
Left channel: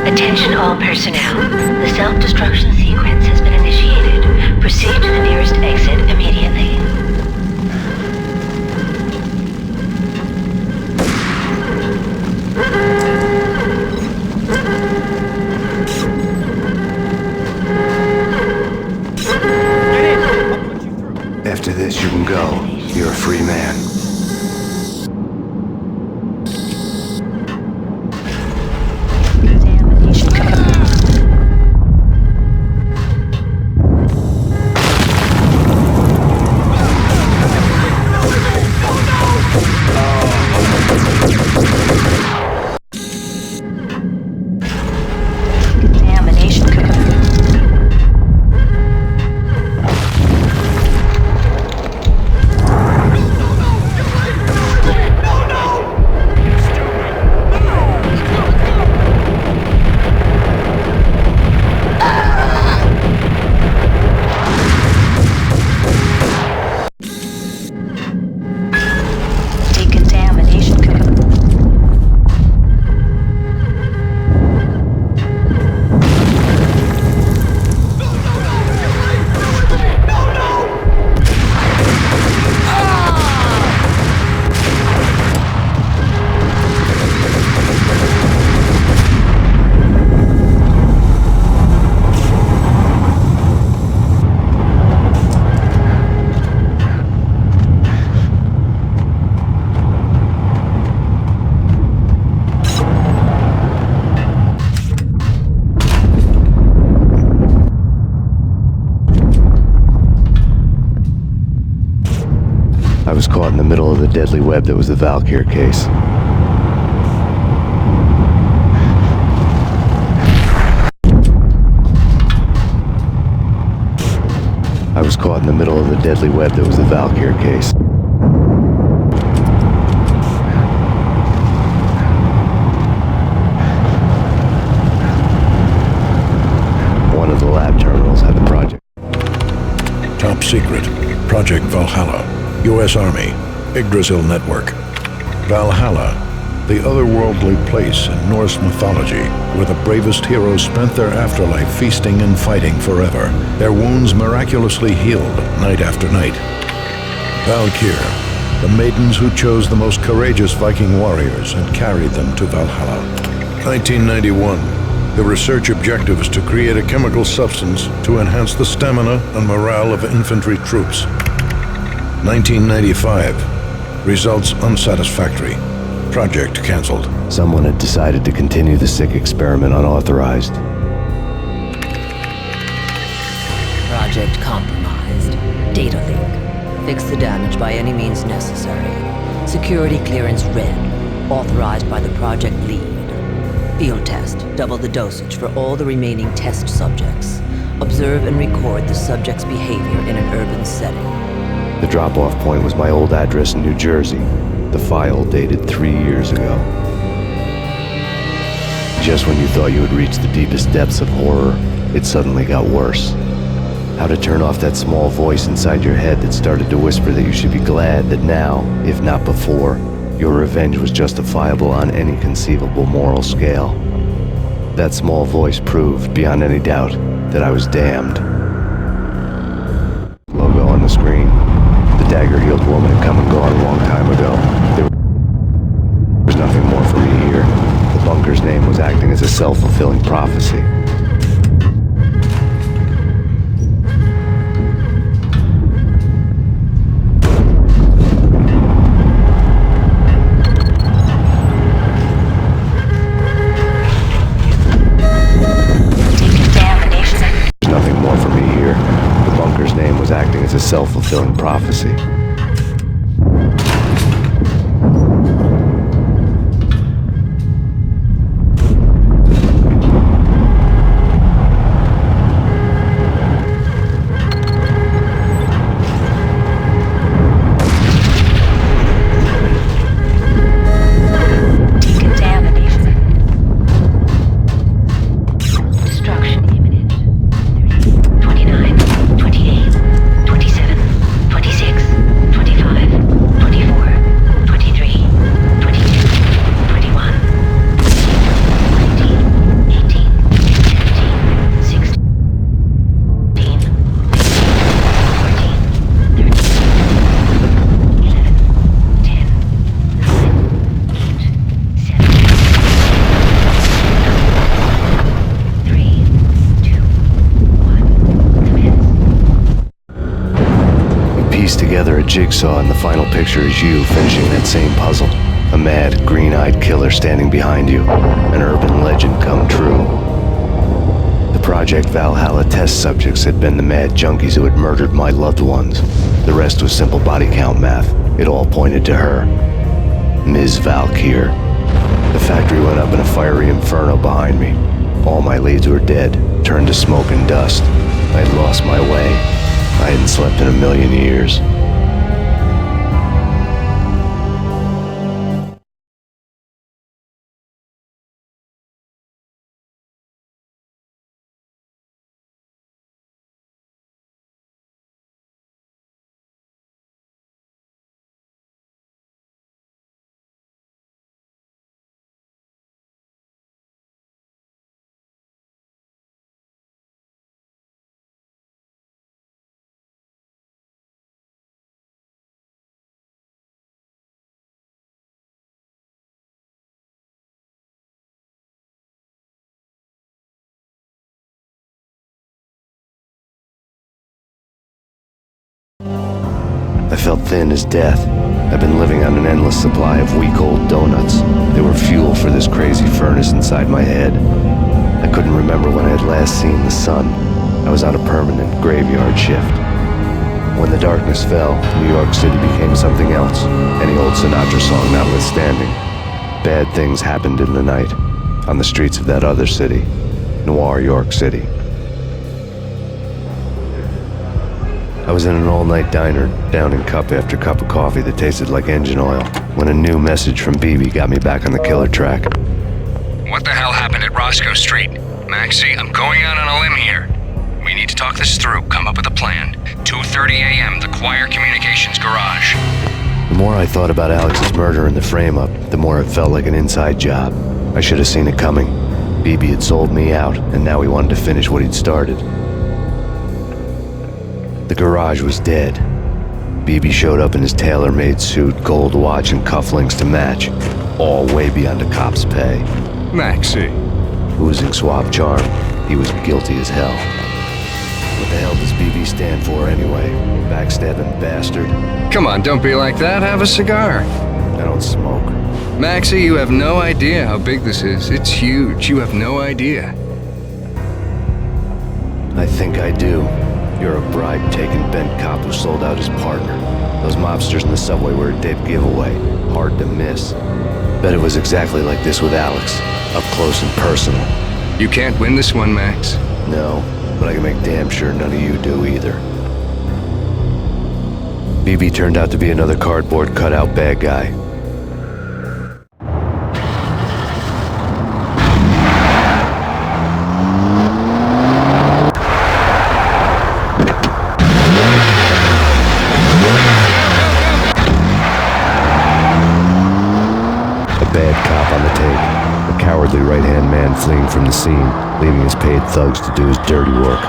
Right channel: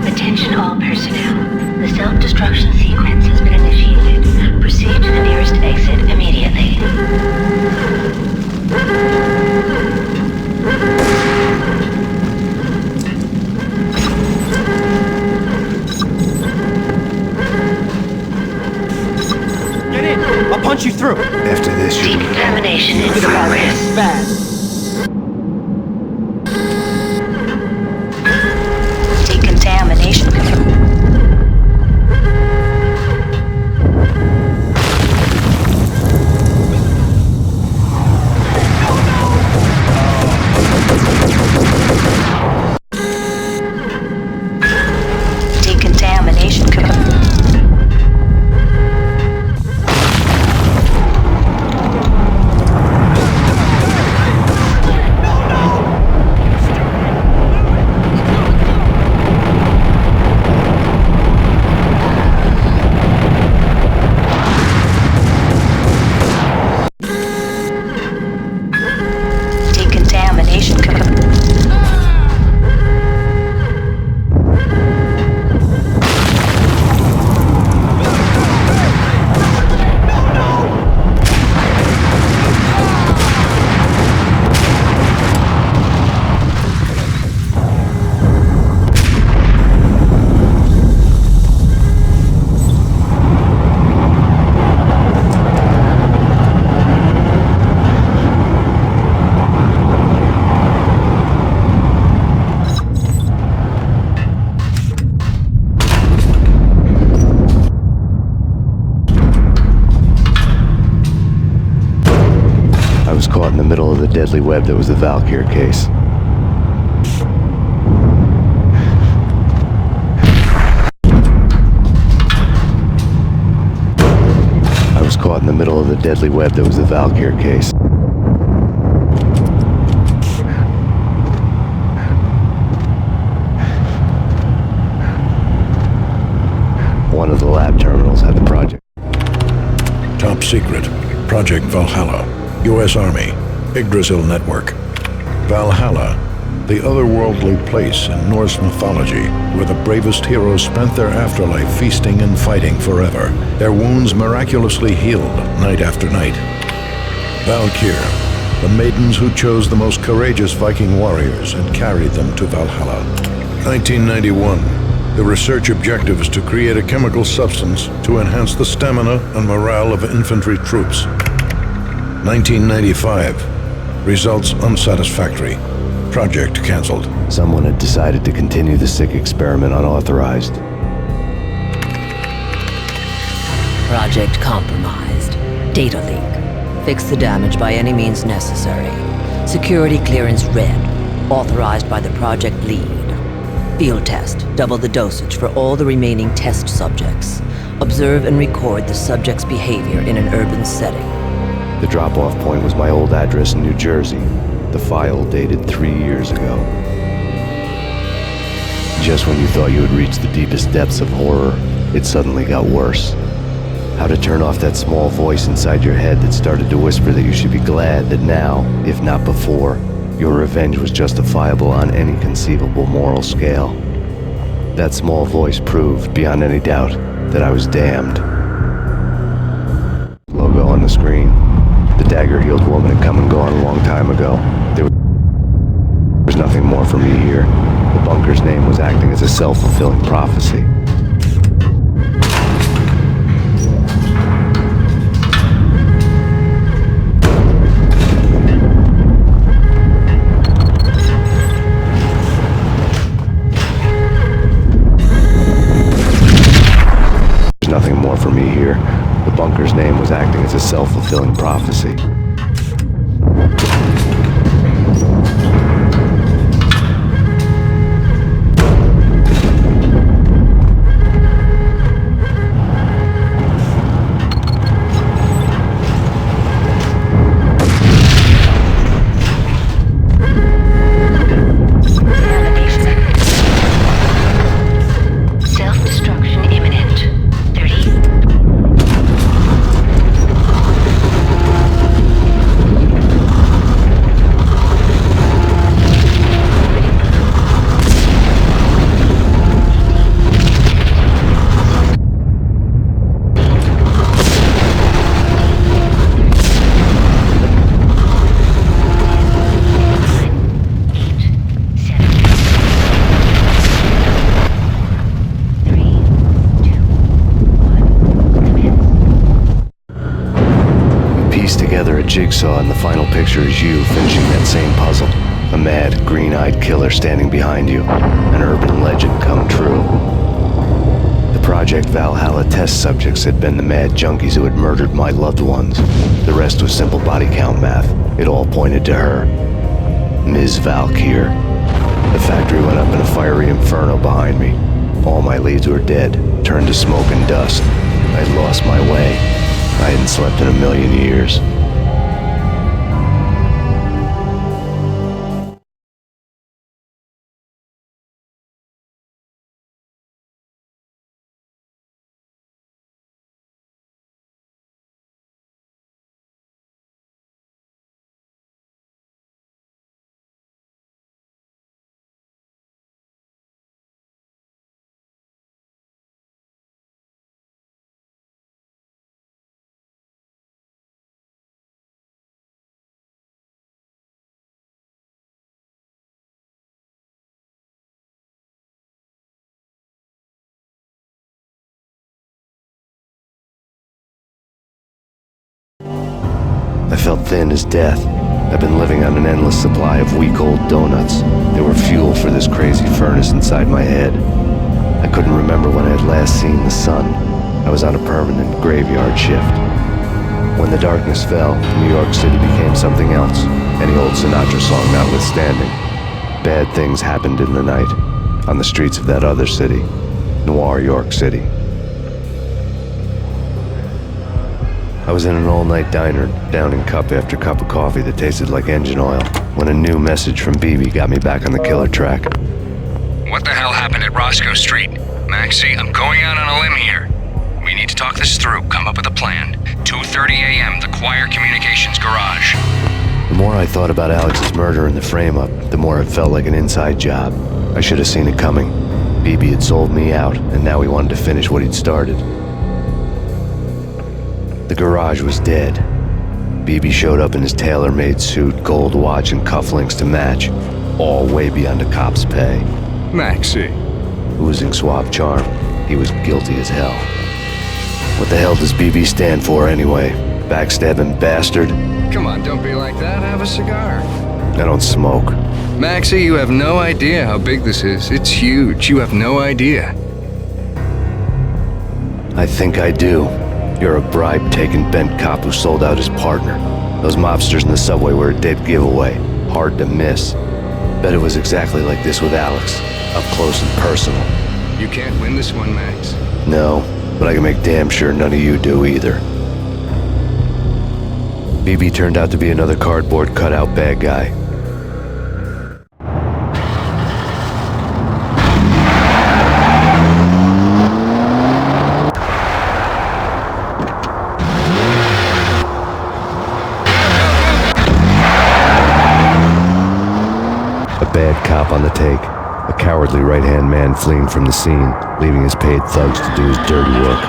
Attention all personnel. The self-destruction sequence has been initiated. Proceed to the nearest exit immediately. Get in! I'll punch you through! After this, you can go. You're a free man. Fast. Decontamination confirmed. Decontamination confirmed. Decontamination confirmed. I was caught in the middle of the deadly web that was the Valkyr case. I was caught in the middle of the deadly web that was the Valkyr case. One of the lab terminals had the project. Top secret. Project Valhalla. U.S. Army, Yggdrasil Network. Valhalla, the otherworldly place in Norse mythology where the bravest heroes spent their afterlife feasting and fighting forever, their wounds miraculously healed night after night. Valkyr, the maidens who chose the most courageous Viking warriors and carried them to Valhalla. 1991. The research objective is to create a chemical substance to enhance the stamina and morale of infantry troops. 1995. Results unsatisfactory. Project cancelled. Someone had decided to continue the sick experiment unauthorized. Project compromised. Data leak. Fix the damage by any means necessary. Security clearance red. Authorized by the project lead. Field test. Double the dosage for all the remaining test subjects. Observe and record the subject's behavior in an urban setting. The drop-off point was my old address in New Jersey. The file dated 3 years ago. Just when you thought you had reached the deepest depths of horror, it suddenly got worse. How to turn off that small voice inside your head that started to whisper that you should be glad that now, if not before, your revenge was justifiable on any conceivable moral scale. That small voice proved, beyond any doubt, that I was damned. Logo on the screen. The dagger-heeled woman had come and gone a long time ago. There was nothing more for me here. The bunker's name was acting as a self-fulfilling prophecy. There's nothing more for me here. The bunker's name was acting as a self-fulfilling prophecy. Self-destruction imminent. 30, 29, piece together a jigsaw, and the final picture is you finishing that same puzzle. A mad, green-eyed killer standing behind you. An urban legend come true. The Project Valhalla test subjects had been the mad junkies who had murdered my loved ones. The rest was simple body count math. It all pointed to her. Ms. Valkyr. The factory went up in a fiery inferno behind me. All my leads were dead, turned to smoke and dust. I had lost my way. I hadn't slept in a million years. I felt thin as death. I've been living on an endless supply of week-old donuts. They were fuel for this crazy furnace inside my head. I couldn't remember when I had last seen the sun. I was on a permanent graveyard shift. When the darkness fell, New York City became something else, any old Sinatra song notwithstanding. Bad things happened in the night, on the streets of that other city, Noir York City. I was in an all-night diner, downing cup after cup of coffee that tasted like engine oil, when a new message from BB got me back on the killer track. What the hell happened at Roscoe Street? Maxie, I'm going out on a limb here. We need to talk this through, come up with a plan. 2:30 a.m., the Choir Communications Garage. The more I thought about Alex's murder and the frame-up, the more it felt like an inside job. I should have seen it coming. Beebe had sold me out, and now he wanted to finish what he'd started. The garage was dead. Beebe showed up in his tailor-made suit, gold watch, and cufflinks to match, all way beyond a cop's pay. Maxie. Oozing suave charm, he was guilty as hell. What the hell does Beebe stand for anyway? Backstabbing bastard? Come on, don't be like that. Have a cigar. I don't smoke. Maxie, you have no idea how big this is. It's huge. You have no idea. I think I do. You're a bribe-taking bent cop who sold out his partner. Those mobsters in the subway were a dead giveaway. Hard to miss. Bet it was exactly like this with Alex. Up close and personal. You can't win this one, Max. No, but I can make damn sure none of you do either. Beebe turned out to be another cardboard cutout bad guy. Bad cop on the take, a cowardly right-hand man fleeing from the scene, leaving his paid thugs to do his dirty work.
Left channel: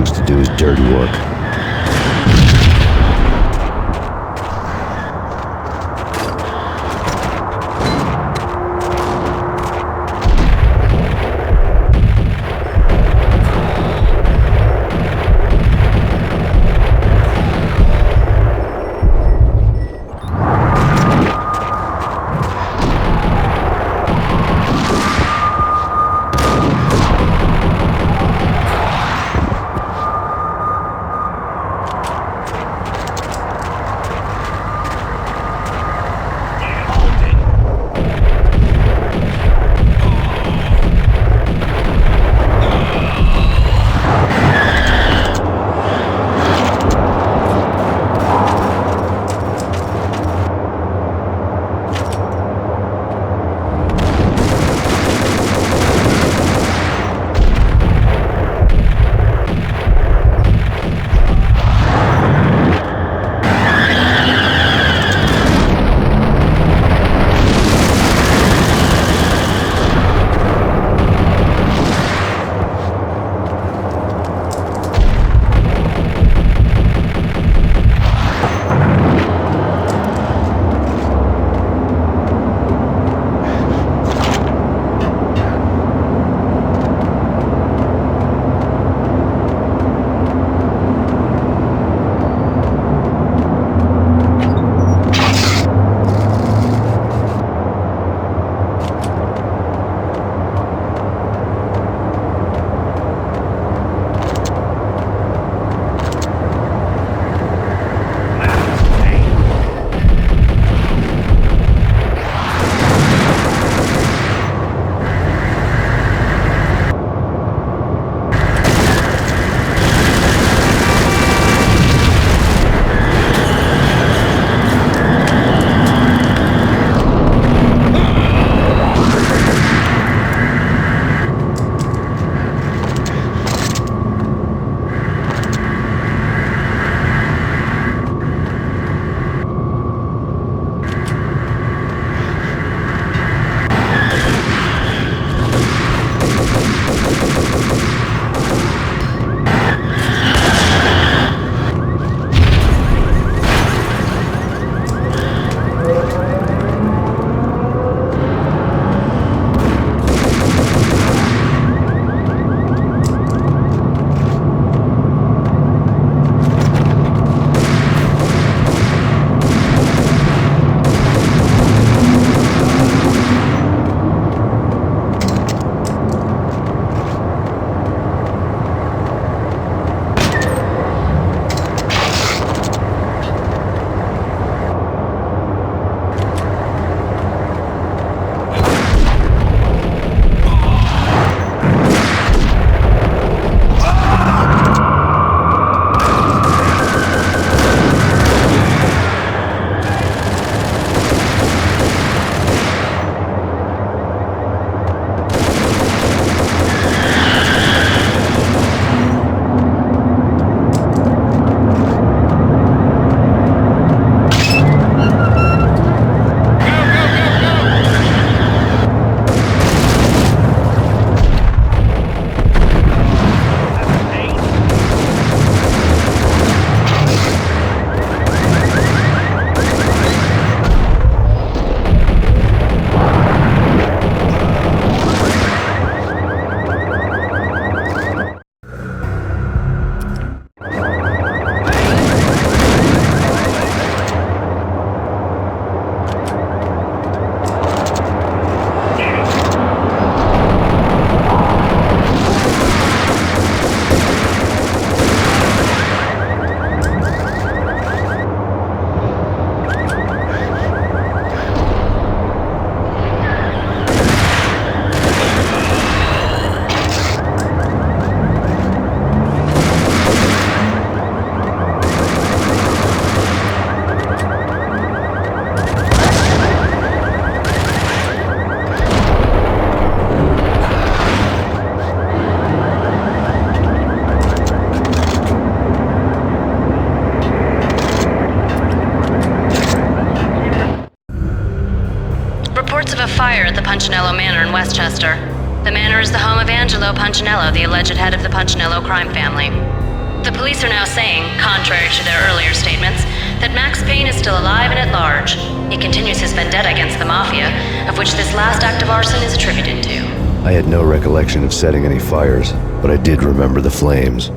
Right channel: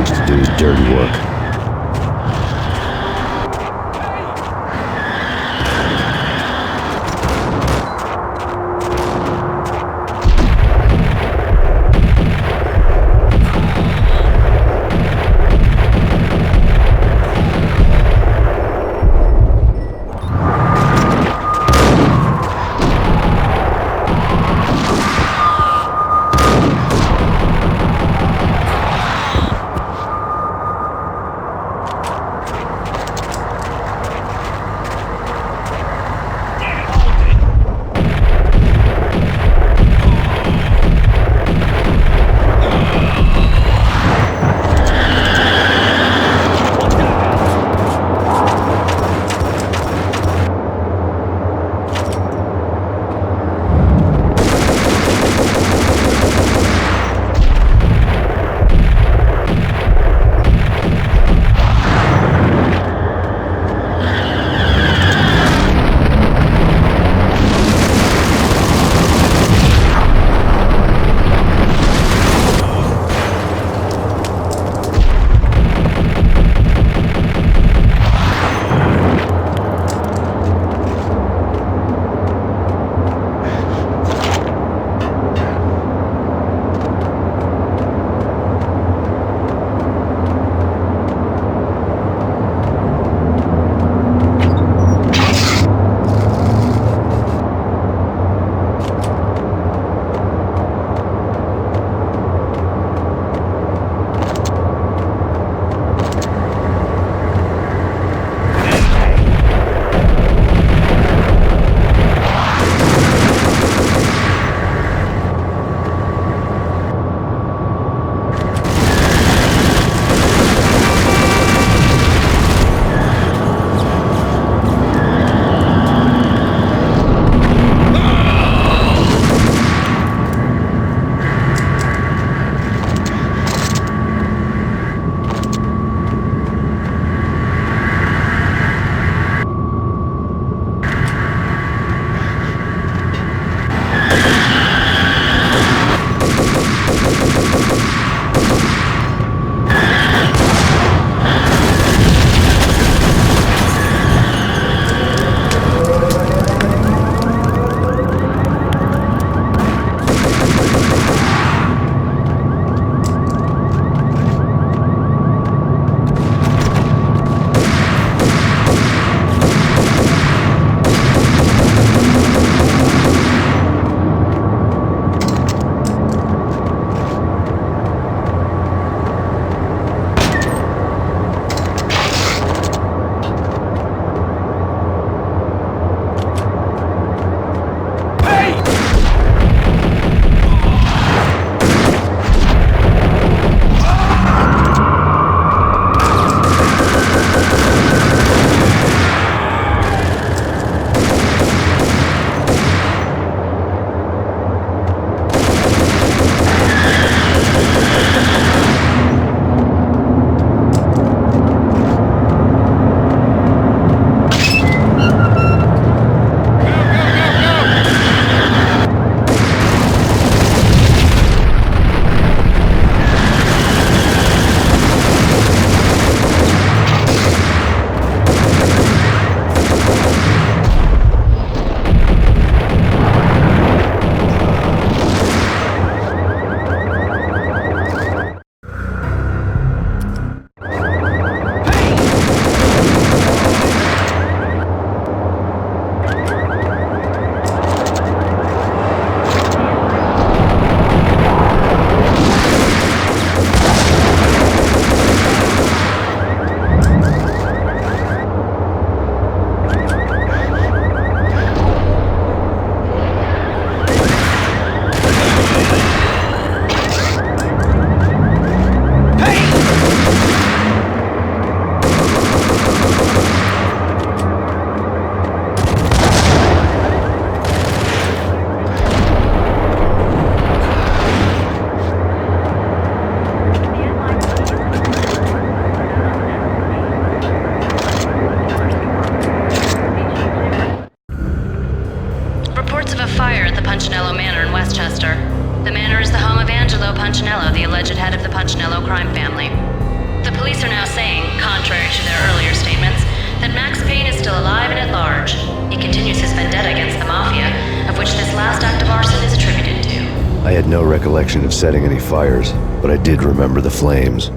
To do his dirty work. Punchinello Manor in Westchester. The manor is the home of Angelo Punchinello, the alleged head of the Punchinello crime family. The police are now saying, contrary to their earlier statements, that Max Payne is still alive and at large. He continues his vendetta against the Mafia, of which this last act of arson is attributed to. I had no recollection of setting any fires, but I did remember the flames.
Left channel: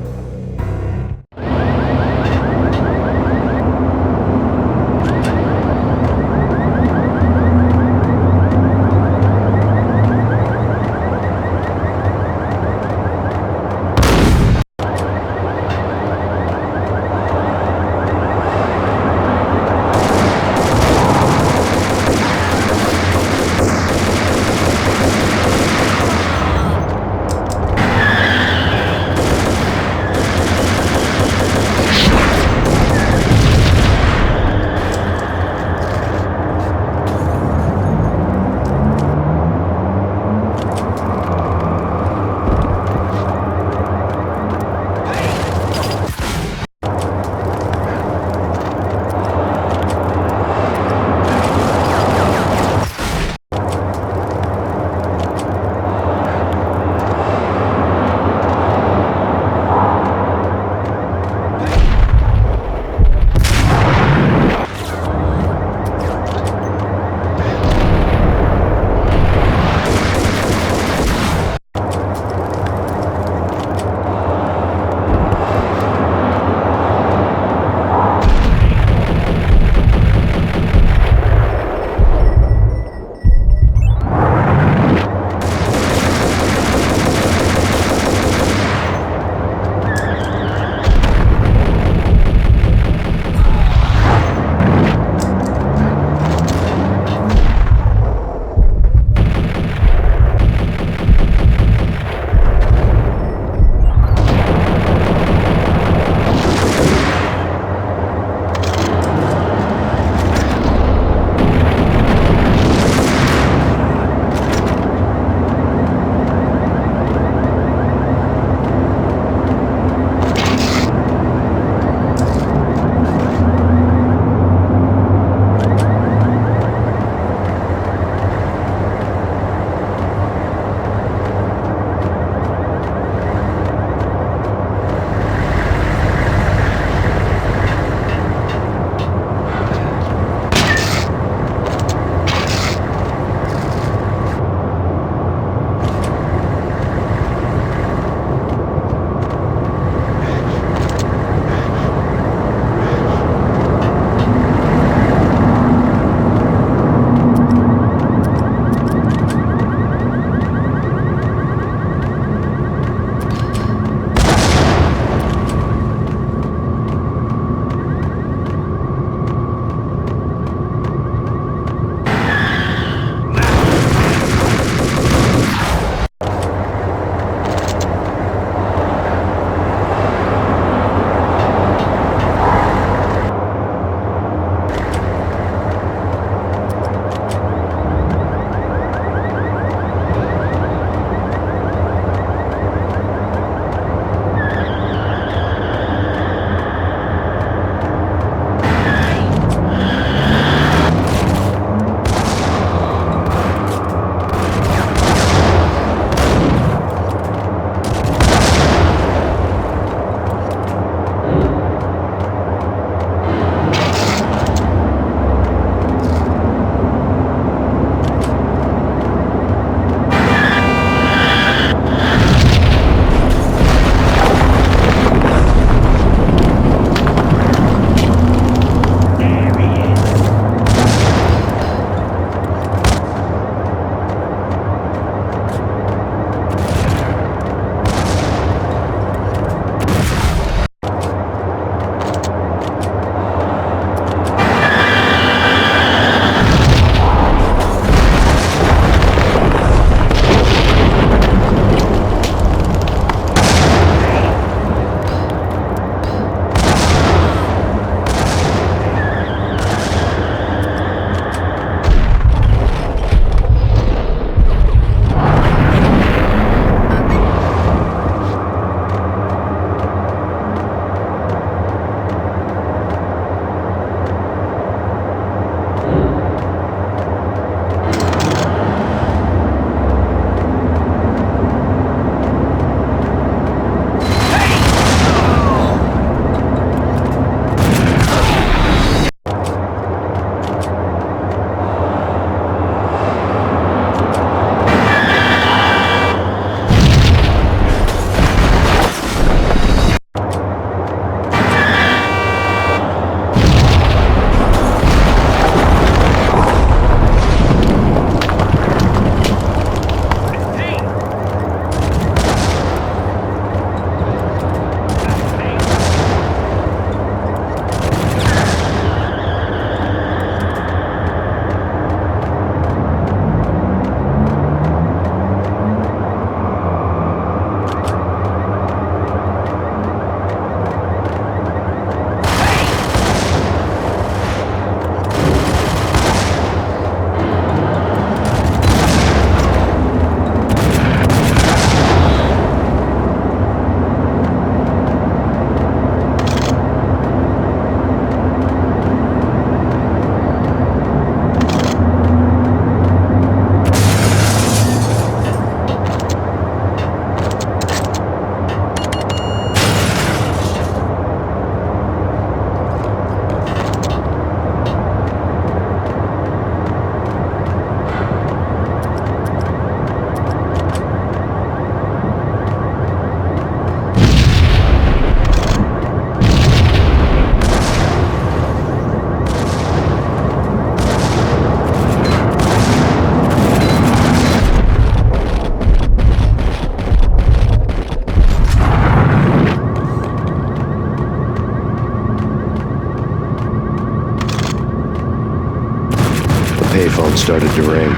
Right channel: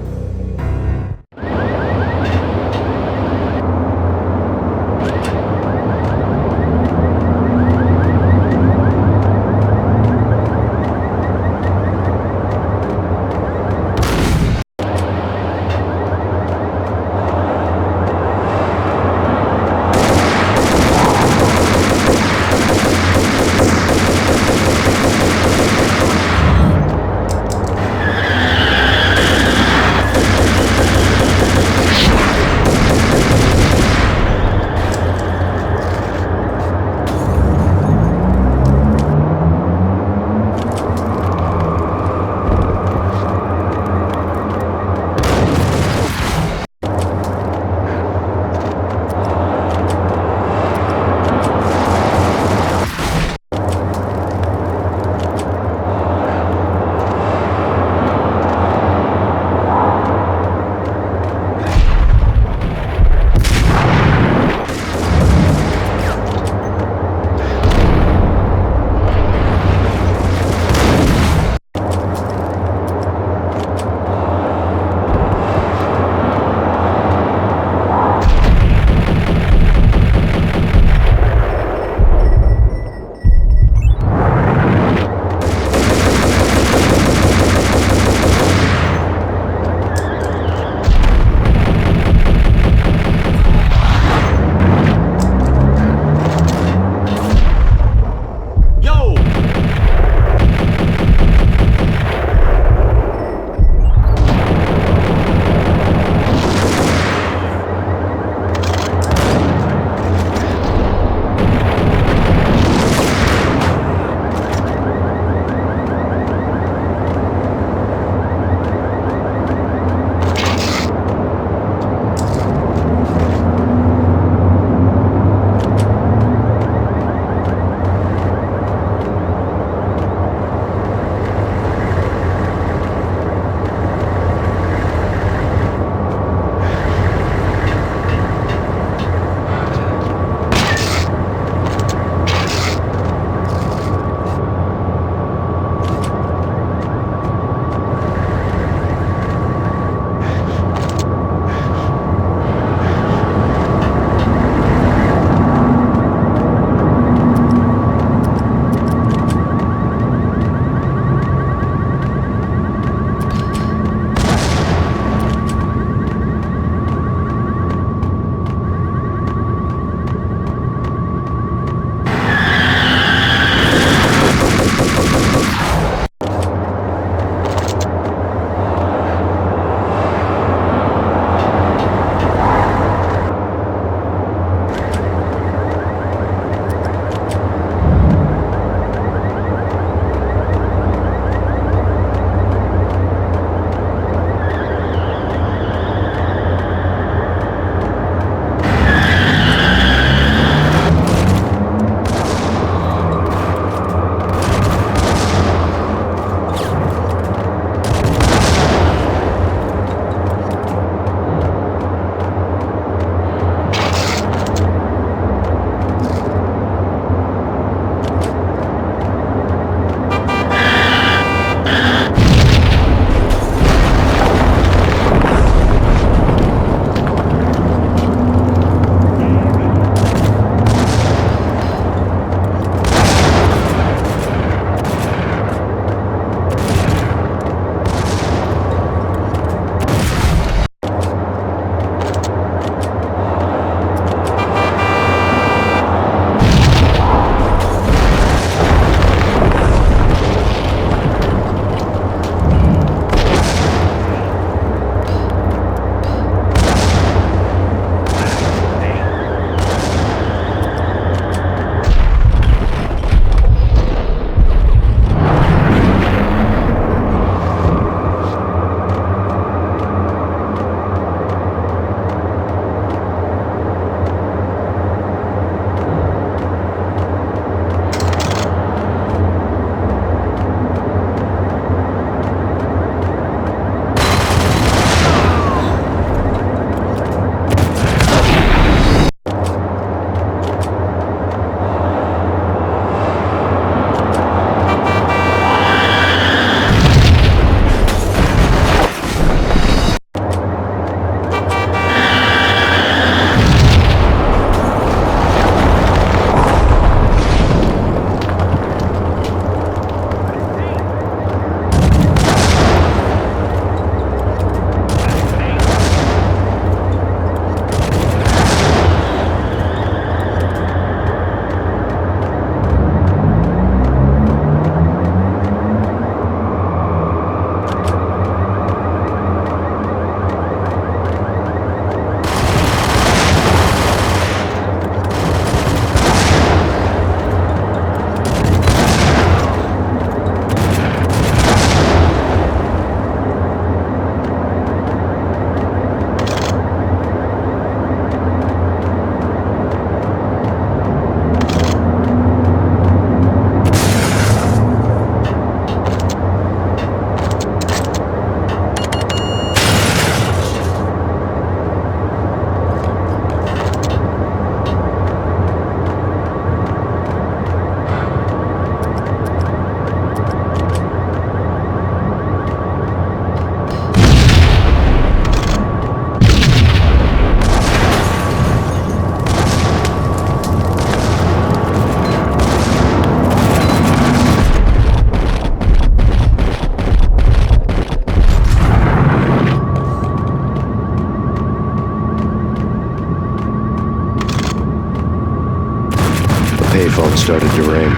phone started to ring.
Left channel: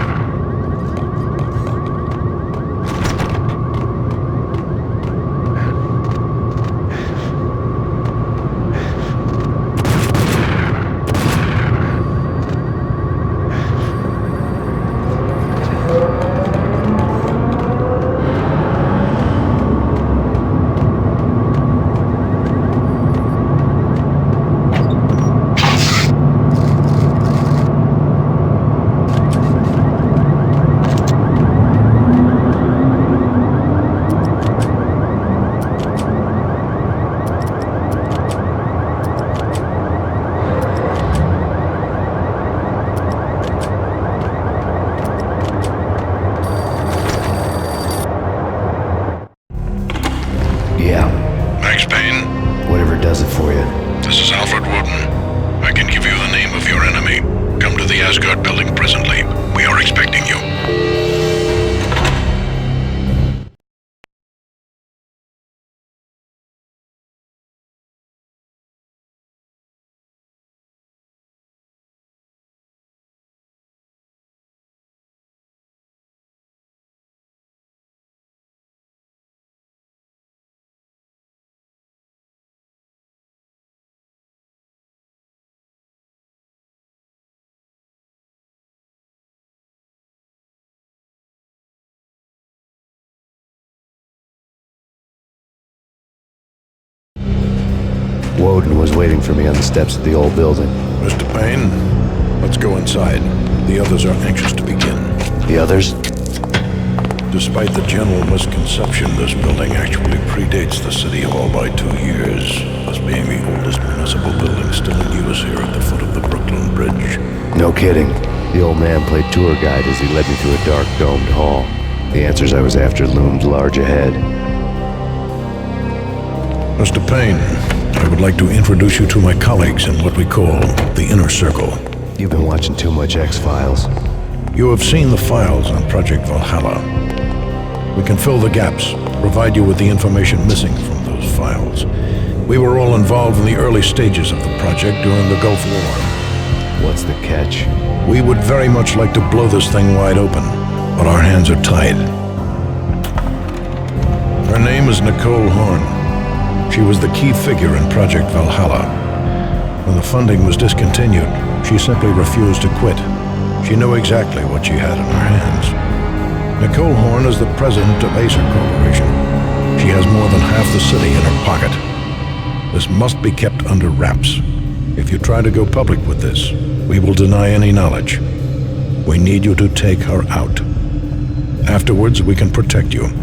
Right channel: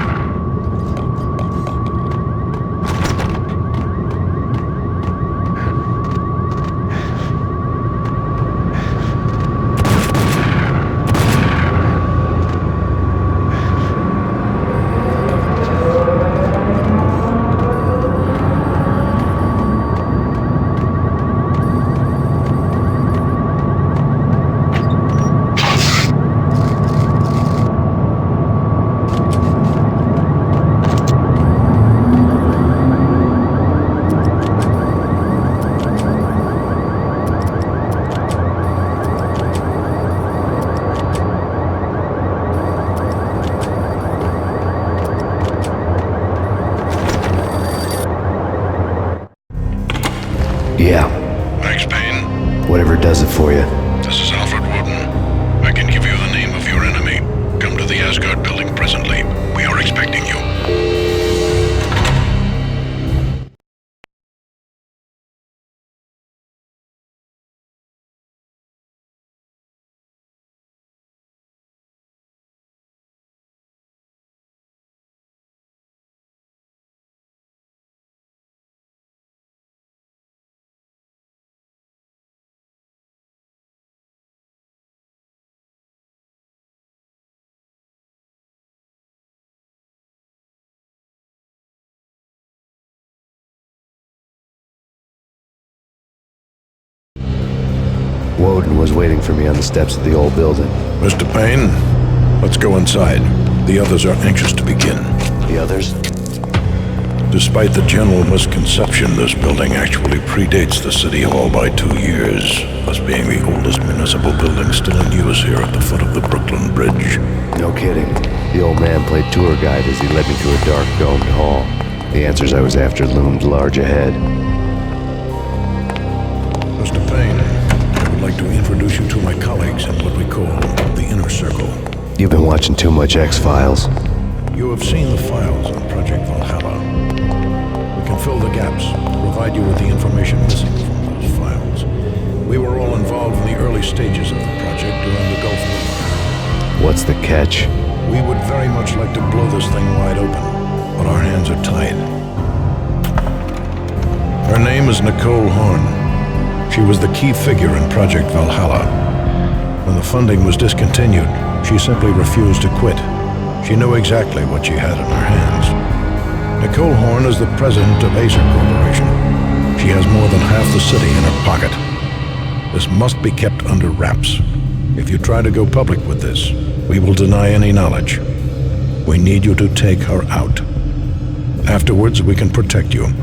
Yeah. Max Payne? Whatever does it for you. This is Alfred Woden. I can give you the name of your enemy. Come to the Asgard building presently. We are expecting you. Woden was waiting for me on the steps of the old building. Mr. Payne, let's go inside. The others are anxious to begin. The others? Despite the general misconception, this building actually predates the City Hall by 2 years, thus being the oldest municipal building still in use here at the foot of the Brooklyn Bridge. No kidding. The old man played tour guide as he led me through a dark domed hall. The answers I was after loomed large ahead. Mr. Payne, I would like to introduce you to my colleagues in what we call the Inner Circle. You've been watching too much X-Files. You have seen the files on Project Valhalla. We can fill the gaps, provide you with the information missing from those files. We were all involved in the early stages of the project during the Gulf War. What's the catch? We would very much like to blow this thing wide open, but our hands are tied. Her name is Nicole Horn. She was the key figure in Project Valhalla. When the funding was discontinued, she simply refused to quit. She knew exactly what she had in her hands. Nicole Horn is the president of Acer Corporation. She has more than half the city in her pocket. This must be kept under wraps. If you try to go public with this, we will deny any knowledge. We need you to take her out. Afterwards, we can protect you.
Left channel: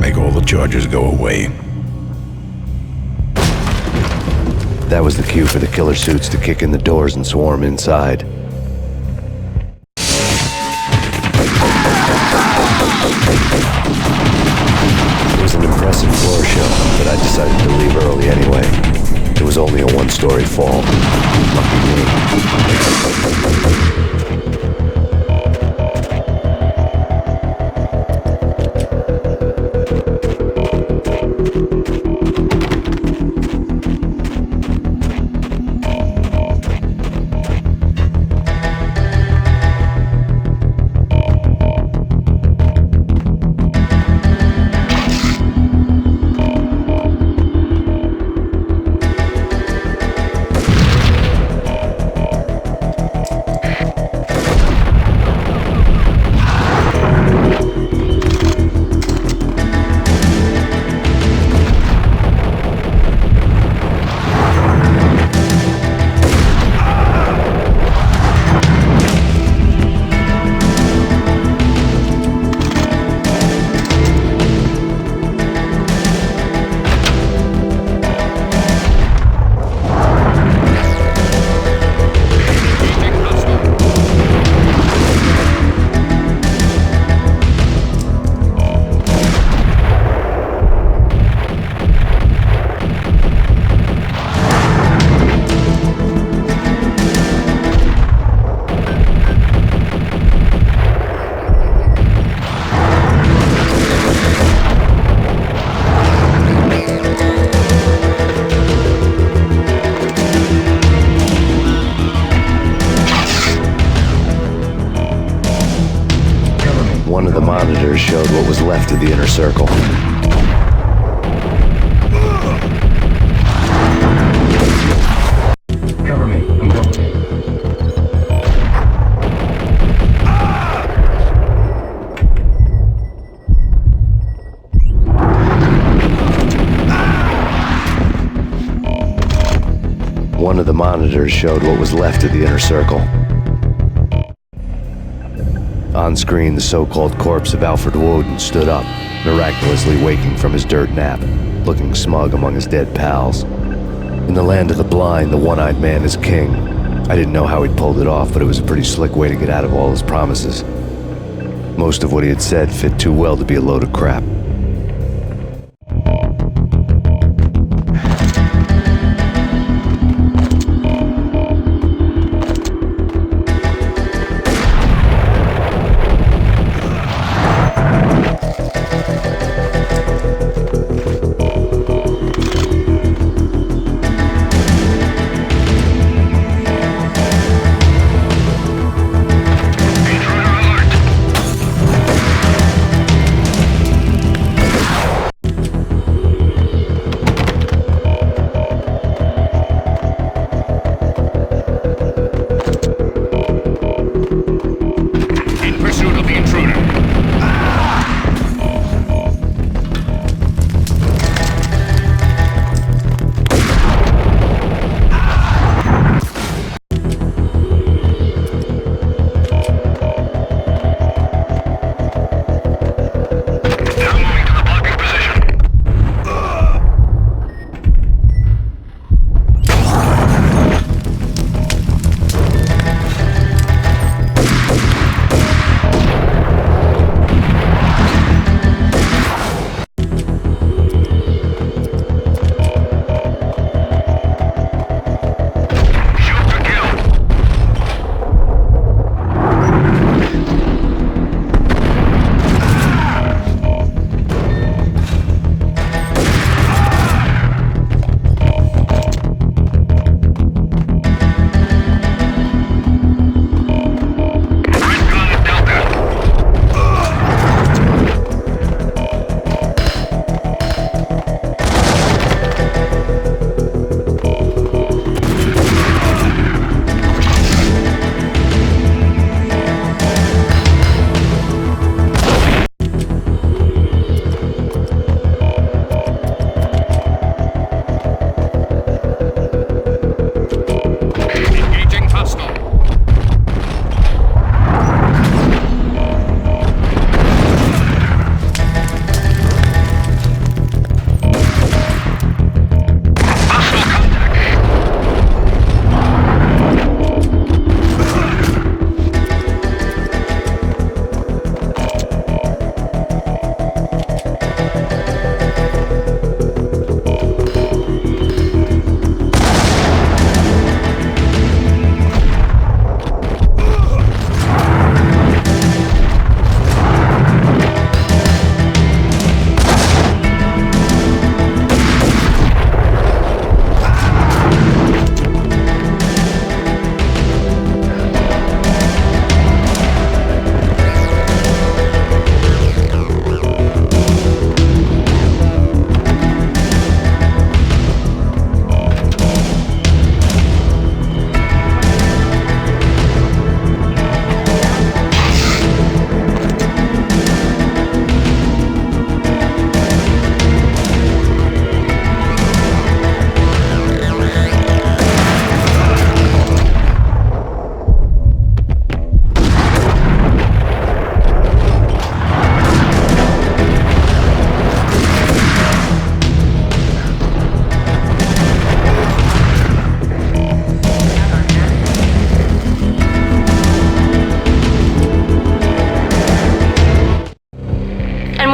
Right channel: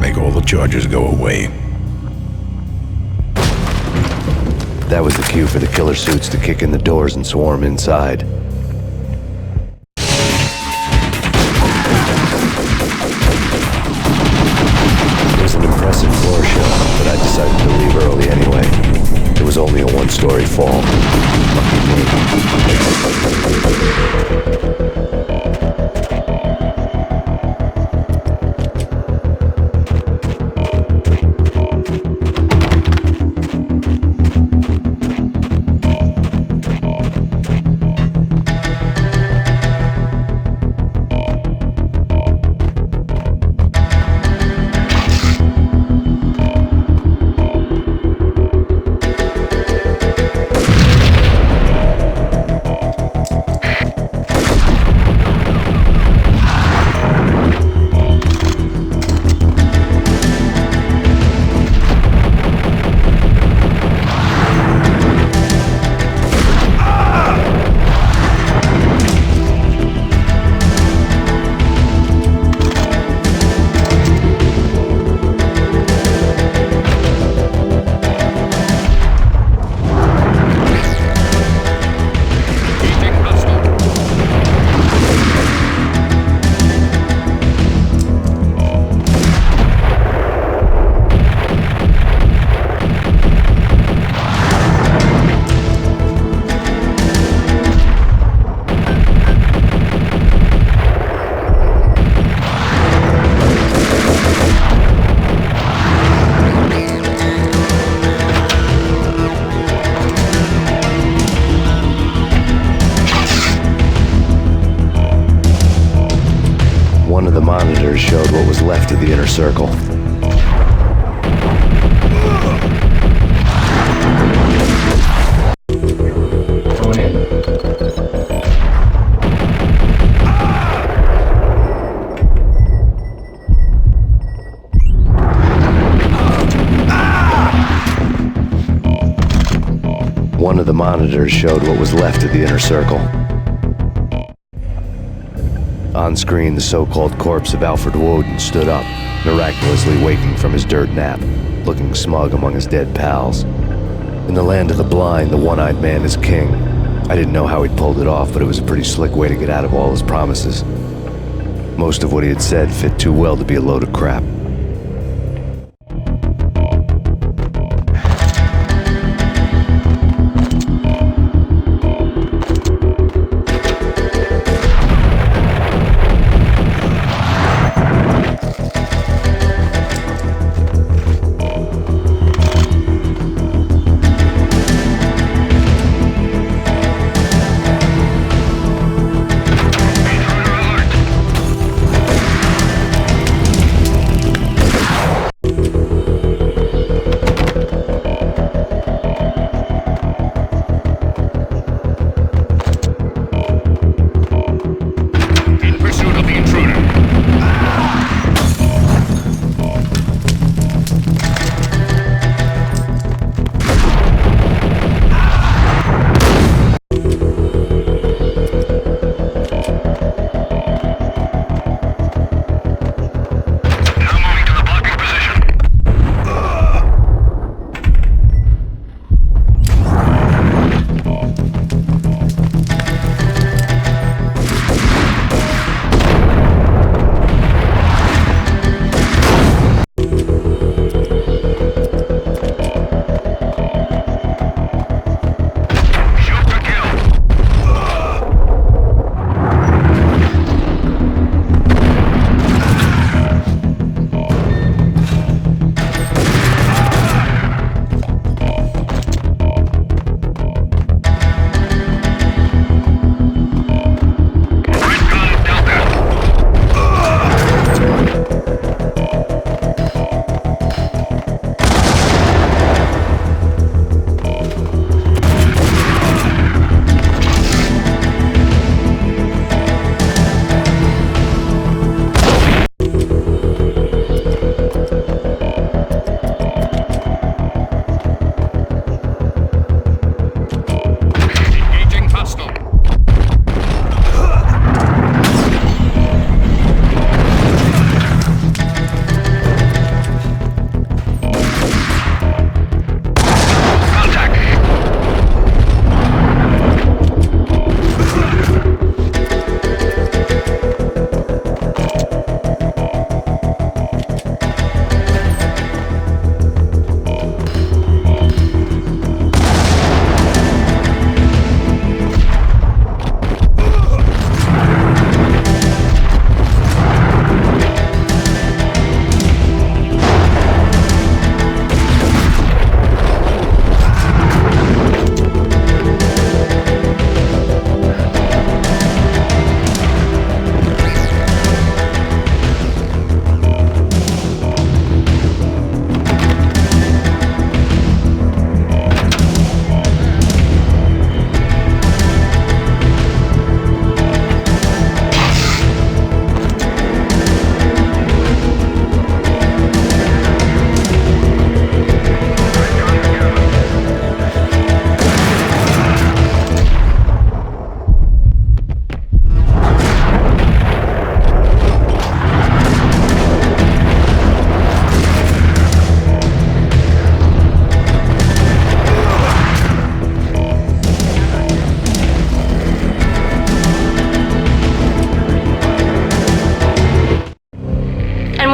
Make all the charges go away. That was the cue for the killer suits to kick in the doors and swarm inside. It was an impressive floor show, but I decided to leave early anyway. It was only a one-story fall. Lucky me. monitors showed what was left of the inner circle. Cover me. I'm going in. One of the monitors showed what was left of the inner circle. On screen, the so-called corpse of Alfred Woden stood up, miraculously waking from his dirt nap, looking smug among his dead pals. In the land of the blind, the one-eyed man is king. I didn't know how he'd pulled it off, but it was a pretty slick way to get out of all his promises. Most of what he had said fit too well to be a load of crap.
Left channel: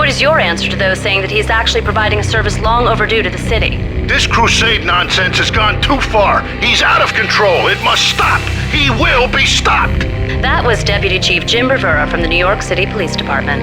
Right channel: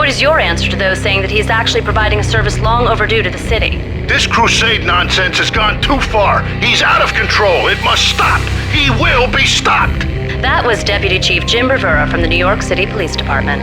What is your answer to those saying that he is actually providing a service long overdue to the city? This crusade nonsense has gone too far. He's out of control. It must stop. He will be stopped. That was Deputy Chief Jim Rivera from the New York City Police Department.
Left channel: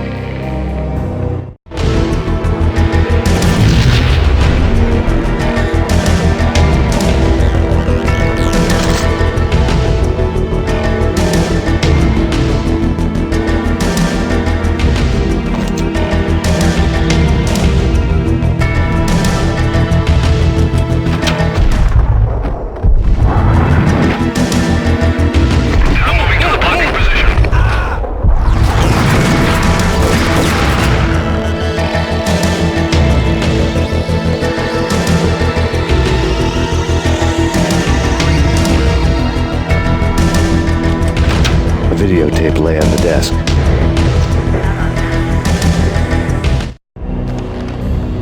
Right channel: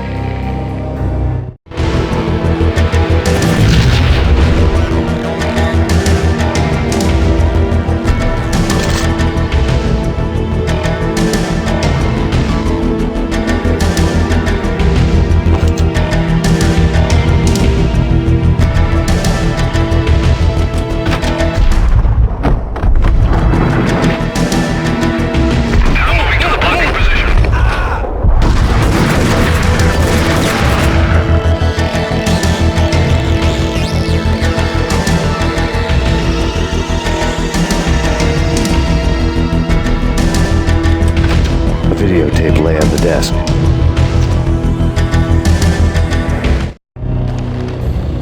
videotape lay on the desk.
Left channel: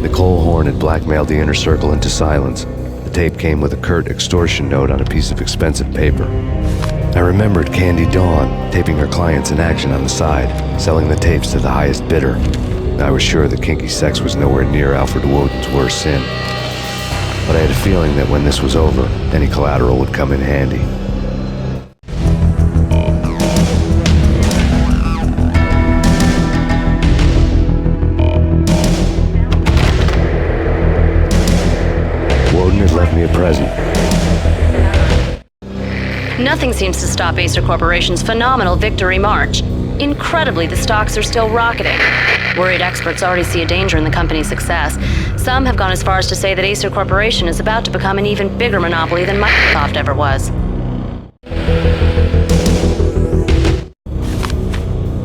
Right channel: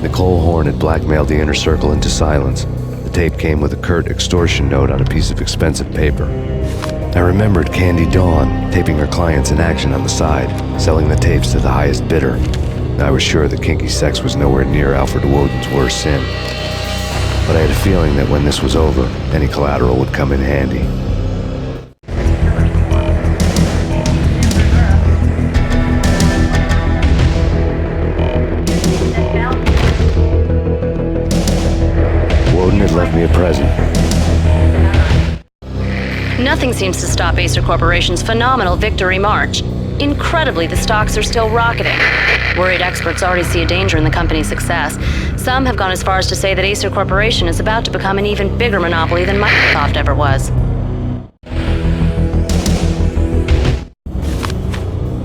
Nicole Horn had blackmailed the inner circle into silence. The tape came with a curt extortion note on a piece of expensive paper. I remembered Candy Dawn taping her clients in action on the side, selling the tapes to the highest bidder. I was sure that kinky sex was nowhere near Alfred Woden's worst sin. But I had a feeling that when this was over, any collateral would come in handy. Woden had left me a present. Nothing seems to stop Acer Corporation's phenomenal victory march. Incredibly, the stocks are still rocketing. Worried experts already see a danger in the company's success. Some have gone as far as to say that Acer Corporation is about to become an even bigger monopoly than Microsoft ever was.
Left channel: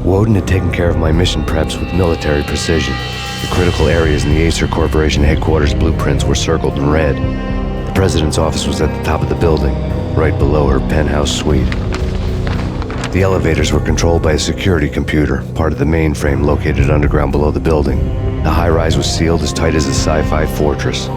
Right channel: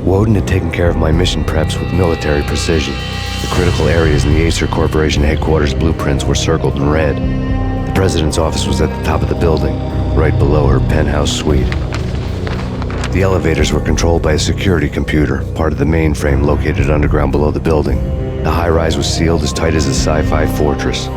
Woden had taken care of my mission preps with military precision. The critical areas in the Acer Corporation headquarters blueprints were circled in red. The president's office was at the top of the building, right below her penthouse suite. The elevators were controlled by a security computer, part of the mainframe located underground below the building. The high-rise was sealed as tight as a sci-fi fortress.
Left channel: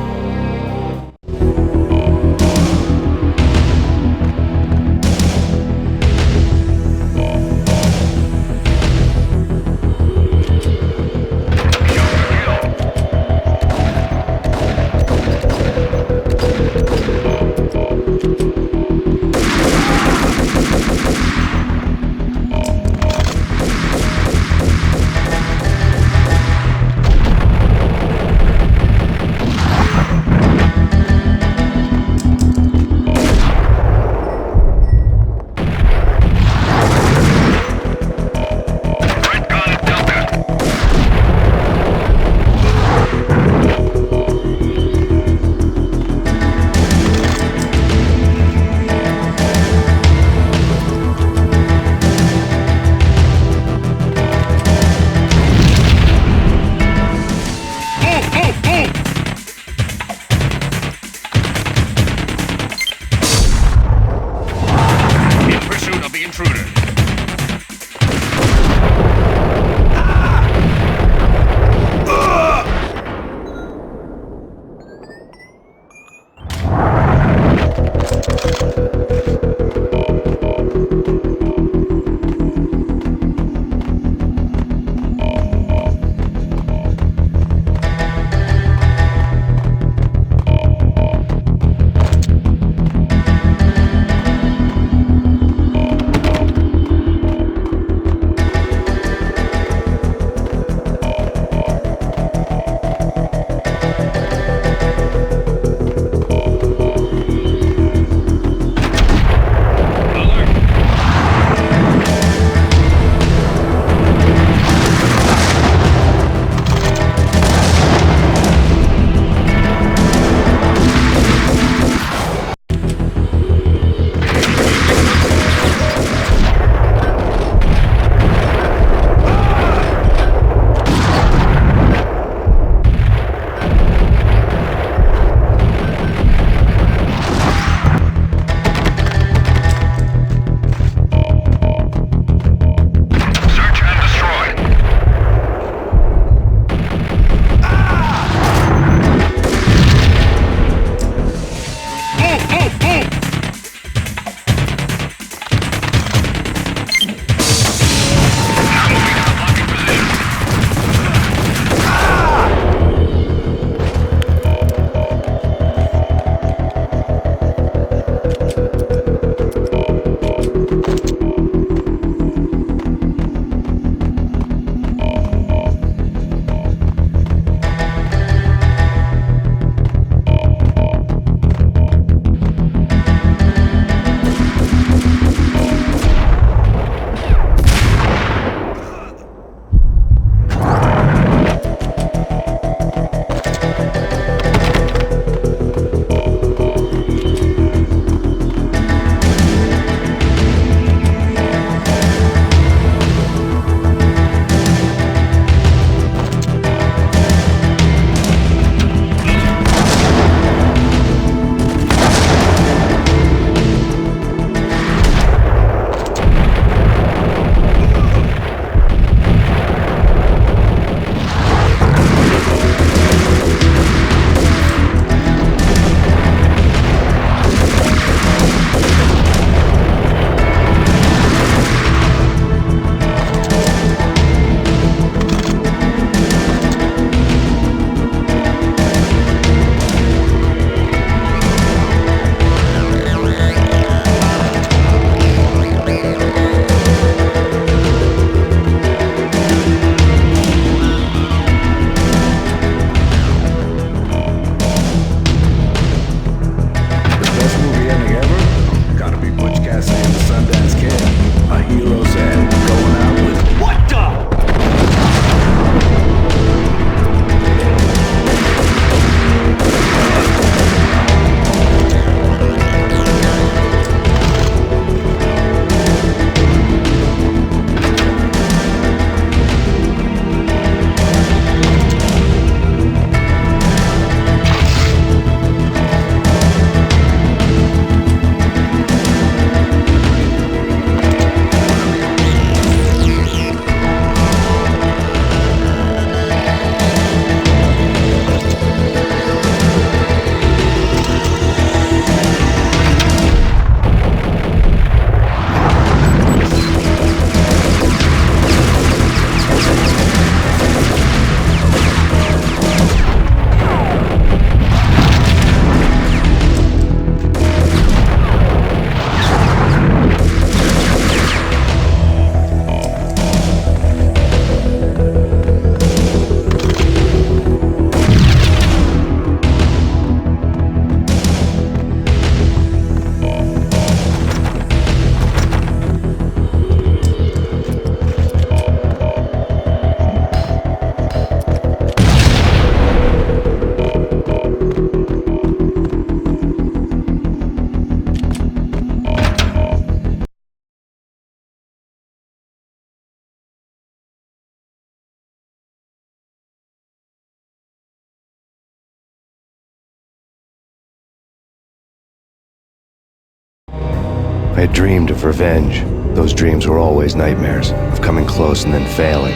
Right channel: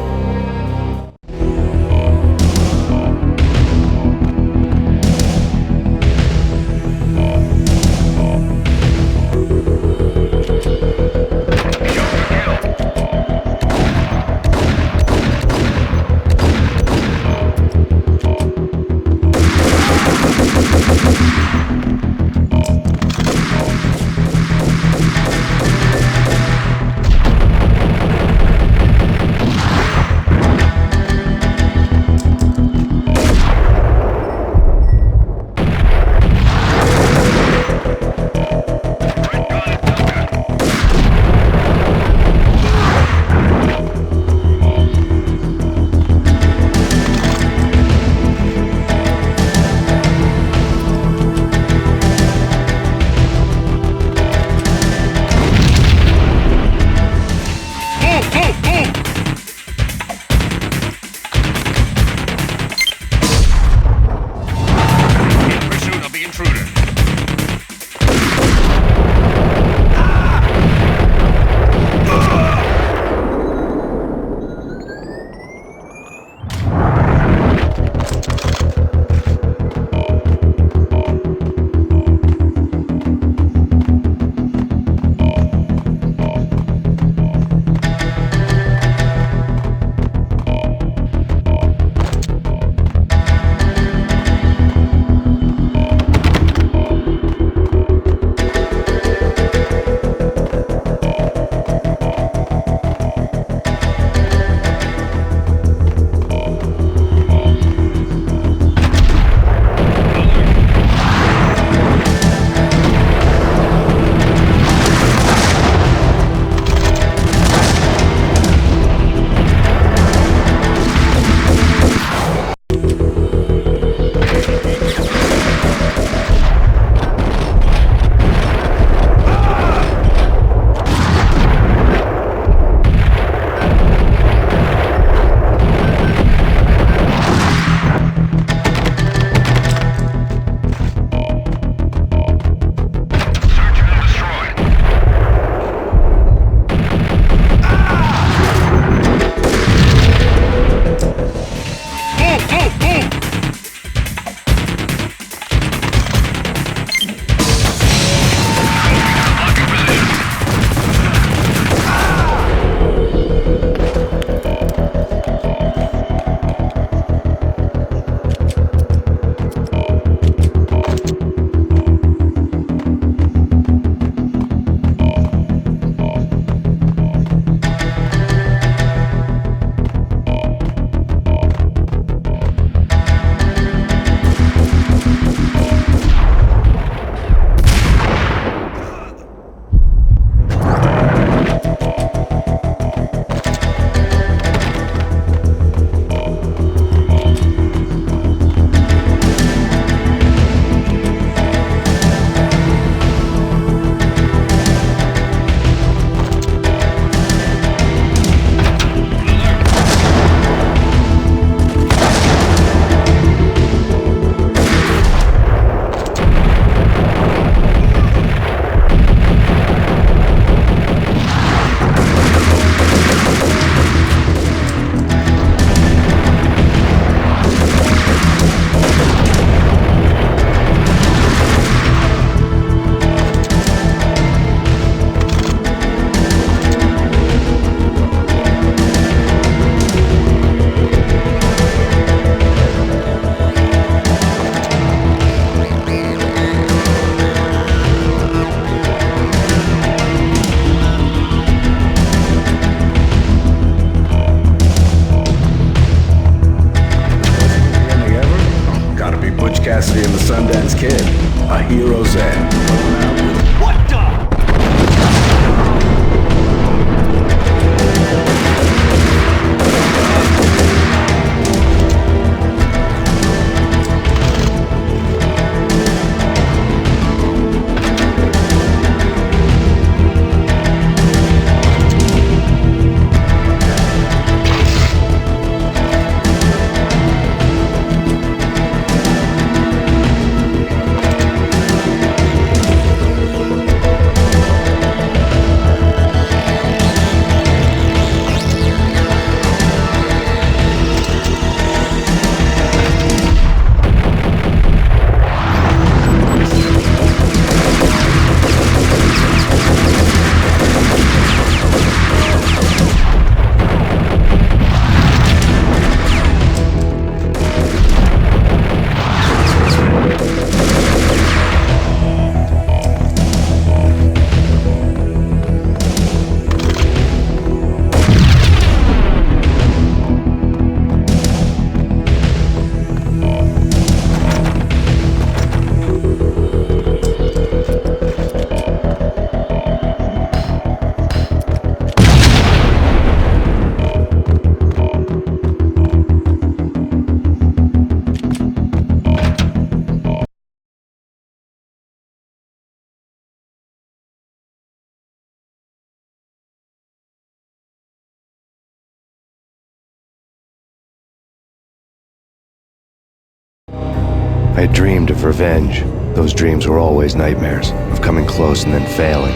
I had dreamed of revenge. Those dreams were always nightmares, of coming close and then failing.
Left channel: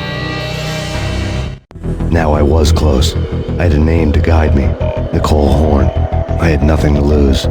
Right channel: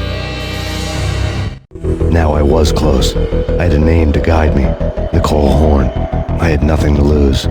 Now I was close. I had a name to guide me, Nicole Horn. I had nothing to lose.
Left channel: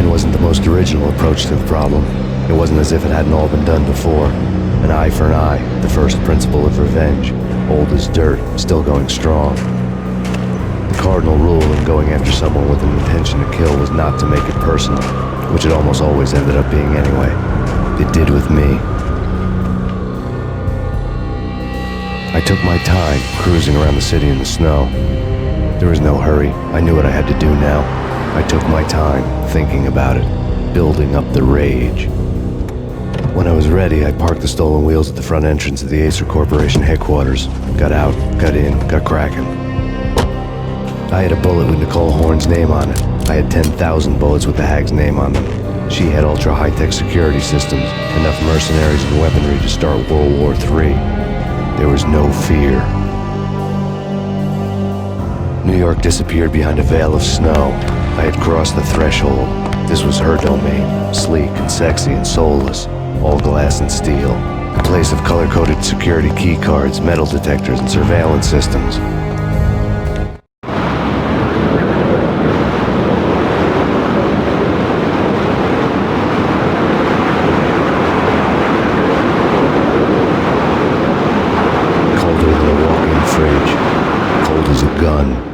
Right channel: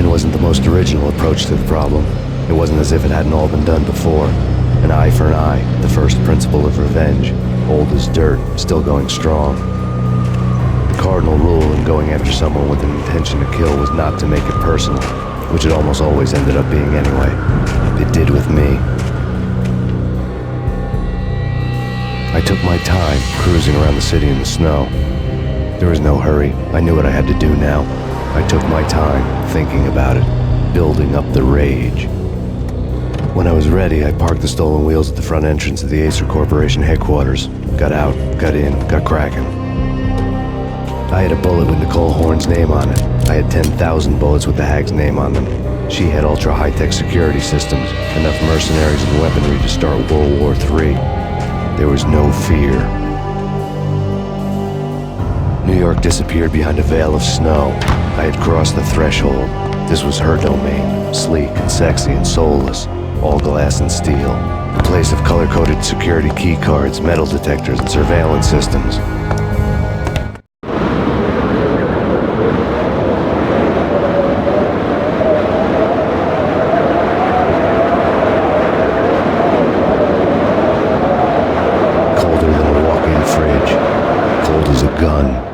Mine wasn't the most original approach to the problem. It wasn't as if it hadn't all been done before. An eye for an eye, the first principle of revenge. Old as dirt, still going strong. The cardinal rule in going after someone with an intention to kill was not to make it personal, which it almost always ended up being anyway. It did with me. I took my time, cruising around the city in the snow. There was no hurry. I knew what I had to do now. I took my time, thinking about it, building up the rage. When I was ready, I parked the stolen wheels at the front entrance of the Acer Corporation headquarters. Got out, got in, got cracking. I had a bullet with Nicole Horn's name on it. I had 10,000 bullets with the hag's name on them. She had ultra-high-tech security systems, enough mercenaries and weaponry to start World War III. There was no fear. New York disappeared behind a veil of snow. I had crossed the threshold. This was her domain, sleek and sexy and soulless, all glass and steel. A place of color-coded security key cards, metal detectors, and surveillance systems. Colder than a walk-in fridge. Cold as a gun.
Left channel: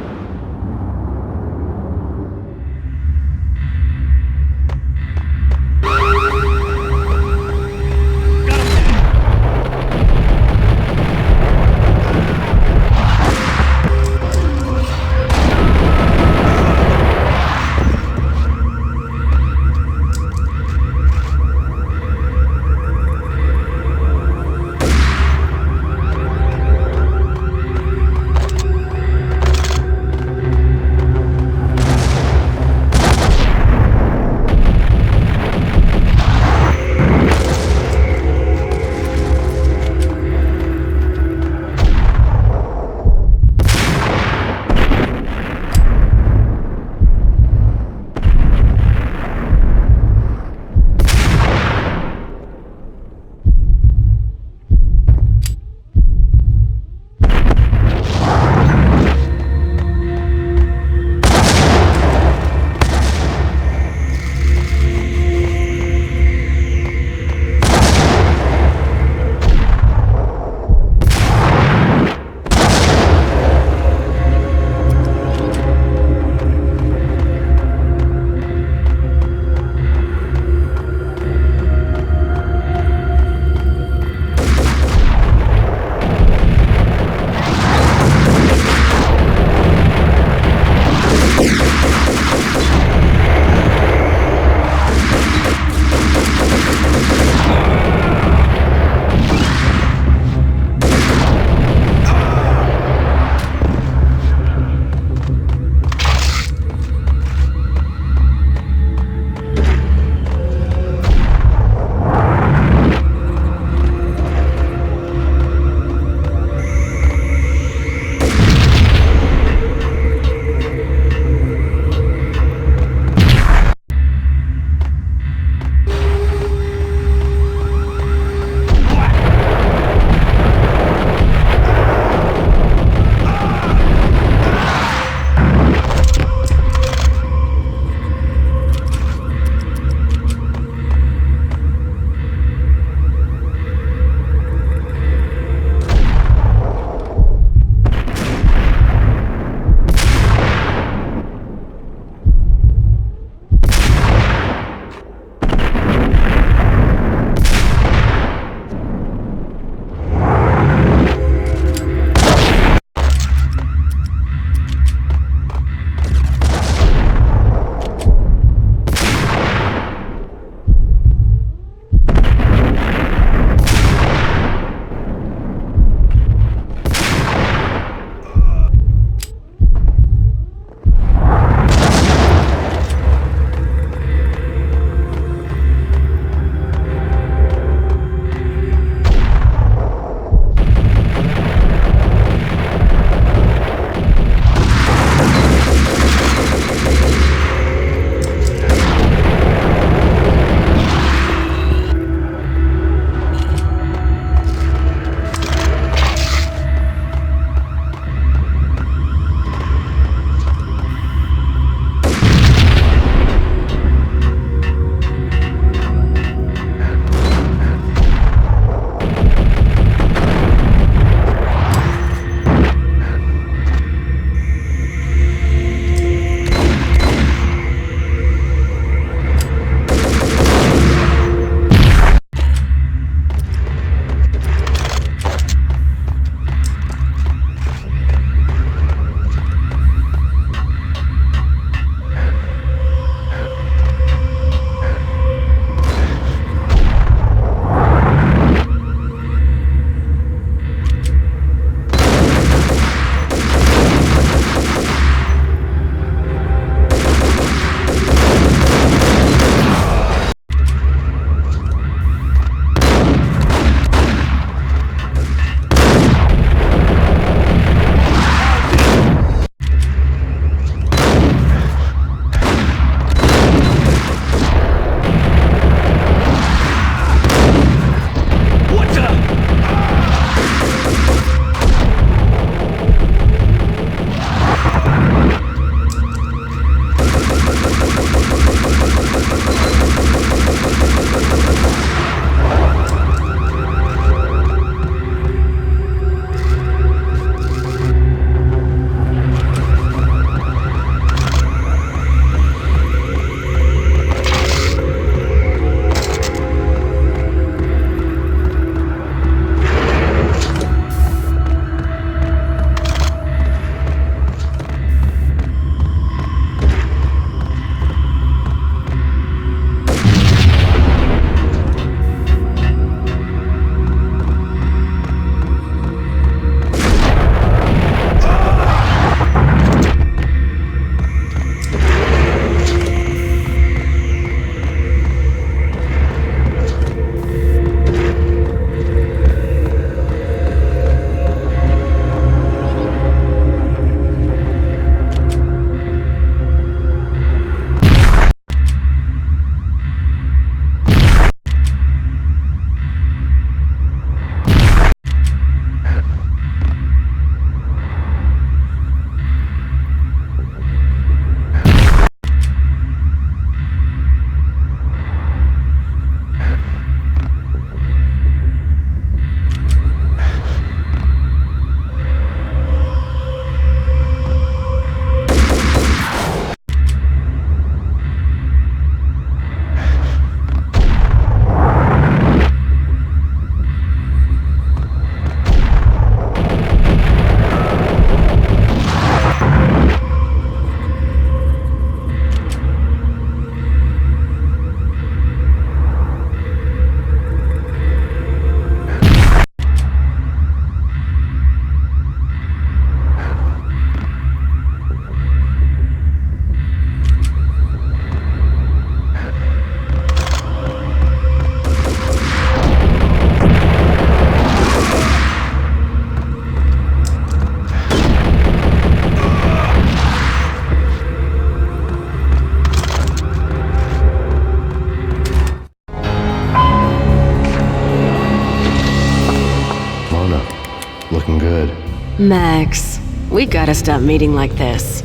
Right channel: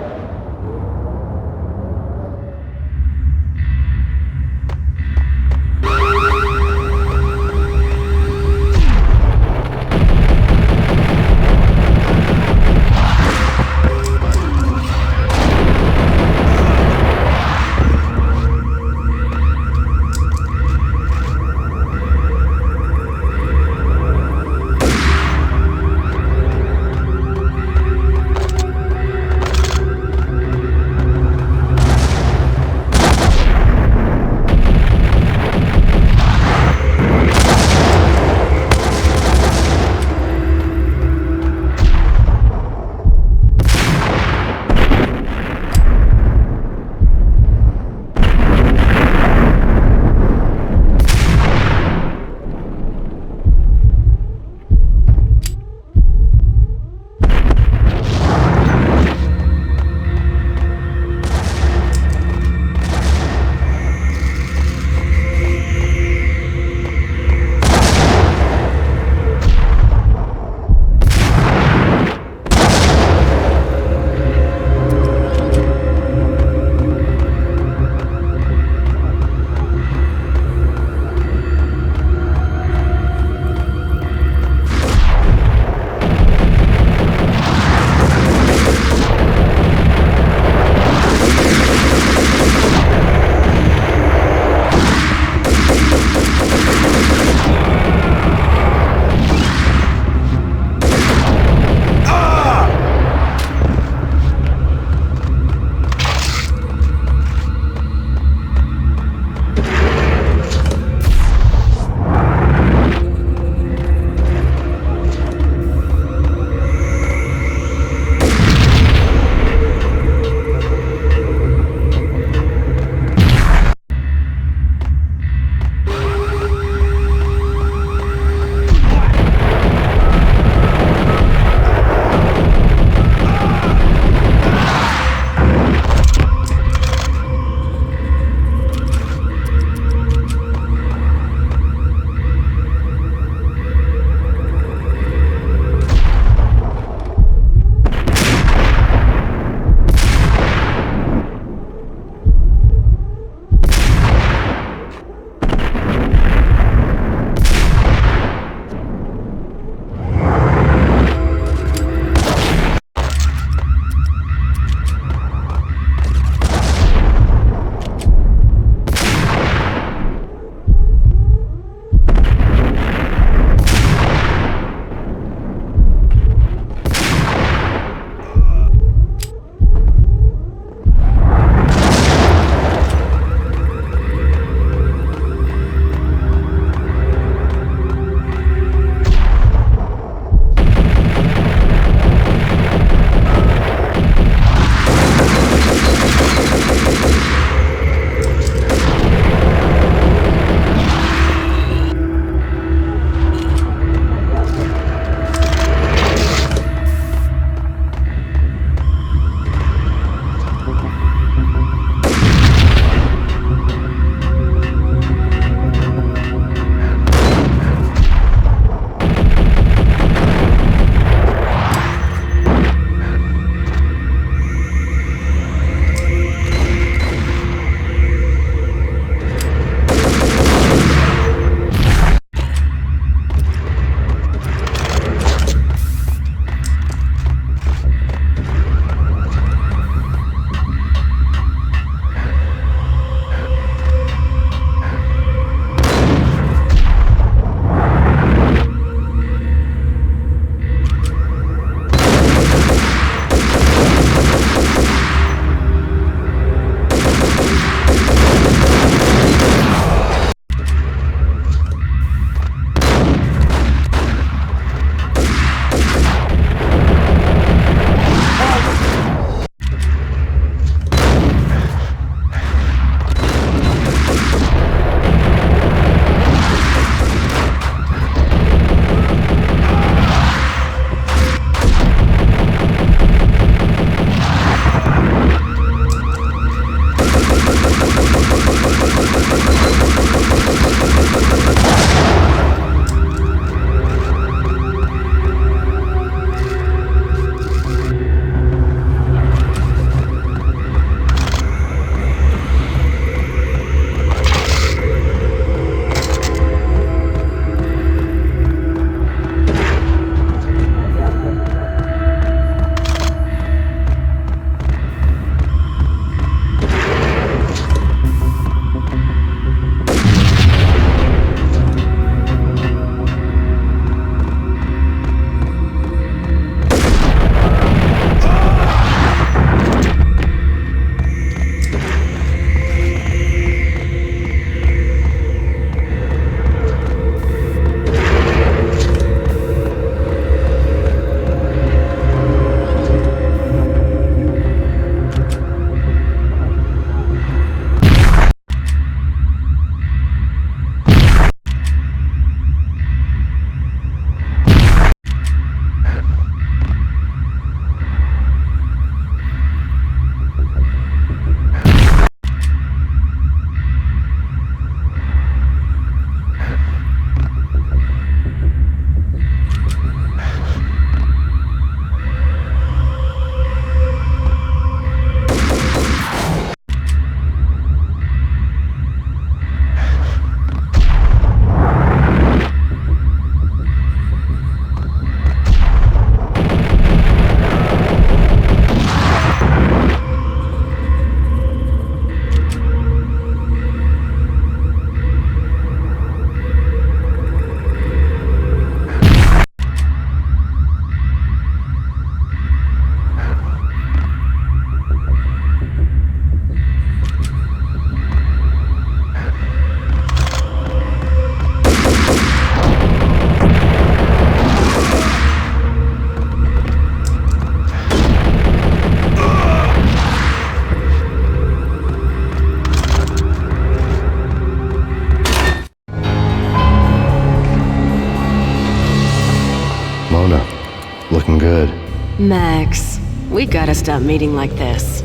Max, we gotta stop meeting like this.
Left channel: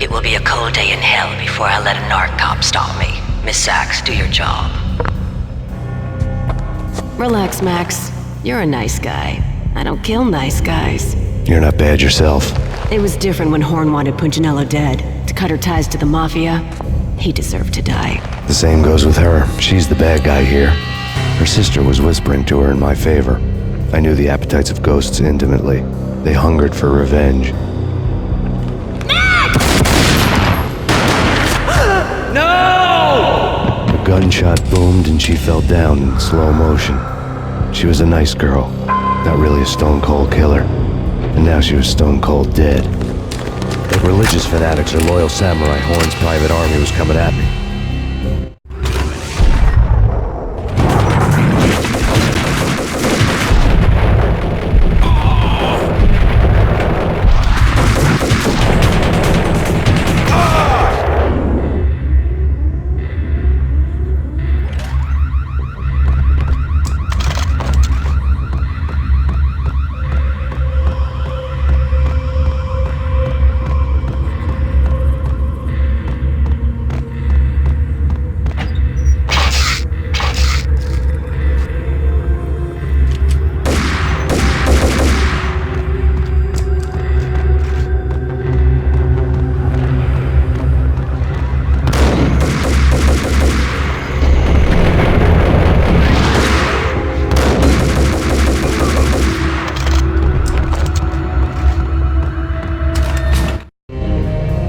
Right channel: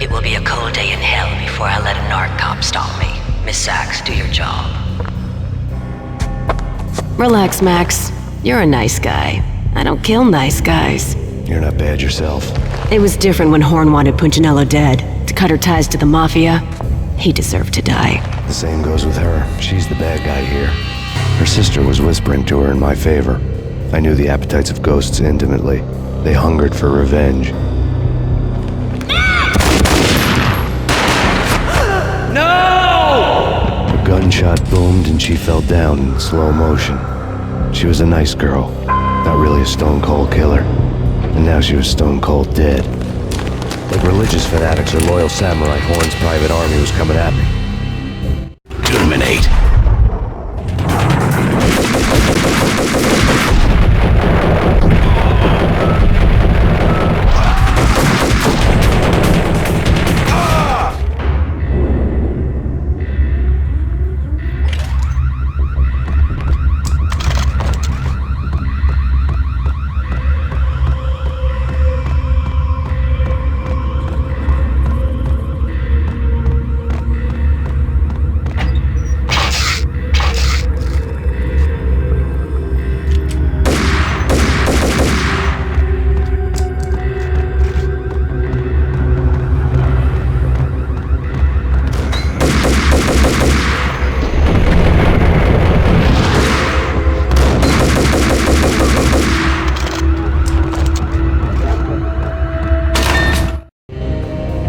It will be a cold day in hell before I let a narc cop stop me. Miss Sachs, do your job. Relax, Max. You're a nice guy. I don't kill nice guys. You're not bad yourself. It was different when Horn wanted Punchinello dead. To cut her ties to the Mafia, he deserved to die. The same goes with her. She's the bad guy here. Her sister was whispering to her in my favor. I knew the appetites of ghosts intimately. They hungered for revenge. No! A gunshot boomed and she fell down in slow motion. She was a nice girl, not really a stone-cold killer. And now she was stone-cold dead. Like religious fanatics or loyal samurai, Horn's private army was coming at me. Terminate.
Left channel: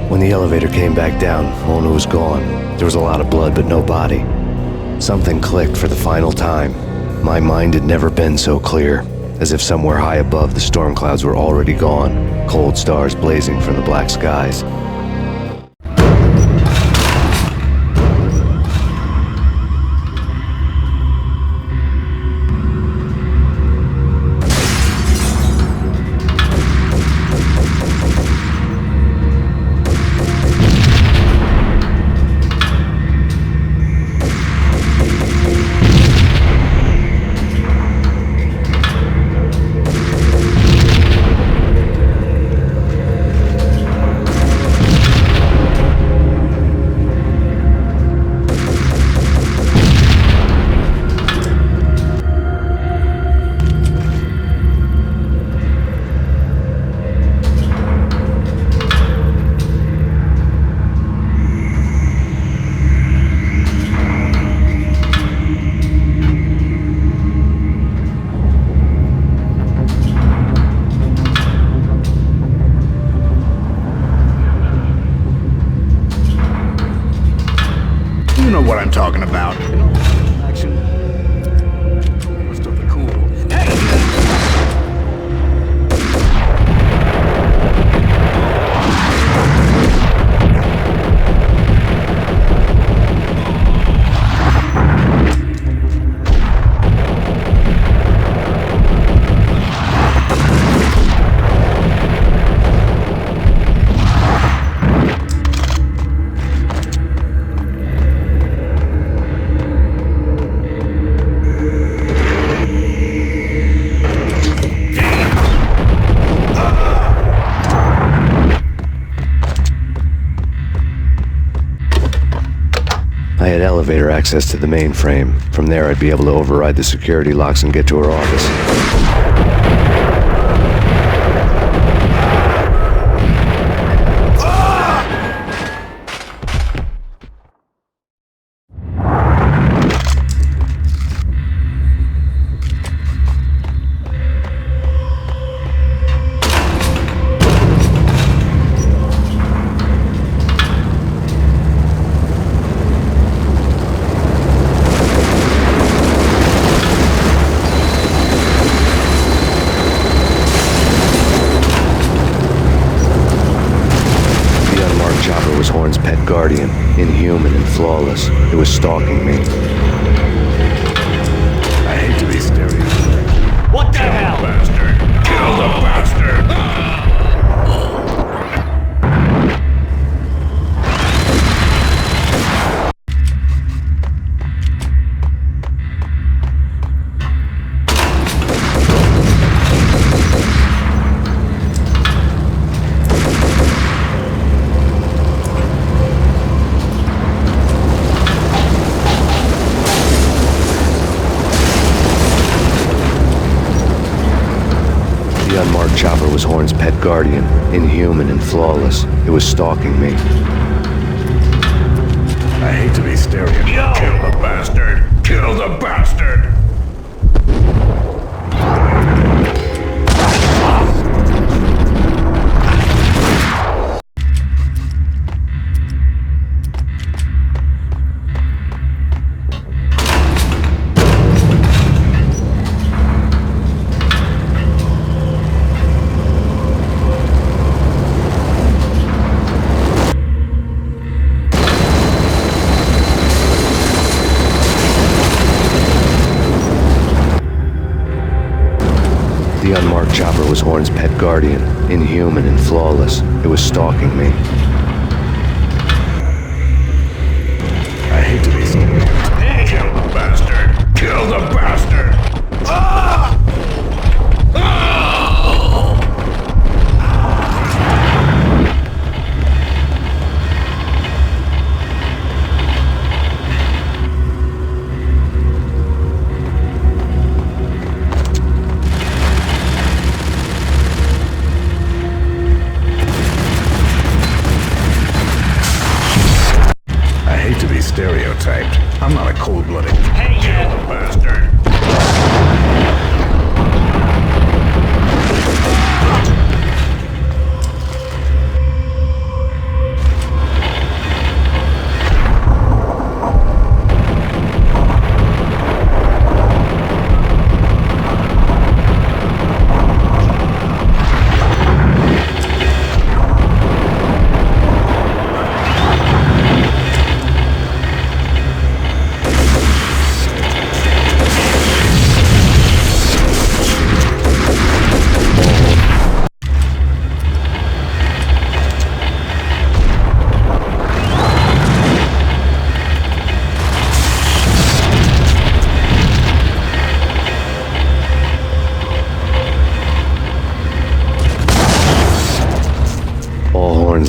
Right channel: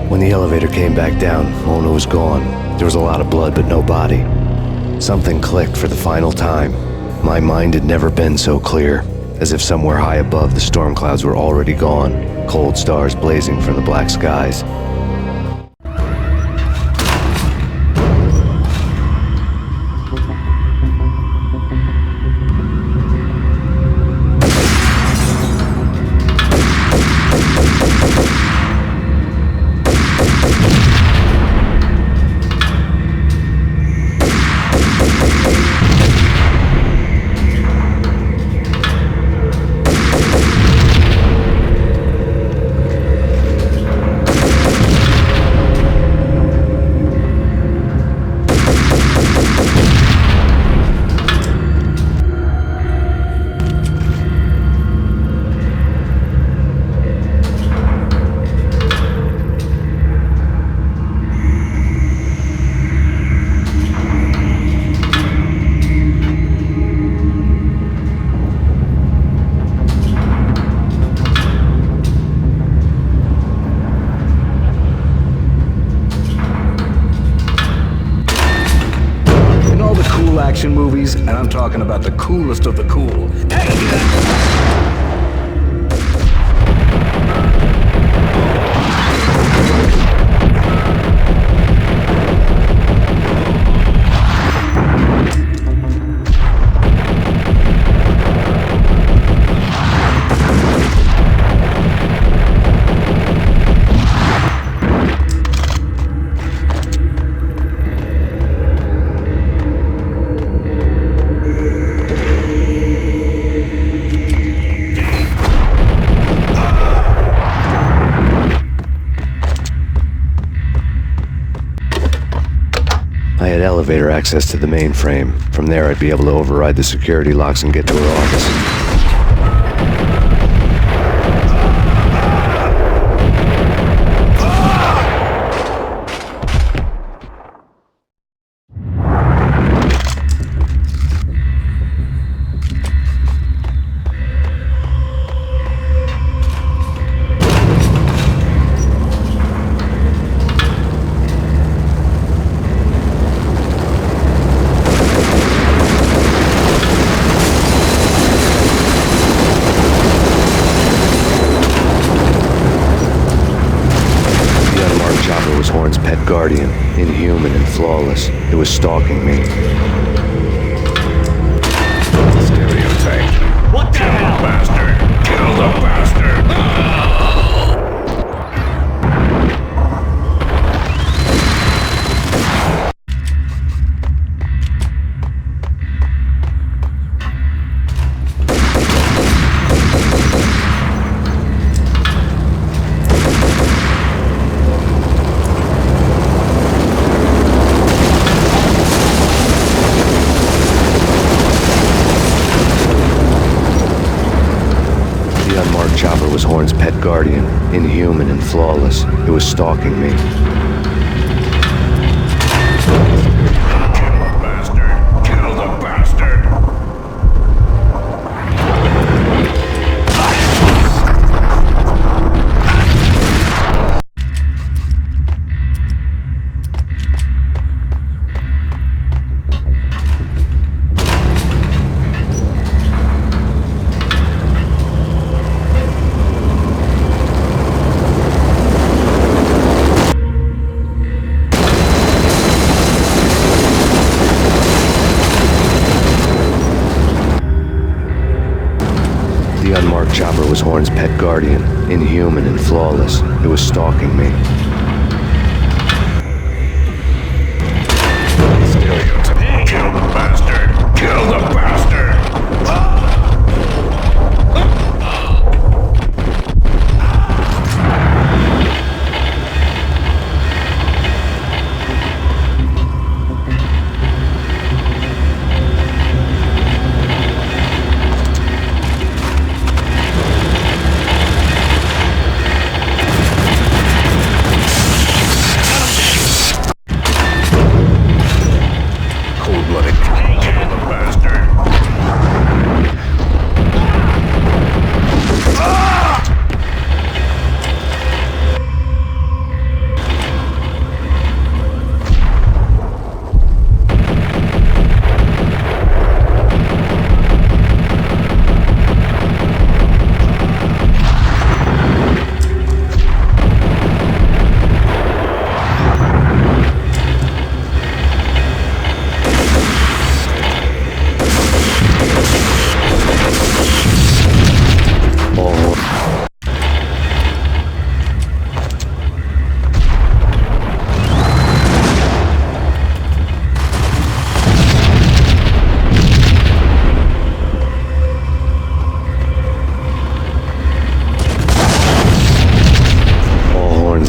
When the elevator came back down, Mona was gone. There was a lot of blood, but no body. Something clicked for the final time. My mind had never been so clear, as if somewhere high above the storm clouds were already gone, cold stars blazing from the black skies. Movies, and I'm talking about the coolest of the cool. I had elevator access to the mainframe. From there, I'd be able to override the security locks and get to her office. Horn's pet guardian, inhuman and flawless. It was stalking me. What the hell? Bastard! Kill the bastard! was Horn's pet guardian, inhuman and flawless. It was stalking me. Kill the bastard! Kill the bastard! The unmarked chopper was Horn's pet guardian, inhuman and flawless. It was stalking me. Kill the bastard! Kill the bastard! Cold-blooded. Kill the bastard!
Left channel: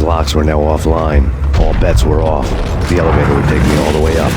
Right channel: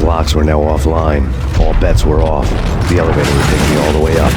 Locks were now offline. All bets were off. The elevator would take me all the way up.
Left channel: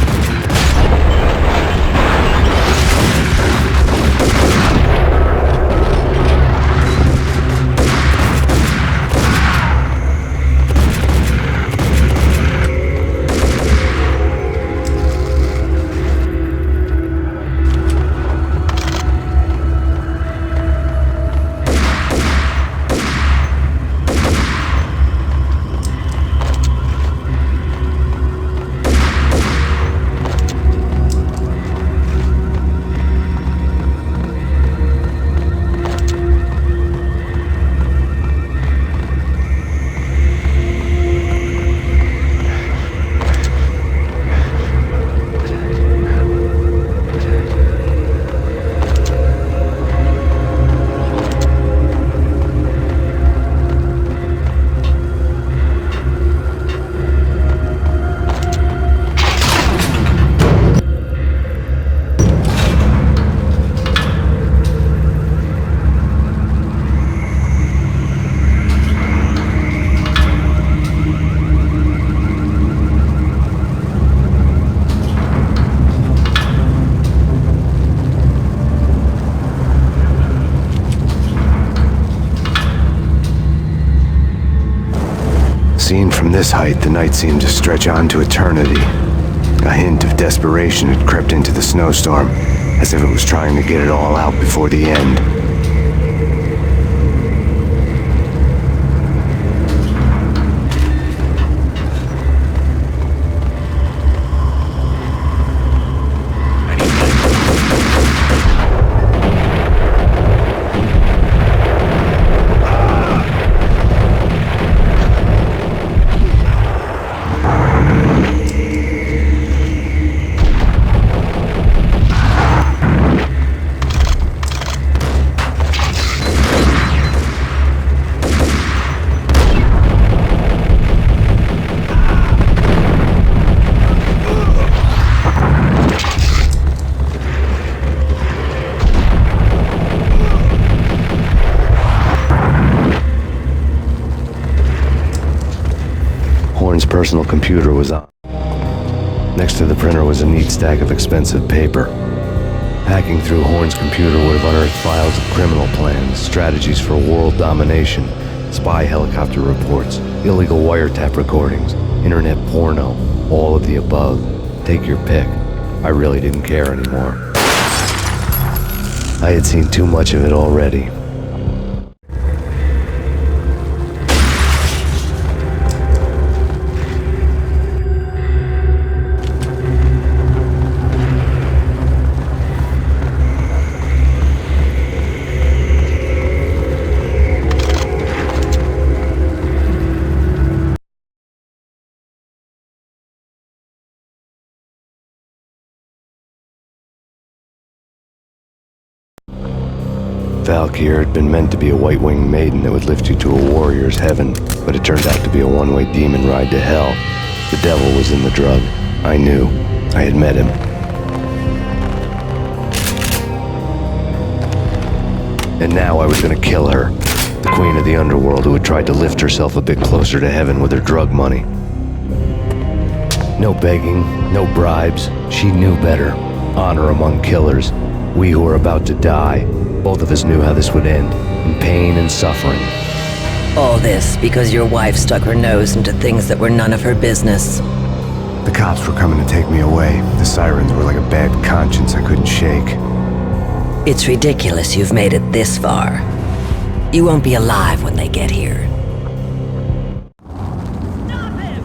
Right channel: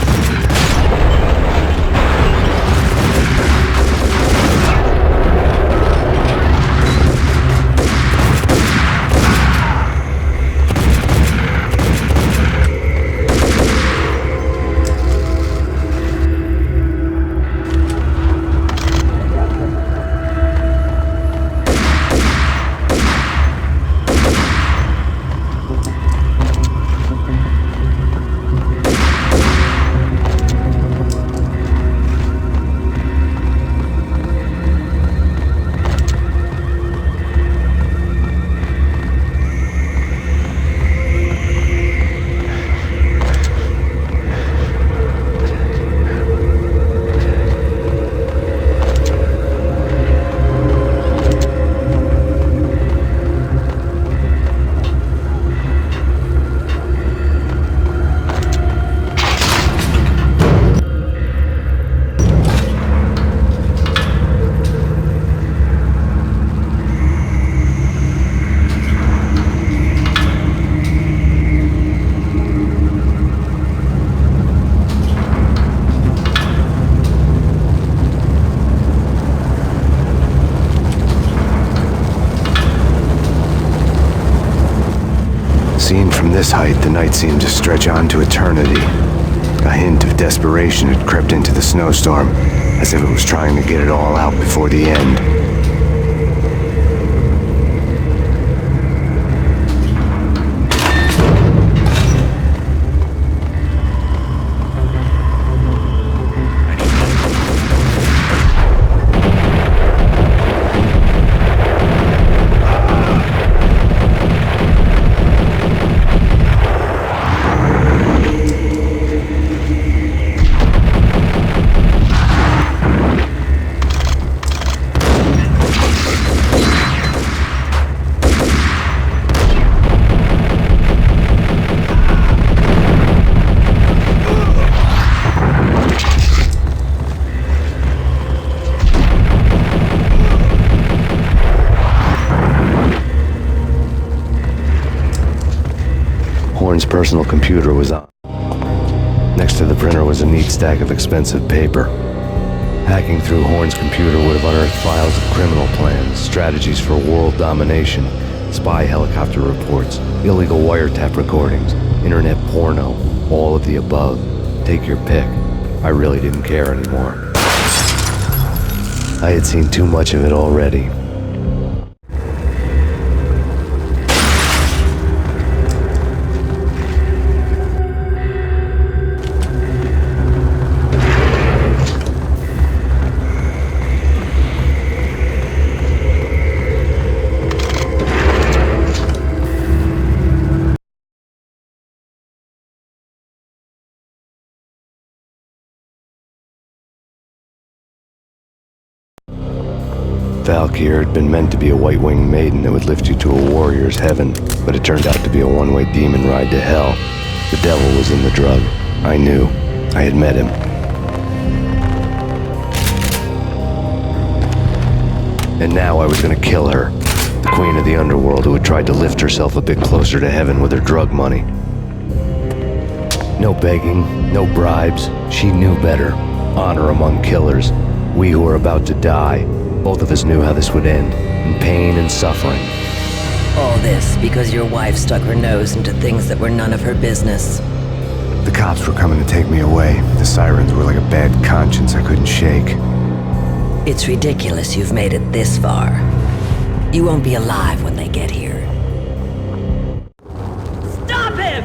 Seen from this height, the night seemed to stretch on to eternity. A hint of desperation had crept into the snowstorm, as if it was trying to get it all out before the end. Horn's personal computer was on. Next to the printer was a neat stack of expensive paper. Hacking through Horn's computer would have unearthed files of criminal plans, strategies for world domination, spy helicopter reports, illegal wiretap recordings, internet porno, all of the above. Take your pick. I really didn't care anymore. I had seen too much of it already. Valkyr had been meant to be a white-winged maiden that would lift you to a warrior's heaven, but it turned out to be a one-way demon ride to hell. The devil was in the drug. I knew. I had met him. And now I was gonna kill her. The queen of the underworld who had tried to lift herself a bit closer to heaven with her drug money. No begging, no bribes. She knew better. Honor among killers. We who were about to die. Both of us knew how this would end, in pain and suffering. All this because your wife stuck her nose into things that were none of her business. The cops were coming to take me away. The sirens were like a bad conscience I couldn't shake. It's ridiculous you've made it this far. You won't be alive when they get here. Stop him!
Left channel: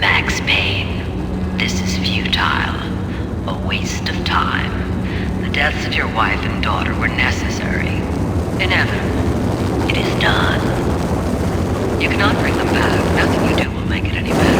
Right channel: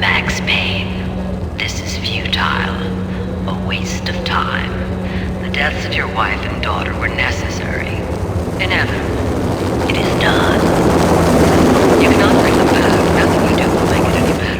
Max Payne, this is futile. A waste of time. The deaths of your wife and daughter were necessary. Inevitable. It is done. You cannot bring them back. Nothing you do will make it any better.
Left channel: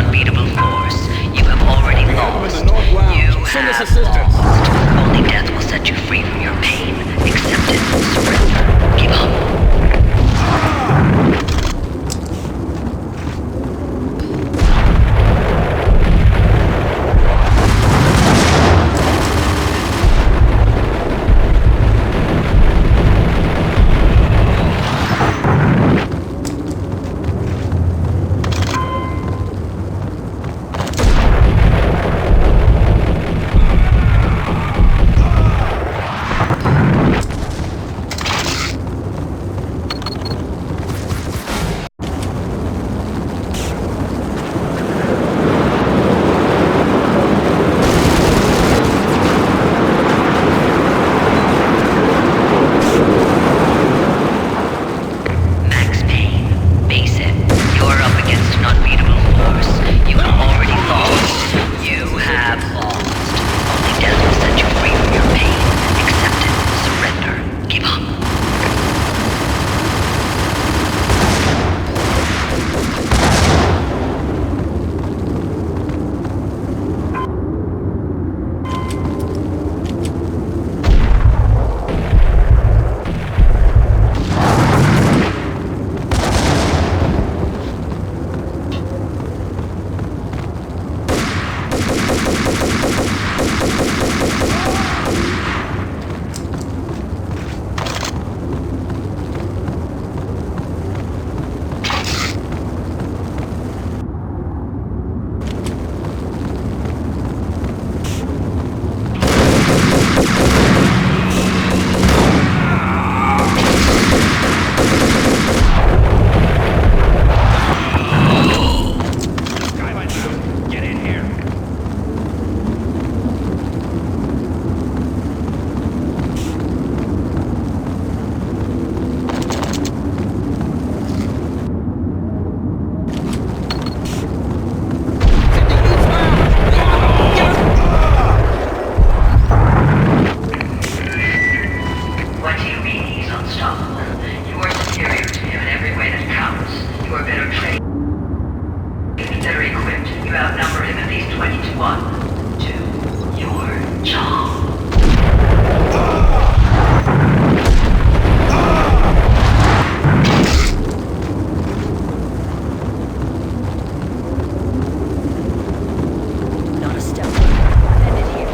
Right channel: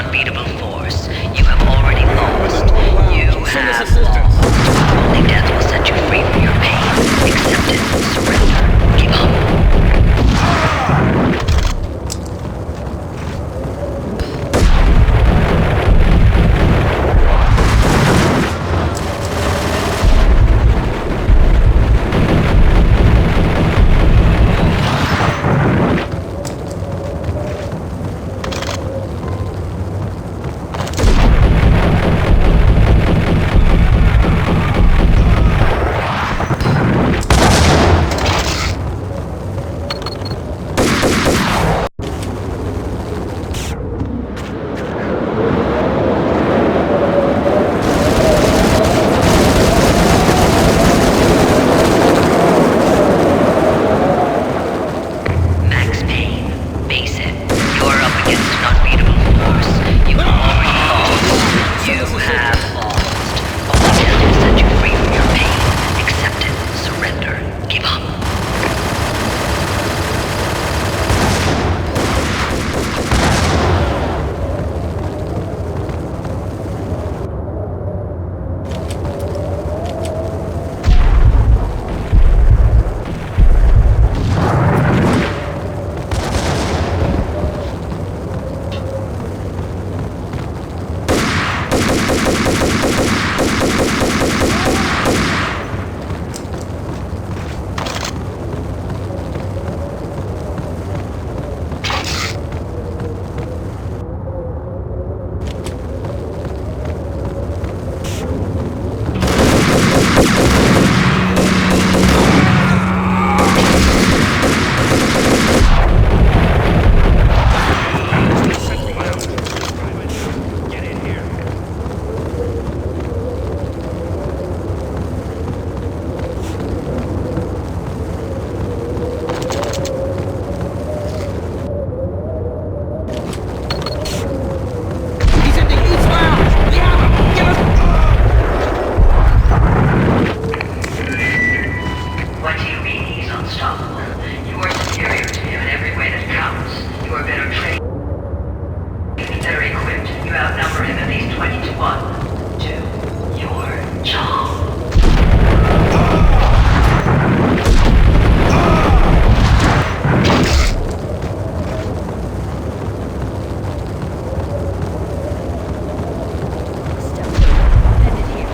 unbeatable force. You have already lost. You have lost. Only death will set you free from your pain. Accept it. Surrender. Give up. Max Payne, face it. You're up against an unbeatable force. You have already lost. You have lost. Only death will set you free from your pain. Accept it. Surrender. Give up. What do you mean he's unstoppable? You are superior to him in every way that counts. You are better trained, better equipped. You outnumber him at least 20 to 1. Do your job. Not a step further. End it here.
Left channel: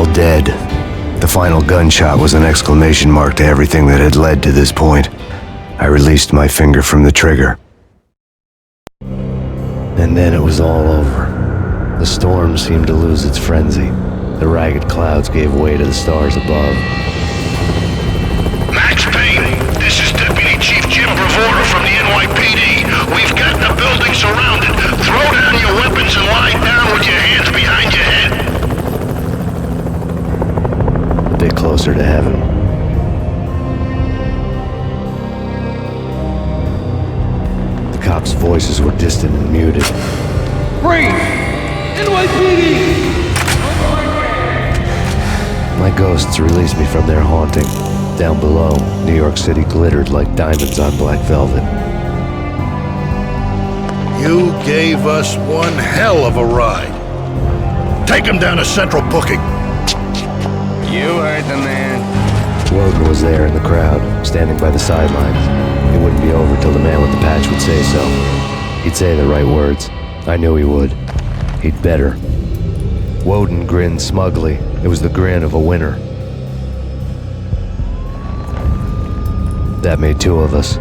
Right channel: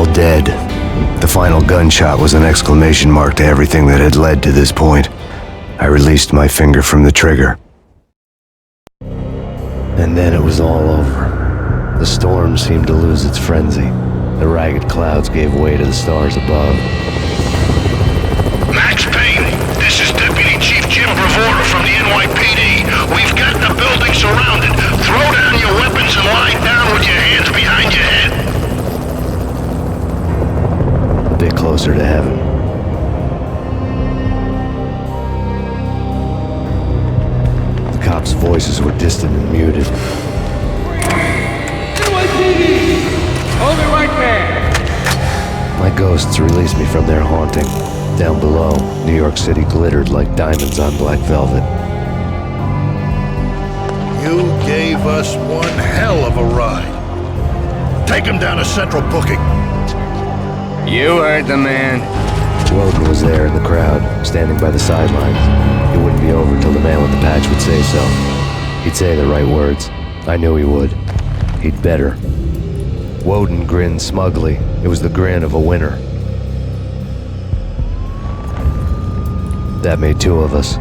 all dead. The final gunshot was an exclamation mark to everything that had led to this point. I released my finger from the trigger. And then it was all over. The storm seemed to lose its frenzy. The ragged clouds gave way to the stars above. Max Payne, this is Deputy Chief Jim Bravura from the NYPD. We've got the building surrounded. Throw down your weapons and lie down with your hands behind your head. A bit closer to heaven. The cops' voices were distant and muted. Freeze! NYPD! Hold it right there! My ghosts released me from their haunting. Down below, New York City glittered like diamonds on black velvet. You gave us one hell of a ride. Take him down to Central Booking. You heard the man. Woden was there in the crowd, standing by the sidelines. It wouldn't be over till the man with the patch would say so. He'd say the right words. I knew he would. He'd better. Woden grinned smugly. It was the grin of a winner. That made two of us.